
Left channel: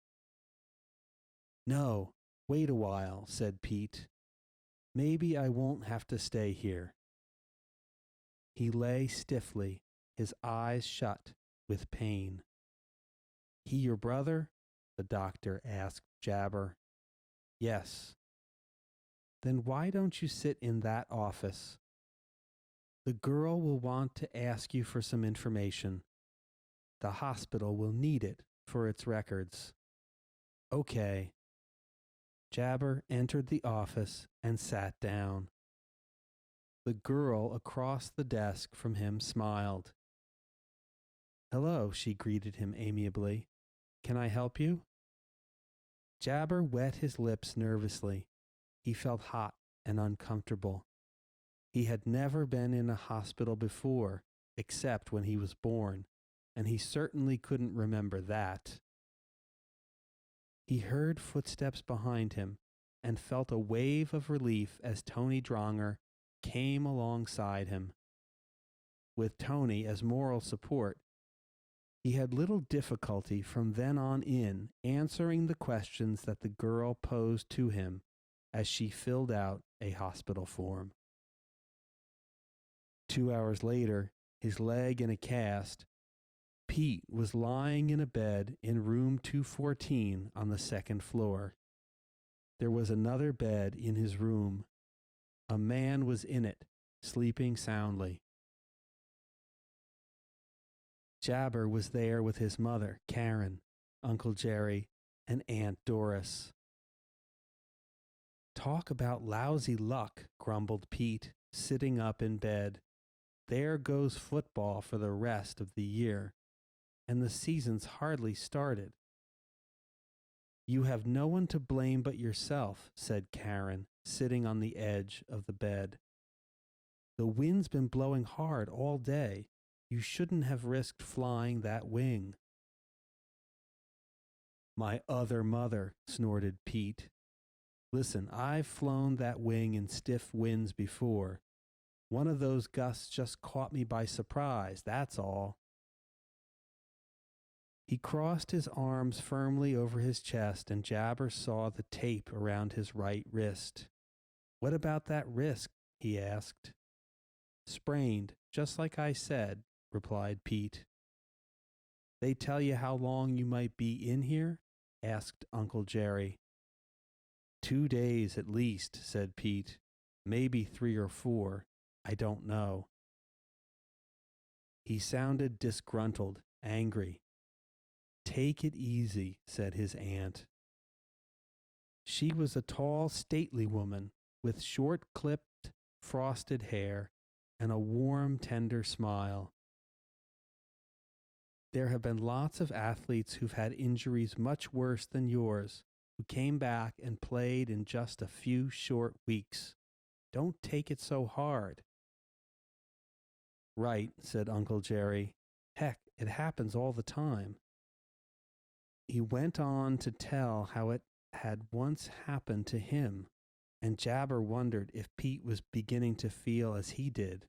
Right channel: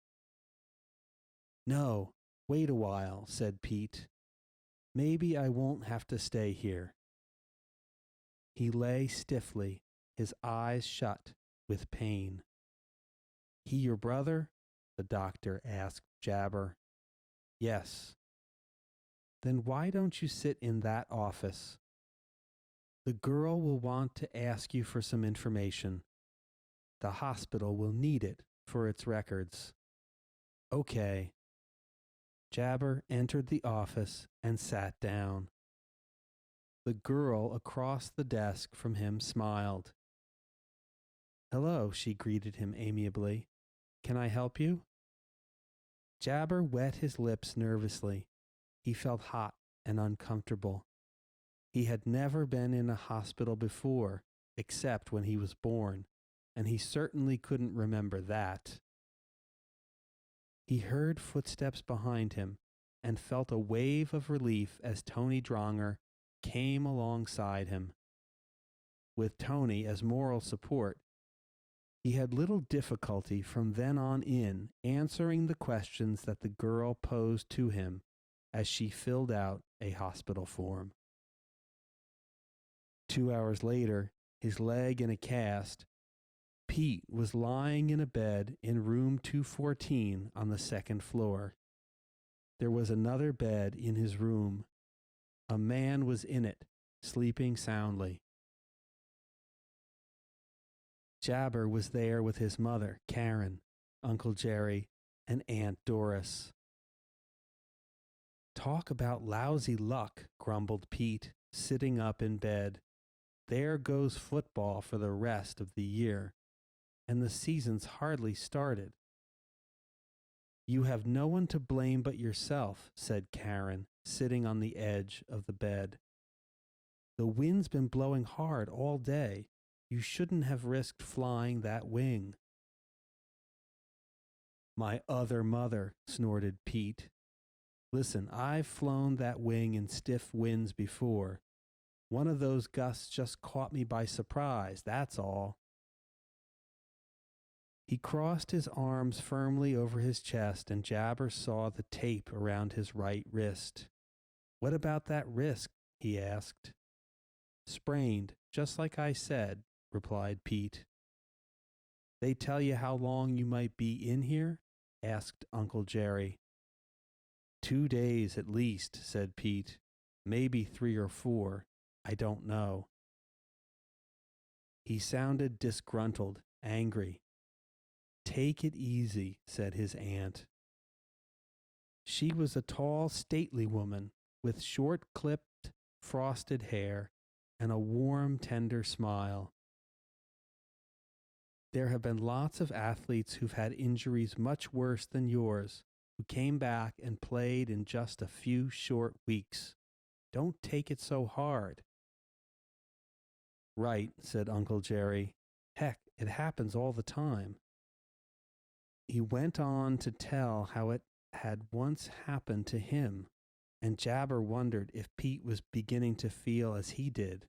"No, wait a while," said Pete. "Maybe I won't have to stay here." He lay stiffly, his eyes shut with pain. "He your brother?" the doctor asked Jabber. "Yes." "Then why don't you sit in that office? The girl will want to ask you for some information. The hospital will need it for its records." "Okay." Jabber entered the office and sat down. The girl across the desk from him smiled. "Hello," she greeted him amiably. "Can I help you?" Jabber wet his lips nervously. He felt hot and uncomfortable. He had never been in a hospital before, except when he was born, and he certainly couldn't remember that. He heard footsteps behind him and felt a wave of relief as Tony Dronger came alongside him. With Tony as moral support, he had little difficulty from then on in answering the questions that the girl posed to him as she filled out a hospital form. 2 hours later, his leg in a cast, Pete was lying in a bed in room 214 on the second floor. There was another bed in his room. A man was in it, sleeping soundly. Jabber was there with his mother, Karen, Uncle Jerry, and Aunt Doris. "Talk about lousy luck," grumbled Pete, sitting up in bed. "There goes football for the rest of the year, and the season's hardly started." "You have no one to blame but yourself," said Karen, sitting on the edge of the bed. "The wind's been blowing hard all day. You shouldn't have risked flying that wing." "My other mother," snorted Pete. "Listen, I've flown that wing in stiff winds before. One of those gusts just caught me by surprise, that's all." He crossed his arms firmly over his chest, and Jabber saw the tape around his right wrist. "What about that wrist?" he asked. "Sprained, just like I said," replied Pete. "They tell you how long you might be in here?" asked Uncle Jerry. 2 days at least," said Pete. "Maybe 3 or 4. I don't know." He sounded disgruntled, angry. "Take it easy," said his aunt. She was a tall, stately woman with short-clipped, frosted hair and a warm, tender smile. "There have been lots of athletes who've had injuries much worse than yours, who came back and played in just a few short weeks. Don't take it so hard." "Right," said Uncle Jerry. "Heck, it happens all the time." He went on to tell how it had once happened to him, and Jabber wondered if Pete was beginning to feel as he did.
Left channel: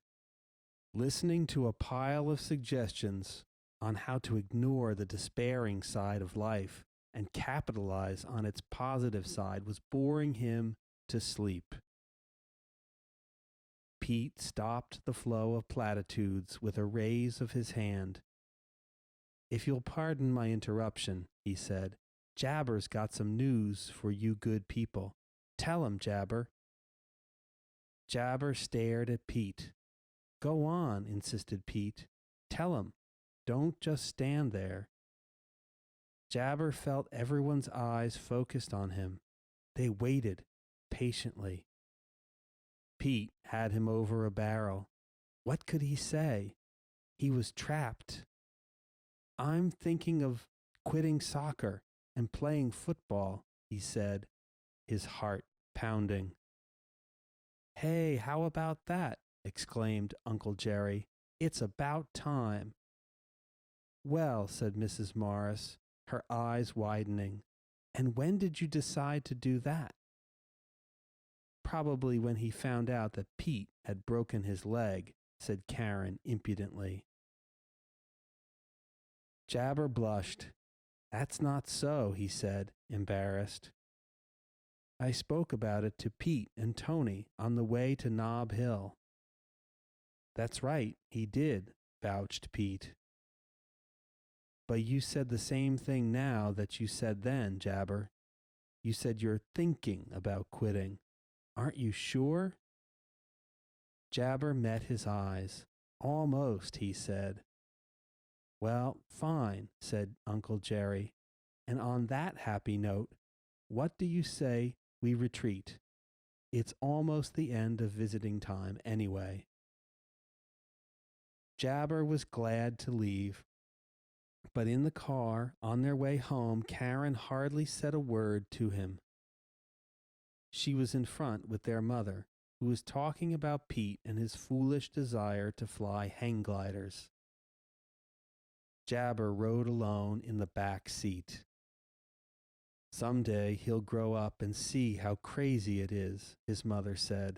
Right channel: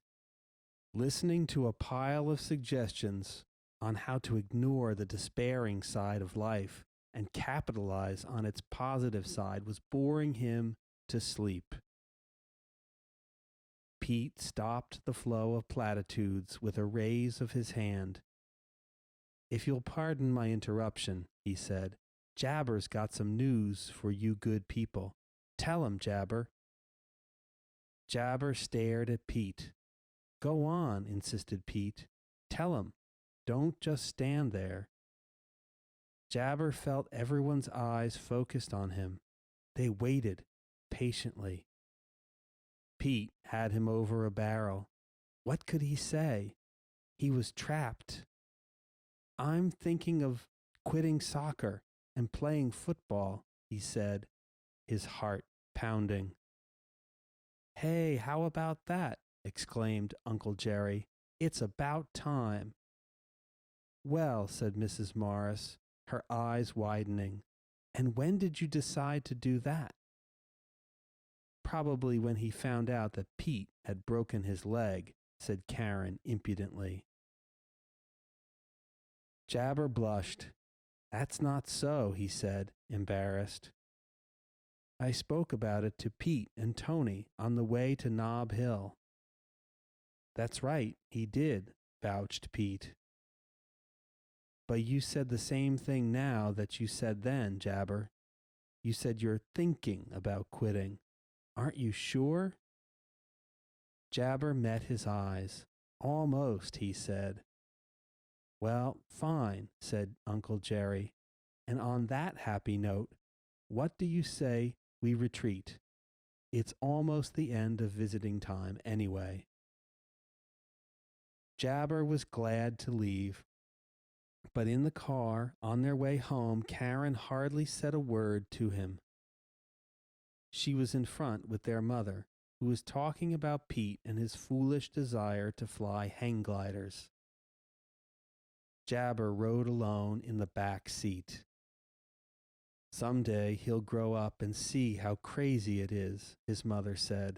Listening to a pile of suggestions on how to ignore the despairing side of life and capitalize on its positive side was boring him to sleep. Pete stopped the flow of platitudes with a raise of his hand. "If you'll pardon my interruption," he said, "Jabber's got some news for you good people. Tell him, Jabber." Jabber stared at Pete. "Go on," insisted Pete. "Tell him. Don't just stand there." Jabber felt everyone's eyes focused on him. They waited patiently. Pete had him over a barrel. What could he say? He was trapped. "I'm thinking of quitting soccer and playing football," he said, his heart pounding. "Hey, how about that?" exclaimed Uncle Jerry. "It's about time." "Well," said Mrs. Morris, her eyes widening. And when did you decide to do that? Probably when he found out that Pete had broken his leg, said Karen impudently. Jabber blushed. That's not so, he said, embarrassed. I spoke about it to Pete and Tony on the way to Nob Hill. That's right, he did, vouched Pete. But you said the same thing now that you said then, Jabber. You said you're thinking about quitting. Aren't you sure? Jabber met his eyes. Almost, he said. Well, fine, said Uncle Jerry. And on that happy note, what do you say we retreat? It's almost the end of visiting time anyway. Jabber was glad to leave. But in the car, on their way home, Karen hardly said a word to him. She was in front with their mother, who was talking about Pete and his foolish desire to fly hang gliders. Jabber rode alone in the back seat. Someday he'll grow up and see how crazy it is, his mother said.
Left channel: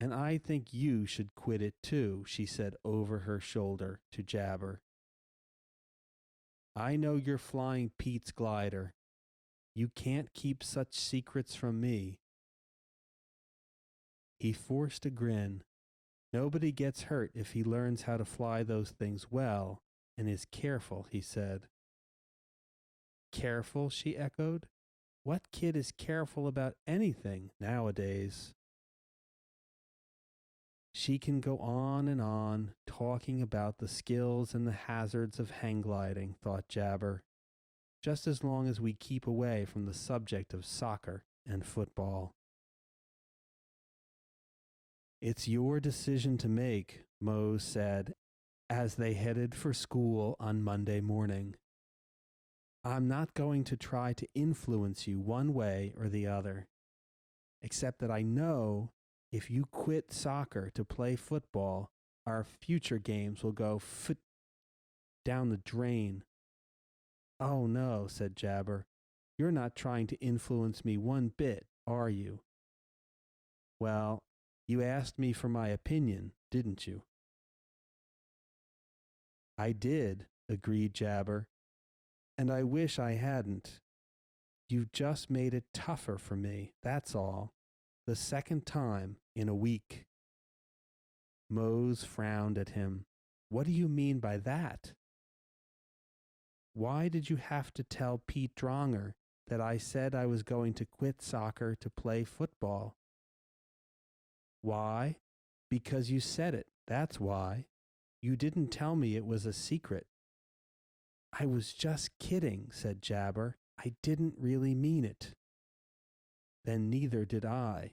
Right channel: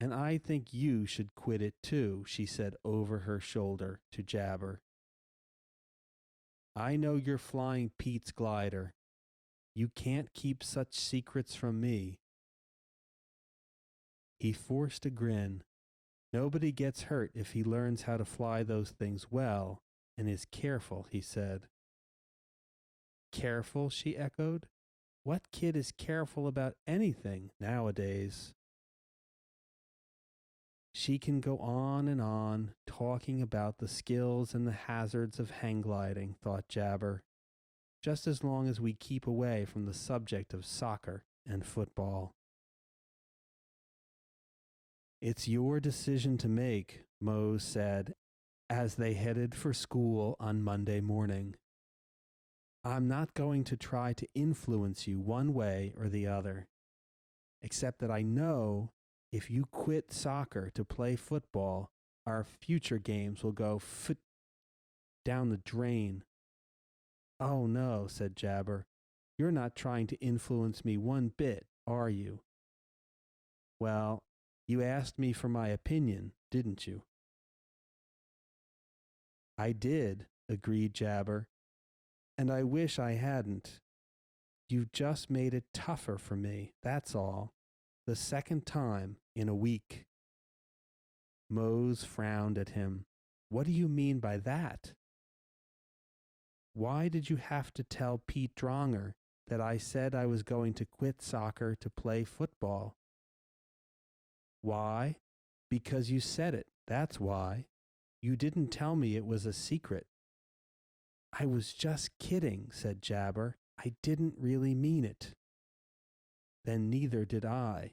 And I think you should quit it too, she said over her shoulder to Jabber. I know you're flying Pete's glider. You can't keep such secrets from me. He forced a grin. Nobody gets hurt if he learns how to fly those things well and is careful, he said. Careful, she echoed. What kid is careful about anything nowadays? She can go on, talking about the skills and the hazards of hang gliding, thought Jabber, just as long as we keep away from the subject of soccer and football. It's your decision to make, Mose said, as they headed for school on Monday morning. I'm not going to try to influence you one way or the other, except that I know if you quit soccer to play football, our future games will go down the drain. Oh no, said Jabber. You're not trying to influence me one bit, are you? Well, you asked me for my opinion, didn't you? I did, agreed Jabber, and I wish I hadn't. You've just made it tougher for me, that's all. The second time in a week. Mose frowned at him. What do you mean by that? Why did you have to tell Pete Dronger that I said I was going to quit soccer to play football? Why? Because you said it, that's why. You didn't tell me it was a secret. I was just kidding, said Jabber. I didn't really mean it. Then neither did I.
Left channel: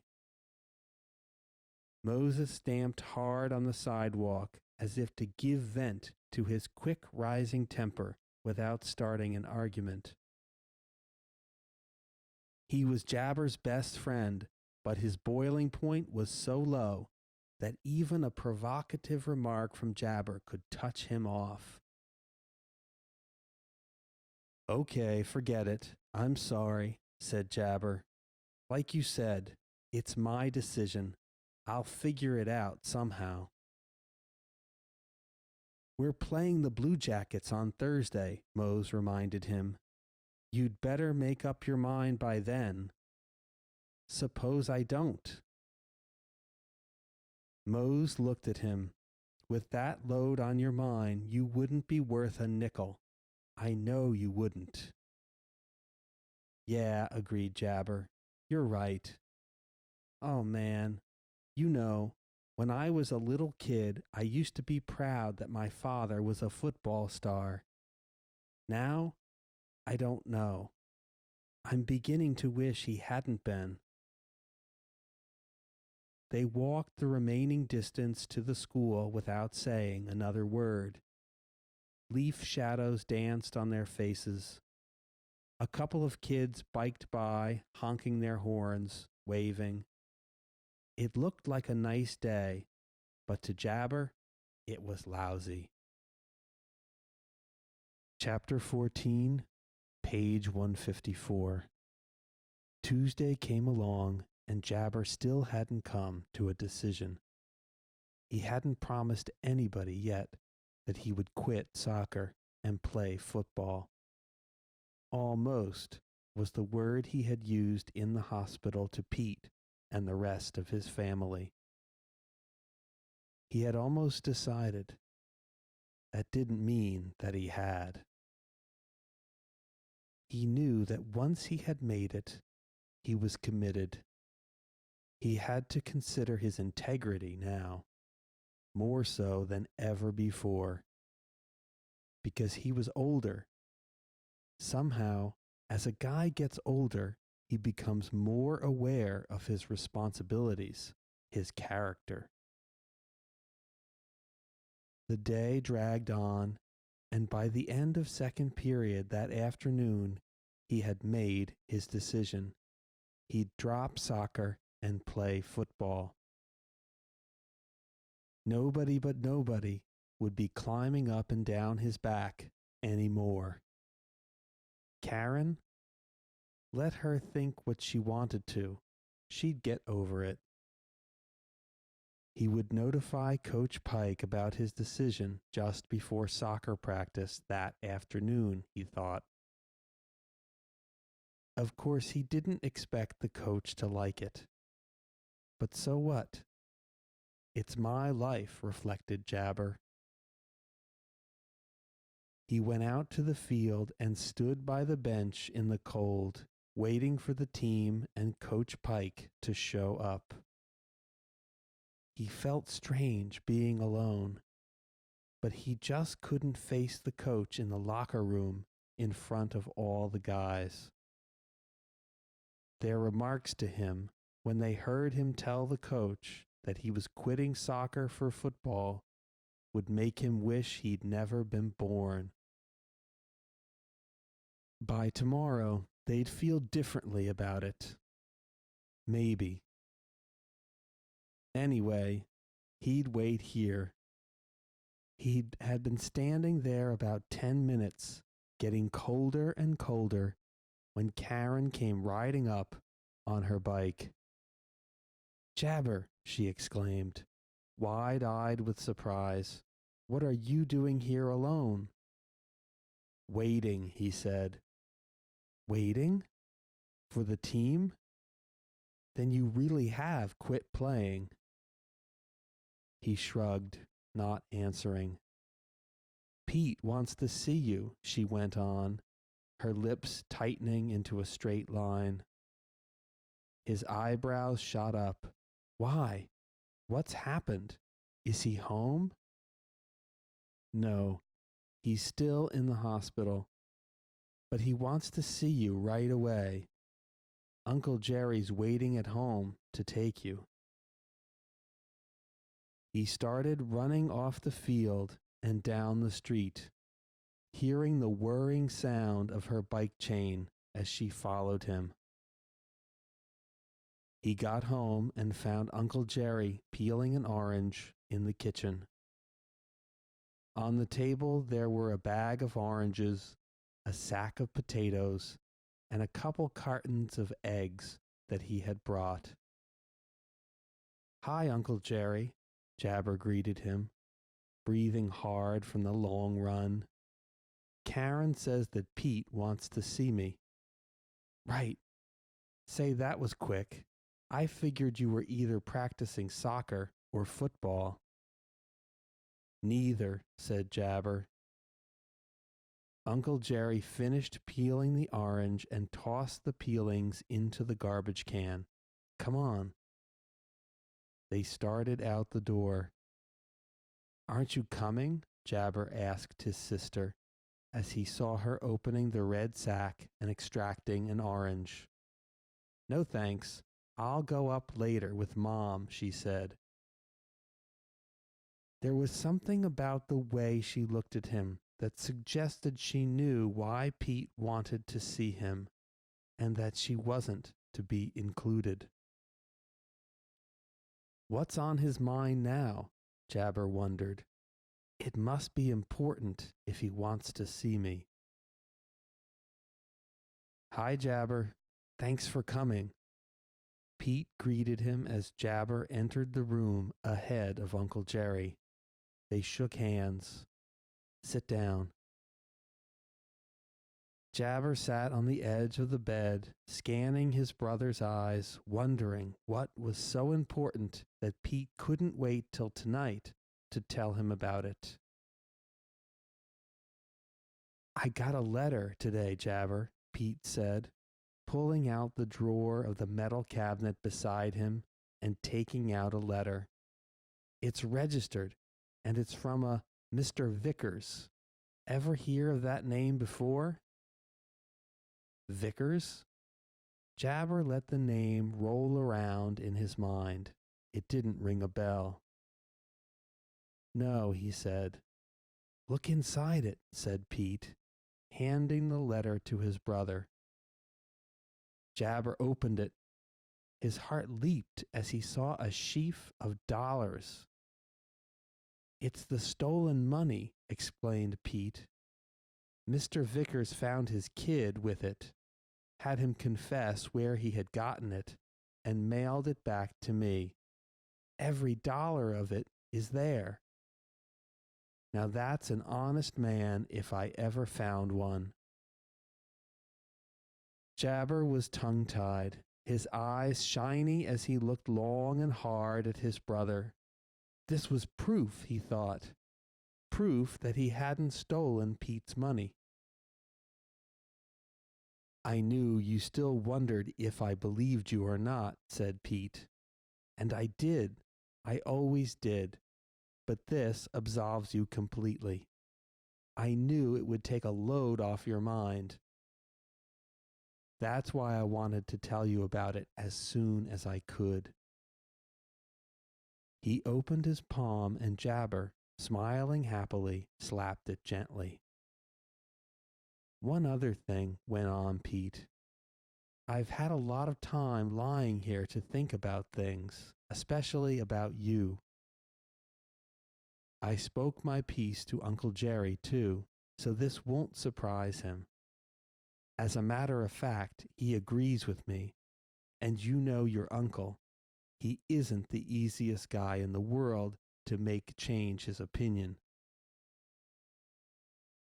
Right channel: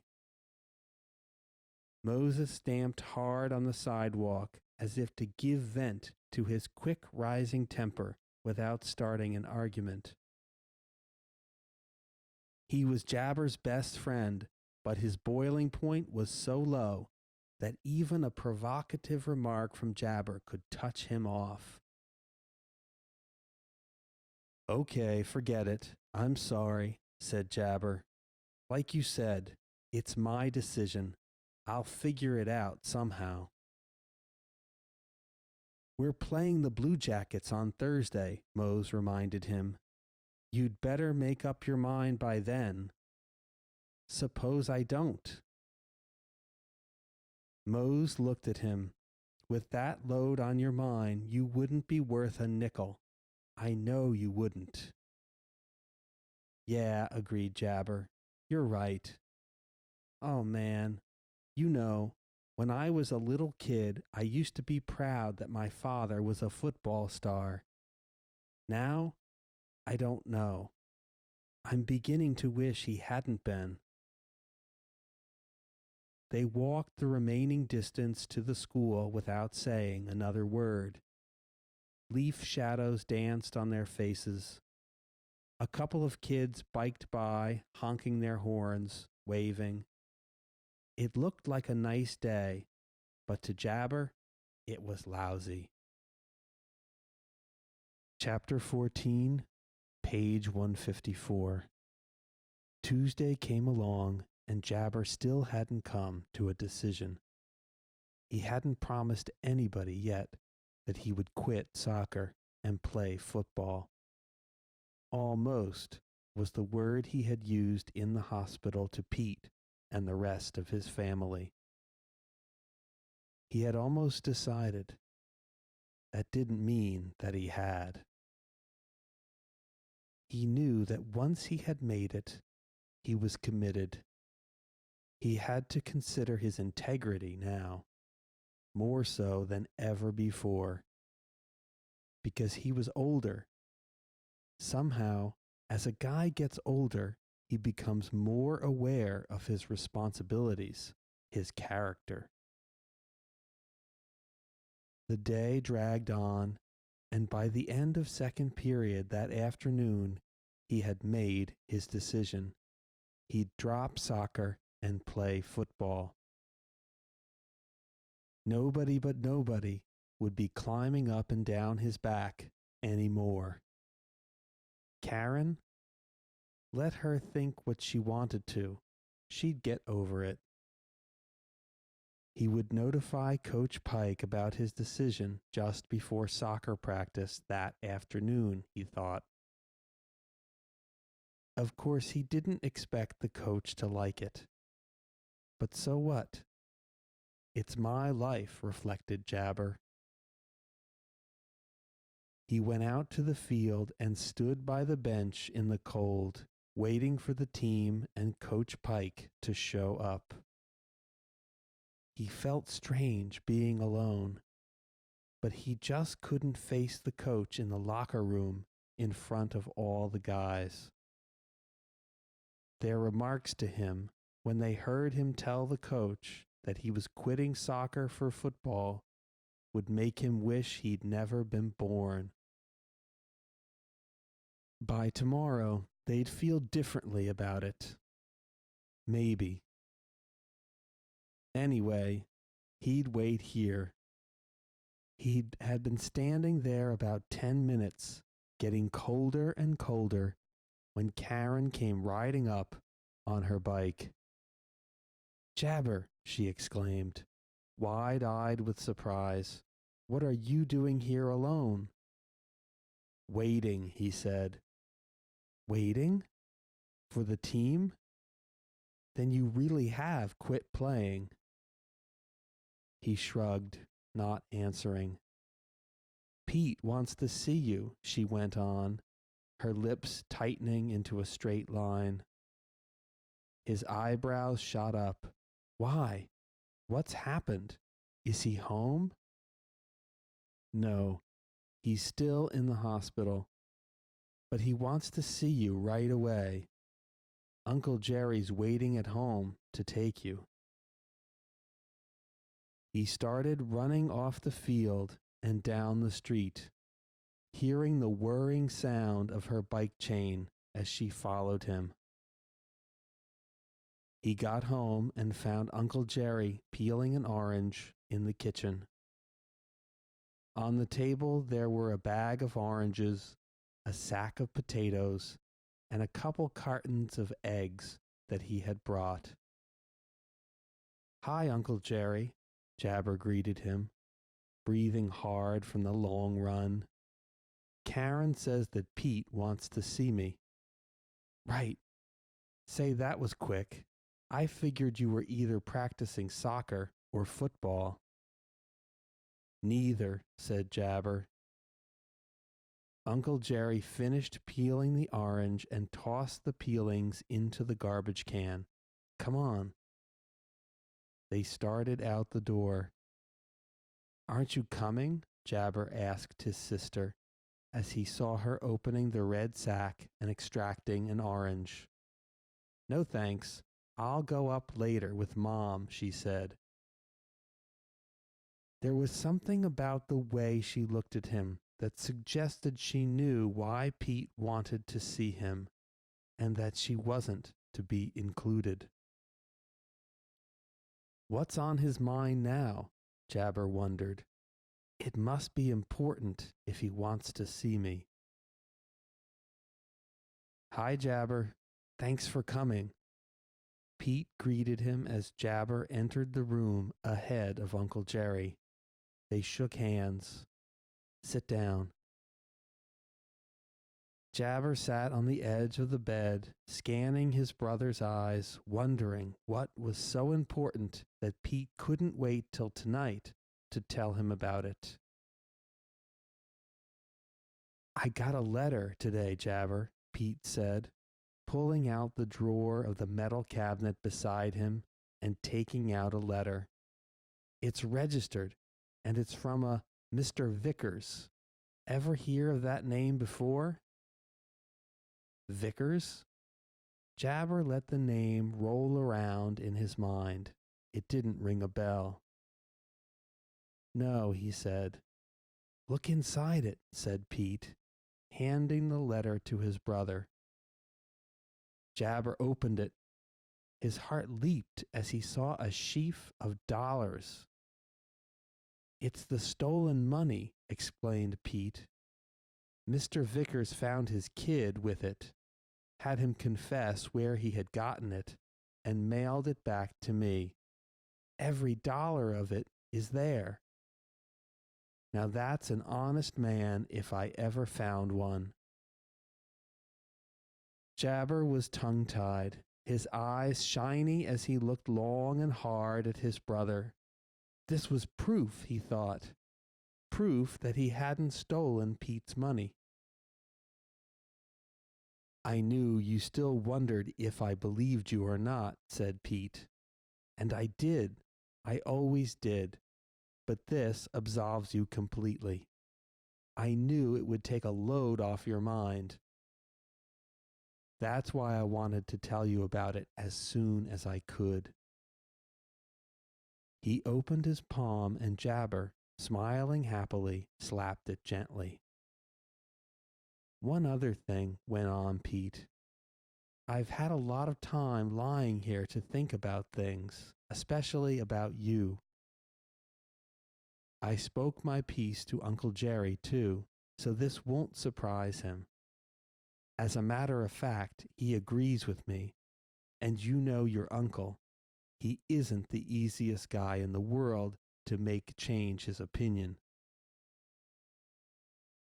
Moses stamped hard on the sidewalk as if to give vent to his quick rising temper without starting an argument. He was Jabber's best friend, but his boiling point was so low that even a provocative remark from Jabber could touch him off. Okay, forget it. I'm sorry, said Jabber. Like you said, it's my decision. I'll figure it out somehow. We're playing the Blue Jackets on Thursday, Mose reminded him. You'd better make up your mind by then. Suppose I don't. Mose looked at him. With that load on your mind, you wouldn't be worth a nickel. I know you wouldn't. Yeah, agreed Jabber. You're right. Oh, man. You know, when I was a little kid, I used to be proud that my father was a football star. Now, I don't know. I'm beginning to wish he hadn't been. They walked the remaining distance to the school without saying another word. Leaf shadows danced on their faces. A couple of kids biked by, honking their horns, waving. It looked like a nice day, but to Jabber, it was lousy. Chapter 14, Page 154. Tuesday came along, and Jabber still hadn't come to a decision. He hadn't promised anybody yet that he would quit soccer and play football. Almost was the word he had used in the hospital to Pete and the rest of his family. He had almost decided. That didn't mean that he had. He knew that once he had made it, he was committed. He had to consider his integrity now, more so than ever before, because he was older. Somehow, as a guy gets older, he becomes more aware of his responsibilities, his character. The day dragged on, and by the end of second period that afternoon, he had made his decision. He'd drop soccer and play football. Nobody but nobody would be climbing up and down his back anymore. Karen? Let her think what she wanted to. She'd get over it. He would notify Coach Pike about his decision just before soccer practice that afternoon, he thought. Of course, he didn't expect the coach to like it. But so what? It's my life, reflected Jabber. He went out to the field and stood by the bench in the cold, waiting for the team and Coach Pike to show up. He felt strange being alone, but he just couldn't face the coach in the locker room in front of all the guys. Their remarks to him, when they heard him tell the coach that he was quitting soccer for football, would make him wish he'd never been born. By tomorrow, they'd feel differently about it. Maybe. Anyway, he'd wait here. He had been standing there about 10 minutes, getting colder and colder, when Karen came riding up on her bike. Jabber, she exclaimed, wide-eyed with surprise. What are you doing here alone? Waiting, he said. Waiting? For the team? Then you really have quit playing. He shrugged, not answering. Pete wants to see you, she went on, her lips tightening into a straight line. His eyebrows shot up. Why? What's happened? Is he home? No, he's still in the hospital. But he wants to see you right away. Uncle Jerry's waiting at home to take you. He started running off the field and down the street, hearing the whirring sound of her bike chain as she followed him. He got home and found Uncle Jerry peeling an orange in the kitchen. On the table there were a bag of oranges, a sack of potatoes, and a couple cartons of eggs that he had brought. Hi, Uncle Jerry, Jabber greeted him, breathing hard from the long run. Karen says that Pete wants to see me. Right. Say, that was quick. I figured you were either practicing soccer or football. Neither, said Jabber. Uncle Jerry finished peeling the orange and tossed the peelings into the garbage can. Come on. They started out the door. Aren't you coming? Jabber asked his sister as he saw her opening the red sack and extracting an orange. No thanks. I'll go up later with Mom, she said. There was something about the way she looked at him that suggested she knew why Pete wanted to see him and that she wasn't to be included. What's on his mind now? Jabber wondered. It must be important if he wants to see me. Hi, Jabber. Thanks for coming. Pete greeted him as Jabber entered the room ahead of Uncle Jerry. They shook hands. Sit down. Jabber sat on the edge of the bed, scanning his brother's eyes, wondering what was so important that Pete couldn't wait till tonight to tell him about it. I got a letter today, Jabber, Pete said, pulling out the drawer of the metal cabinet beside him and taking out a letter. It's registered, and it's from a Mr. Vickers. Ever hear of that name before? Vickers? Jabber let the name roll around in his mind. It didn't ring a bell. No, he said. Look inside it, said Pete, handing the letter to his brother. Jabber opened it. His heart leaped as he saw a sheaf of dollars. It's the stolen money, explained Pete. Mr. Vickers found his kid with it, had him confess where he had gotten it, and mailed it back to me. Every dollar of it is there. Now that's an honest man if I ever found one. Jabber was tongue-tied, his eyes shiny as he looked long and hard at his brother. This was proof, he thought, proof that he hadn't stolen Pete's money. I knew you still wondered if I believed you or not, said Pete. And I did. I always did. But this absolves you completely. I knew it would take a load off your mind. That's why I wanted to tell you about it as soon as I could. He opened his palm and Jabber, smiling happily, slapped it gently. One other thing, went on Pete. I've had a lot of time lying here to think about things, especially about you. I spoke my piece to Uncle Jerry, too, so this won't surprise him. As a matter of fact, he agrees with me, and you know your uncle. He isn't the easiest guy in the world to make change his opinion.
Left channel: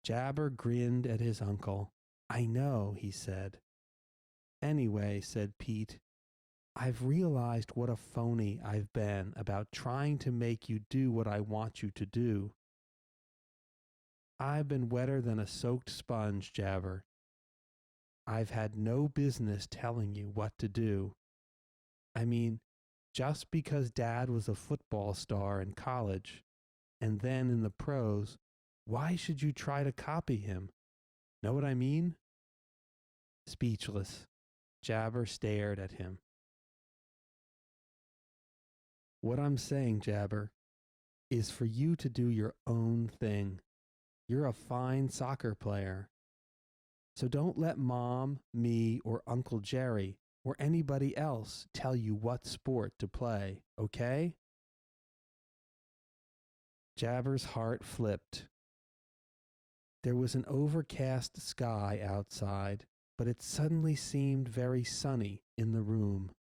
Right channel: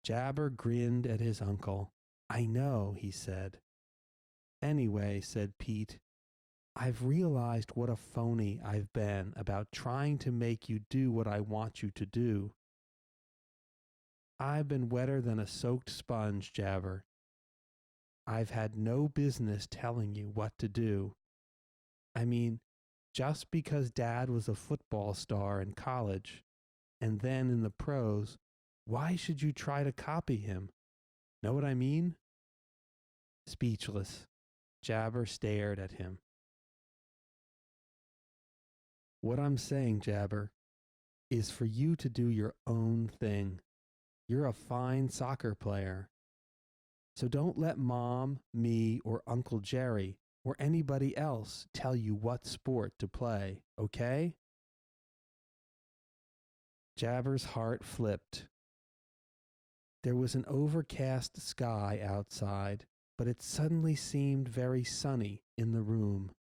Jabber grinned at his uncle. I know, he said. Anyway, said Pete, I've realized what a phony I've been about trying to make you do what I want you to do. I've been wetter than a soaked sponge, Jabber. I've had no business telling you what to do. I mean, just because Dad was a football star in college and then in the pros, why should you try to copy him? Know what I mean? Speechless, Jabber stared at him. What I'm saying, Jabber, is for you to do your own thing. You're a fine soccer player. So don't let Mom, me, or Uncle Jerry, or anybody else tell you what sport to play, okay? Jabber's heart flipped. There was an overcast sky outside, but it suddenly seemed very sunny in the room.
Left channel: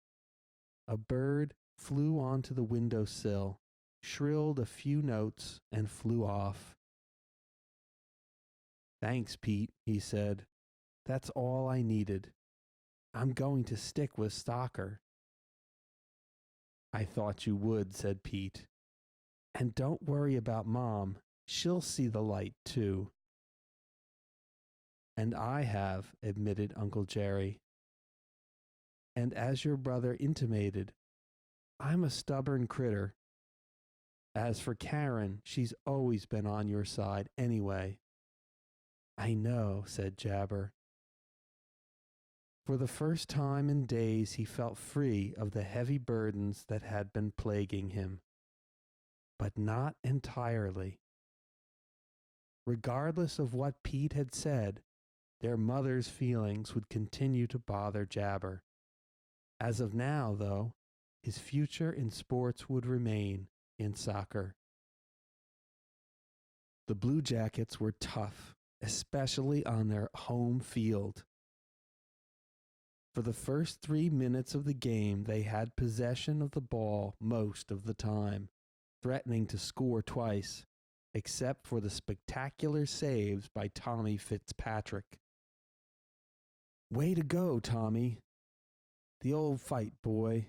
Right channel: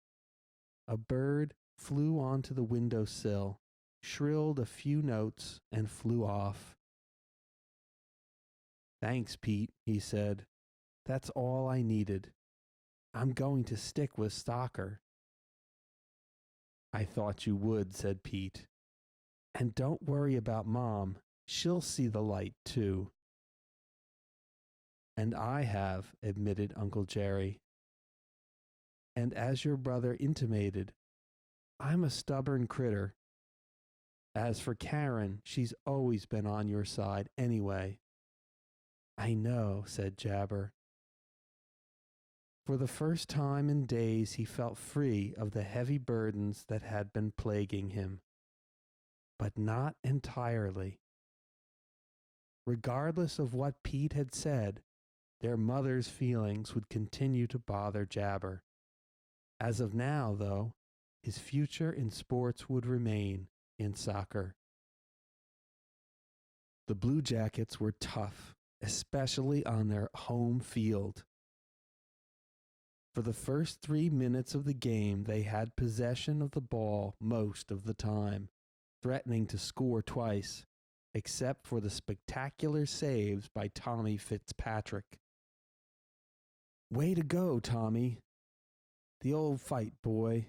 A bird flew onto the window sill, shrilled a few notes, and flew off. Thanks, Pete, he said. That's all I needed. I'm going to stick with soccer. I thought you would, said Pete. And don't worry about Mom. She'll see the light, too. And I have, admitted Uncle Jerry. And as your brother intimated, I'm a stubborn critter. As for Karen, she's always been on your side anyway. I know, said Jabber. For the first time in days, he felt free of the heavy burdens that had been plaguing him. But not entirely. Regardless of what Pete had said, their mother's feelings would continue to bother Jabber. As of now, though, his future in sports would remain in soccer. The Blue Jackets were tough, especially on their home field. For the first 3 minutes of the game, they had possession of the ball most of the time, threatening to score twice, except for the spectacular saves by Tommy Fitzpatrick. Way to go, Tommy. The old fight, boy.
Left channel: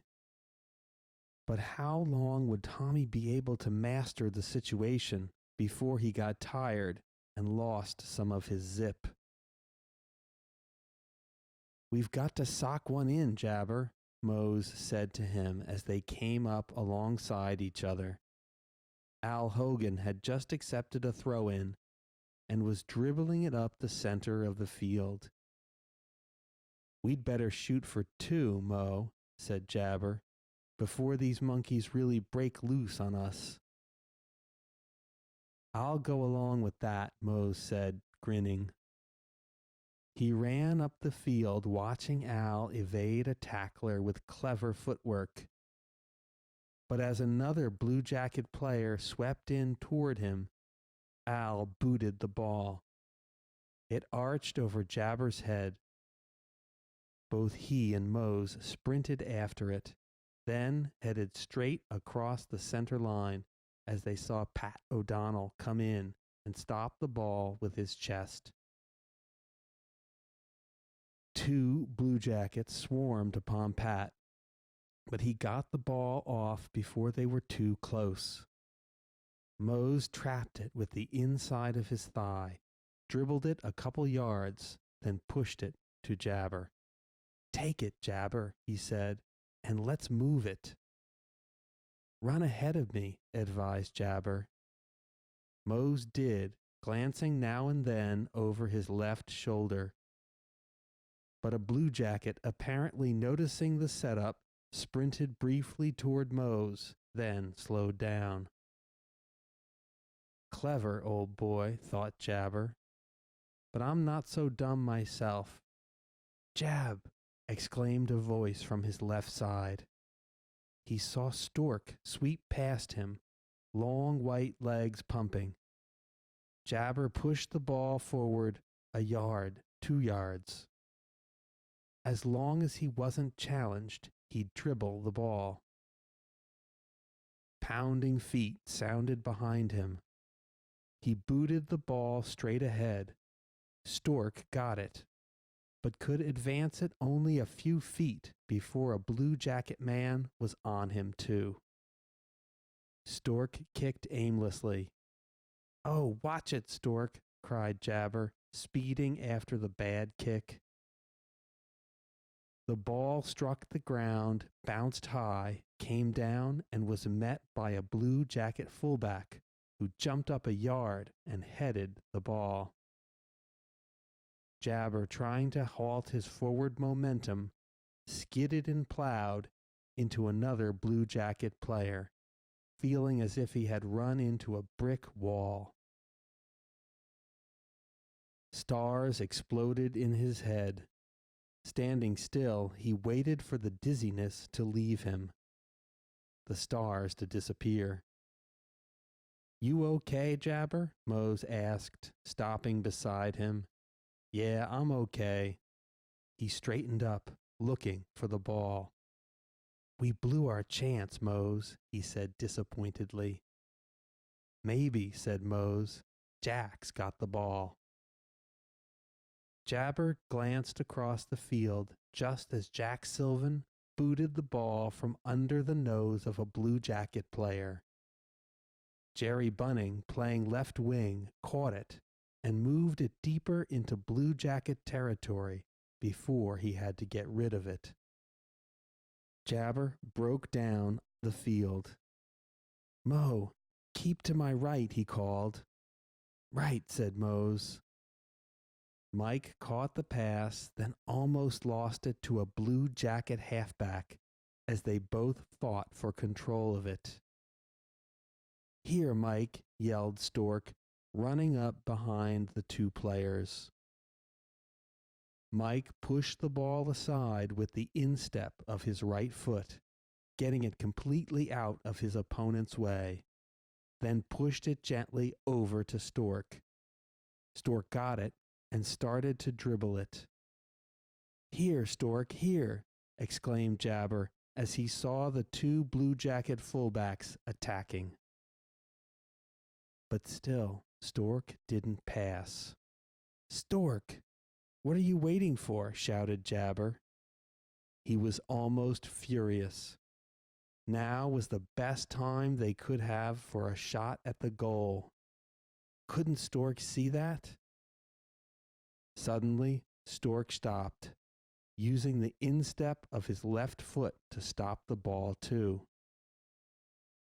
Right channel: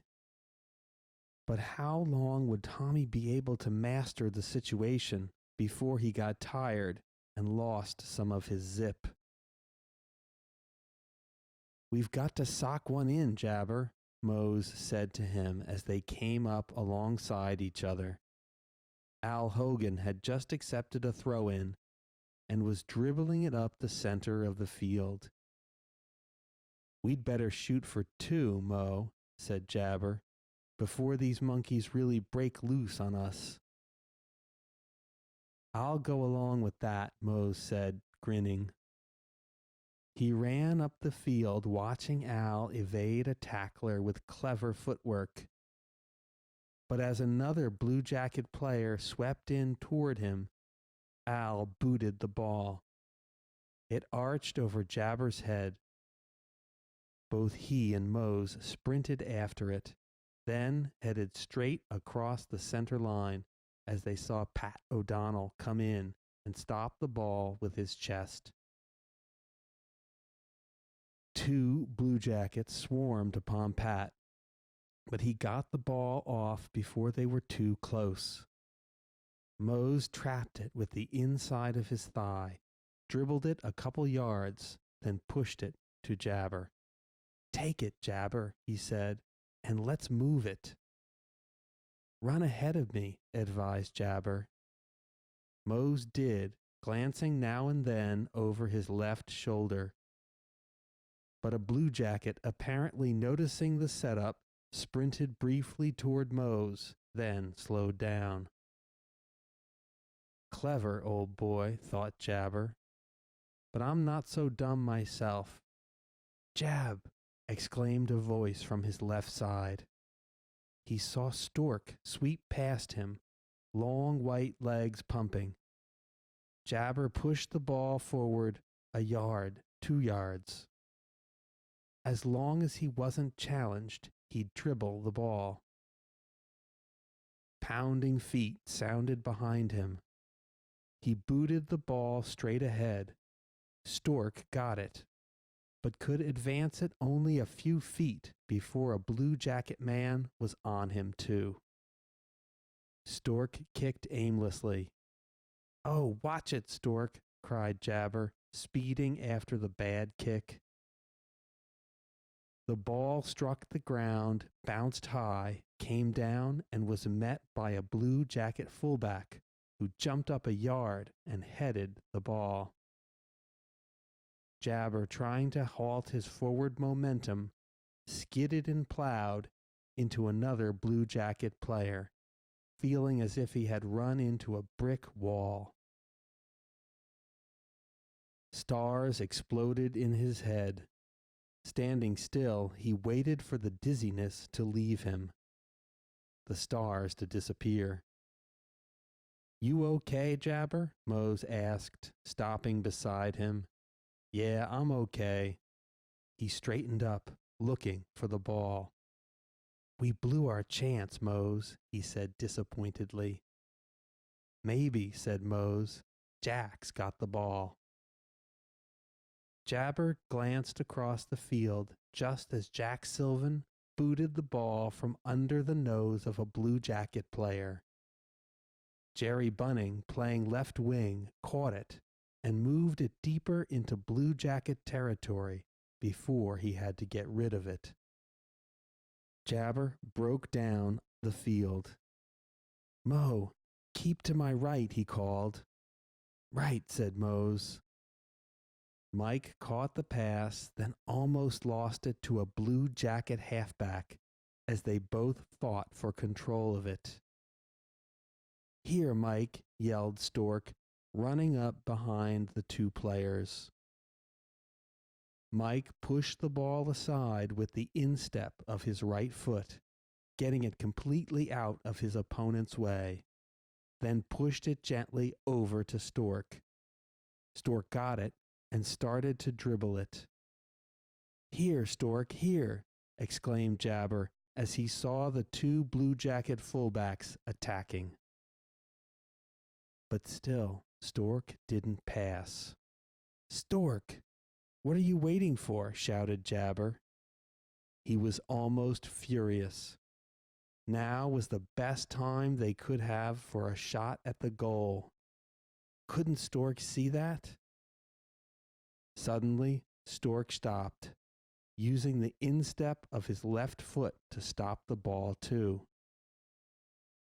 But how long would Tommy be able to master the situation before he got tired and lost some of his zip? We've got to sock one in, Jabber, Mose said to him as they came up alongside each other. Al Hogan had just accepted a throw in and was dribbling it up the center of the field. We'd better shoot for two, Mo, said Jabber, before these monkeys really break loose on us. I'll go along with that, Mose said, grinning. He ran up the field, watching Al evade a tackler with clever footwork. But as another Blue Jacket player swept in toward him, Al booted the ball. It arched over Jabber's head. Both he and Mose sprinted after it, then headed straight across the center line as they saw Pat O'Donnell come in and stop the ball with his chest. Two Blue Jackets swarmed upon Pat, but he got the ball off before they were too close. Mose trapped it with the inside of his thigh, dribbled it a couple yards, then pushed it to Jabber. Take it, Jabber, he said, and let's move it. Run ahead of me, advised Jabber. Mose did, glancing now and then over his left shoulder. But a Blue Jacket, apparently noticing the setup, sprinted briefly toward Mose, then slowed down. Clever, old boy, thought Jabber. But I'm not so dumb myself. Jab! Exclaimed a voice from his left side. He saw Stork sweep past him, long white legs pumping. Jabber pushed the ball forward a yard, 2 yards. As long as he wasn't challenged, he'd dribble the ball. Pounding feet sounded behind him. He booted the ball straight ahead. Stork got it, but could advance it only a few feet before a Blue Jacket man was on him too. Stork kicked aimlessly. Oh, watch it, Stork, cried Jabber, speeding after the bad kick. The ball struck the ground, bounced high, came down, and was met by a Blue Jacket fullback who jumped up a yard and headed the ball. Jabber, trying to halt his forward momentum, skidded and plowed into another Blue Jacket player, feeling as if he had run into a brick wall. Stars exploded in his head. Standing still, he waited for the dizziness to leave him, the stars to disappear. You okay, Jabber? Mose asked, stopping beside him. Yeah, I'm okay. He straightened up, looking for the ball. We blew our chance, Mose, he said disappointedly. Maybe, said Mose. Jack's got the ball. Jabber glanced across the field just as Jack Sylvan booted the ball from under the nose of a Blue Jacket player. Jerry Bunning, playing left wing, caught it and moved it deeper into Blue Jacket territory before he had to get rid of it. Jabber broke down the field. Mo, keep to my right, he called. Right, said Mose. Mike caught the pass, then almost lost it to a Blue Jacket halfback as they both fought for control of it. Here, Mike, yelled Stork, running up behind the two players. Mike pushed the ball aside with the instep of his right foot, getting it completely out of his opponent's way, then pushed it gently over to Stork. Stork got it and started to dribble it. Here, Stork, here, exclaimed Jabber as he saw the two Blue Jacket fullbacks attacking. But still, Stork didn't pass. Stork, what are you waiting for? Shouted Jabber. He was almost furious. Now was the best time they could have for a shot at the goal. Couldn't Stork see that? Suddenly, Stork stopped, using the instep of his left foot to stop the ball too.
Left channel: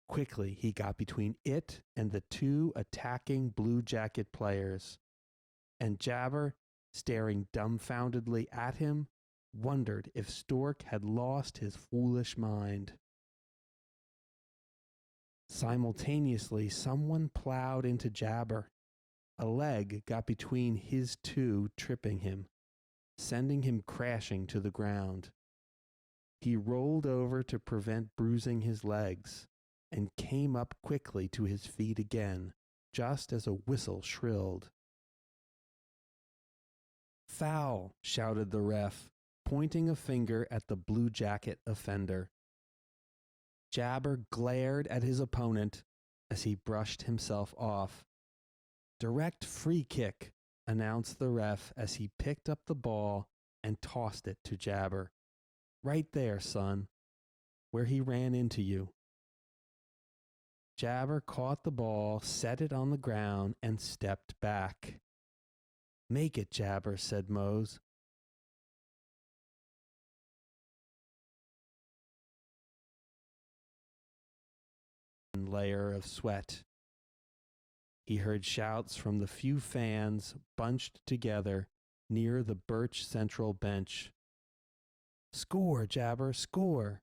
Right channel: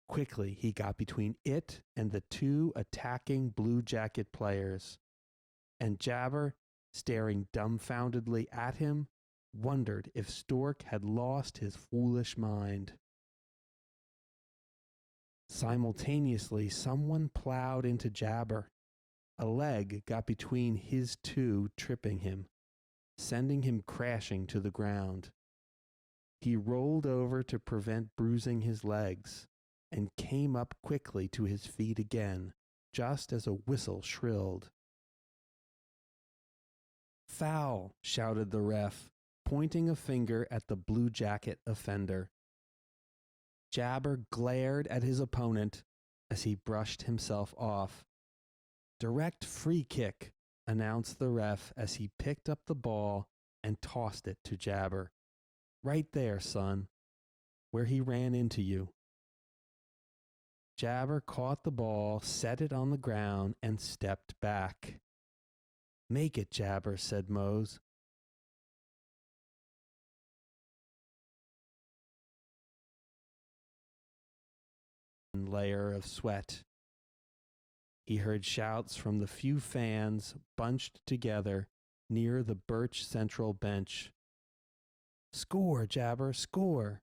Quickly, he got between it and the two attacking Blue Jacket players, and Jabber, staring dumbfoundedly at him, wondered if Stork had lost his foolish mind. Simultaneously, someone plowed into Jabber. A leg got between his two, tripping him, sending him crashing to the ground. He rolled over to prevent bruising his legs and came up quickly to his feet again, just as a whistle shrilled. Foul, shouted the ref, pointing a finger at the Blue Jacket offender. Jabber glared at his opponent as he brushed himself off. Direct free kick, announced the ref as he picked up the ball and tossed it to Jabber. Right there, son, where he ran into you. Jabber caught the ball, set it on the ground, and stepped back. Make it, Jabber, said Mose. Layer of sweat. He heard shouts from the few fans bunched together near the Birch Central bench. Score, Jabber, score!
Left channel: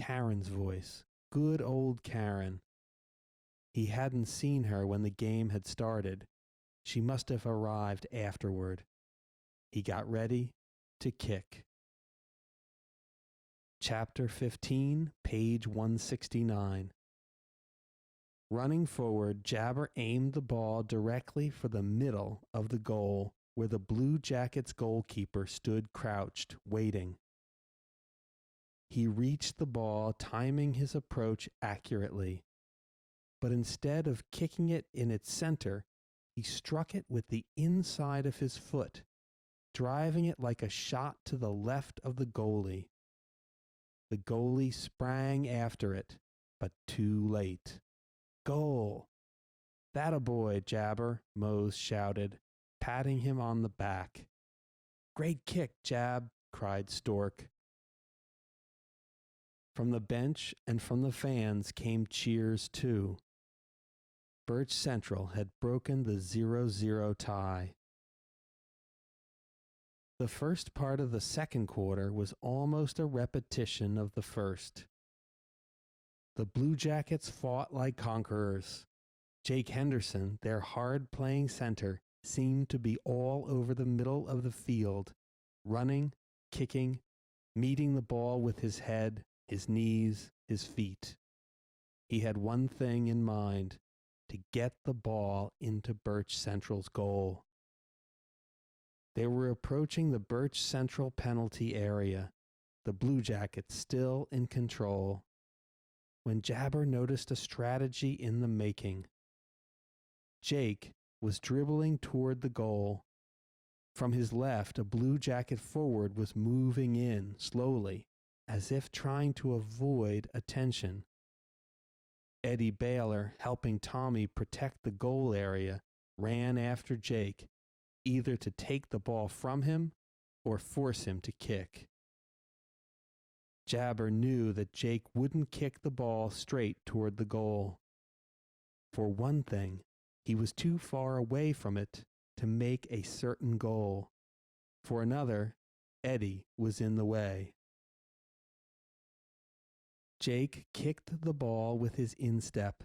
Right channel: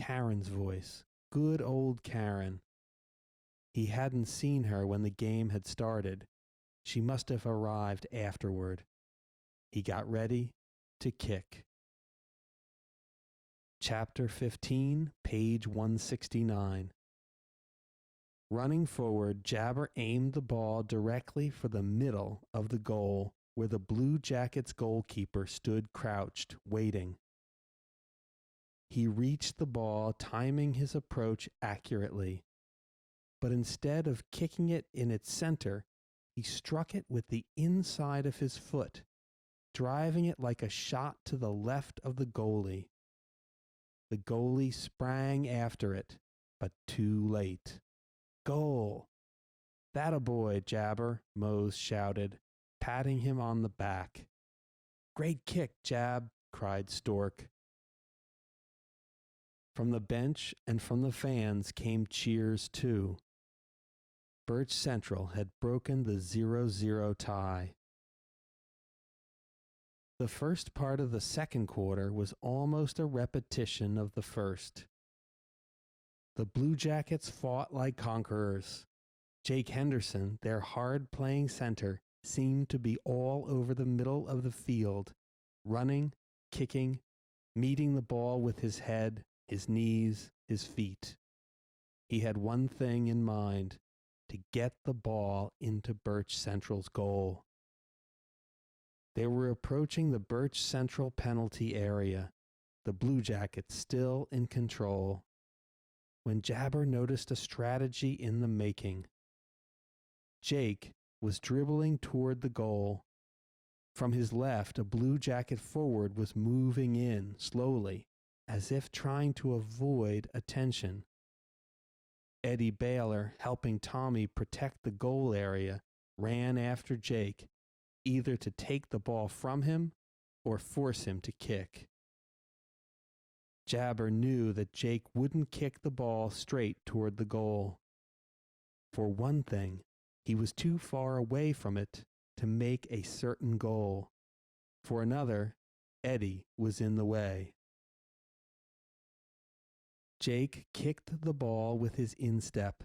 Karen's voice. Good old Karen. He hadn't seen her when the game had started. She must have arrived afterward. He got ready to kick. Chapter 15, page 169. Running forward, Jabber aimed the ball directly for the middle of the goal, where the Blue Jackets goalkeeper stood crouched, waiting. He reached the ball, timing his approach accurately. But instead of kicking it in its center, he struck it with the inside of his foot, driving it like a shot to the left of the goalie. The goalie sprang after it, but too late. Goal! That a boy, Jabber, Mose shouted, patting him on the back. Great kick, Jab, cried Stork. From the bench and from the fans came cheers too. Birch Central had broken the 0-0 tie. The first part of the second quarter was almost a repetition of the first. The Blue Jackets fought like conquerors. Jake Henderson, their hard-playing center, seemed to be all over the middle of the field, running, kicking, meeting the ball with his head, his knees, his feet. He had one thing in mind, to get the ball into Birch Central's goal. They were approaching the Birch Central penalty area, the Blue Jackets still in control, when Jabber noticed a strategy in the making. Jake was dribbling toward the goal. From his left, a Blue Jacket forward was moving in slowly, as if trying to avoid attention. Eddie Baylor, helping Tommy protect the goal area, ran after Jake, either to take the ball from him or force him to kick. Jabber knew that Jake wouldn't kick the ball straight toward the goal. For one thing, he was too far away from it to make a certain goal. For another, Eddie was in the way. Jake kicked the ball with his instep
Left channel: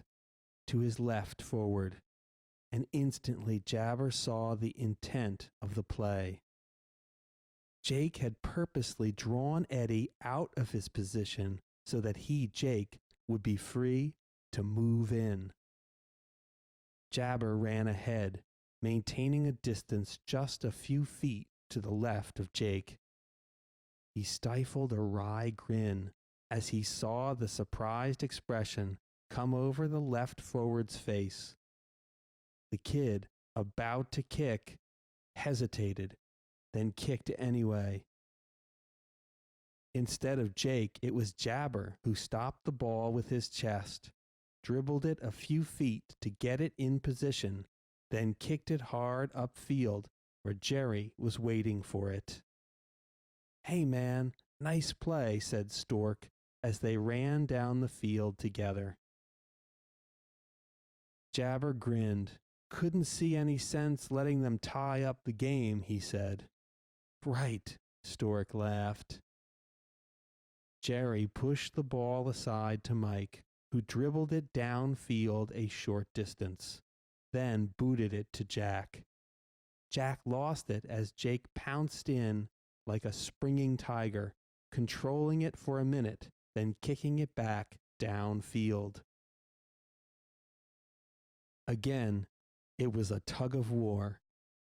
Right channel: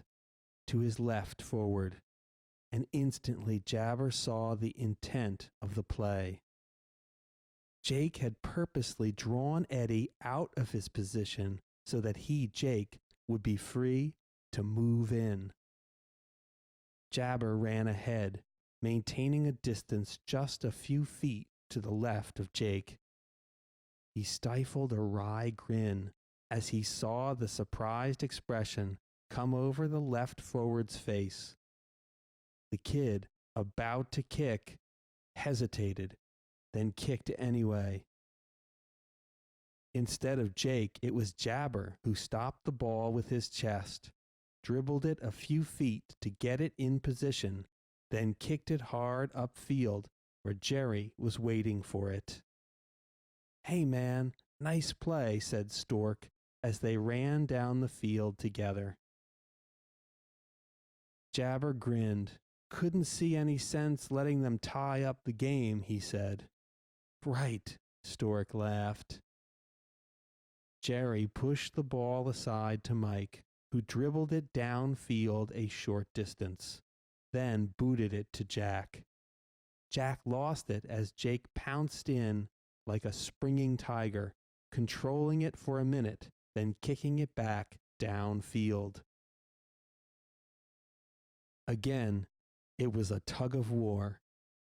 to his left forward, and instantly Jabber saw the intent of the play. Jake had purposely drawn Eddie out of his position so that he, Jake, would be free to move in. Jabber ran ahead, maintaining a distance just a few feet to the left of Jake. He stifled a wry grin as he saw the surprised expression come over the left forward's face. The kid, about to kick, hesitated, then kicked anyway. Instead of Jake, it was Jabber who stopped the ball with his chest, dribbled it a few feet to get it in position, then kicked it hard upfield where Jerry was waiting for it. "Hey, man, nice play," said Stork as they ran down the field together. Jabber grinned. "Couldn't see any sense letting them tie up the game," he said. "Right," Stork laughed. Jerry pushed the ball aside to Mike, who dribbled it downfield a short distance, then booted it to Jack. Jack lost it as Jake pounced in like a springing tiger, controlling it for a minute, then kicking it back downfield. Again, it was a tug of war,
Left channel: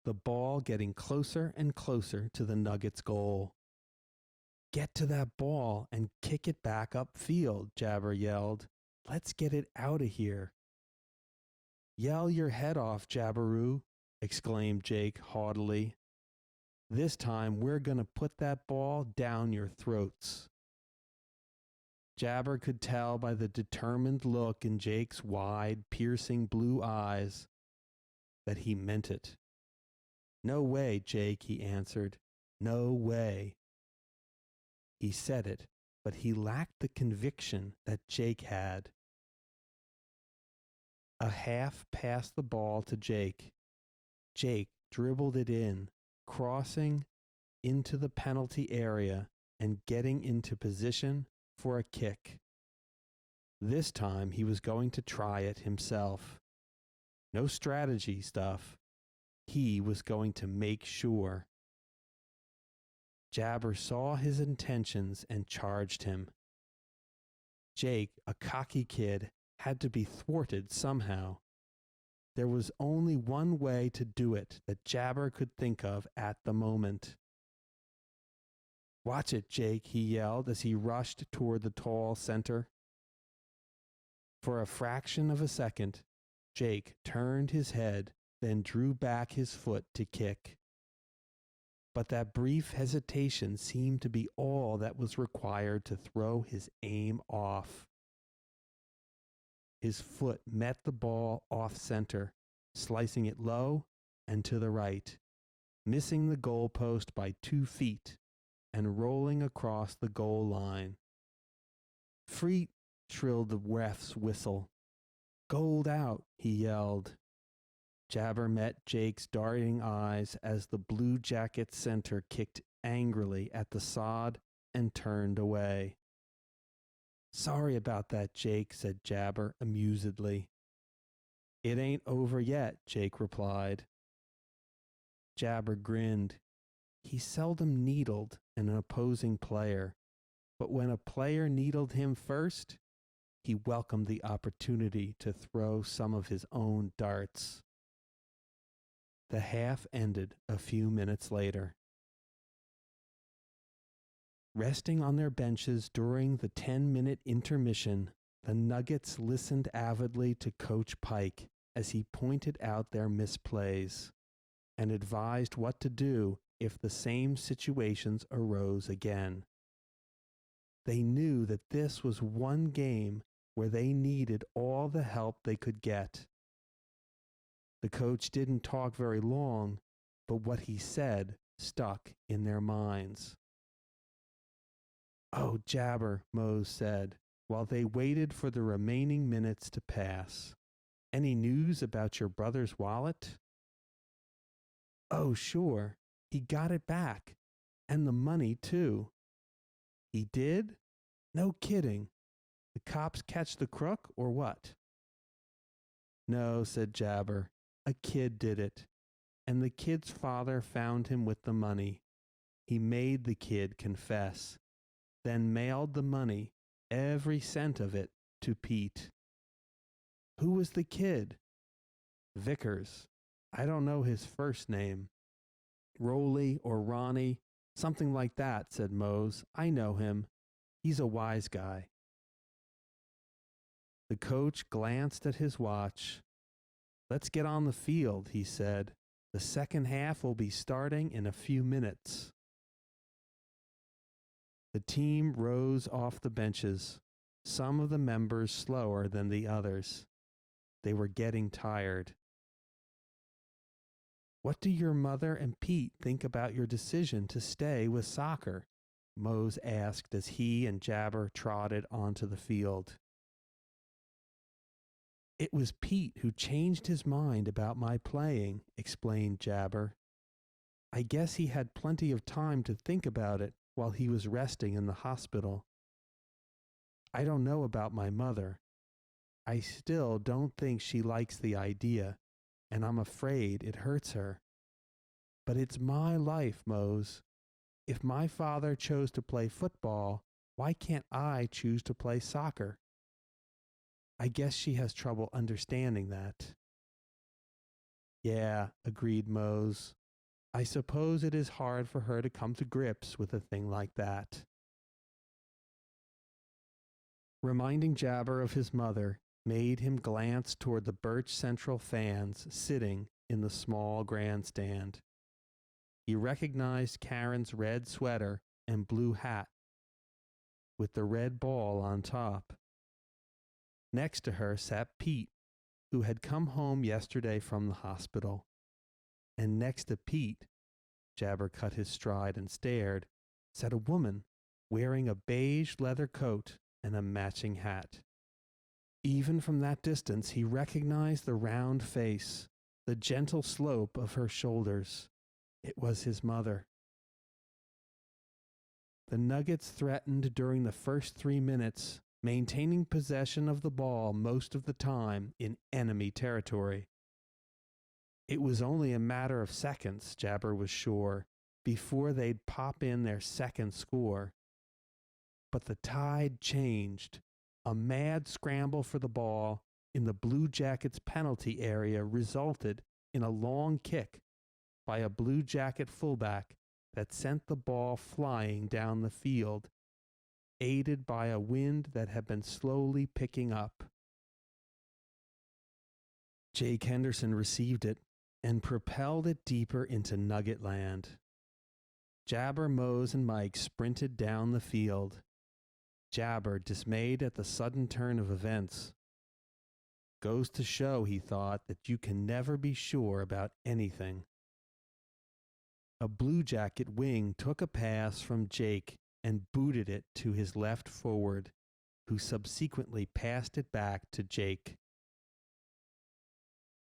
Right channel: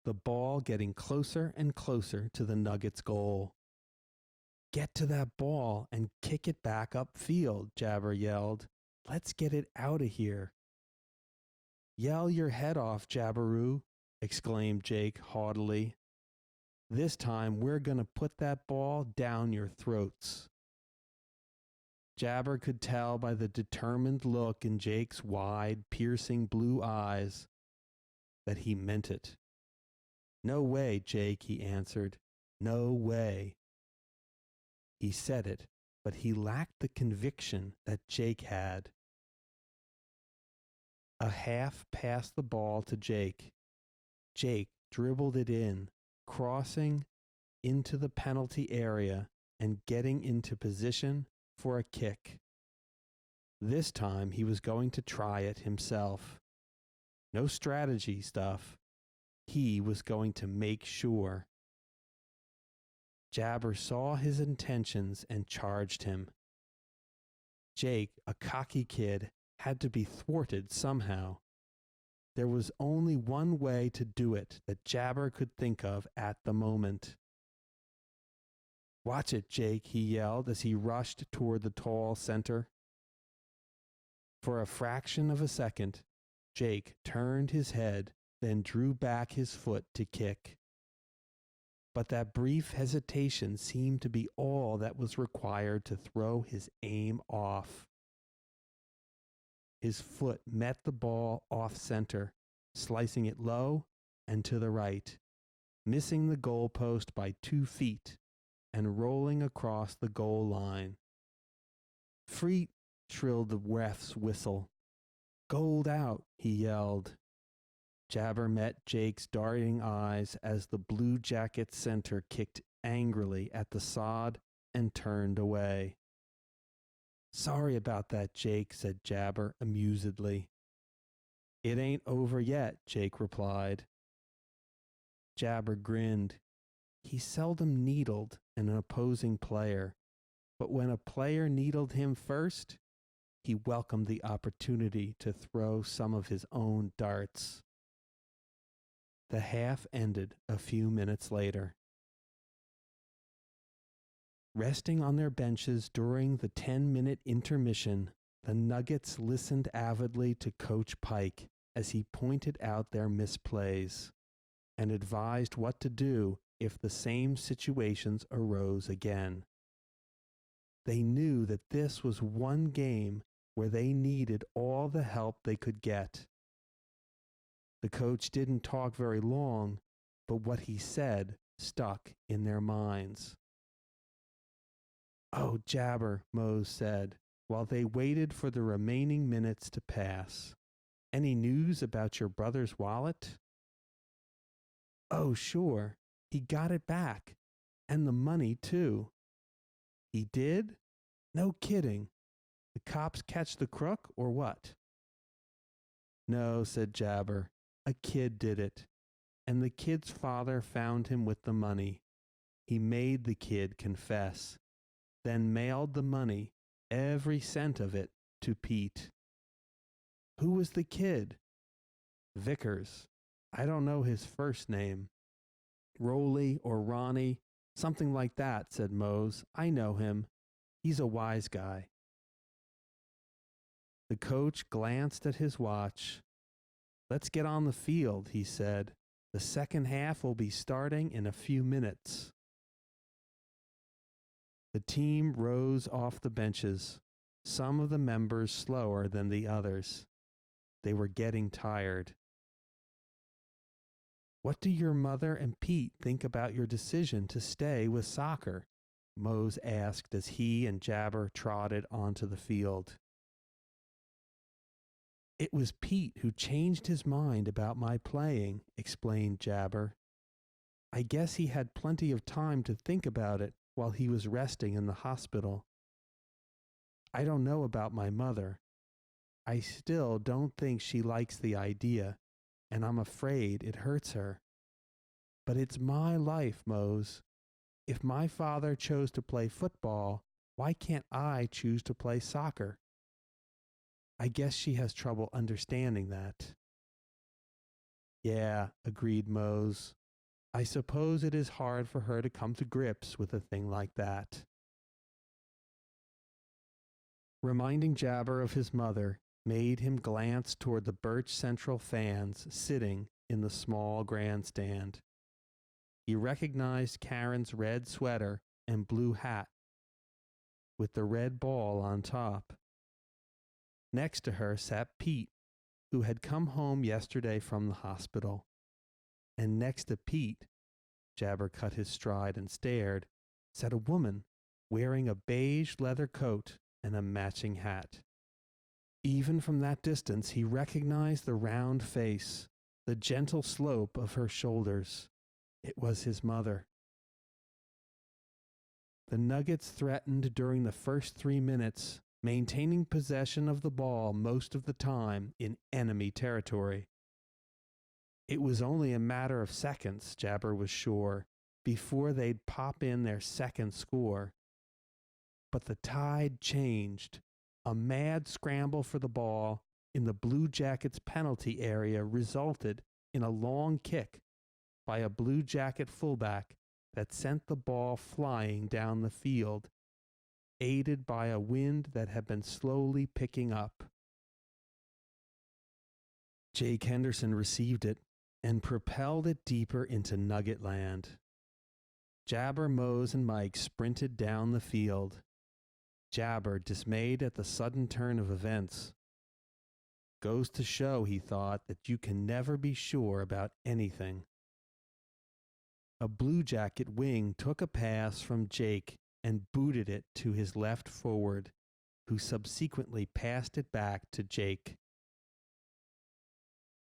the ball getting closer and closer to the Nuggets' goal. "Get to that ball and kick it back upfield," Jabber yelled. "Let's get it out of here." "Yell your head off, Jabberoo," exclaimed Jake haughtily. "This time we're going to put that ball down your throats." Jabber could tell by the determined look in Jake's wide, piercing blue eyes that he meant it. "No way, Jake," he answered. "No way." He said it, but he lacked the conviction that Jake had. A half passed the ball to Jake. Jake dribbled it in, crossing into the penalty area and getting into position for a kick. This time he was going to try it himself. No strategy stuff. He was going to make sure. Jabber saw his intentions and charged him. Jake, a cocky kid, had to be thwarted somehow. There was only one way to do it that Jabber could think of at the moment. "Watch it, Jake," he yelled as he rushed toward the tall center. For a fraction of a second, Jake turned his head, then drew back his foot to kick. But that brief hesitation seemed to be all that was required to throw his aim off. His foot met the ball off center, slicing it low and to the right, missing the goalpost by 2 feet and rolling across the goal line. "Free," trilled the ref's whistle. "Goaled out," he yelled. Jabber met Jake's darting eyes as the Blue Jacket center kicked angrily at the sod and turned away. "Sorry about that, Jake," said Jabber amusedly. "It ain't over yet," Jake replied. Jabber grinned. He seldom needled an opposing player, but when a player needled him first, he welcomed the opportunity to throw some of his own darts. The half ended a few minutes later. Resting on their benches during the 10-minute intermission, the Nuggets listened avidly to Coach Pike as he pointed out their misplays and advised what to do if the same situations arose again. They knew that this was one game where they needed all the help they could get. The coach didn't talk very long, but what he said stuck in their minds. "Oh, Jabber," Mose said, while they waited for the remaining minutes to pass. "Any news about your brother's wallet?" "Oh, sure. He got it back. And the money, too." "He did? No kidding. The cops catch the crook or what?" "No," said Jabber. "A kid did it. And the kid's father found him with the money. He made the kid confess, then mailed the money, every cent of it, to Pete." "Who was the kid?" "Vickers. I don't know his first name." Rolly or Ronnie, something like that, said Mose. I know him. He's a wise guy. The coach glanced at his watch. Let's get on the field, he said. The second half will be starting in a few minutes. The team rose off the benches, some of the members slower than the others. They were getting tired. What do your mother and Pete think about your decision to stay with soccer? Mose asked as he and Jabar trotted onto the field. It was Pete who changed his mind about my playing, explained Jabar. I guess he had plenty of time to think about it while he was resting in the hospital. I don't know about my mother. I still don't think she likes the idea, and I'm afraid it hurts her. But it's my life, Mose. If my father chose to play football, why can't I choose to play soccer? I guess she has trouble understanding that. Yeah, agreed Mose. I suppose it is hard for her to come to grips with a thing like that. Reminding Jabar of his mother made him glance toward the Birch Central fans sitting in the small grandstand. He recognized Karen's red sweater and blue hat with the red ball on top. Next to her sat Pete, who had come home yesterday from the hospital. And next to Pete, Jabar cut his stride and stared, sat a woman wearing a beige leather coat and a matching hat. Even from that distance, he recognized the round face, the gentle slope of her shoulders. It was his mother. The Nuggets threatened during the first 3 minutes, maintaining possession of the ball most of the time in enemy territory. It was only a matter of seconds, Jabar was sure, before they'd pop in their second score. But the tide changed. A mad scramble for the ball in the Blue Jackets' penalty area resulted in a long kick by a Blue Jacket fullback that sent the ball flying down the field, aided by a wind that had been slowly picking up. Jake Henderson received it and propelled it deeper into Nugget land. Jabar, Mose, and Mike sprinted down the field. Jabar, dismayed at the sudden turn of events. Goes to show, he thought, that you can never be sure about anything. A Blue Jacket wing took a pass from Jake and booted it to his left forward, who subsequently passed it back to Jake.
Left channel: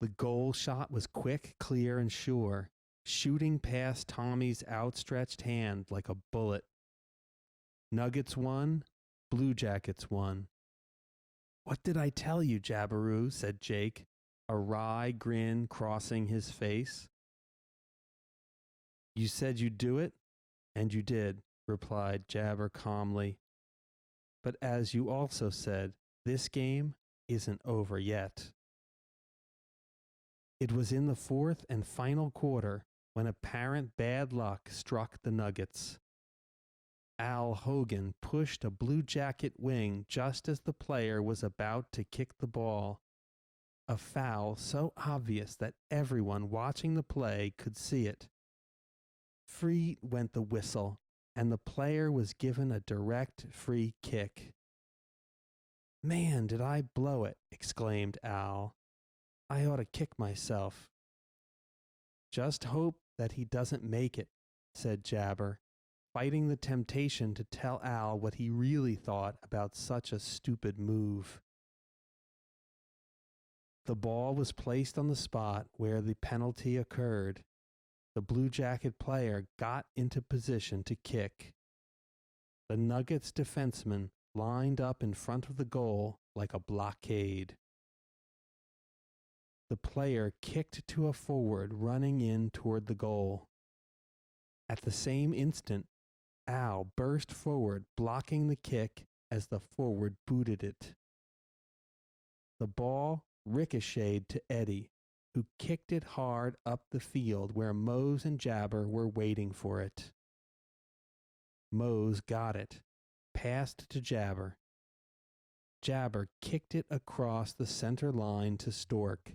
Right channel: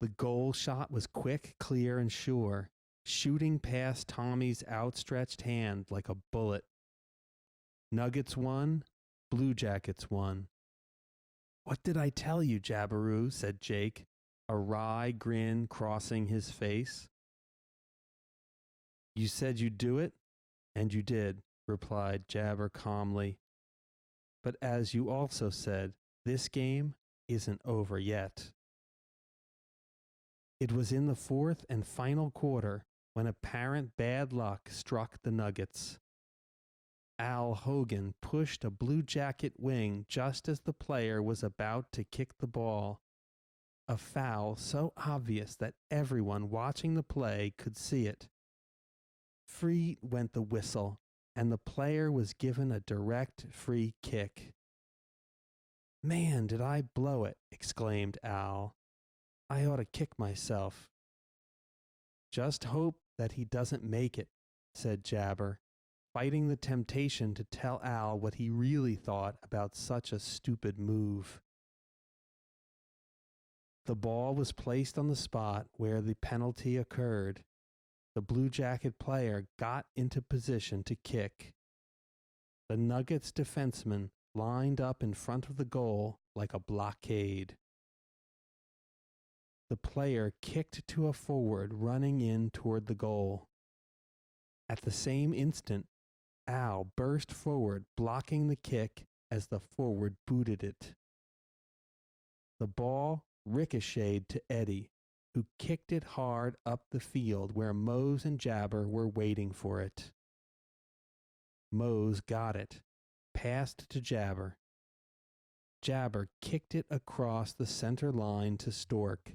The goal shot was quick, clear, and sure, shooting past Tommy's outstretched hand like a bullet. Nuggets won, Blue Jackets won. What did I tell you, Jabaroo? Said Jake, a wry grin crossing his face. You said you'd do it, and you did, replied Jabar calmly. But as you also said, this game isn't over yet. It was in the fourth and final quarter when apparent bad luck struck the Nuggets. Al Hogan pushed a Blue Jacket wing just as the player was about to kick the ball. A foul so obvious that everyone watching the play could see it. Free went the whistle, and the player was given a direct free kick. Man, did I blow it, exclaimed Al. I ought to kick myself. Just hope that he doesn't make it, said Jabar, fighting the temptation to tell Al what he really thought about such a stupid move. The ball was placed on the spot where the penalty occurred. The Blue Jacket player got into position to kick. The Nuggets defenseman lined up in front of the goal like a blockade. The player kicked to a forward running in toward the goal. At the same instant, Al burst forward, blocking the kick as the forward booted it. The ball ricocheted to Eddie, who kicked it hard up the field where Mose and Jabber were waiting for it. Mose got it, passed to Jabber. Jabber kicked it across the center line to Stork,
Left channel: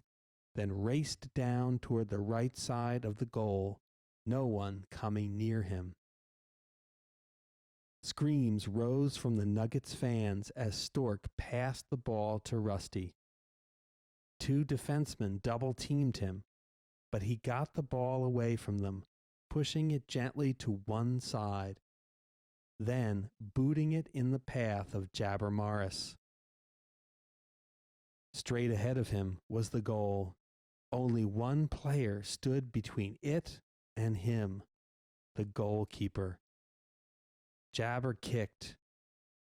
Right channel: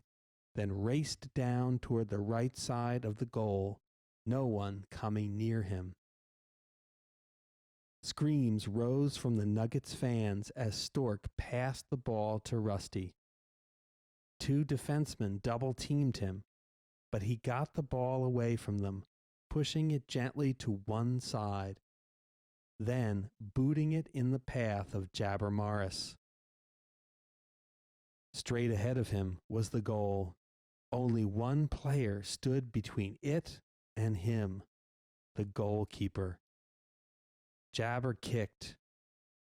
then raced down toward the right side of the goal, no one coming near him. Screams rose from the Nuggets fans as Stork passed the ball to Rusty. Two defensemen double-teamed him, but he got the ball away from them, pushing it gently to one side, then booting it in the path of Jabber Morris. Straight ahead of him was the goal. Only one player stood between it and him, the goalkeeper. Jabber kicked.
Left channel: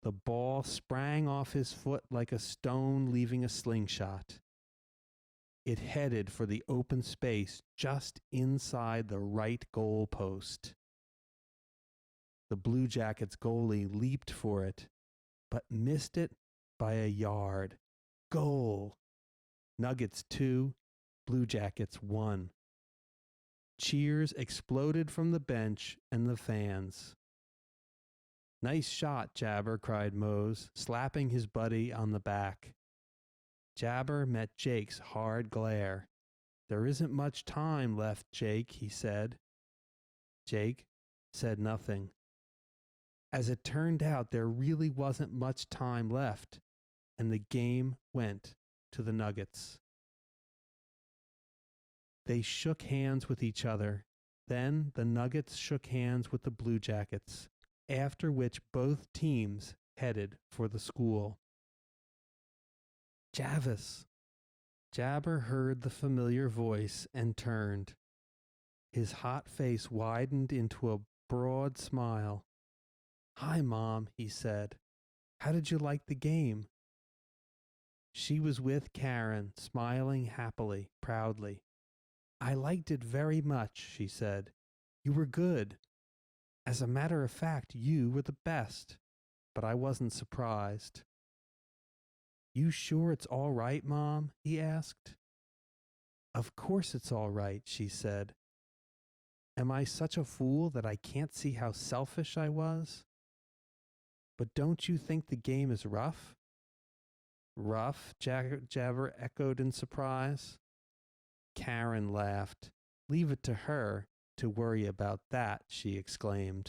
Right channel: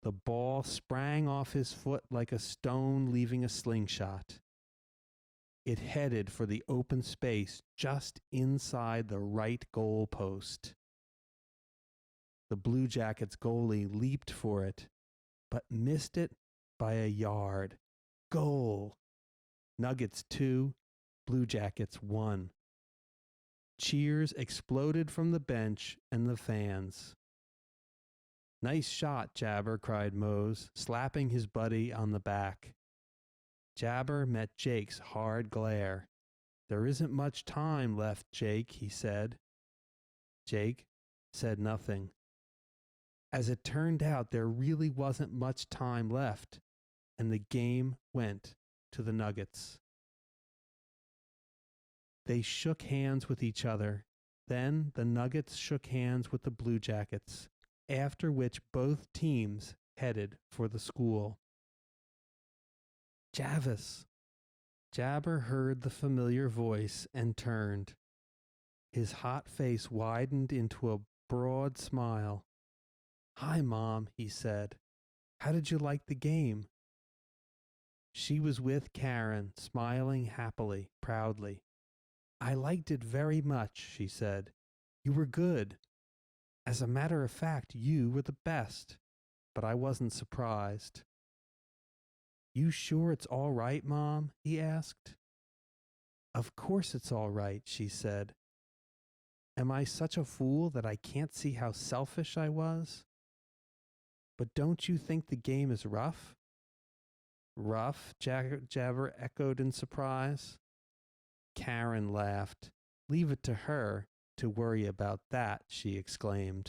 The ball sprang off his foot like a stone leaving a slingshot. It headed for the open space just inside the right goal post. The Blue Jackets goalie leaped for it, but missed it by a yard. Goal! Nuggets 2, Blue Jackets 1. Cheers exploded from the bench and the fans. Nice shot, Jabber, cried Mose, slapping his buddy on the back. Jabber met Jake's hard glare. There isn't much time left, Jake, he said. Jake said nothing. As it turned out, there really wasn't much time left, and the game went to the Nuggets. They shook hands with each other. Then the Nuggets shook hands with the Blue Jackets, after which both teams headed for the school. Javis! Jabber heard the familiar voice and turned. His hot face widened into a broad smile. Hi, Mom, he said. How did you like the game? She was with Karen, smiling happily, proudly. I liked it very much, she said. You were good. As a matter of fact, you were the best. But I wasn't surprised. You sure it's all right, Mom? He asked. Of course it's all right, she said. Am I such a fool that I can't see how selfish I was? But don't you think the game is rough? Rough? Jabber echoed in surprise. Karen laughed. Leave it to her to worry about that, she exclaimed.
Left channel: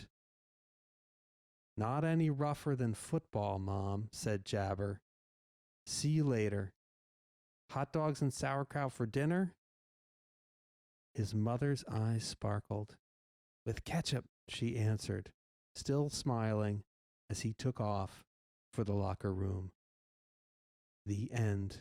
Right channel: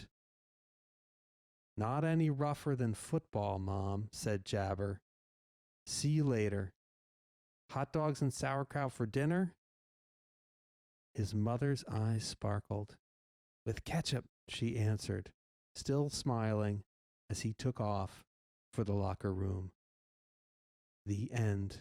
Not any rougher than football, Mom, said Jabber. See you later. Hot dogs and sauerkraut for dinner? His mother's eyes sparkled. With ketchup, she answered, still smiling as he took off for the locker room. The end.